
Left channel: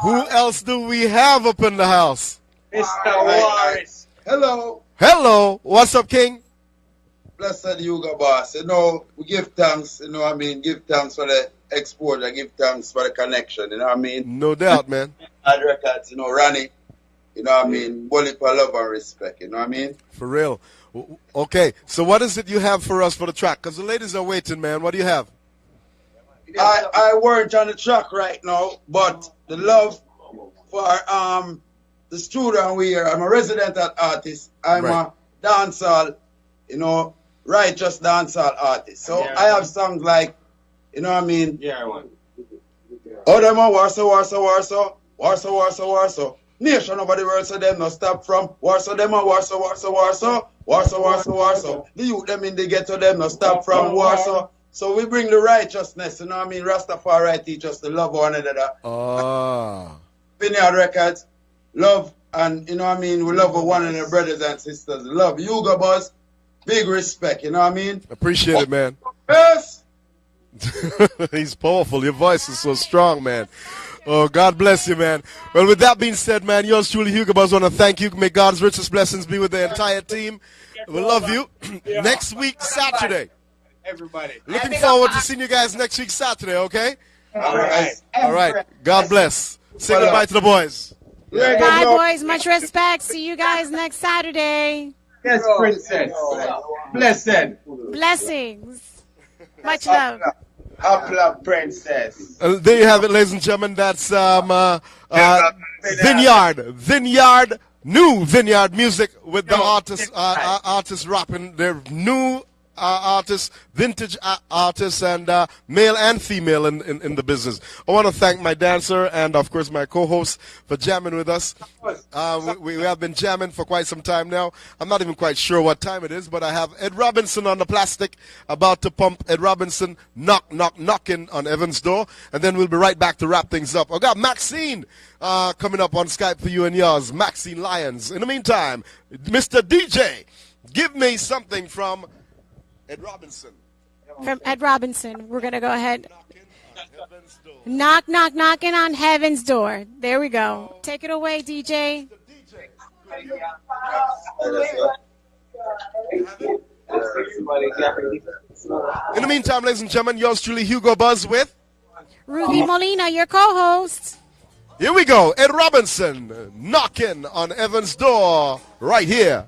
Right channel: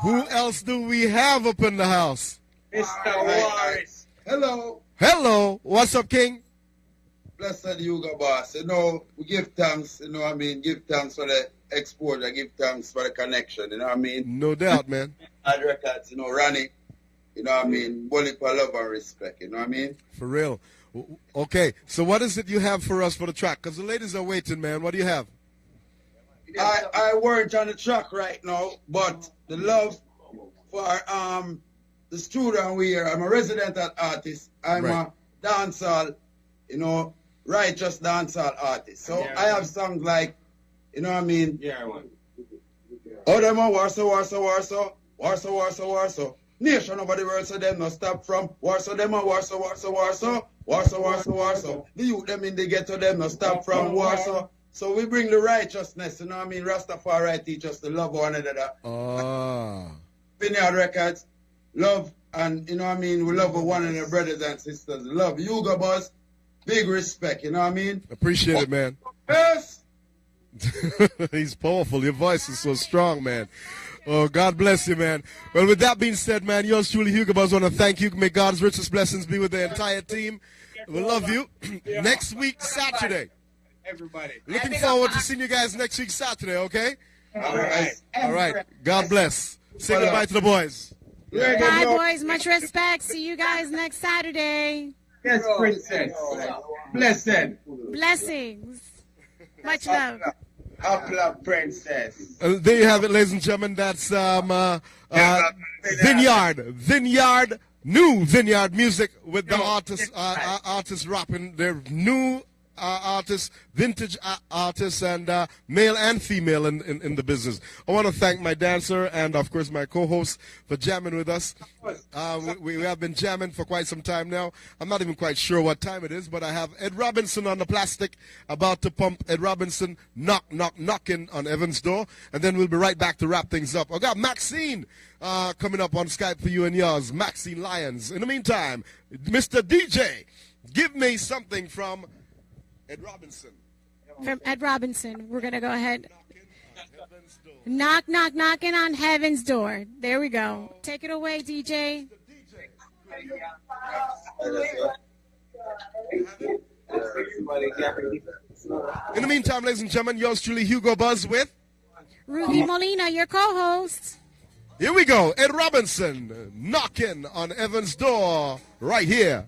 Who else do we have up in the house? Mr. Morris. Hello. Hello. What's up, King? Blessed Yuga boss. You know, we give thanks, you know what I mean? Give thanks for the export, I give thanks for the connection, you know what I mean? No doubt, man. Ad records, you know, Ronnie, you know what I mean? Bully for love and respect, you know what I mean? For real. Okay, so what is it you have for us for the track? Because the ladies are waiting, man. What do you have? I weren't on the track right now, but the love for the student we are. I'm a resident artist. I'm a dancehall, you know, righteous dancehall artist. So I have songs like, you know what I mean? Yeah, I want. Oh, them a Warsaw. Nation over the world, so them no stop from Warsaw. Them a Warsaw. The youth them in the ghetto, them no stop from Warsaw. So we bring the righteousness, you know what I mean? Rastafari teach us to love one another. Vineyard Records, love, and you know what I mean? We love one another, brothers and sisters. Love. Yuga boss, big respect, you know what I mean? Appreciate it, man. Yes. He's powerful. Your voice is so strong, man. Oh, God bless you, man. Well, with that being said, man, yours truly, Hugo Buzz, want to thank you. May God's richest blessings be with the entire team. We love you. Next week, Saturday. Everybody. Looking forward to seeing you guys next week, Saturday, okay? All right. All right. God bless. Say goodbye to the boys. Bye, boys. Much respect. See you guys next Saturday. Yes, Princess. Blessed. Blessings. Much love. Upload Princess. There you have it, ladies and gentlemen. That's Vineyard, new Vineyard music with the artists rapping their new artists, vintage artists, and male and female in the business. I want to thank my dancer and, of course, my co-host for jamming with us. We have been jamming for quite some time now. I'm not even quite sure what time it is, but I have Ed Robinson on the plastic about to pump. Ed Robinson knocking on Evan's door, and then we'll be right back to wrap things up. I got Maxine coming up on Skype for you and yours, Maxine Lyons. In the meantime, Mr. DJ, give me something from Ed Robinson. From Ed Robinson. We're going to go ahead. Knocking on heaven's door. There we go. Take it away, DJ. In the meantime, ladies and gentlemen, yours truly, Hugo Buzz with Ruthie Molina, your co-host. Here we go. Ed Robinson knocking on Evan's door right here.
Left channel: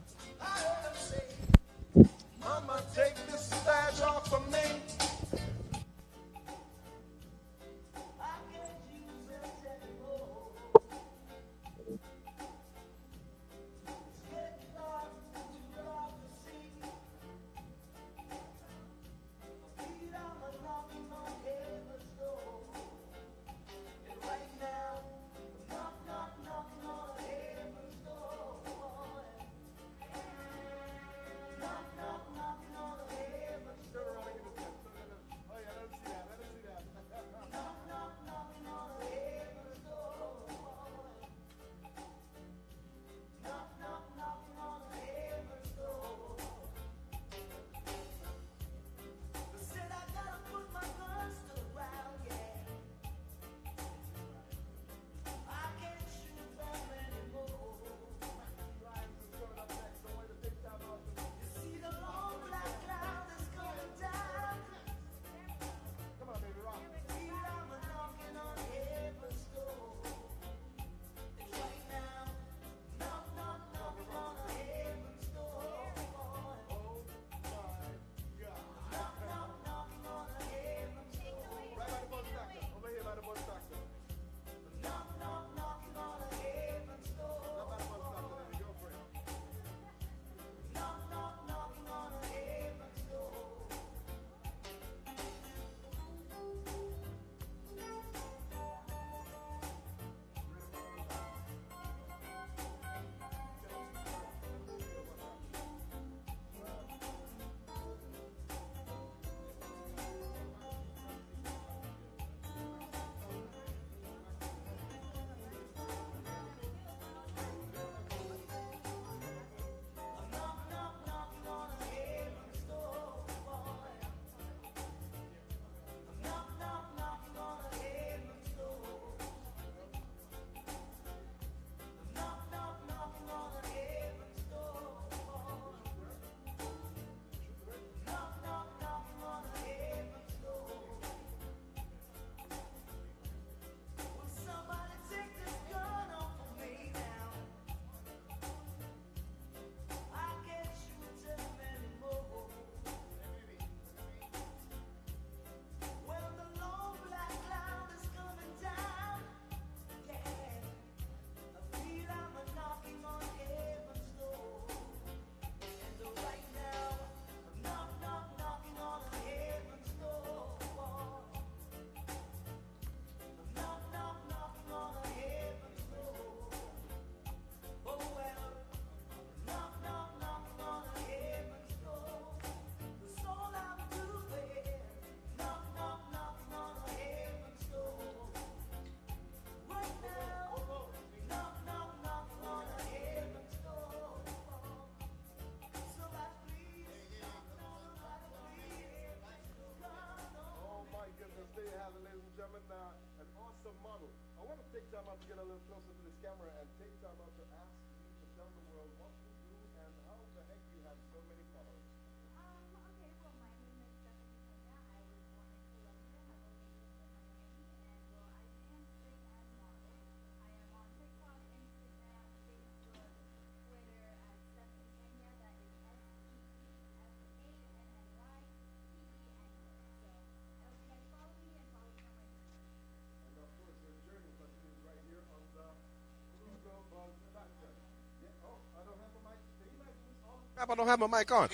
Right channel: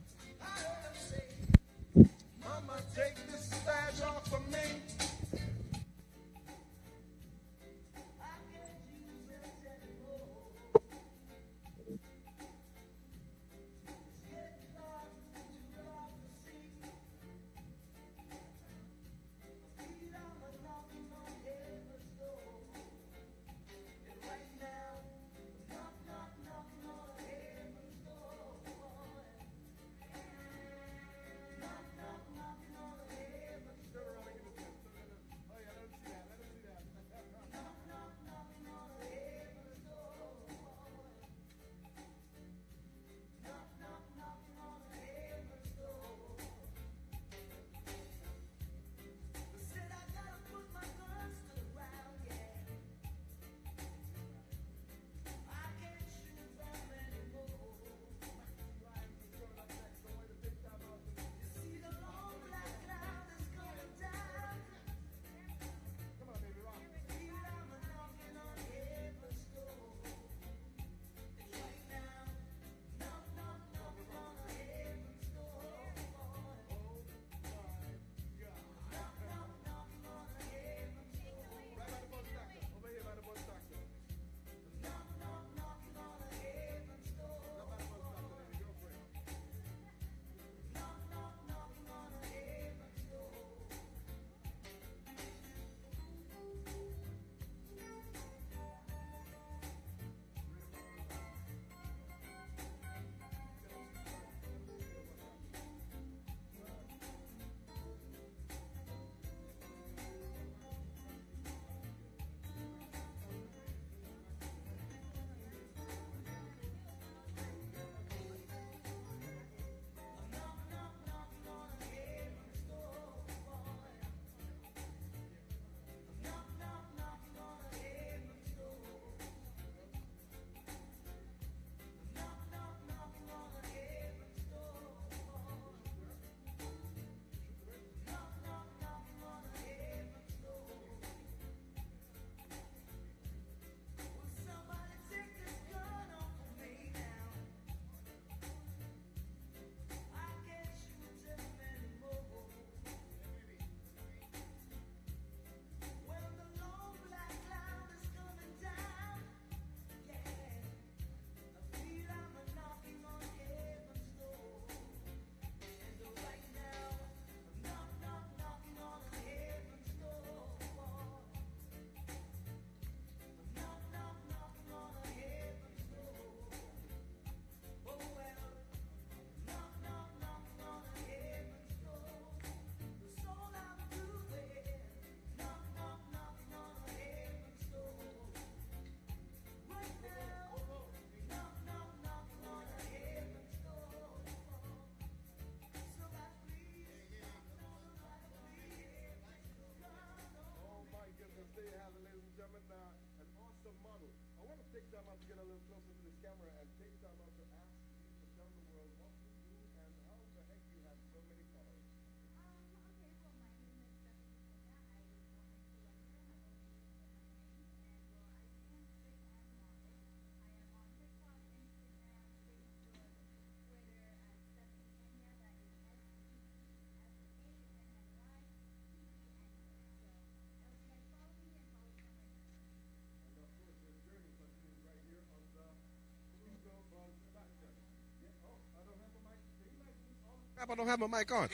Crap, I don't have my mic on.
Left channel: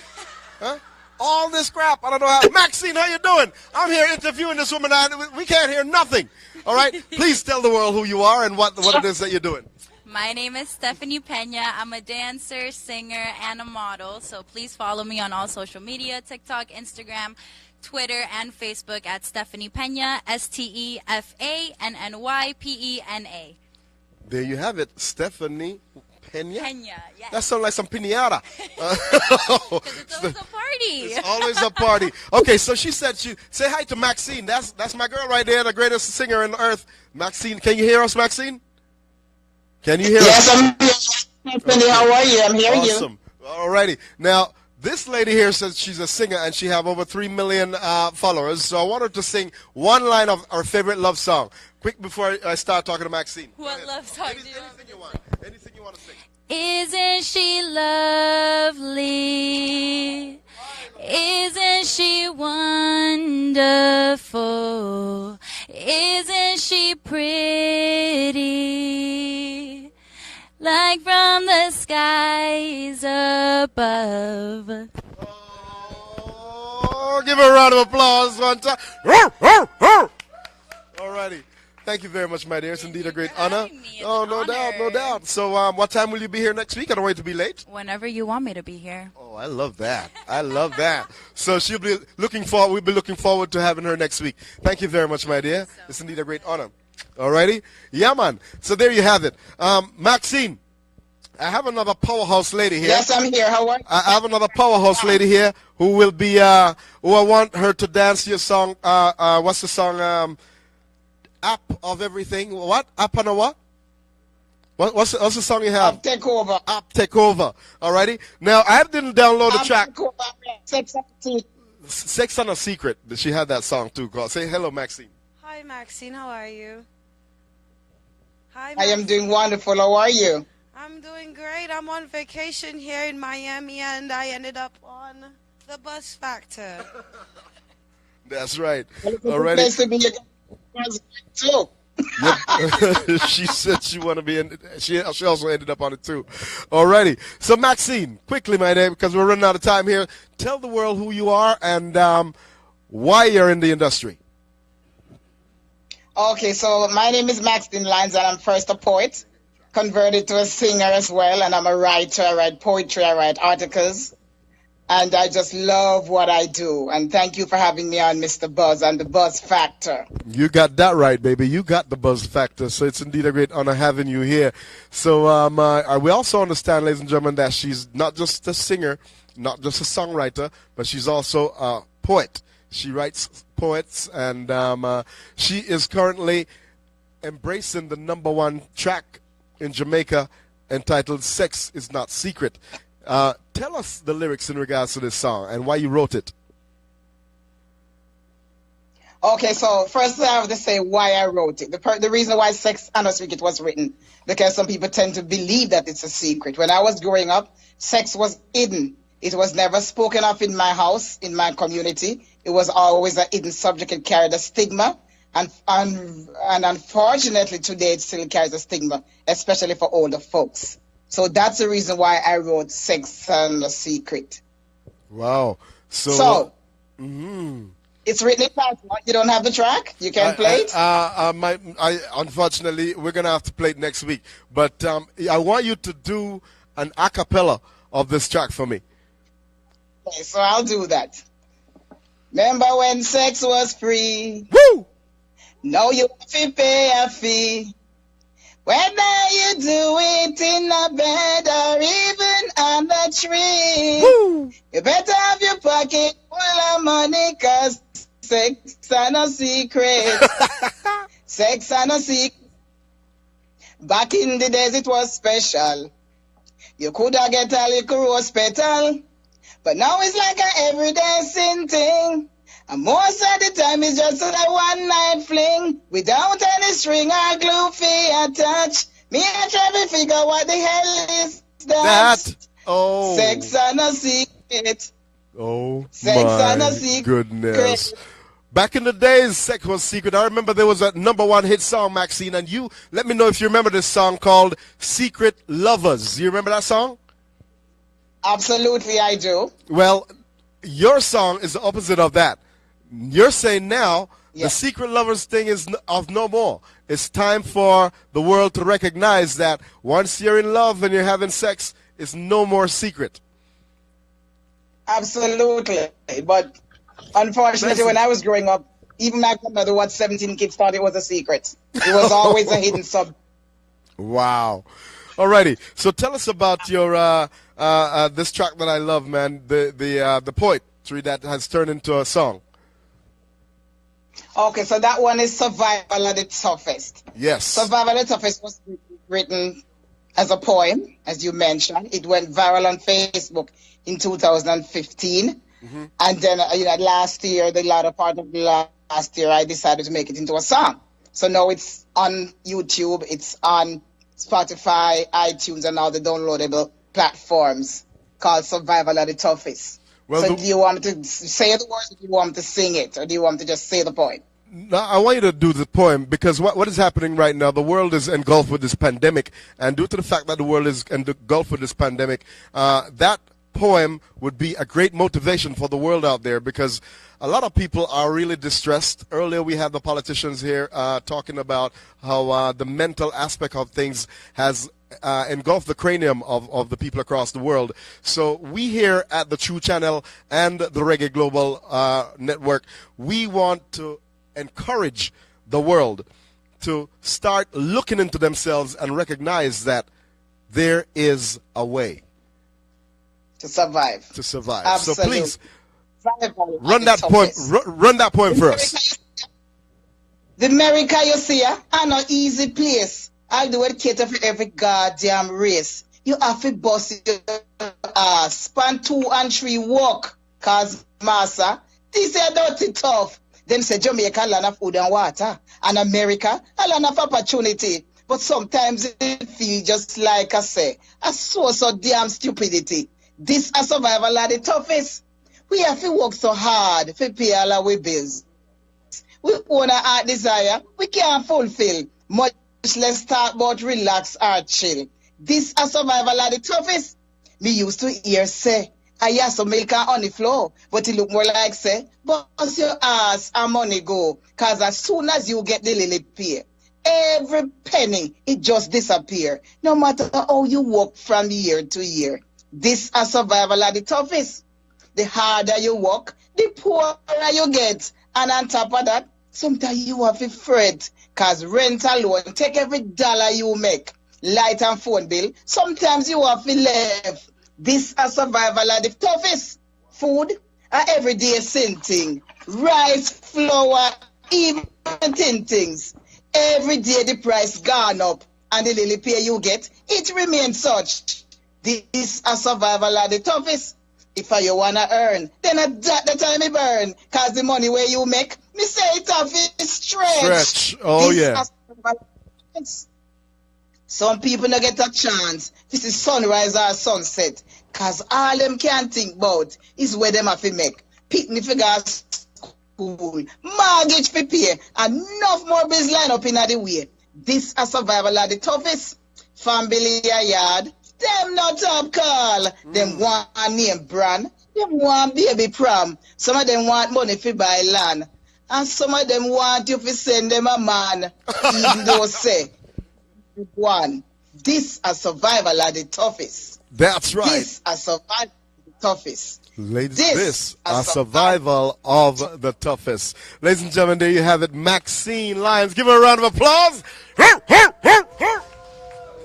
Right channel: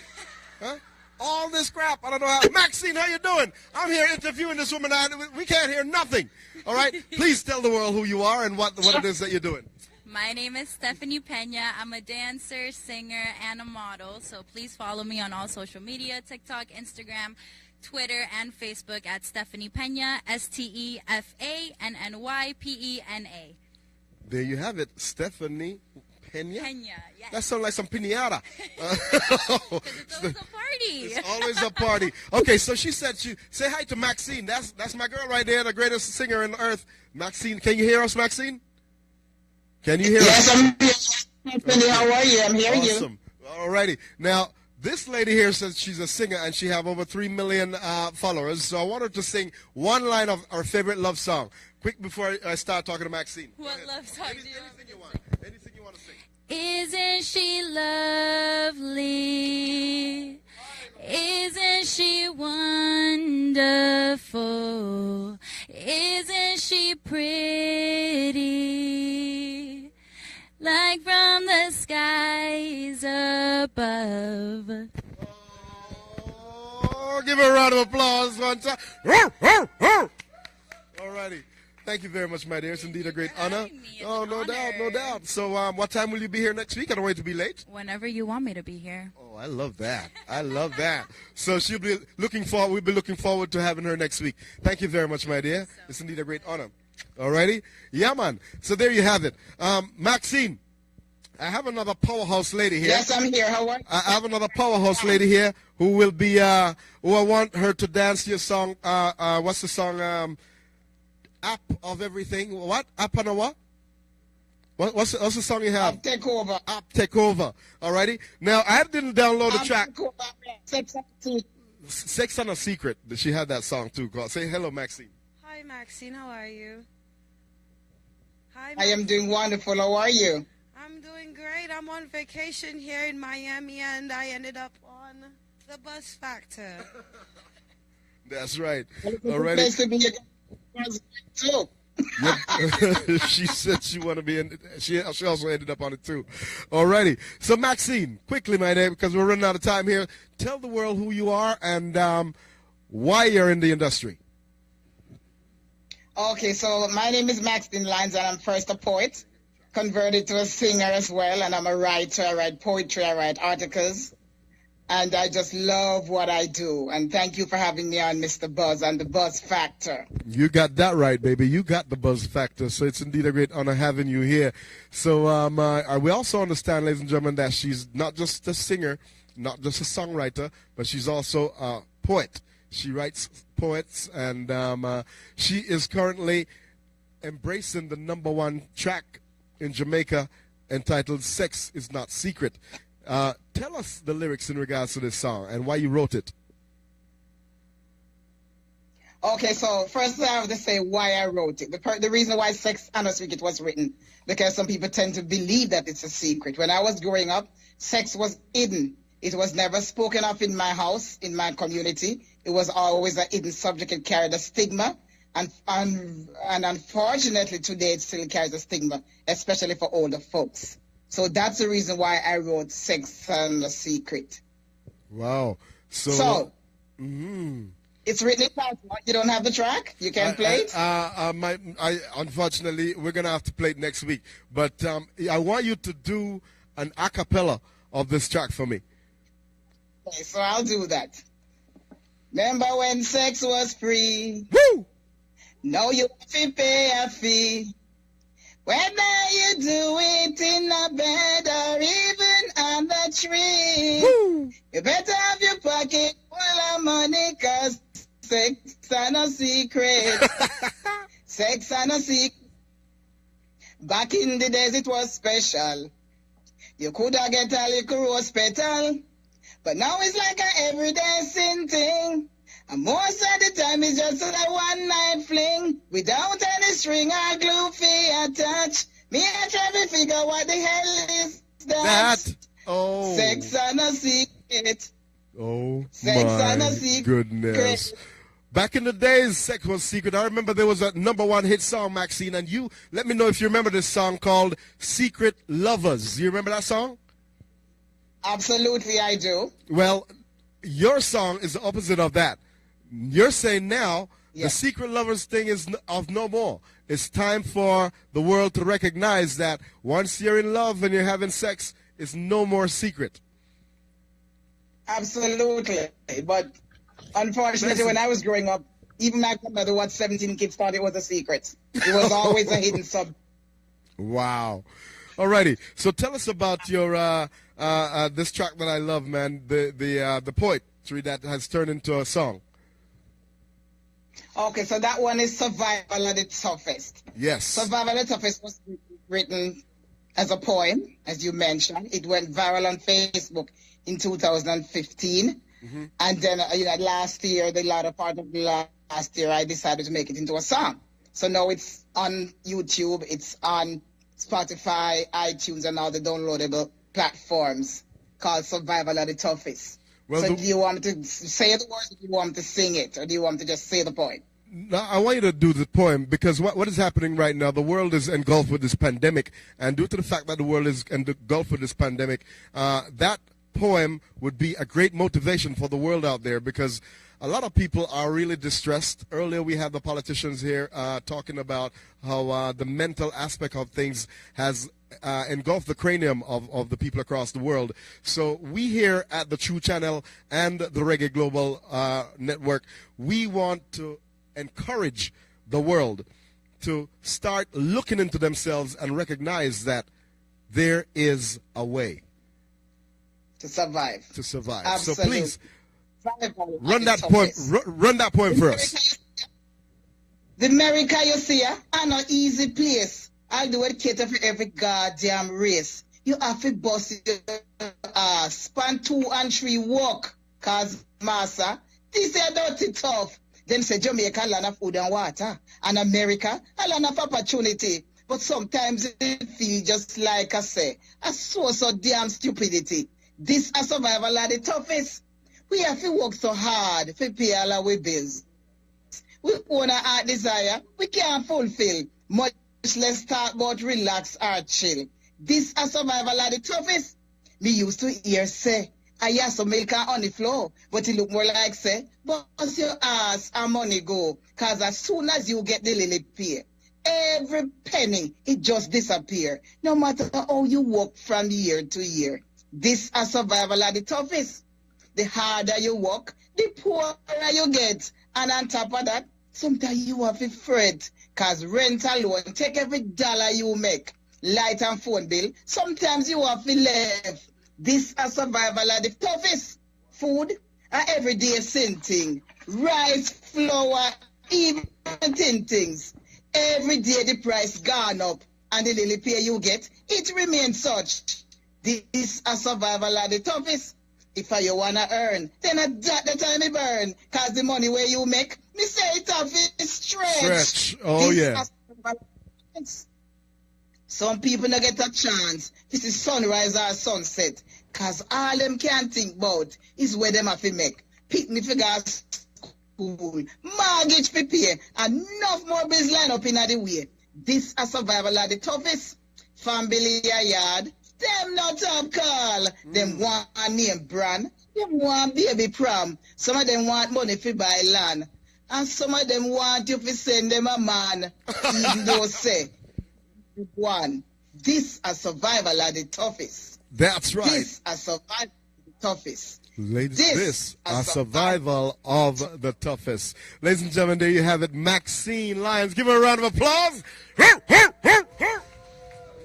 Huh? All this crap, I don't know how. Maxine, how you doing? I'm here interviewing this woman. We can't hear nothing. All right? Please tell the world who you are and what it is that you're doing. My name is Stephanie Pena. I'm a dancer, singer, and a model. So please follow me on all social media, TikTok, Instagram, Twitter, and Facebook at Stephanie Pena, STEFANNYPENA. There you have it, Stephanie Pena. Pena, yes. That sounds like some piñata. It's always a party. It's always a party. Okay, so she said say hi to Maxine. That's my girl right there, the greatest singer on the earth. Maxine, can you hear us, Maxine? Can you hear us? Yes, I'm here. Stephanie, how are you? I'm hearing you. Awesome. All righty. Now, this lady here says she's a singer and she have over 3 million followers. So I want her to sing one line of our favorite love song. Quick before I start talking to Maxine. What love song do you Anything you want. Anything you want to sing. Isn't she lovely? Isn't she wonderful? Isn't she pretty? Like from the skies above. Oh, give her a round of applause one time. All righty. Thank you very much, my dear. It's indeed a great honor. Oh, no doubt, no doubt. So what time will you be here next week? I don't want you to be late. Whenever you want me to be here. Oh, I love that. I love that. So she'll be looking forward. We'll be looking forward to having her next week. Thank you very much, my dear. It's indeed a great honor. All righty? Yeah, man. So there you have it. Maxine, I have another powerhouse lady here. Yes, I'm here. How are you? I have another powerhouse lady here who will be, who I want her to dance your song. What's the song? App of everything. What? App on a what? What's the song you have? App Take Over. App Take Over. All righty. Now, I didn't download the track. Sex on a Secret. She had that song too. Say hello, Maxine. Hi, Maxine. How are you? Hi, I am doing wonderful. How are you? I'm doing great. I'm on vacation here in Miami, and I ended up on the Buzz Factor. That's right. Already. Too. Yep. She said she want to be in. She also ended up on it too. Alrighty. So Maxine, quickly, my name, because we're running out of time here. Tell the world who you are and why you're in the industry. Okay, so my name is Maxine Lyons, and I'm first a poet, converted to a singer as well, and I'm a writer. I write poetry, I write articles, and I just love what I do. And thank you for having me on, Mr. Buzz, and the Buzz Factor. You got that right, baby. You got the Buzz Factor, so it's indeed a great honor having you here. So we also understand, ladies and gentlemen, that she's not just a singer, not just a songwriter, but she's also a poet. She writes poets, and she is currently embracing the #1 track in Jamaica entitled Sex Is Not Secret. Tell us the lyrics in regards to this song and why you wrote it. Okay, so first I have to say why I wrote it. The reason why Sex and a Secret was written, because some people tend to believe that it's a secret. When I was growing up, sex was hidden. It was never spoken of in my house, in my community. It was always a hidden subject. It carried a stigma. And unfortunately, today it still carries a stigma, especially for older folks. So that's the reason why I wrote Sex and a Secret. Wow. So it's written in title. You don't have the track? You can't play it? Unfortunately, we're going to have to play it next week. But I want you to do an a cappella of this track for me. Okay, so I'll do that. Remember when sex was free? Woo! Now you have to pay a fee. Whether you do it in a bed or even on the tree. Woo! You better have your pocket full of money, cause sex and a secret. Sex and a secret. Back in the days it was special. You could have get a little rose petal. But now it's like an everyday sin thing. And most of the time it's just a one night fling. Without any string or glue fee attached. Me I try to figure what the hell is that. Oh. Sex and a secret. Oh Sex and a my secret. goodness. Back in the days, sex was secret. I remember there was a #1 hit song, Maxine, and you let me know if you remember this song called Secret Lovers. You remember that song? Absolutely, I do. Well, your song is the opposite of that. You're saying now the secret lovers thing is of no more. It's time for the world to recognize that once you're in love and you're having sex, it's no more secret. Absolutely. But unfortunately, when I was growing up, even my grandmother who had 17 kids thought it was a secret. It was always a hidden sub. Wow. Alrighty. So tell us about your this track that I love, man. The poetry that has turned into a song. Okay, so that one is Survival of the Toughest. Yes. Survival of the Toughest was written as a poem, as you mentioned. It went viral on Facebook in 2015. Mm-hmm. And then, last year, the latter part of the last year, I decided to make it into a song. So now it's on YouTube, it's on Spotify, iTunes, and all the downloadable platforms called Survival of the Toughest. Well, so do you want me to say the words, or do you want me to sing it, or do you want me to just say the poem? No, I want you to do the poem because what is happening right now, the world is engulfed with this pandemic, and due to the fact that the world is engulfed with this pandemic, that poem would be a great motivation for the world out there because a lot of people are really distressed. Earlier we had the politicians here talking about how the mental aspect of things has engulfed the cranium of the people across the world. So we here at the True Channel and the Reggae Global Network, we want to encourage the world to start looking into themselves and recognize that there is a way. To survive. To survive. Absolutely. So please, run that poem. Run that poem for us. The America you see, are no easy place. I do it cater for every goddamn race. You have to bust your ass, span 2 and 3 walk, cause massa, this is dirty tough. Them say Jamaica land of food and water, and America a land of opportunity. But sometimes it feels just like I say, a source of damn stupidity. This a survival of the toughest. We have to work so hard to pay all our bills. We own a heart desire, we can't fulfill. Much less talk about relax or chill. This a survival of the toughest. Me used to hear say, I hear some milk and honey flow, but it look more like say, bust your ass and money go. Cause as soon as you get the little pay, every penny, it just disappear. No matter how you work from year to year. This a survival of the toughest. The harder you work, the poorer you get. And on top of that, sometimes you have to fret. Cause rent alone take every dollar you make. Light and phone bill, sometimes you have to live. This a survival of the toughest. Food, a everyday sin thing. Rice, flour, even thin things. Every day the price gone up. And the little pay you get, it remains such. This a survival of the toughest. If you wanna earn, then at the time you burn. Cause the money where you make, me say it off is stretch. Oh this yeah. Some people don't get a chance. This is sunrise or sunset. Cause all them can think about is where them have to make. Picnic for gas school, mortgage for pay, and enough more bills line up in the way. This a survival of the toughest. Family a yard. Them not top call. Them want a name brand. Them want baby prom. Some of them want money for buy land. And some of them want you to send them a man. Even though say, one, this a survival of the toughest. That's right. This a survival of the toughest. Ladies, this a survival of the toughest. Ladies and gentlemen, there you have it. Maxine Lyons. Give her a round of applause.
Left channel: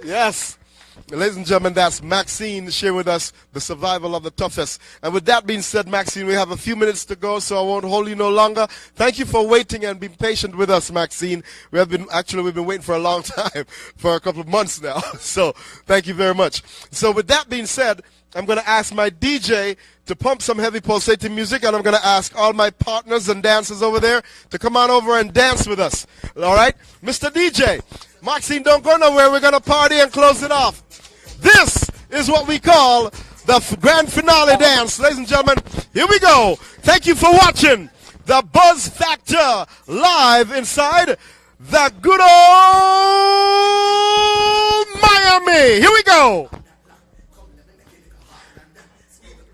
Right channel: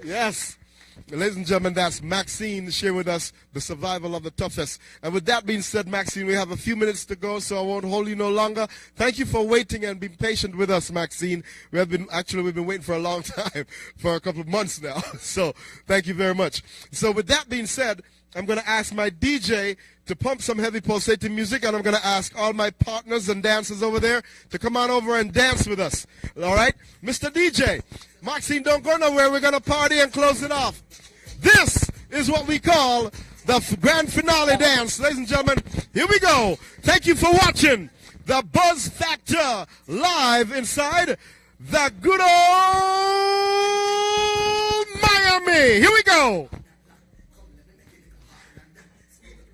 Yes. Ladies and gentlemen, that's Maxine sharing with us the survival of the toughest. And with that being said, Maxine, we have a few minutes to go, so I won't hold you no longer. Thank you for waiting and being patient with us, Maxine. We've been waiting for a long time, for a couple of months now. So thank you very much. So with that being said, I'm going to ask my DJ to pump some heavy pulsating music, and I'm going to ask all my partners and dancers over there to come on over and dance with us. All right? Mr. DJ, Maxine, don't go nowhere. We're going to party and close it off. This is what we call the grand finale dance. Ladies and gentlemen, here we go. Thank you for watching the Buzz Factor live inside the good old Miami. Here we go.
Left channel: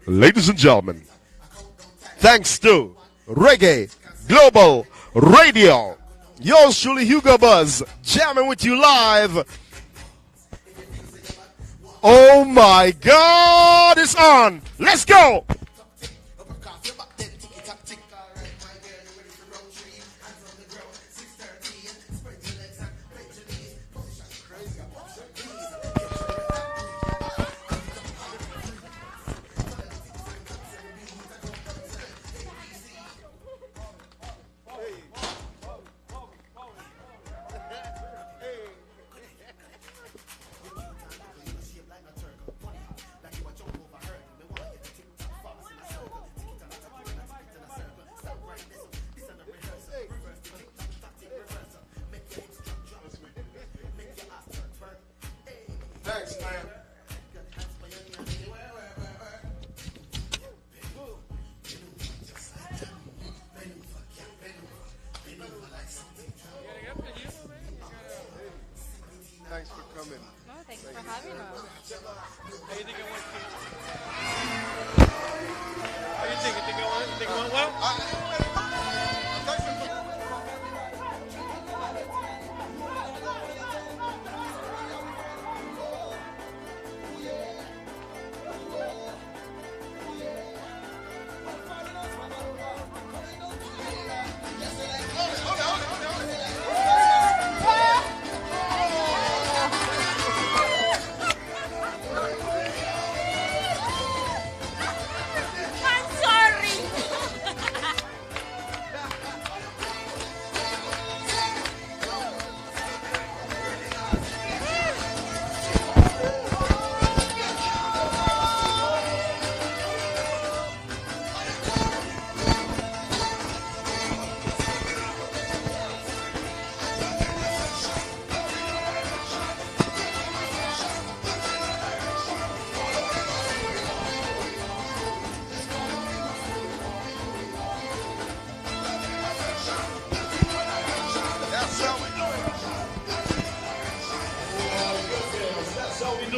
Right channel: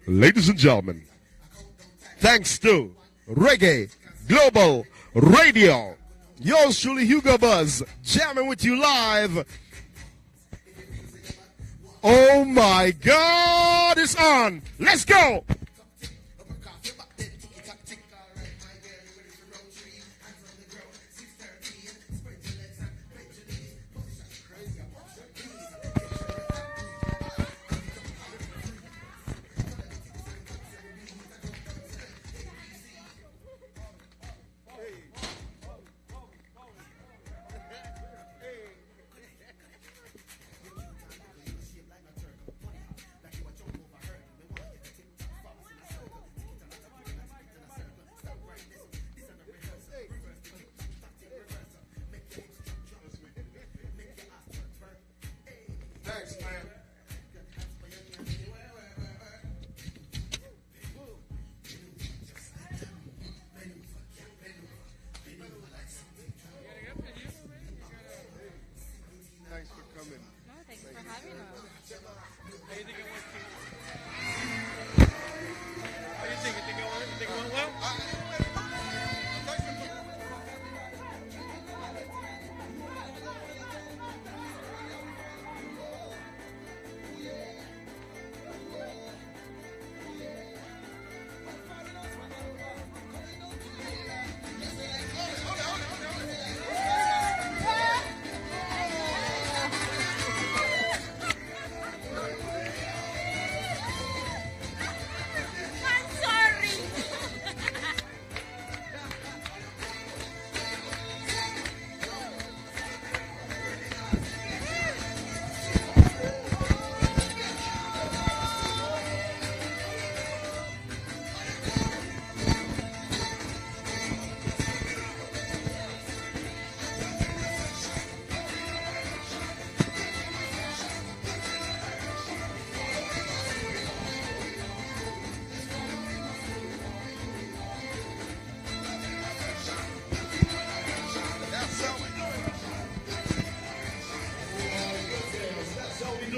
ladies and gentlemen, thanks to Reggae Global Radio, yours truly, Hugo Buzz, jamming with you live. Oh my God, it's on. Let's go.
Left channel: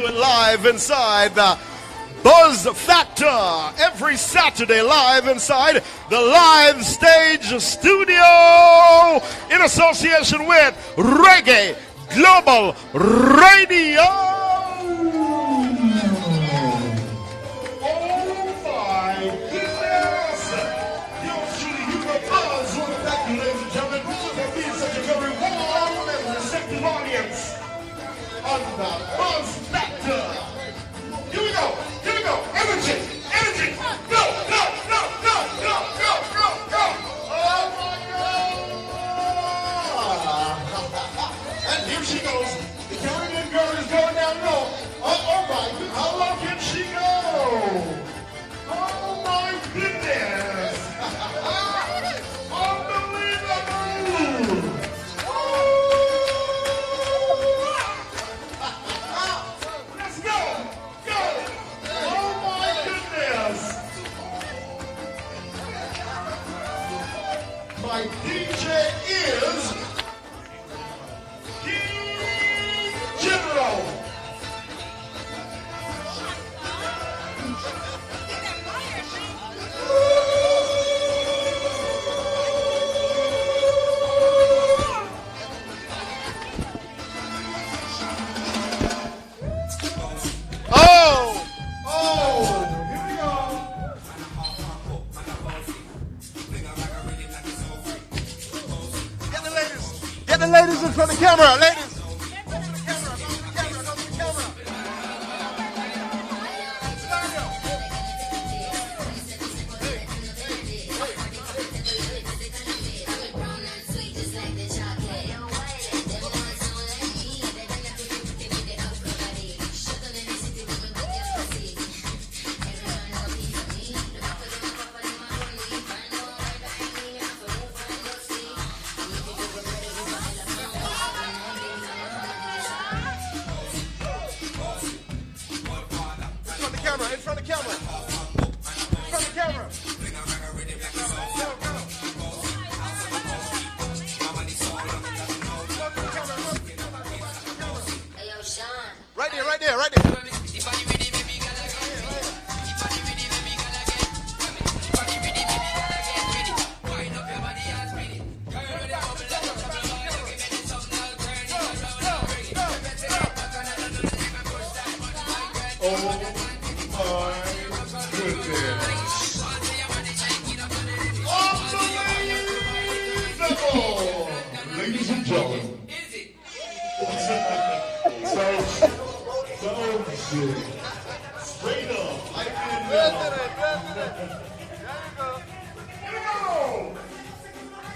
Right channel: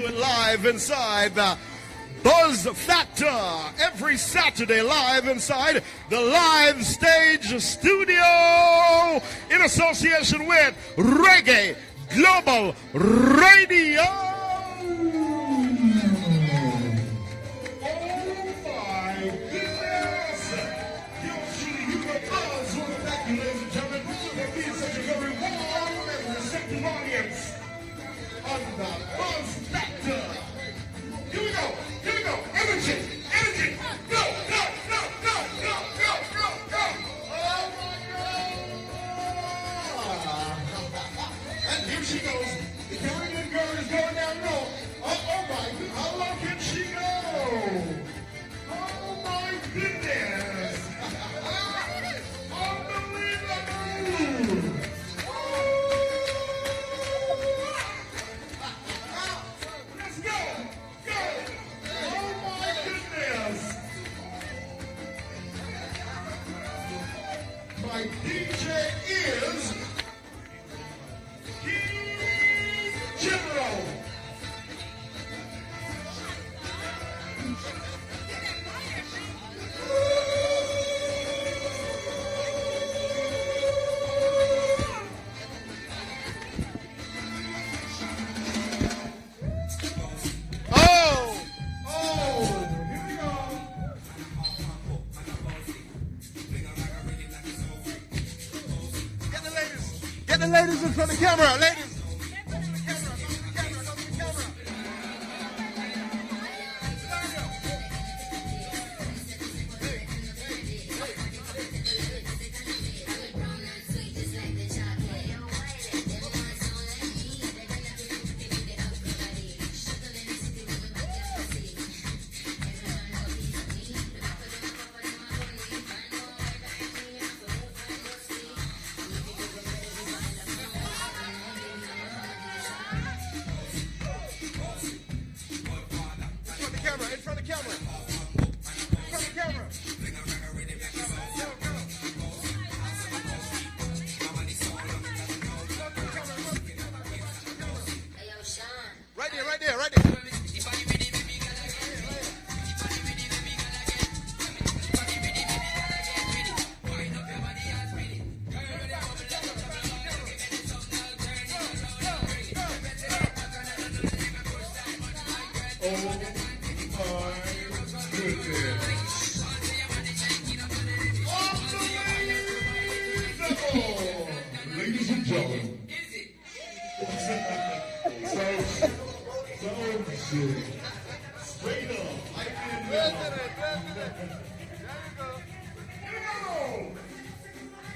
Live inside the Buzz Factor every Saturday, live inside the Live Stage Studio in association with Reggae Global Radio. Ladies in front of the camera, ladies. Right there. Ladies and gentlemen. Straight up.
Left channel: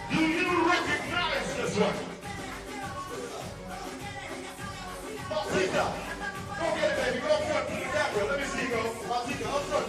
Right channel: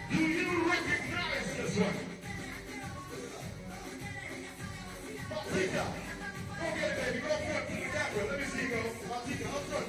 Do you recognize this one? Martina, go get it, baby. Go up front to the camera. Let me see you go. Martina, up front.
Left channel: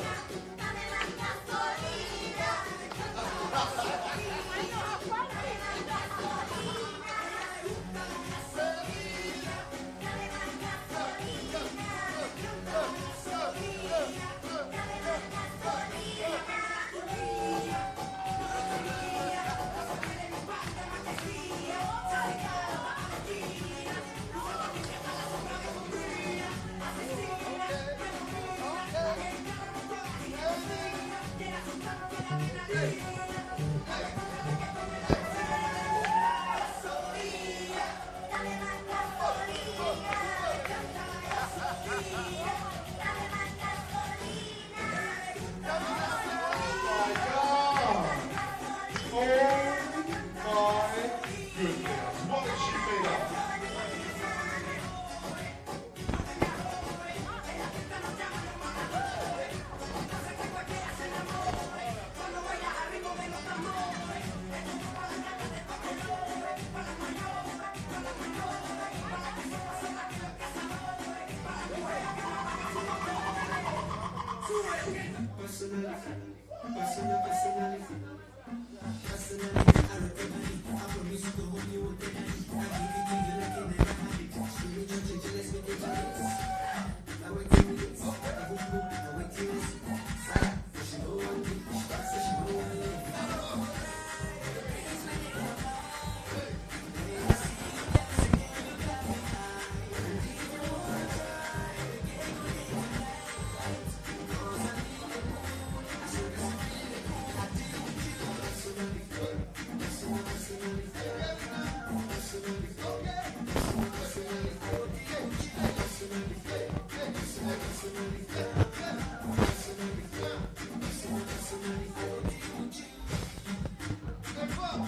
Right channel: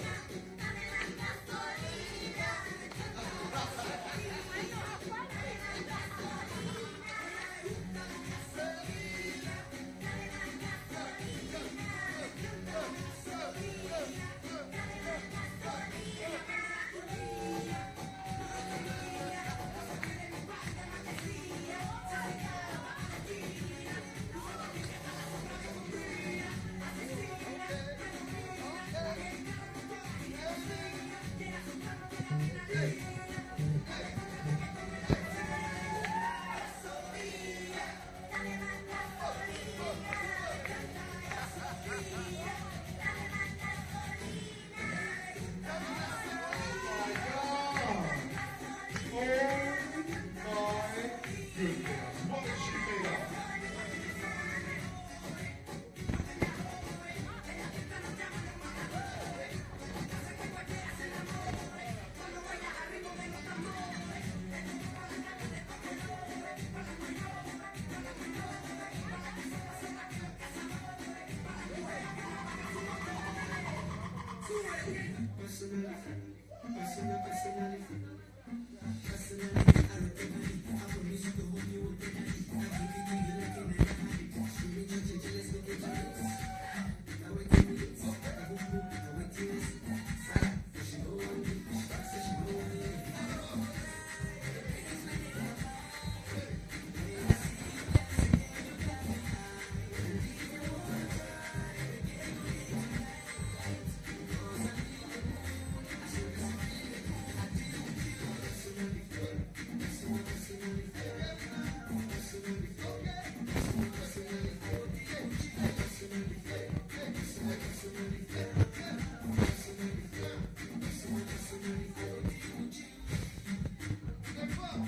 Personality.